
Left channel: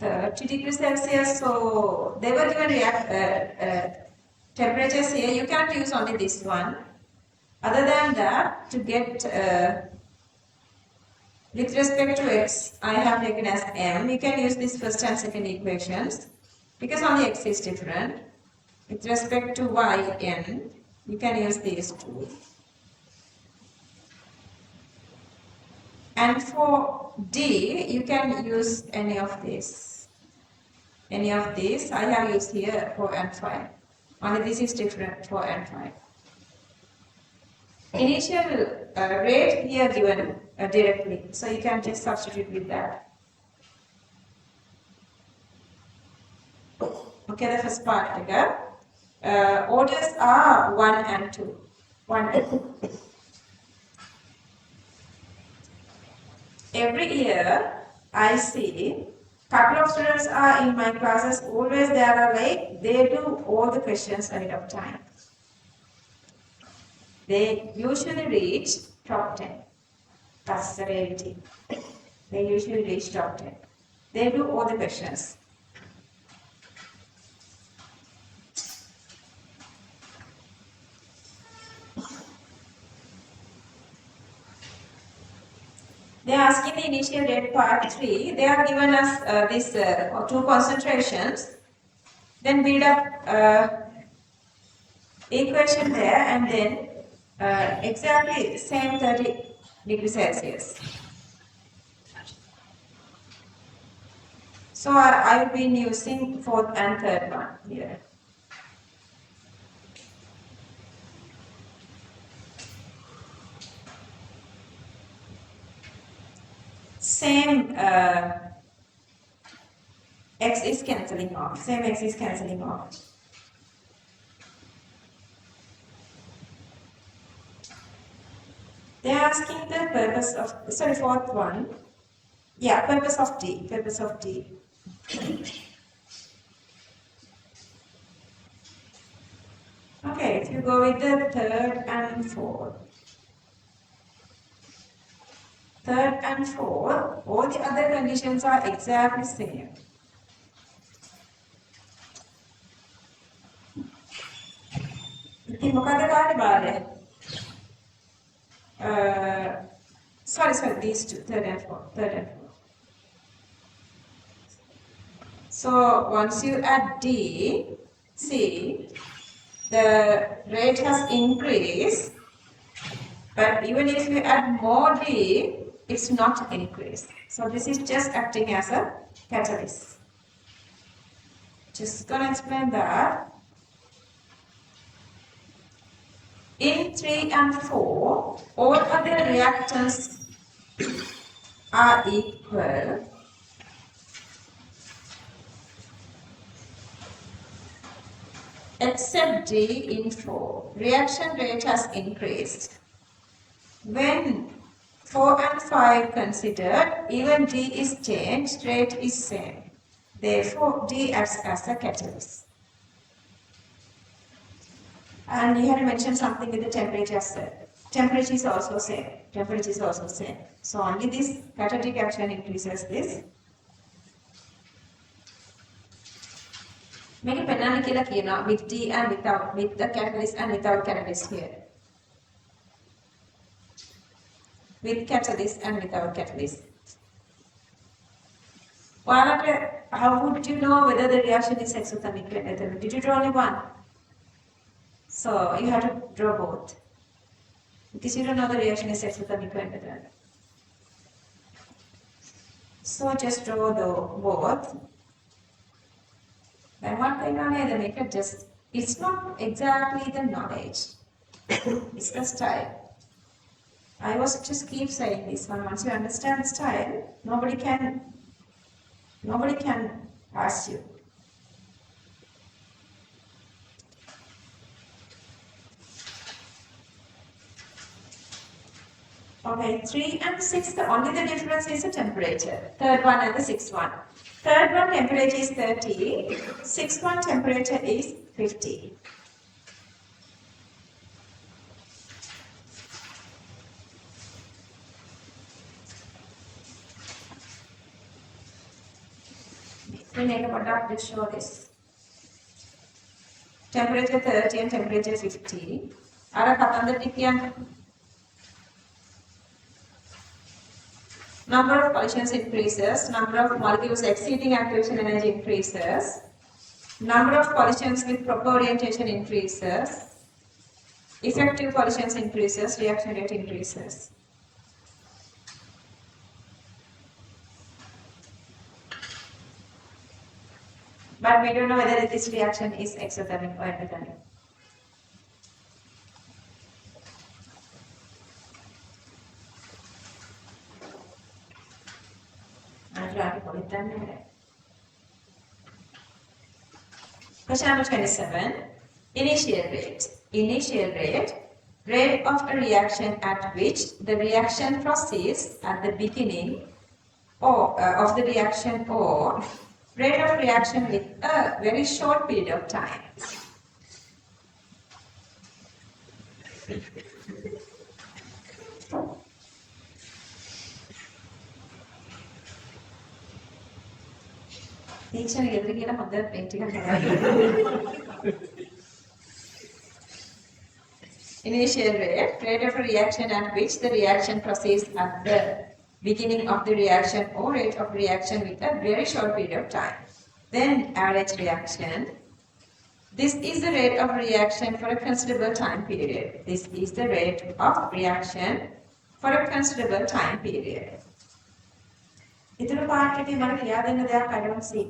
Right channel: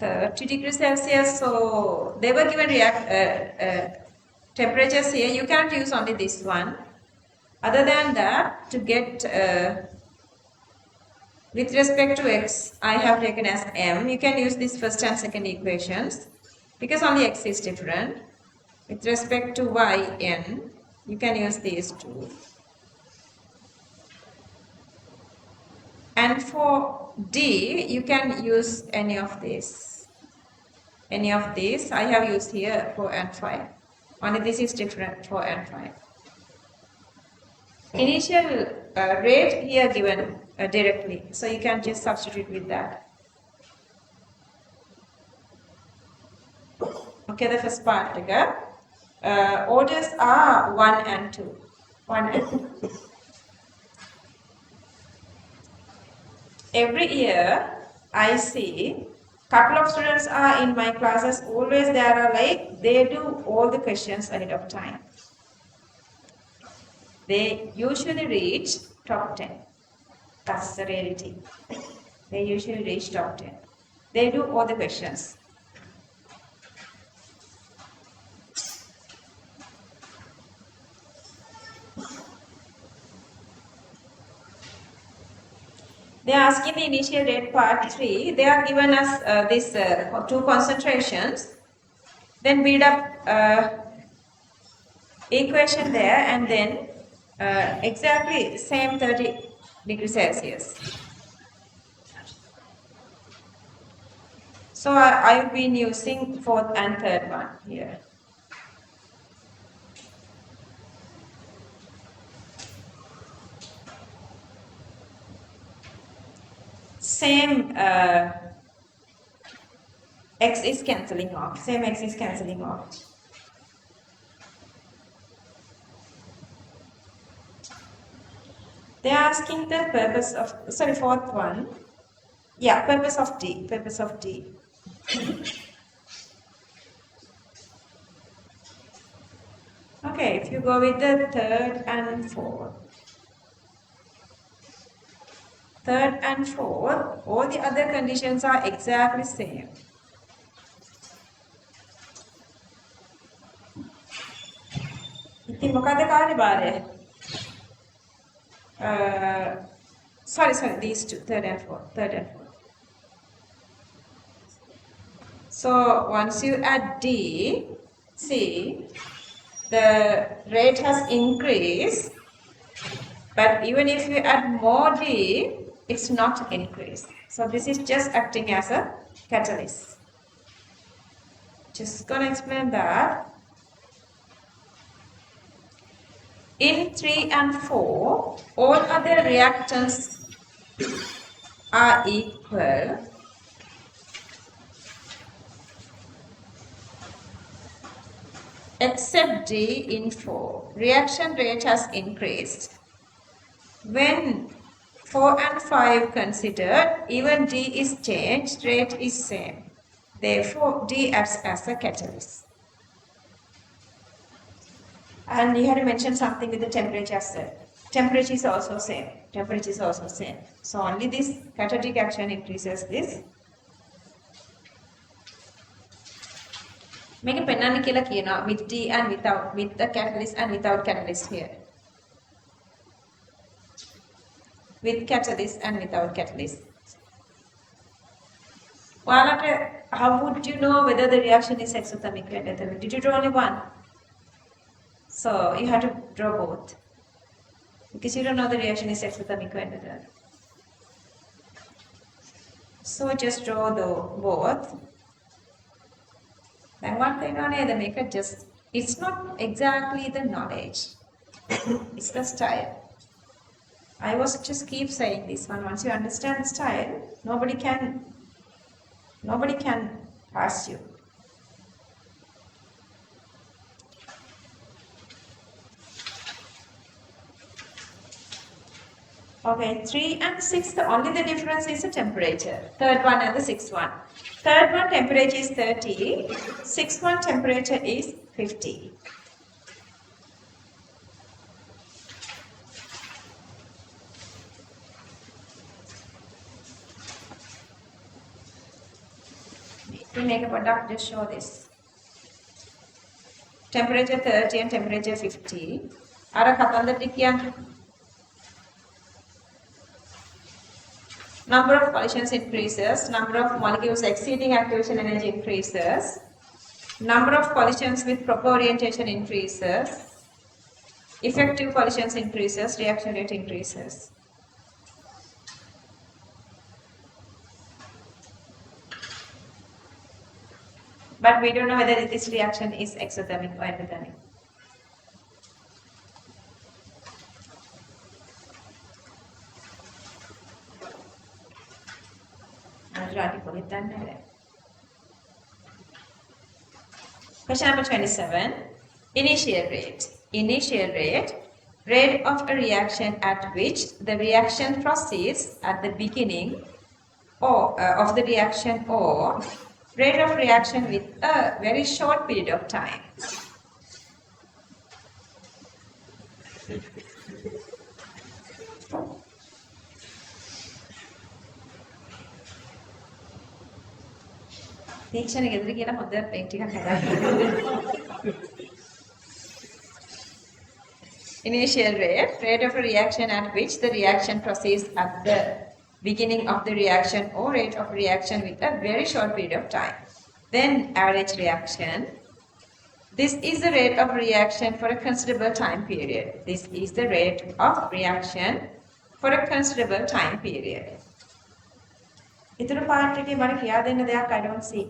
30 degrees Celsius. So they were given temperatures here. You cannot use only this one. Other than that, to get with respect to x, I have taken as m. You can use this first and second equations because only x is different. With respect to y, n, you can use these two. And for d, you can use any of these. Any of these. I have used here 4 and 5. Only this is different, 4 and 5. Initial rate here given directly. So you can just substitute with that. Okay, the first part again. Orders are 1 and 2. 1 and 2. Every year I see couple of students are in my classes, always there are like they do all the questions ahead of time. They usually reach top 10. That's the reality. They usually reach top 10. They do all the questions. They are asking the initial rate part 3. They are given us this 2 concentrations. Then build up equation there and then exactly same 30 degrees Celsius. So I've been using 4th and 3rd one here. Same x is cancelling off. Same x is cancelling off. They are asking the purpose of, sorry, 4th one. Yeah, purpose of D. Purpose of D. Okay, if you go with the 3rd and 4th. 3rd and 4th, all the other conditions are exactly same. ඉතින් මොකද කාර්ය භාරය? Sorry, these two, 3rd and 4th. So once you add D, see, the rate has increased, but even if you add more D, it's not increased. So this is just acting as a catalyst. Just gonna explain that. In 3 and 4, all other reactants are equal. Except D in 4. Reaction rate has increased. When 4 and 5 considered, even D is changed, rate is same. Therefore, D acts as a catalyst. And you had to mention something with the temperature set. Temperature is also same. Temperature is also same. So only this catalytic action increases this. Make a penani killer kina with D and without, with the catalyst and without catalyst here. With catalyst and without catalyst. How would you know whether the reaction is exothermic or endothermic? Did you draw only one? So you have to draw both. Because you don't know the reaction is exothermic or endothermic. So just draw the both. Then what they know, they make it just, it's not exactly the knowledge. It's the style. I was just keep saying this one. Once you understand the style, nobody can pass you. Okay, 3 and 6, only the difference is the temperature. 3rd one and the 6th one. 3rd one temperature is 30, 6th one temperature is 50. To make a product, just show this. Temperature 30 and temperature 50. Ara katandari kiyanne. Number of collisions increases, number of molecules exceeding activation energy increases, number of collisions with proper orientation increases, effective collisions increases, reaction rate increases. But we don't know whether this reaction is exothermic or endothermic. Question number 27. Initial rate. Initial rate. Rate of a reaction at which the reaction proceeds at the beginning of the reaction or rate of reaction with a very short period of time. Initial rate, rate of a reaction at which the reaction proceeds at the beginning of the reaction or rate of reaction with a very short period of time. Then average reaction. This is the rate of reaction for a considerable time period. This is the rate of reaction for a considerable time period. ඉතුරු part එකේ මට කියා දෙන්න දෙයක් I don't see.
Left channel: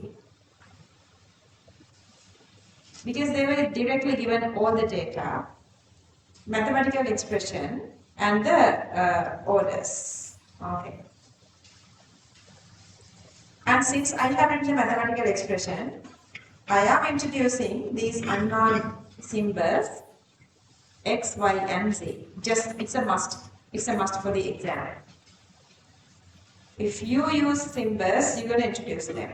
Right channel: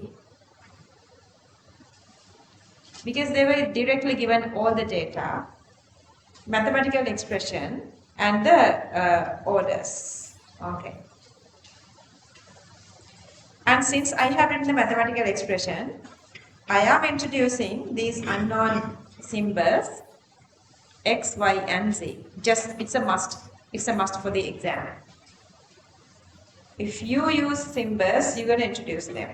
Because they were directly given all the data, mathematical expression and the orders. Okay. And since I have written the mathematical expression, I am introducing these unknown symbols X, Y and Z. Just it's a must. It's a must for the exam. If you use symbols, you're going to introduce them.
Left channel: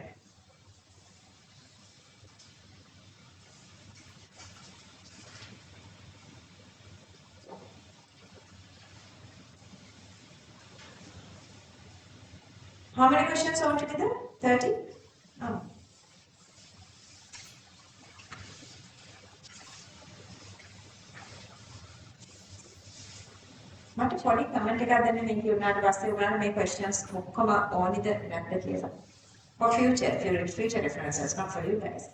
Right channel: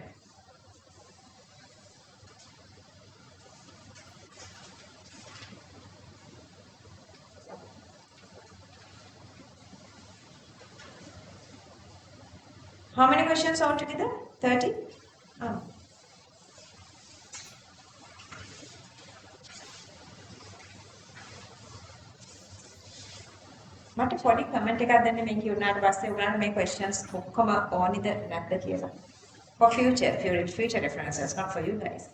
How many questions altogether? 30? Oh. මට පොඩි comment එකක් දෙන්න මේ කියුණාට පස්සේ උගලන්ට මේ questions ඔක්කොම ඕනිද නැද්ද කියලා. For future references, not for you guys.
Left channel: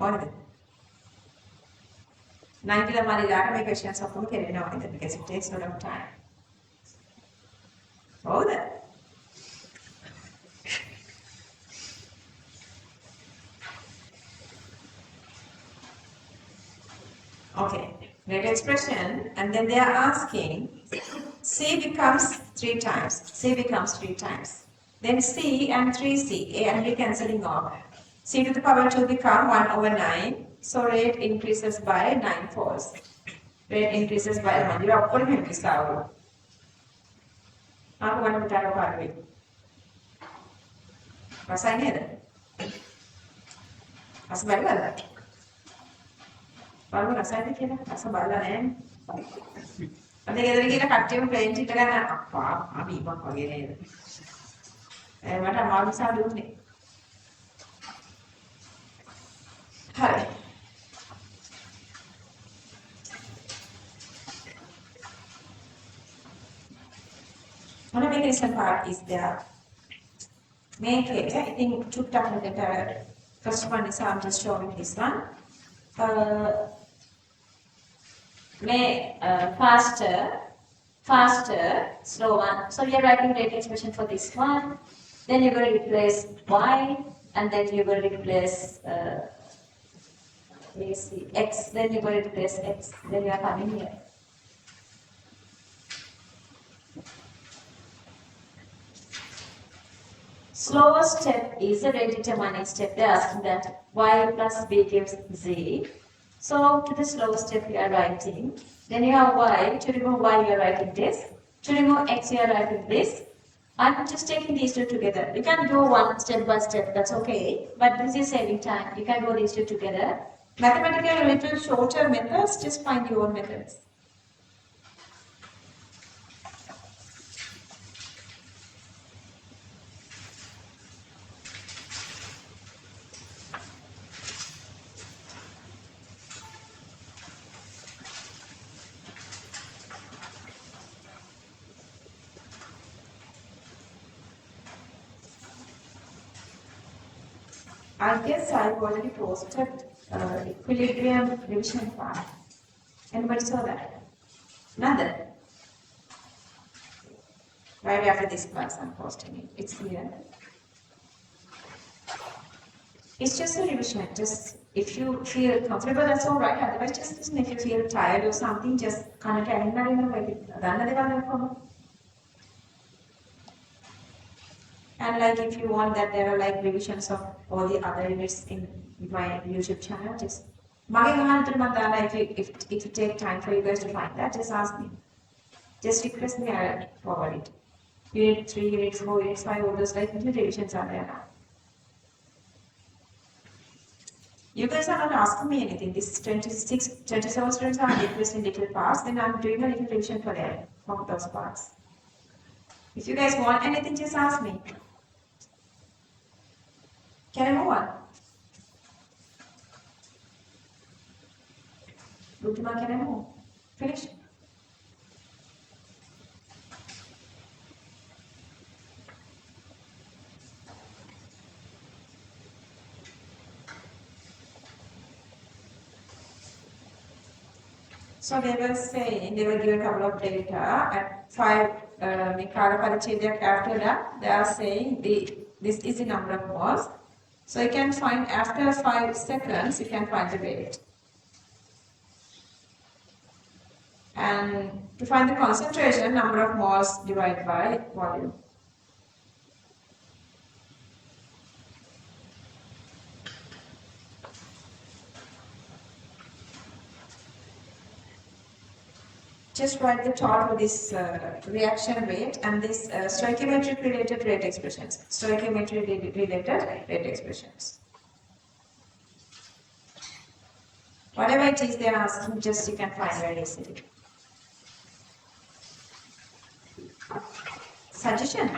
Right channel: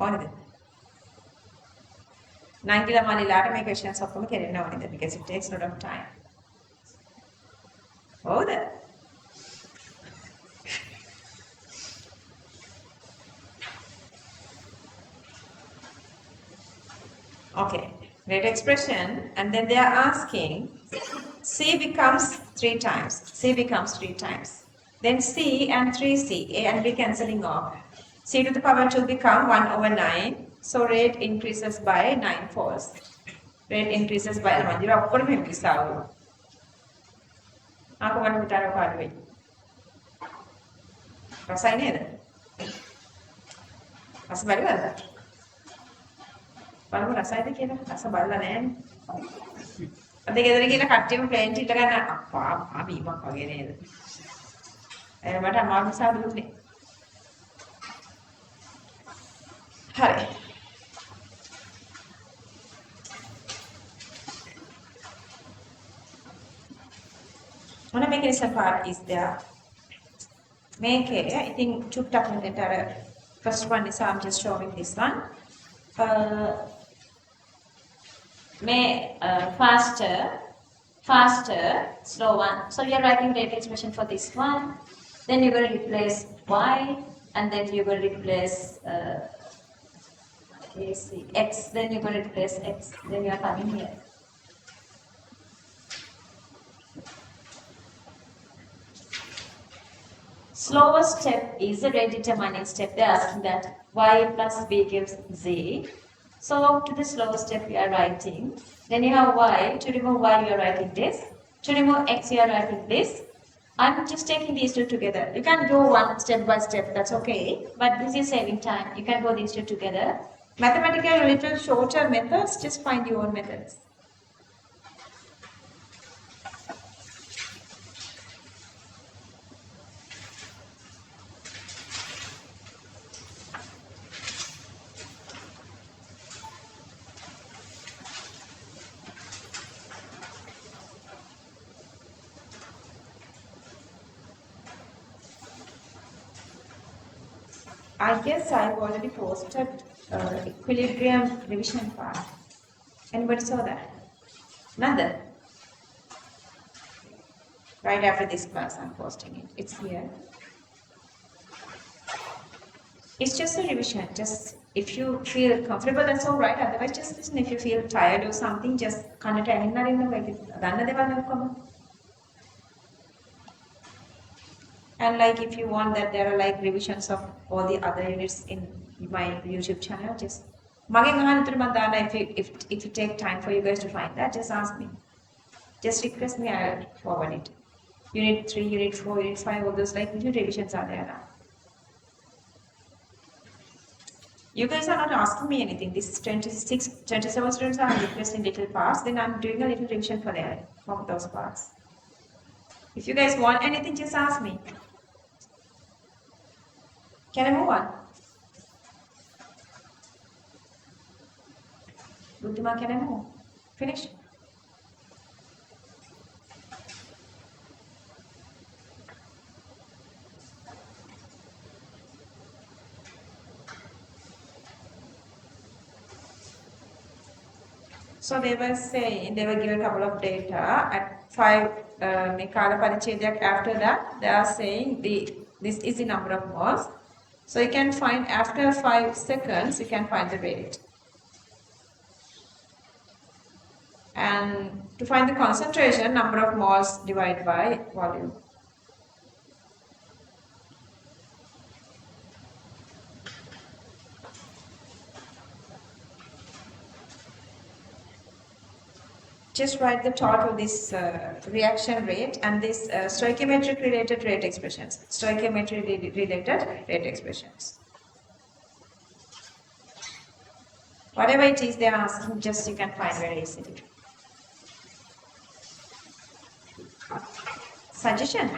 ඕනිද? නයින්කිලා මාලිලාට මේ questions ඔක්කොම කෙරෙන්න ඕනිද? Because it takes a lot of time. Oh, that. Okay, rate expression, and then they are asking C becomes 3 times. C becomes 3 times. Then C and 3C, A and B cancelling off. C to the power 2 become 1 over 9. So rate increases by 9 folds. Rate increases by 1. You are putting him this out. Aku want to tell you how to Rasanya ada. Rasa baru ada. Baru rasanya kira rasa baru lah nen. Ada kita kira kacang plain kita kan apa bibang kau gini. Mana mau bisa dulu nih. Hai. One mechanism part is there. Make it, I think took time better. First one is I'm just showing this one. Faster, slow one. So you're writing rate expression for this one. Then you're going to replace Y, and then you're going to replace X. Then you're going to replace X. Then you're coming here. Slower step is the rate determining step. They're asking that Y plus B gives Z. So to the slower step we are writing. Then you have Y. To remove Y you are writing this. To remove X you are writing this. I'm just taking these two together. You can go one step by step, that's okay. But this is saving time. You can go these two together. Mathematically a little shorter methods, just find your own methods. I guess I've already posted equilibrium revision part. Anybody saw that? None. Right after this class, I'm posting it. It's here. It's just a revision. Just if you feel comfortable, that's all right. Otherwise, just listen. If you feel tired or something, just connect another in a way. And like if you want that there are like revisions of all the other units in my YouTube channel, just if you take time for you guys to find that, just ask me. Just request me, I'll forward it. Unit 3, Unit 4, Unit 5, all those like new revisions are there now. You guys are not asking me anything. This is 27 students are requesting little parts, then I'm doing a little revision for them, for those parts. If you guys want anything, just ask me. Can I move on? Buddhima, can I move? Finish? So they were saying, they were giving a couple of data at 5 after that, they are saying this is the number of moles. So you can find after 5 seconds, you can find the rate. And to find the concentration, number of moles divided by volume. Just write the total this reaction rate and this stoichiometric related rate expressions. Stoichiometry related rate expressions. Whatever it is they are asking, just you can find very easily. Suggestion?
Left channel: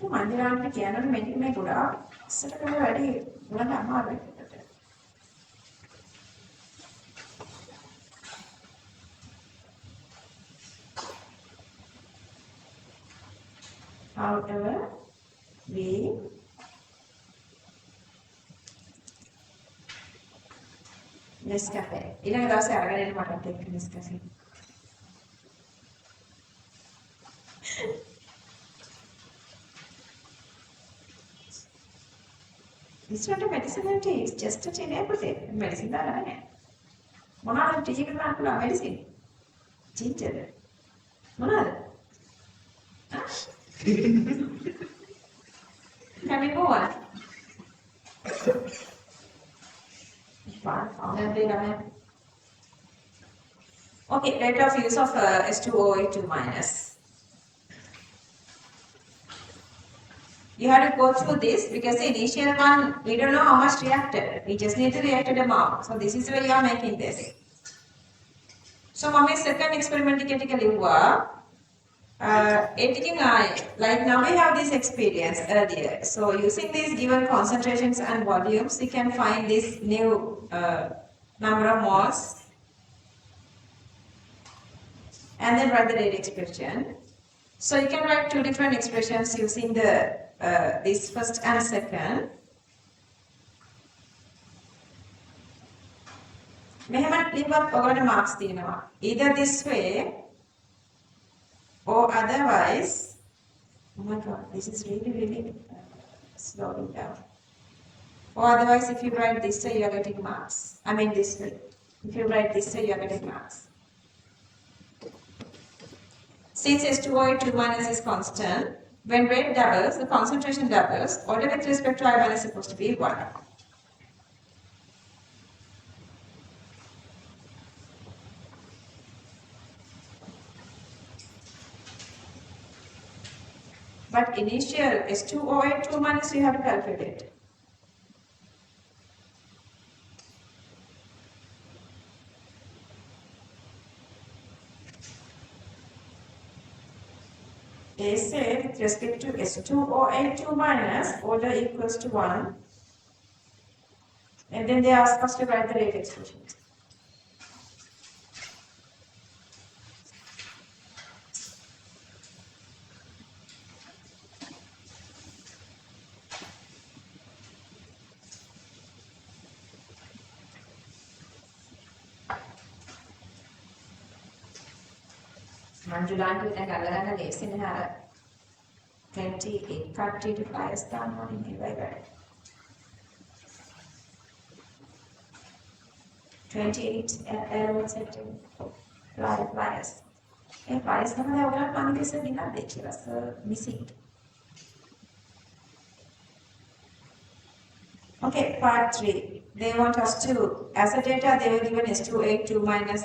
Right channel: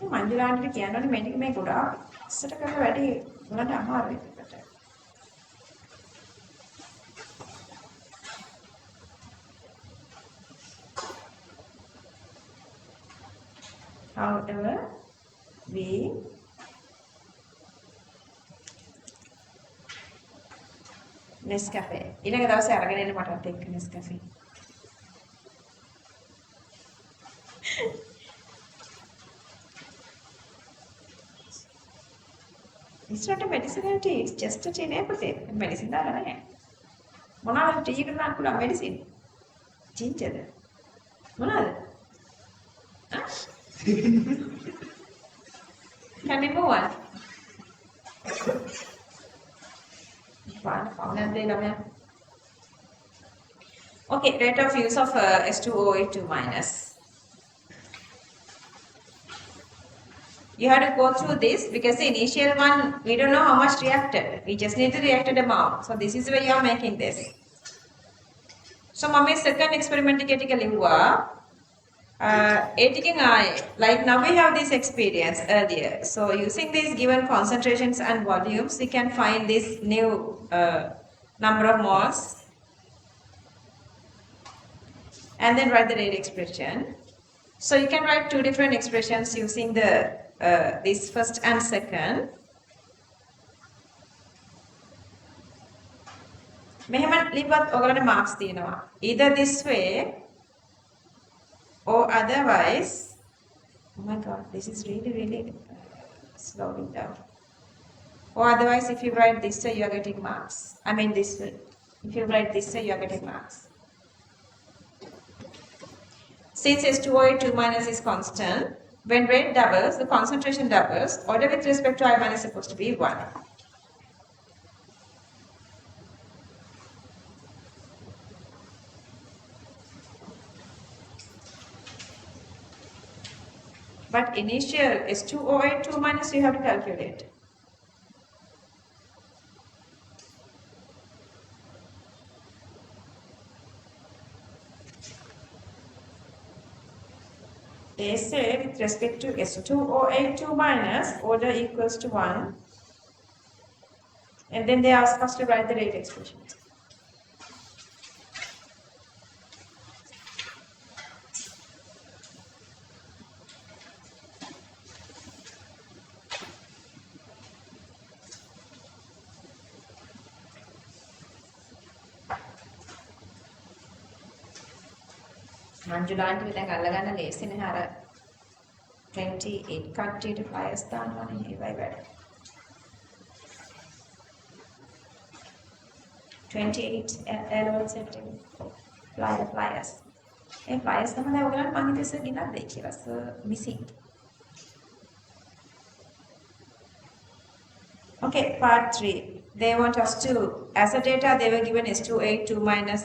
මන්දිරාන්ට කියනවනේ මේක මේ ගොඩාක් ඉස්සර කරලා වැඩි ගොඩක් අමාරුයි. However, we Nescafe. ඊළඟ දවසේ අරගෙන එන්න මට එක්ක Nescafe. It's not a medicine and tea, it's just a tea everything. Medicine දාලා නැහැ. මොනවාද ටී එකට දාන්න පුළුවන් medicine? ginger. මොනවාද? Can we move on? Okay, rate of use of S2O82 minus. You have to go through this because the initial one, we don't know how much reacted. We just need the reacted amount. So this is why you are making this. So, mummy second experiment like now we have this experience earlier. So using these given concentrations and volumes, we can find this new number of moles and then write the rate expression. So you can write two different expressions using the this first and second. Marks either this way or otherwise. Oh my god, this is really slowing down. Or otherwise, if you write this way, you are getting marks. I mean this way. If you write this way, you are getting marks. Since S2O82 minus is constant, when rate doubles, the concentration doubles, order with respect to I1 is supposed to be 1. But initial S2O82 minus you have to calculate. They say with respect to S2O82 minus, order equals to 1. And then they ask us to write the rate expression. මංජුලාන්ට දැන් අල්ලගන්න ලේසිනේ අර 28 කට්ටියට ෆ්ලයර්ස් දානවානේ ඒවයි වැඩ. 28 L1 set flyers. ඒ flyers තමයි ඔයගලන්ට මම හිතුවේ සර් ගෙනත් දෙයි කියලා. Sir missing. Okay, part 3. They want us to, as a data, they were given S28 2 minus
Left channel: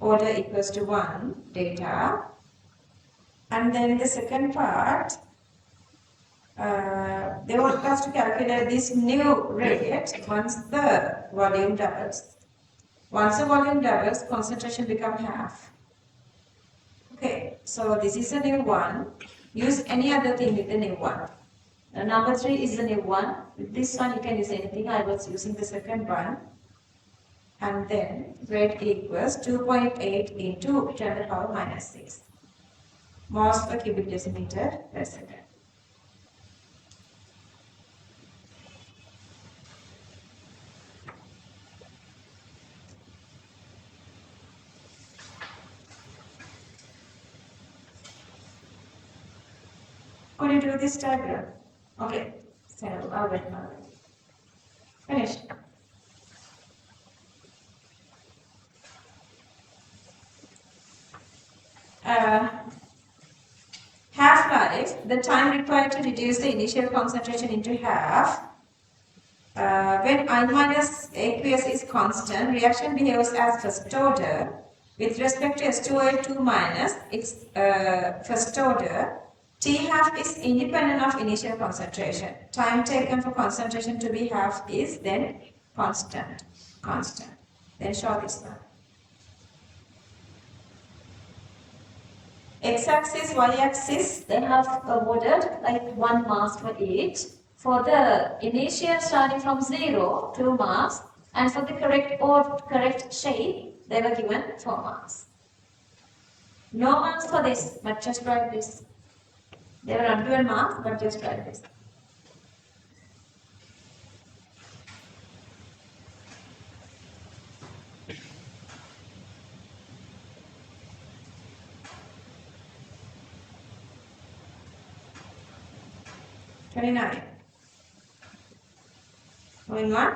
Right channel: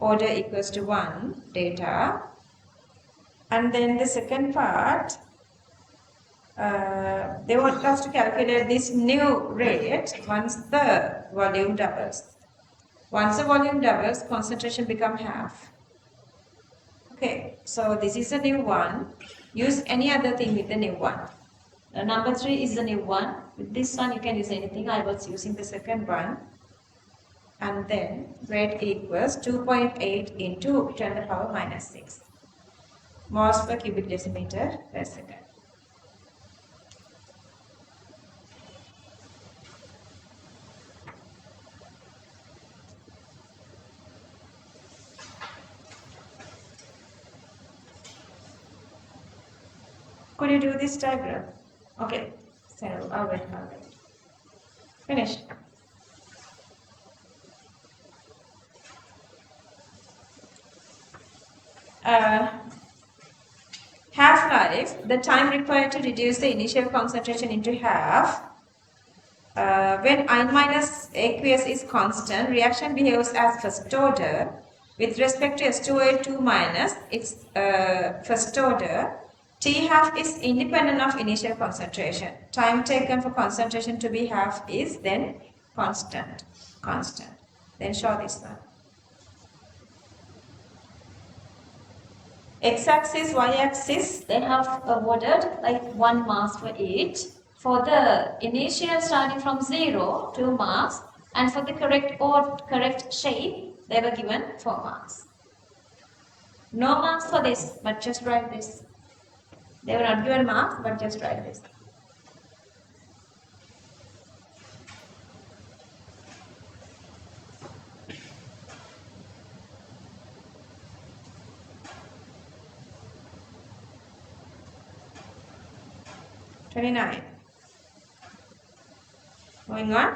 order equals to 1 data. And then the second part, they want us to calculate this new rate once the volume doubles. Once the volume doubles, concentration becomes half. Okay, so this is a new one. Use any other thing with the new one. Number 3 is the new one. With this one, you can use anything. I was using the second one. And then rate equals 2.8 into 10 to the power minus 6 moles per cubic decimeter per second. Could you do this diagram? Okay, so I'll wait. Finished. Half-life, the time required to reduce the initial concentration into half. When I minus aqueous is constant, reaction behaves as first order. With respect to S2O2 minus, it's first order. T half is independent of initial concentration. Time taken for concentration to be half is then constant. Then show this one. X-axis, Y-axis, they have awarded like 1 marks for each. For the initial starting from 0, 2 marks, and for the correct shape, they were given 4 marks. No marks for this, but just write this. They were not given marks, but just write this. Moving on.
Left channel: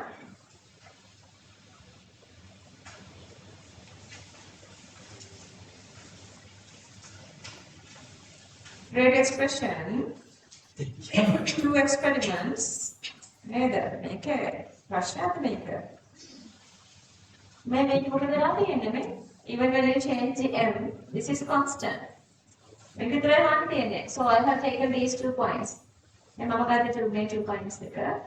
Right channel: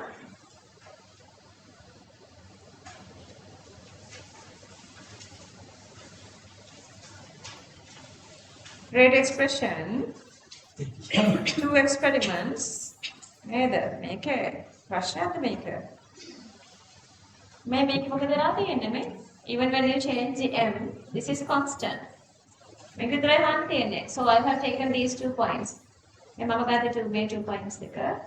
Rate expression. 2 experiments. Neither make a Russia maker. May make even when you change the m, this is constant. So I have taken these 2 points. And Mama got the 2 points there.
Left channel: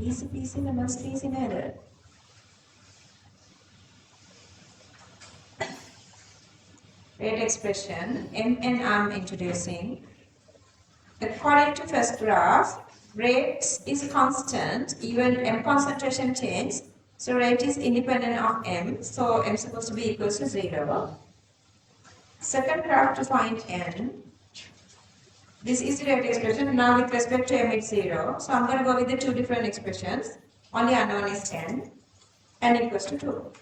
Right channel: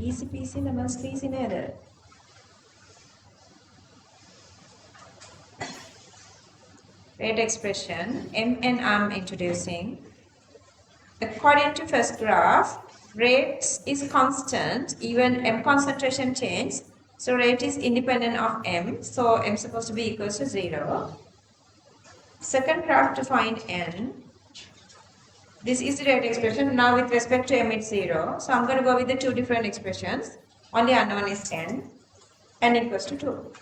Easy peasy lemon squeezy neither. Rate expression, mn I'm introducing. According to first graph, rate is constant, even m concentration change. So rate is independent of m, so m is supposed to be equals to 0. Second graph to find n. This is the rate expression. Now with respect to m it's 0. So I'm going to go with the 2 different expressions. Only unknown is n. N equals to 2.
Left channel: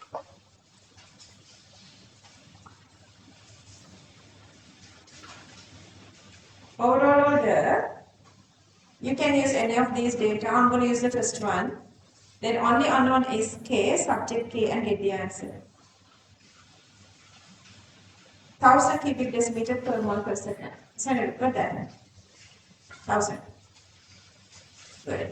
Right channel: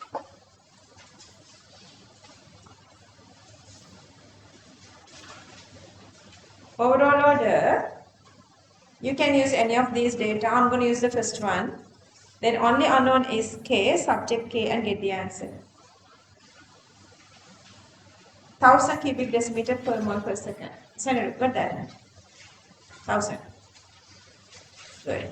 Overall order, you can use any of these data. I'm going to use the first one. Then only unknown is k, subject k, and get the answer. 1000 cubic decimeter per mole per second. So put that. 1000. Good.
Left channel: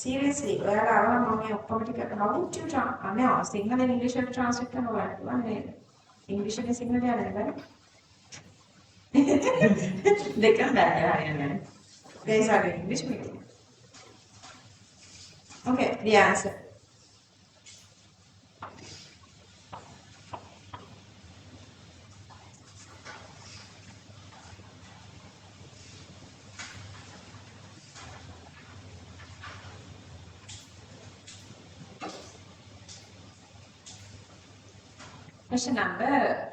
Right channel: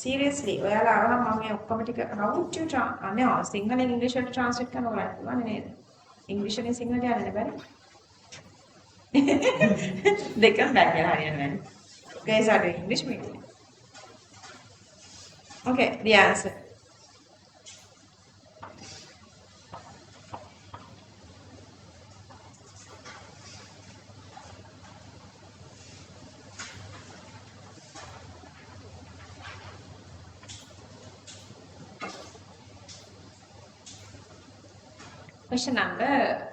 Seriously, ඔයාලා ආවම මම මේ ඔක්කොම ටික how would you නෑ සිංහලෙන් ඉංග්‍රීසියට translate කරන්න ඔයාලට පුළුවන් නේද? ඉංග්‍රීසියෙන් සිංහලට යන්න බෑ. දෙකම බෑ කියලා හරියන්නේ. Guys are doing English meeting. Okay, the answer. Question number,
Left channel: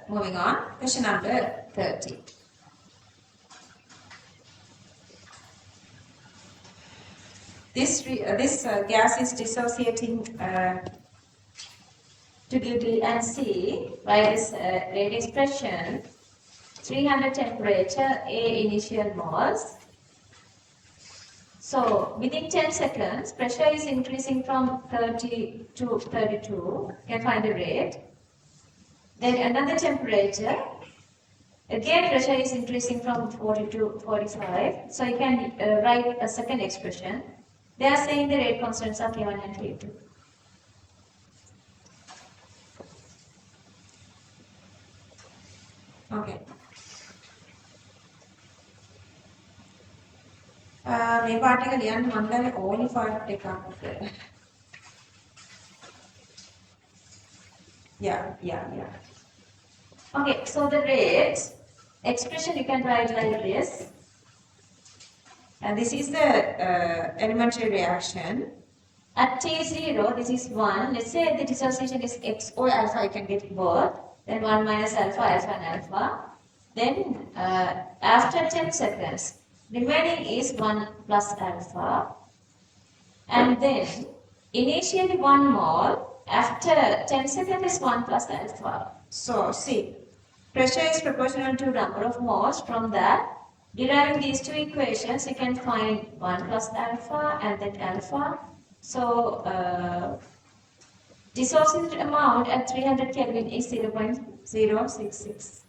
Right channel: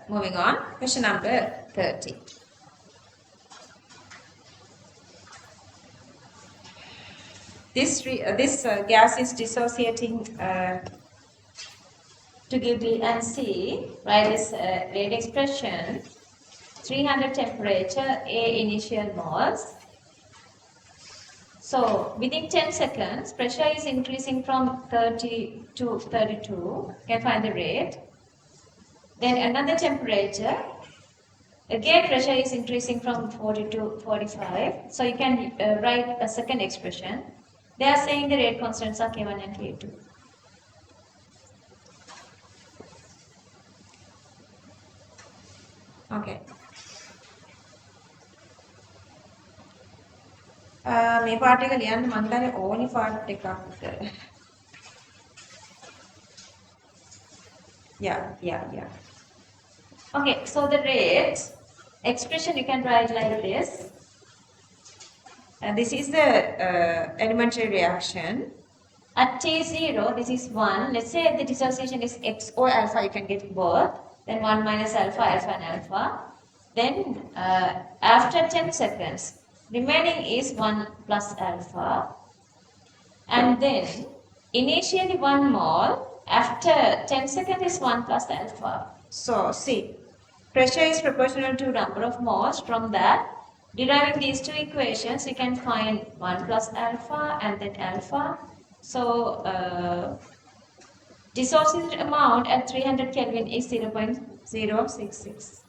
moving on, question number 30. This gas is dissociating to give D and C. Write this rate expression. 300 temperature, A initial moles. So within 10 seconds, pressure is increasing from 30 to 32. You can find the rate. Then another temperature. Again, pressure is increasing from 40 to 45. So you can write a second expression. They are saying the rate constants are K1 and K2. Okay. මේ පාට එක ලියන්න මම හිතන්නේ ඕනි පාට එකක්. Yeah. Okay, so the rate expression you can write like this. And this is the elementary reaction. At T0, this is 1. Let's say the dissociation is X or alpha, you can get both. Then 1 minus alpha, alpha and alpha. Then after 10 seconds, remaining is 1 plus alpha. And then initially 1 mole, after 10 seconds is 1 plus alpha. So see, pressure is proportional to number of moles. From that, deriving these two equations, you can find 1 plus alpha and then alpha. So dissociated amount at 300 Kelvin is 0.066.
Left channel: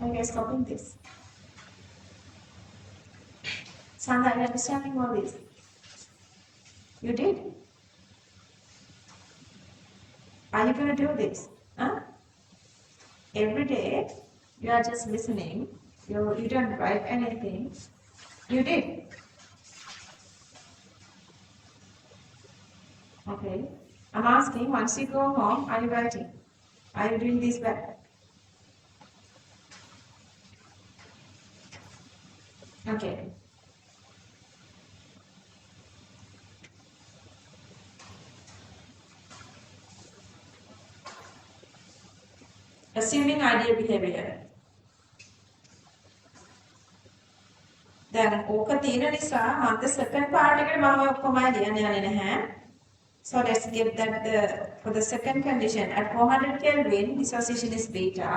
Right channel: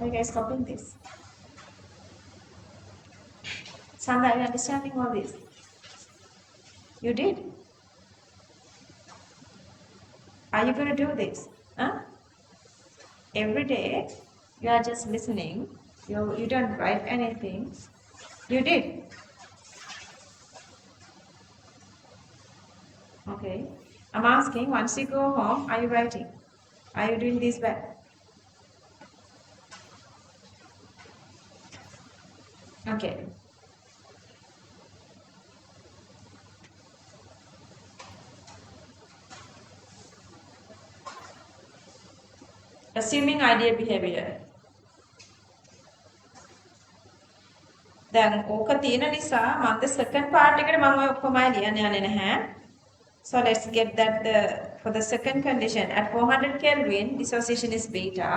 Are you guys copying this? Sandra, are you understanding all this? You did? Are you going to do this? Huh? Every day, you are just listening. You don't write anything. You did? Okay. I'm asking, once you go home, are you writing? Are you doing this back? Okay. Assuming ideal behavior. දැන් ඕක තියෙන නිසා මම the second part එකට මම ඔක්කොමයි ලියන්න යන්නේ නැහැ. So let's get that for the second condition at 400 Kelvin dissociation is beta.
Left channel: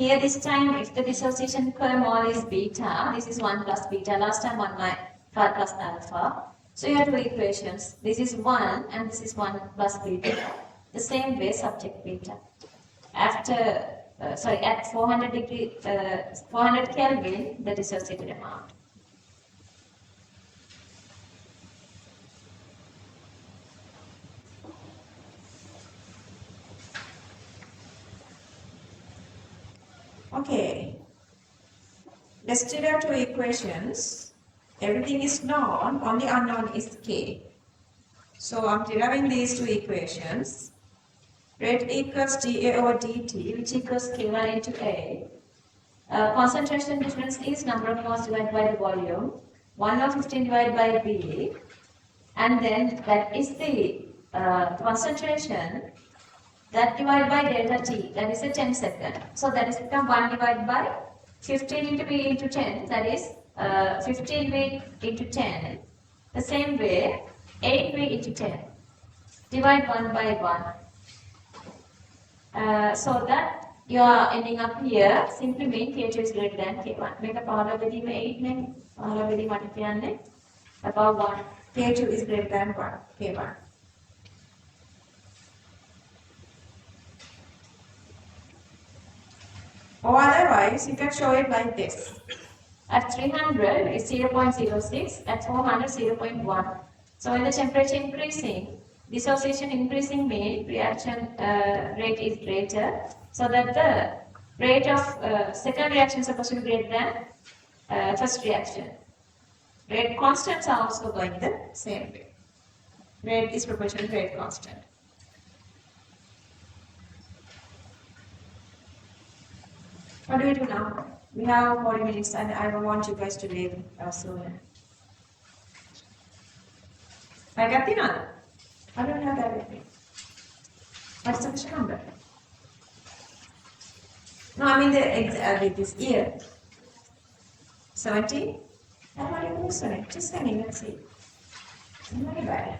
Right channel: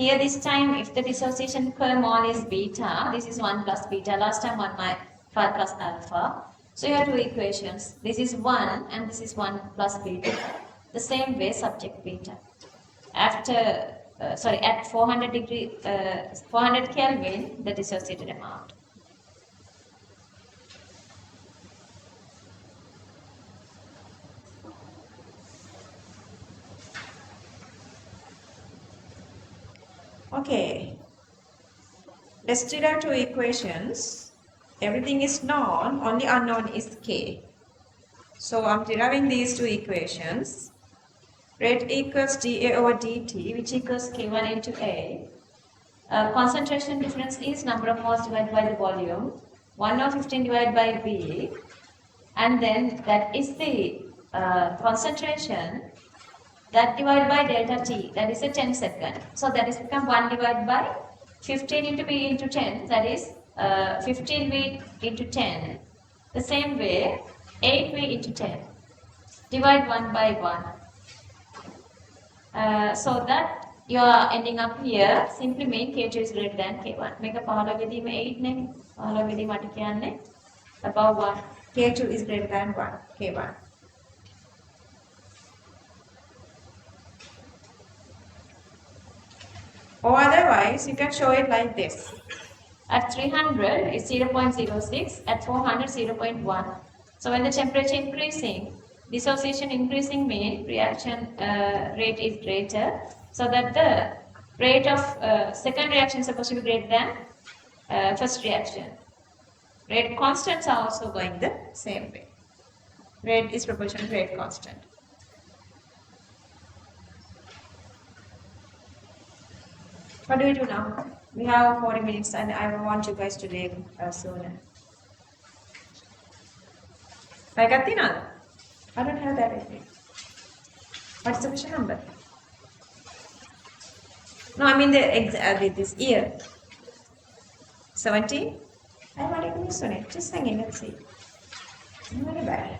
Here this time, if the dissociation per mole is beta, this is 1 plus beta. Last time 5 plus alpha. So you have two equations. This is 1 and this is 1 plus beta. The same way, subject beta. After, at 400 Kelvin, the dissociated amount. Okay, let's derive two equations. Everything is known, only unknown is K. So I'm deriving these two equations. Rate equals dA over dt, which equals K1 into A. Concentration difference is number of moles divided by the volume. 1 over 15 divided by B. And then that is the concentration. That divided by delta T, that is a 10 second. So that is become 1 divided by 15 into B into 10, that is 15V into 10. The same way, 8V into 10. Divide 1 by 1. So that you are ending up here, simply mean K2 is greater than K1. Make a 15 with 8 ne, 15 with mata kiyanne above 1. K2 is greater than 1, K1. Or otherwise, you can show it like this. At 300 is 0.06, at 400 0.1. So when the temperature increasing, dissociation increasing means reaction rate is greater, so that the Rate of second reaction is supposed to be greater than first reaction. Rate constants are also going the same way. Rate is proportional to rate constant. What do we do now? We have 40 minutes and I want you guys to leave sooner. I got the number. I don't have that with me. What's the question number? No, I mean this year. 17? I want to use on it. Just hang in, let's see. Not very bad.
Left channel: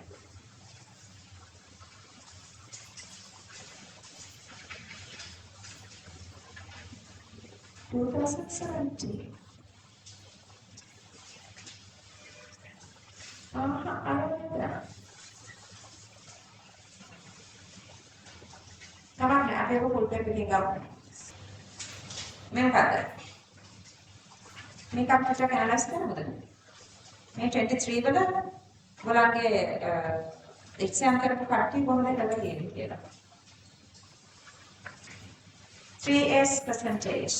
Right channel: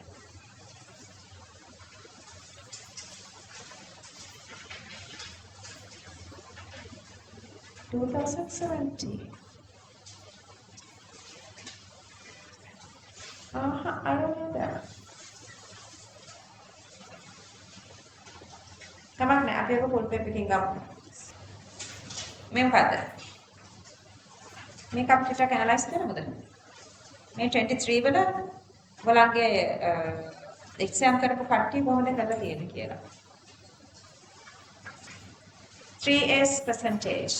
Two 2017. I don't know that. Come on, I have a full paper picking up. Member. Make up the check analyze the May 23 වලගේ exam කරපු කට්ටිය කොහොමද කරලා තියෙන්නේ කියලා. 3S percentage.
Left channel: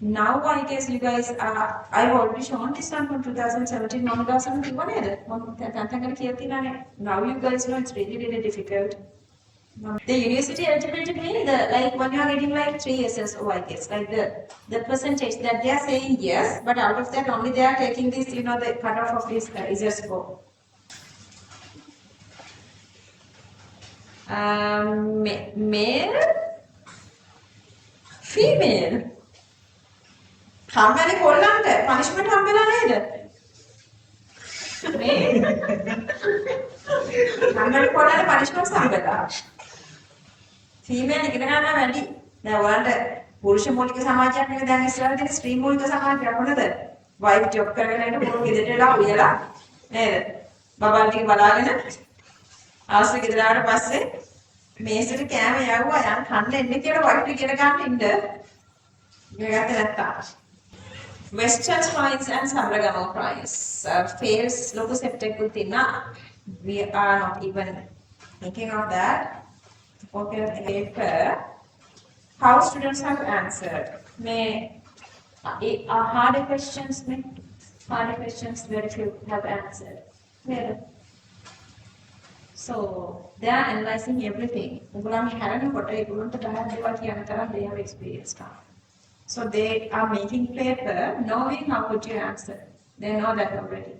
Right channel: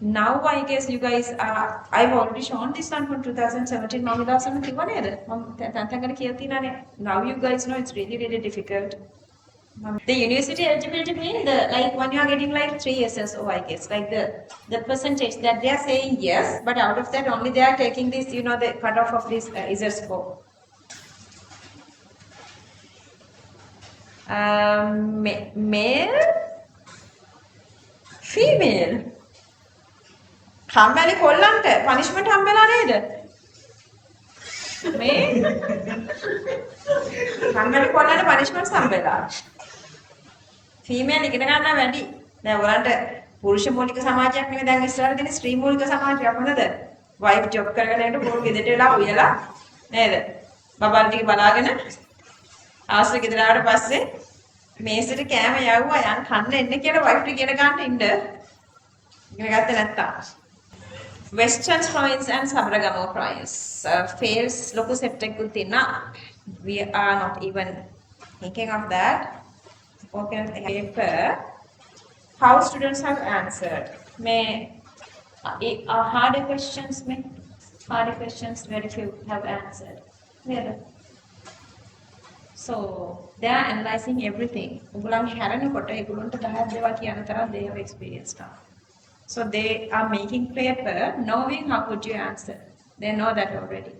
Now I guess you guys are, I've already shown this one from 2017 මම දාසම කිව්වා නේද? මම තැන්තැන්කට කියලා තියෙනවානේ. Now you guys know it's really difficult. The university eligibility means the like when you are getting like 3 years or I guess like the percentage that they are saying yes, but out of that only they are taking this, you know, the cutoff of this ISER score. Male, female. හම්බෙන්නේ කොල්ලන්ට punishment හම්බෙලා නේද? මේ හම්බෙන්නේ කොල්ලන්ට punishment හම්බෙලා. Female ඉගෙන ගන්නවා වැඩි. දැන් ඔයාලන්ට පුරුෂ මූලික සමාජයක් නෙවෙයි දැන් ඉස්සරහට තියෙන ස්ත්‍රී මූලික සමාජයක් මොනද? වයිෆ් ජොබ් කරගෙන යනකොට පුරු ගෙදරට වෙලා උයලා නේද? බබාල් ටික බලාගෙන අවශ්‍ය ගෙදර ආවට පස්සේ මේසෙට කෑම යවුවා යන් කන්න එන්න කියලා වයිෆ් ට ඉගෙන ගන්න ඉන්න. ඉගෙන ගත්තේ නැත්තම්. Western province and Sabragama province fails local septic kutina. We are not even thinking of that. Okay, paper. How students have answered? May harder questions, very few have answered. Yeah. So they are analyzing everything. They have experience now. So they are making paper knowing how would you answer. They know that already.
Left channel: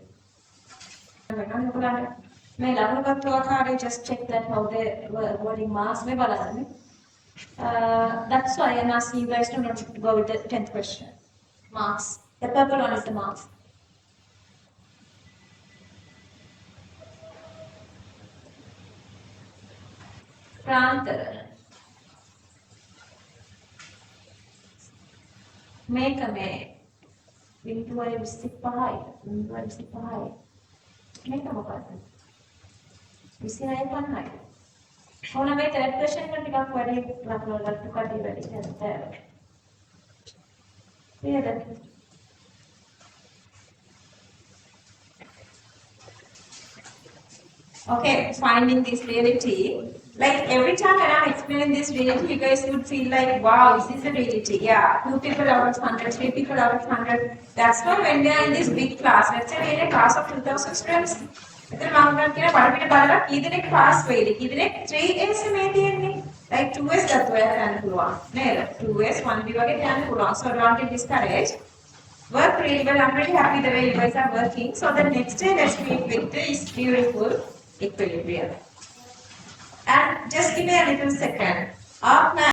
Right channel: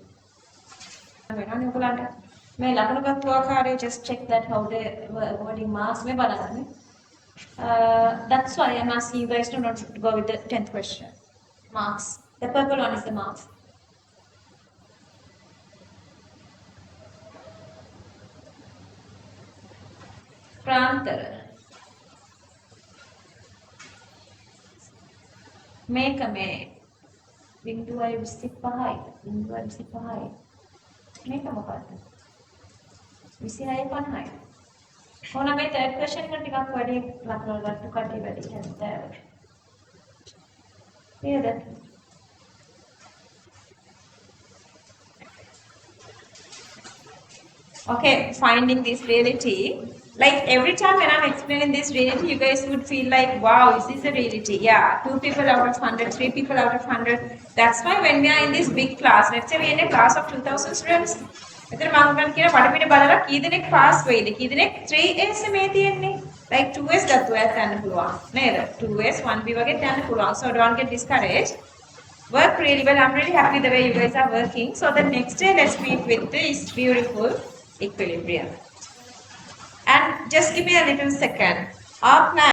May just check that how they were awarding marks. That's why I'm asking you guys to not go with the 10th question. Marks. The purple one is the marks. Prantara. Make a may. Binduai Visipahai. Make a mobile. You see, I have high. On a way, third question can pick up quite a natural to cut the very there. Hear that? Okay, finding this reality. Like every time when I'm explaining this reality, you guys would feel like, wow, is this a reality? Yeah, 2 people out of 100, 3 people out of 100. That's why when we are in this big class, let's say we're in a class of 2,000 students, එතන මම කියන පඩපිට බලලා කී දෙනෙක් pass වෙයිද කී දෙනෙක් 3S මේ තියෙන්නේ like 2S ගත්තා යන්න පුළුවන් නේද 2S 1B වගේ යන්න පුළුවන් so don't get discouraged work really well I'm really happy the way you guys are working so the next day let's meet with this beautiful equilibrium and just give me a little second our plan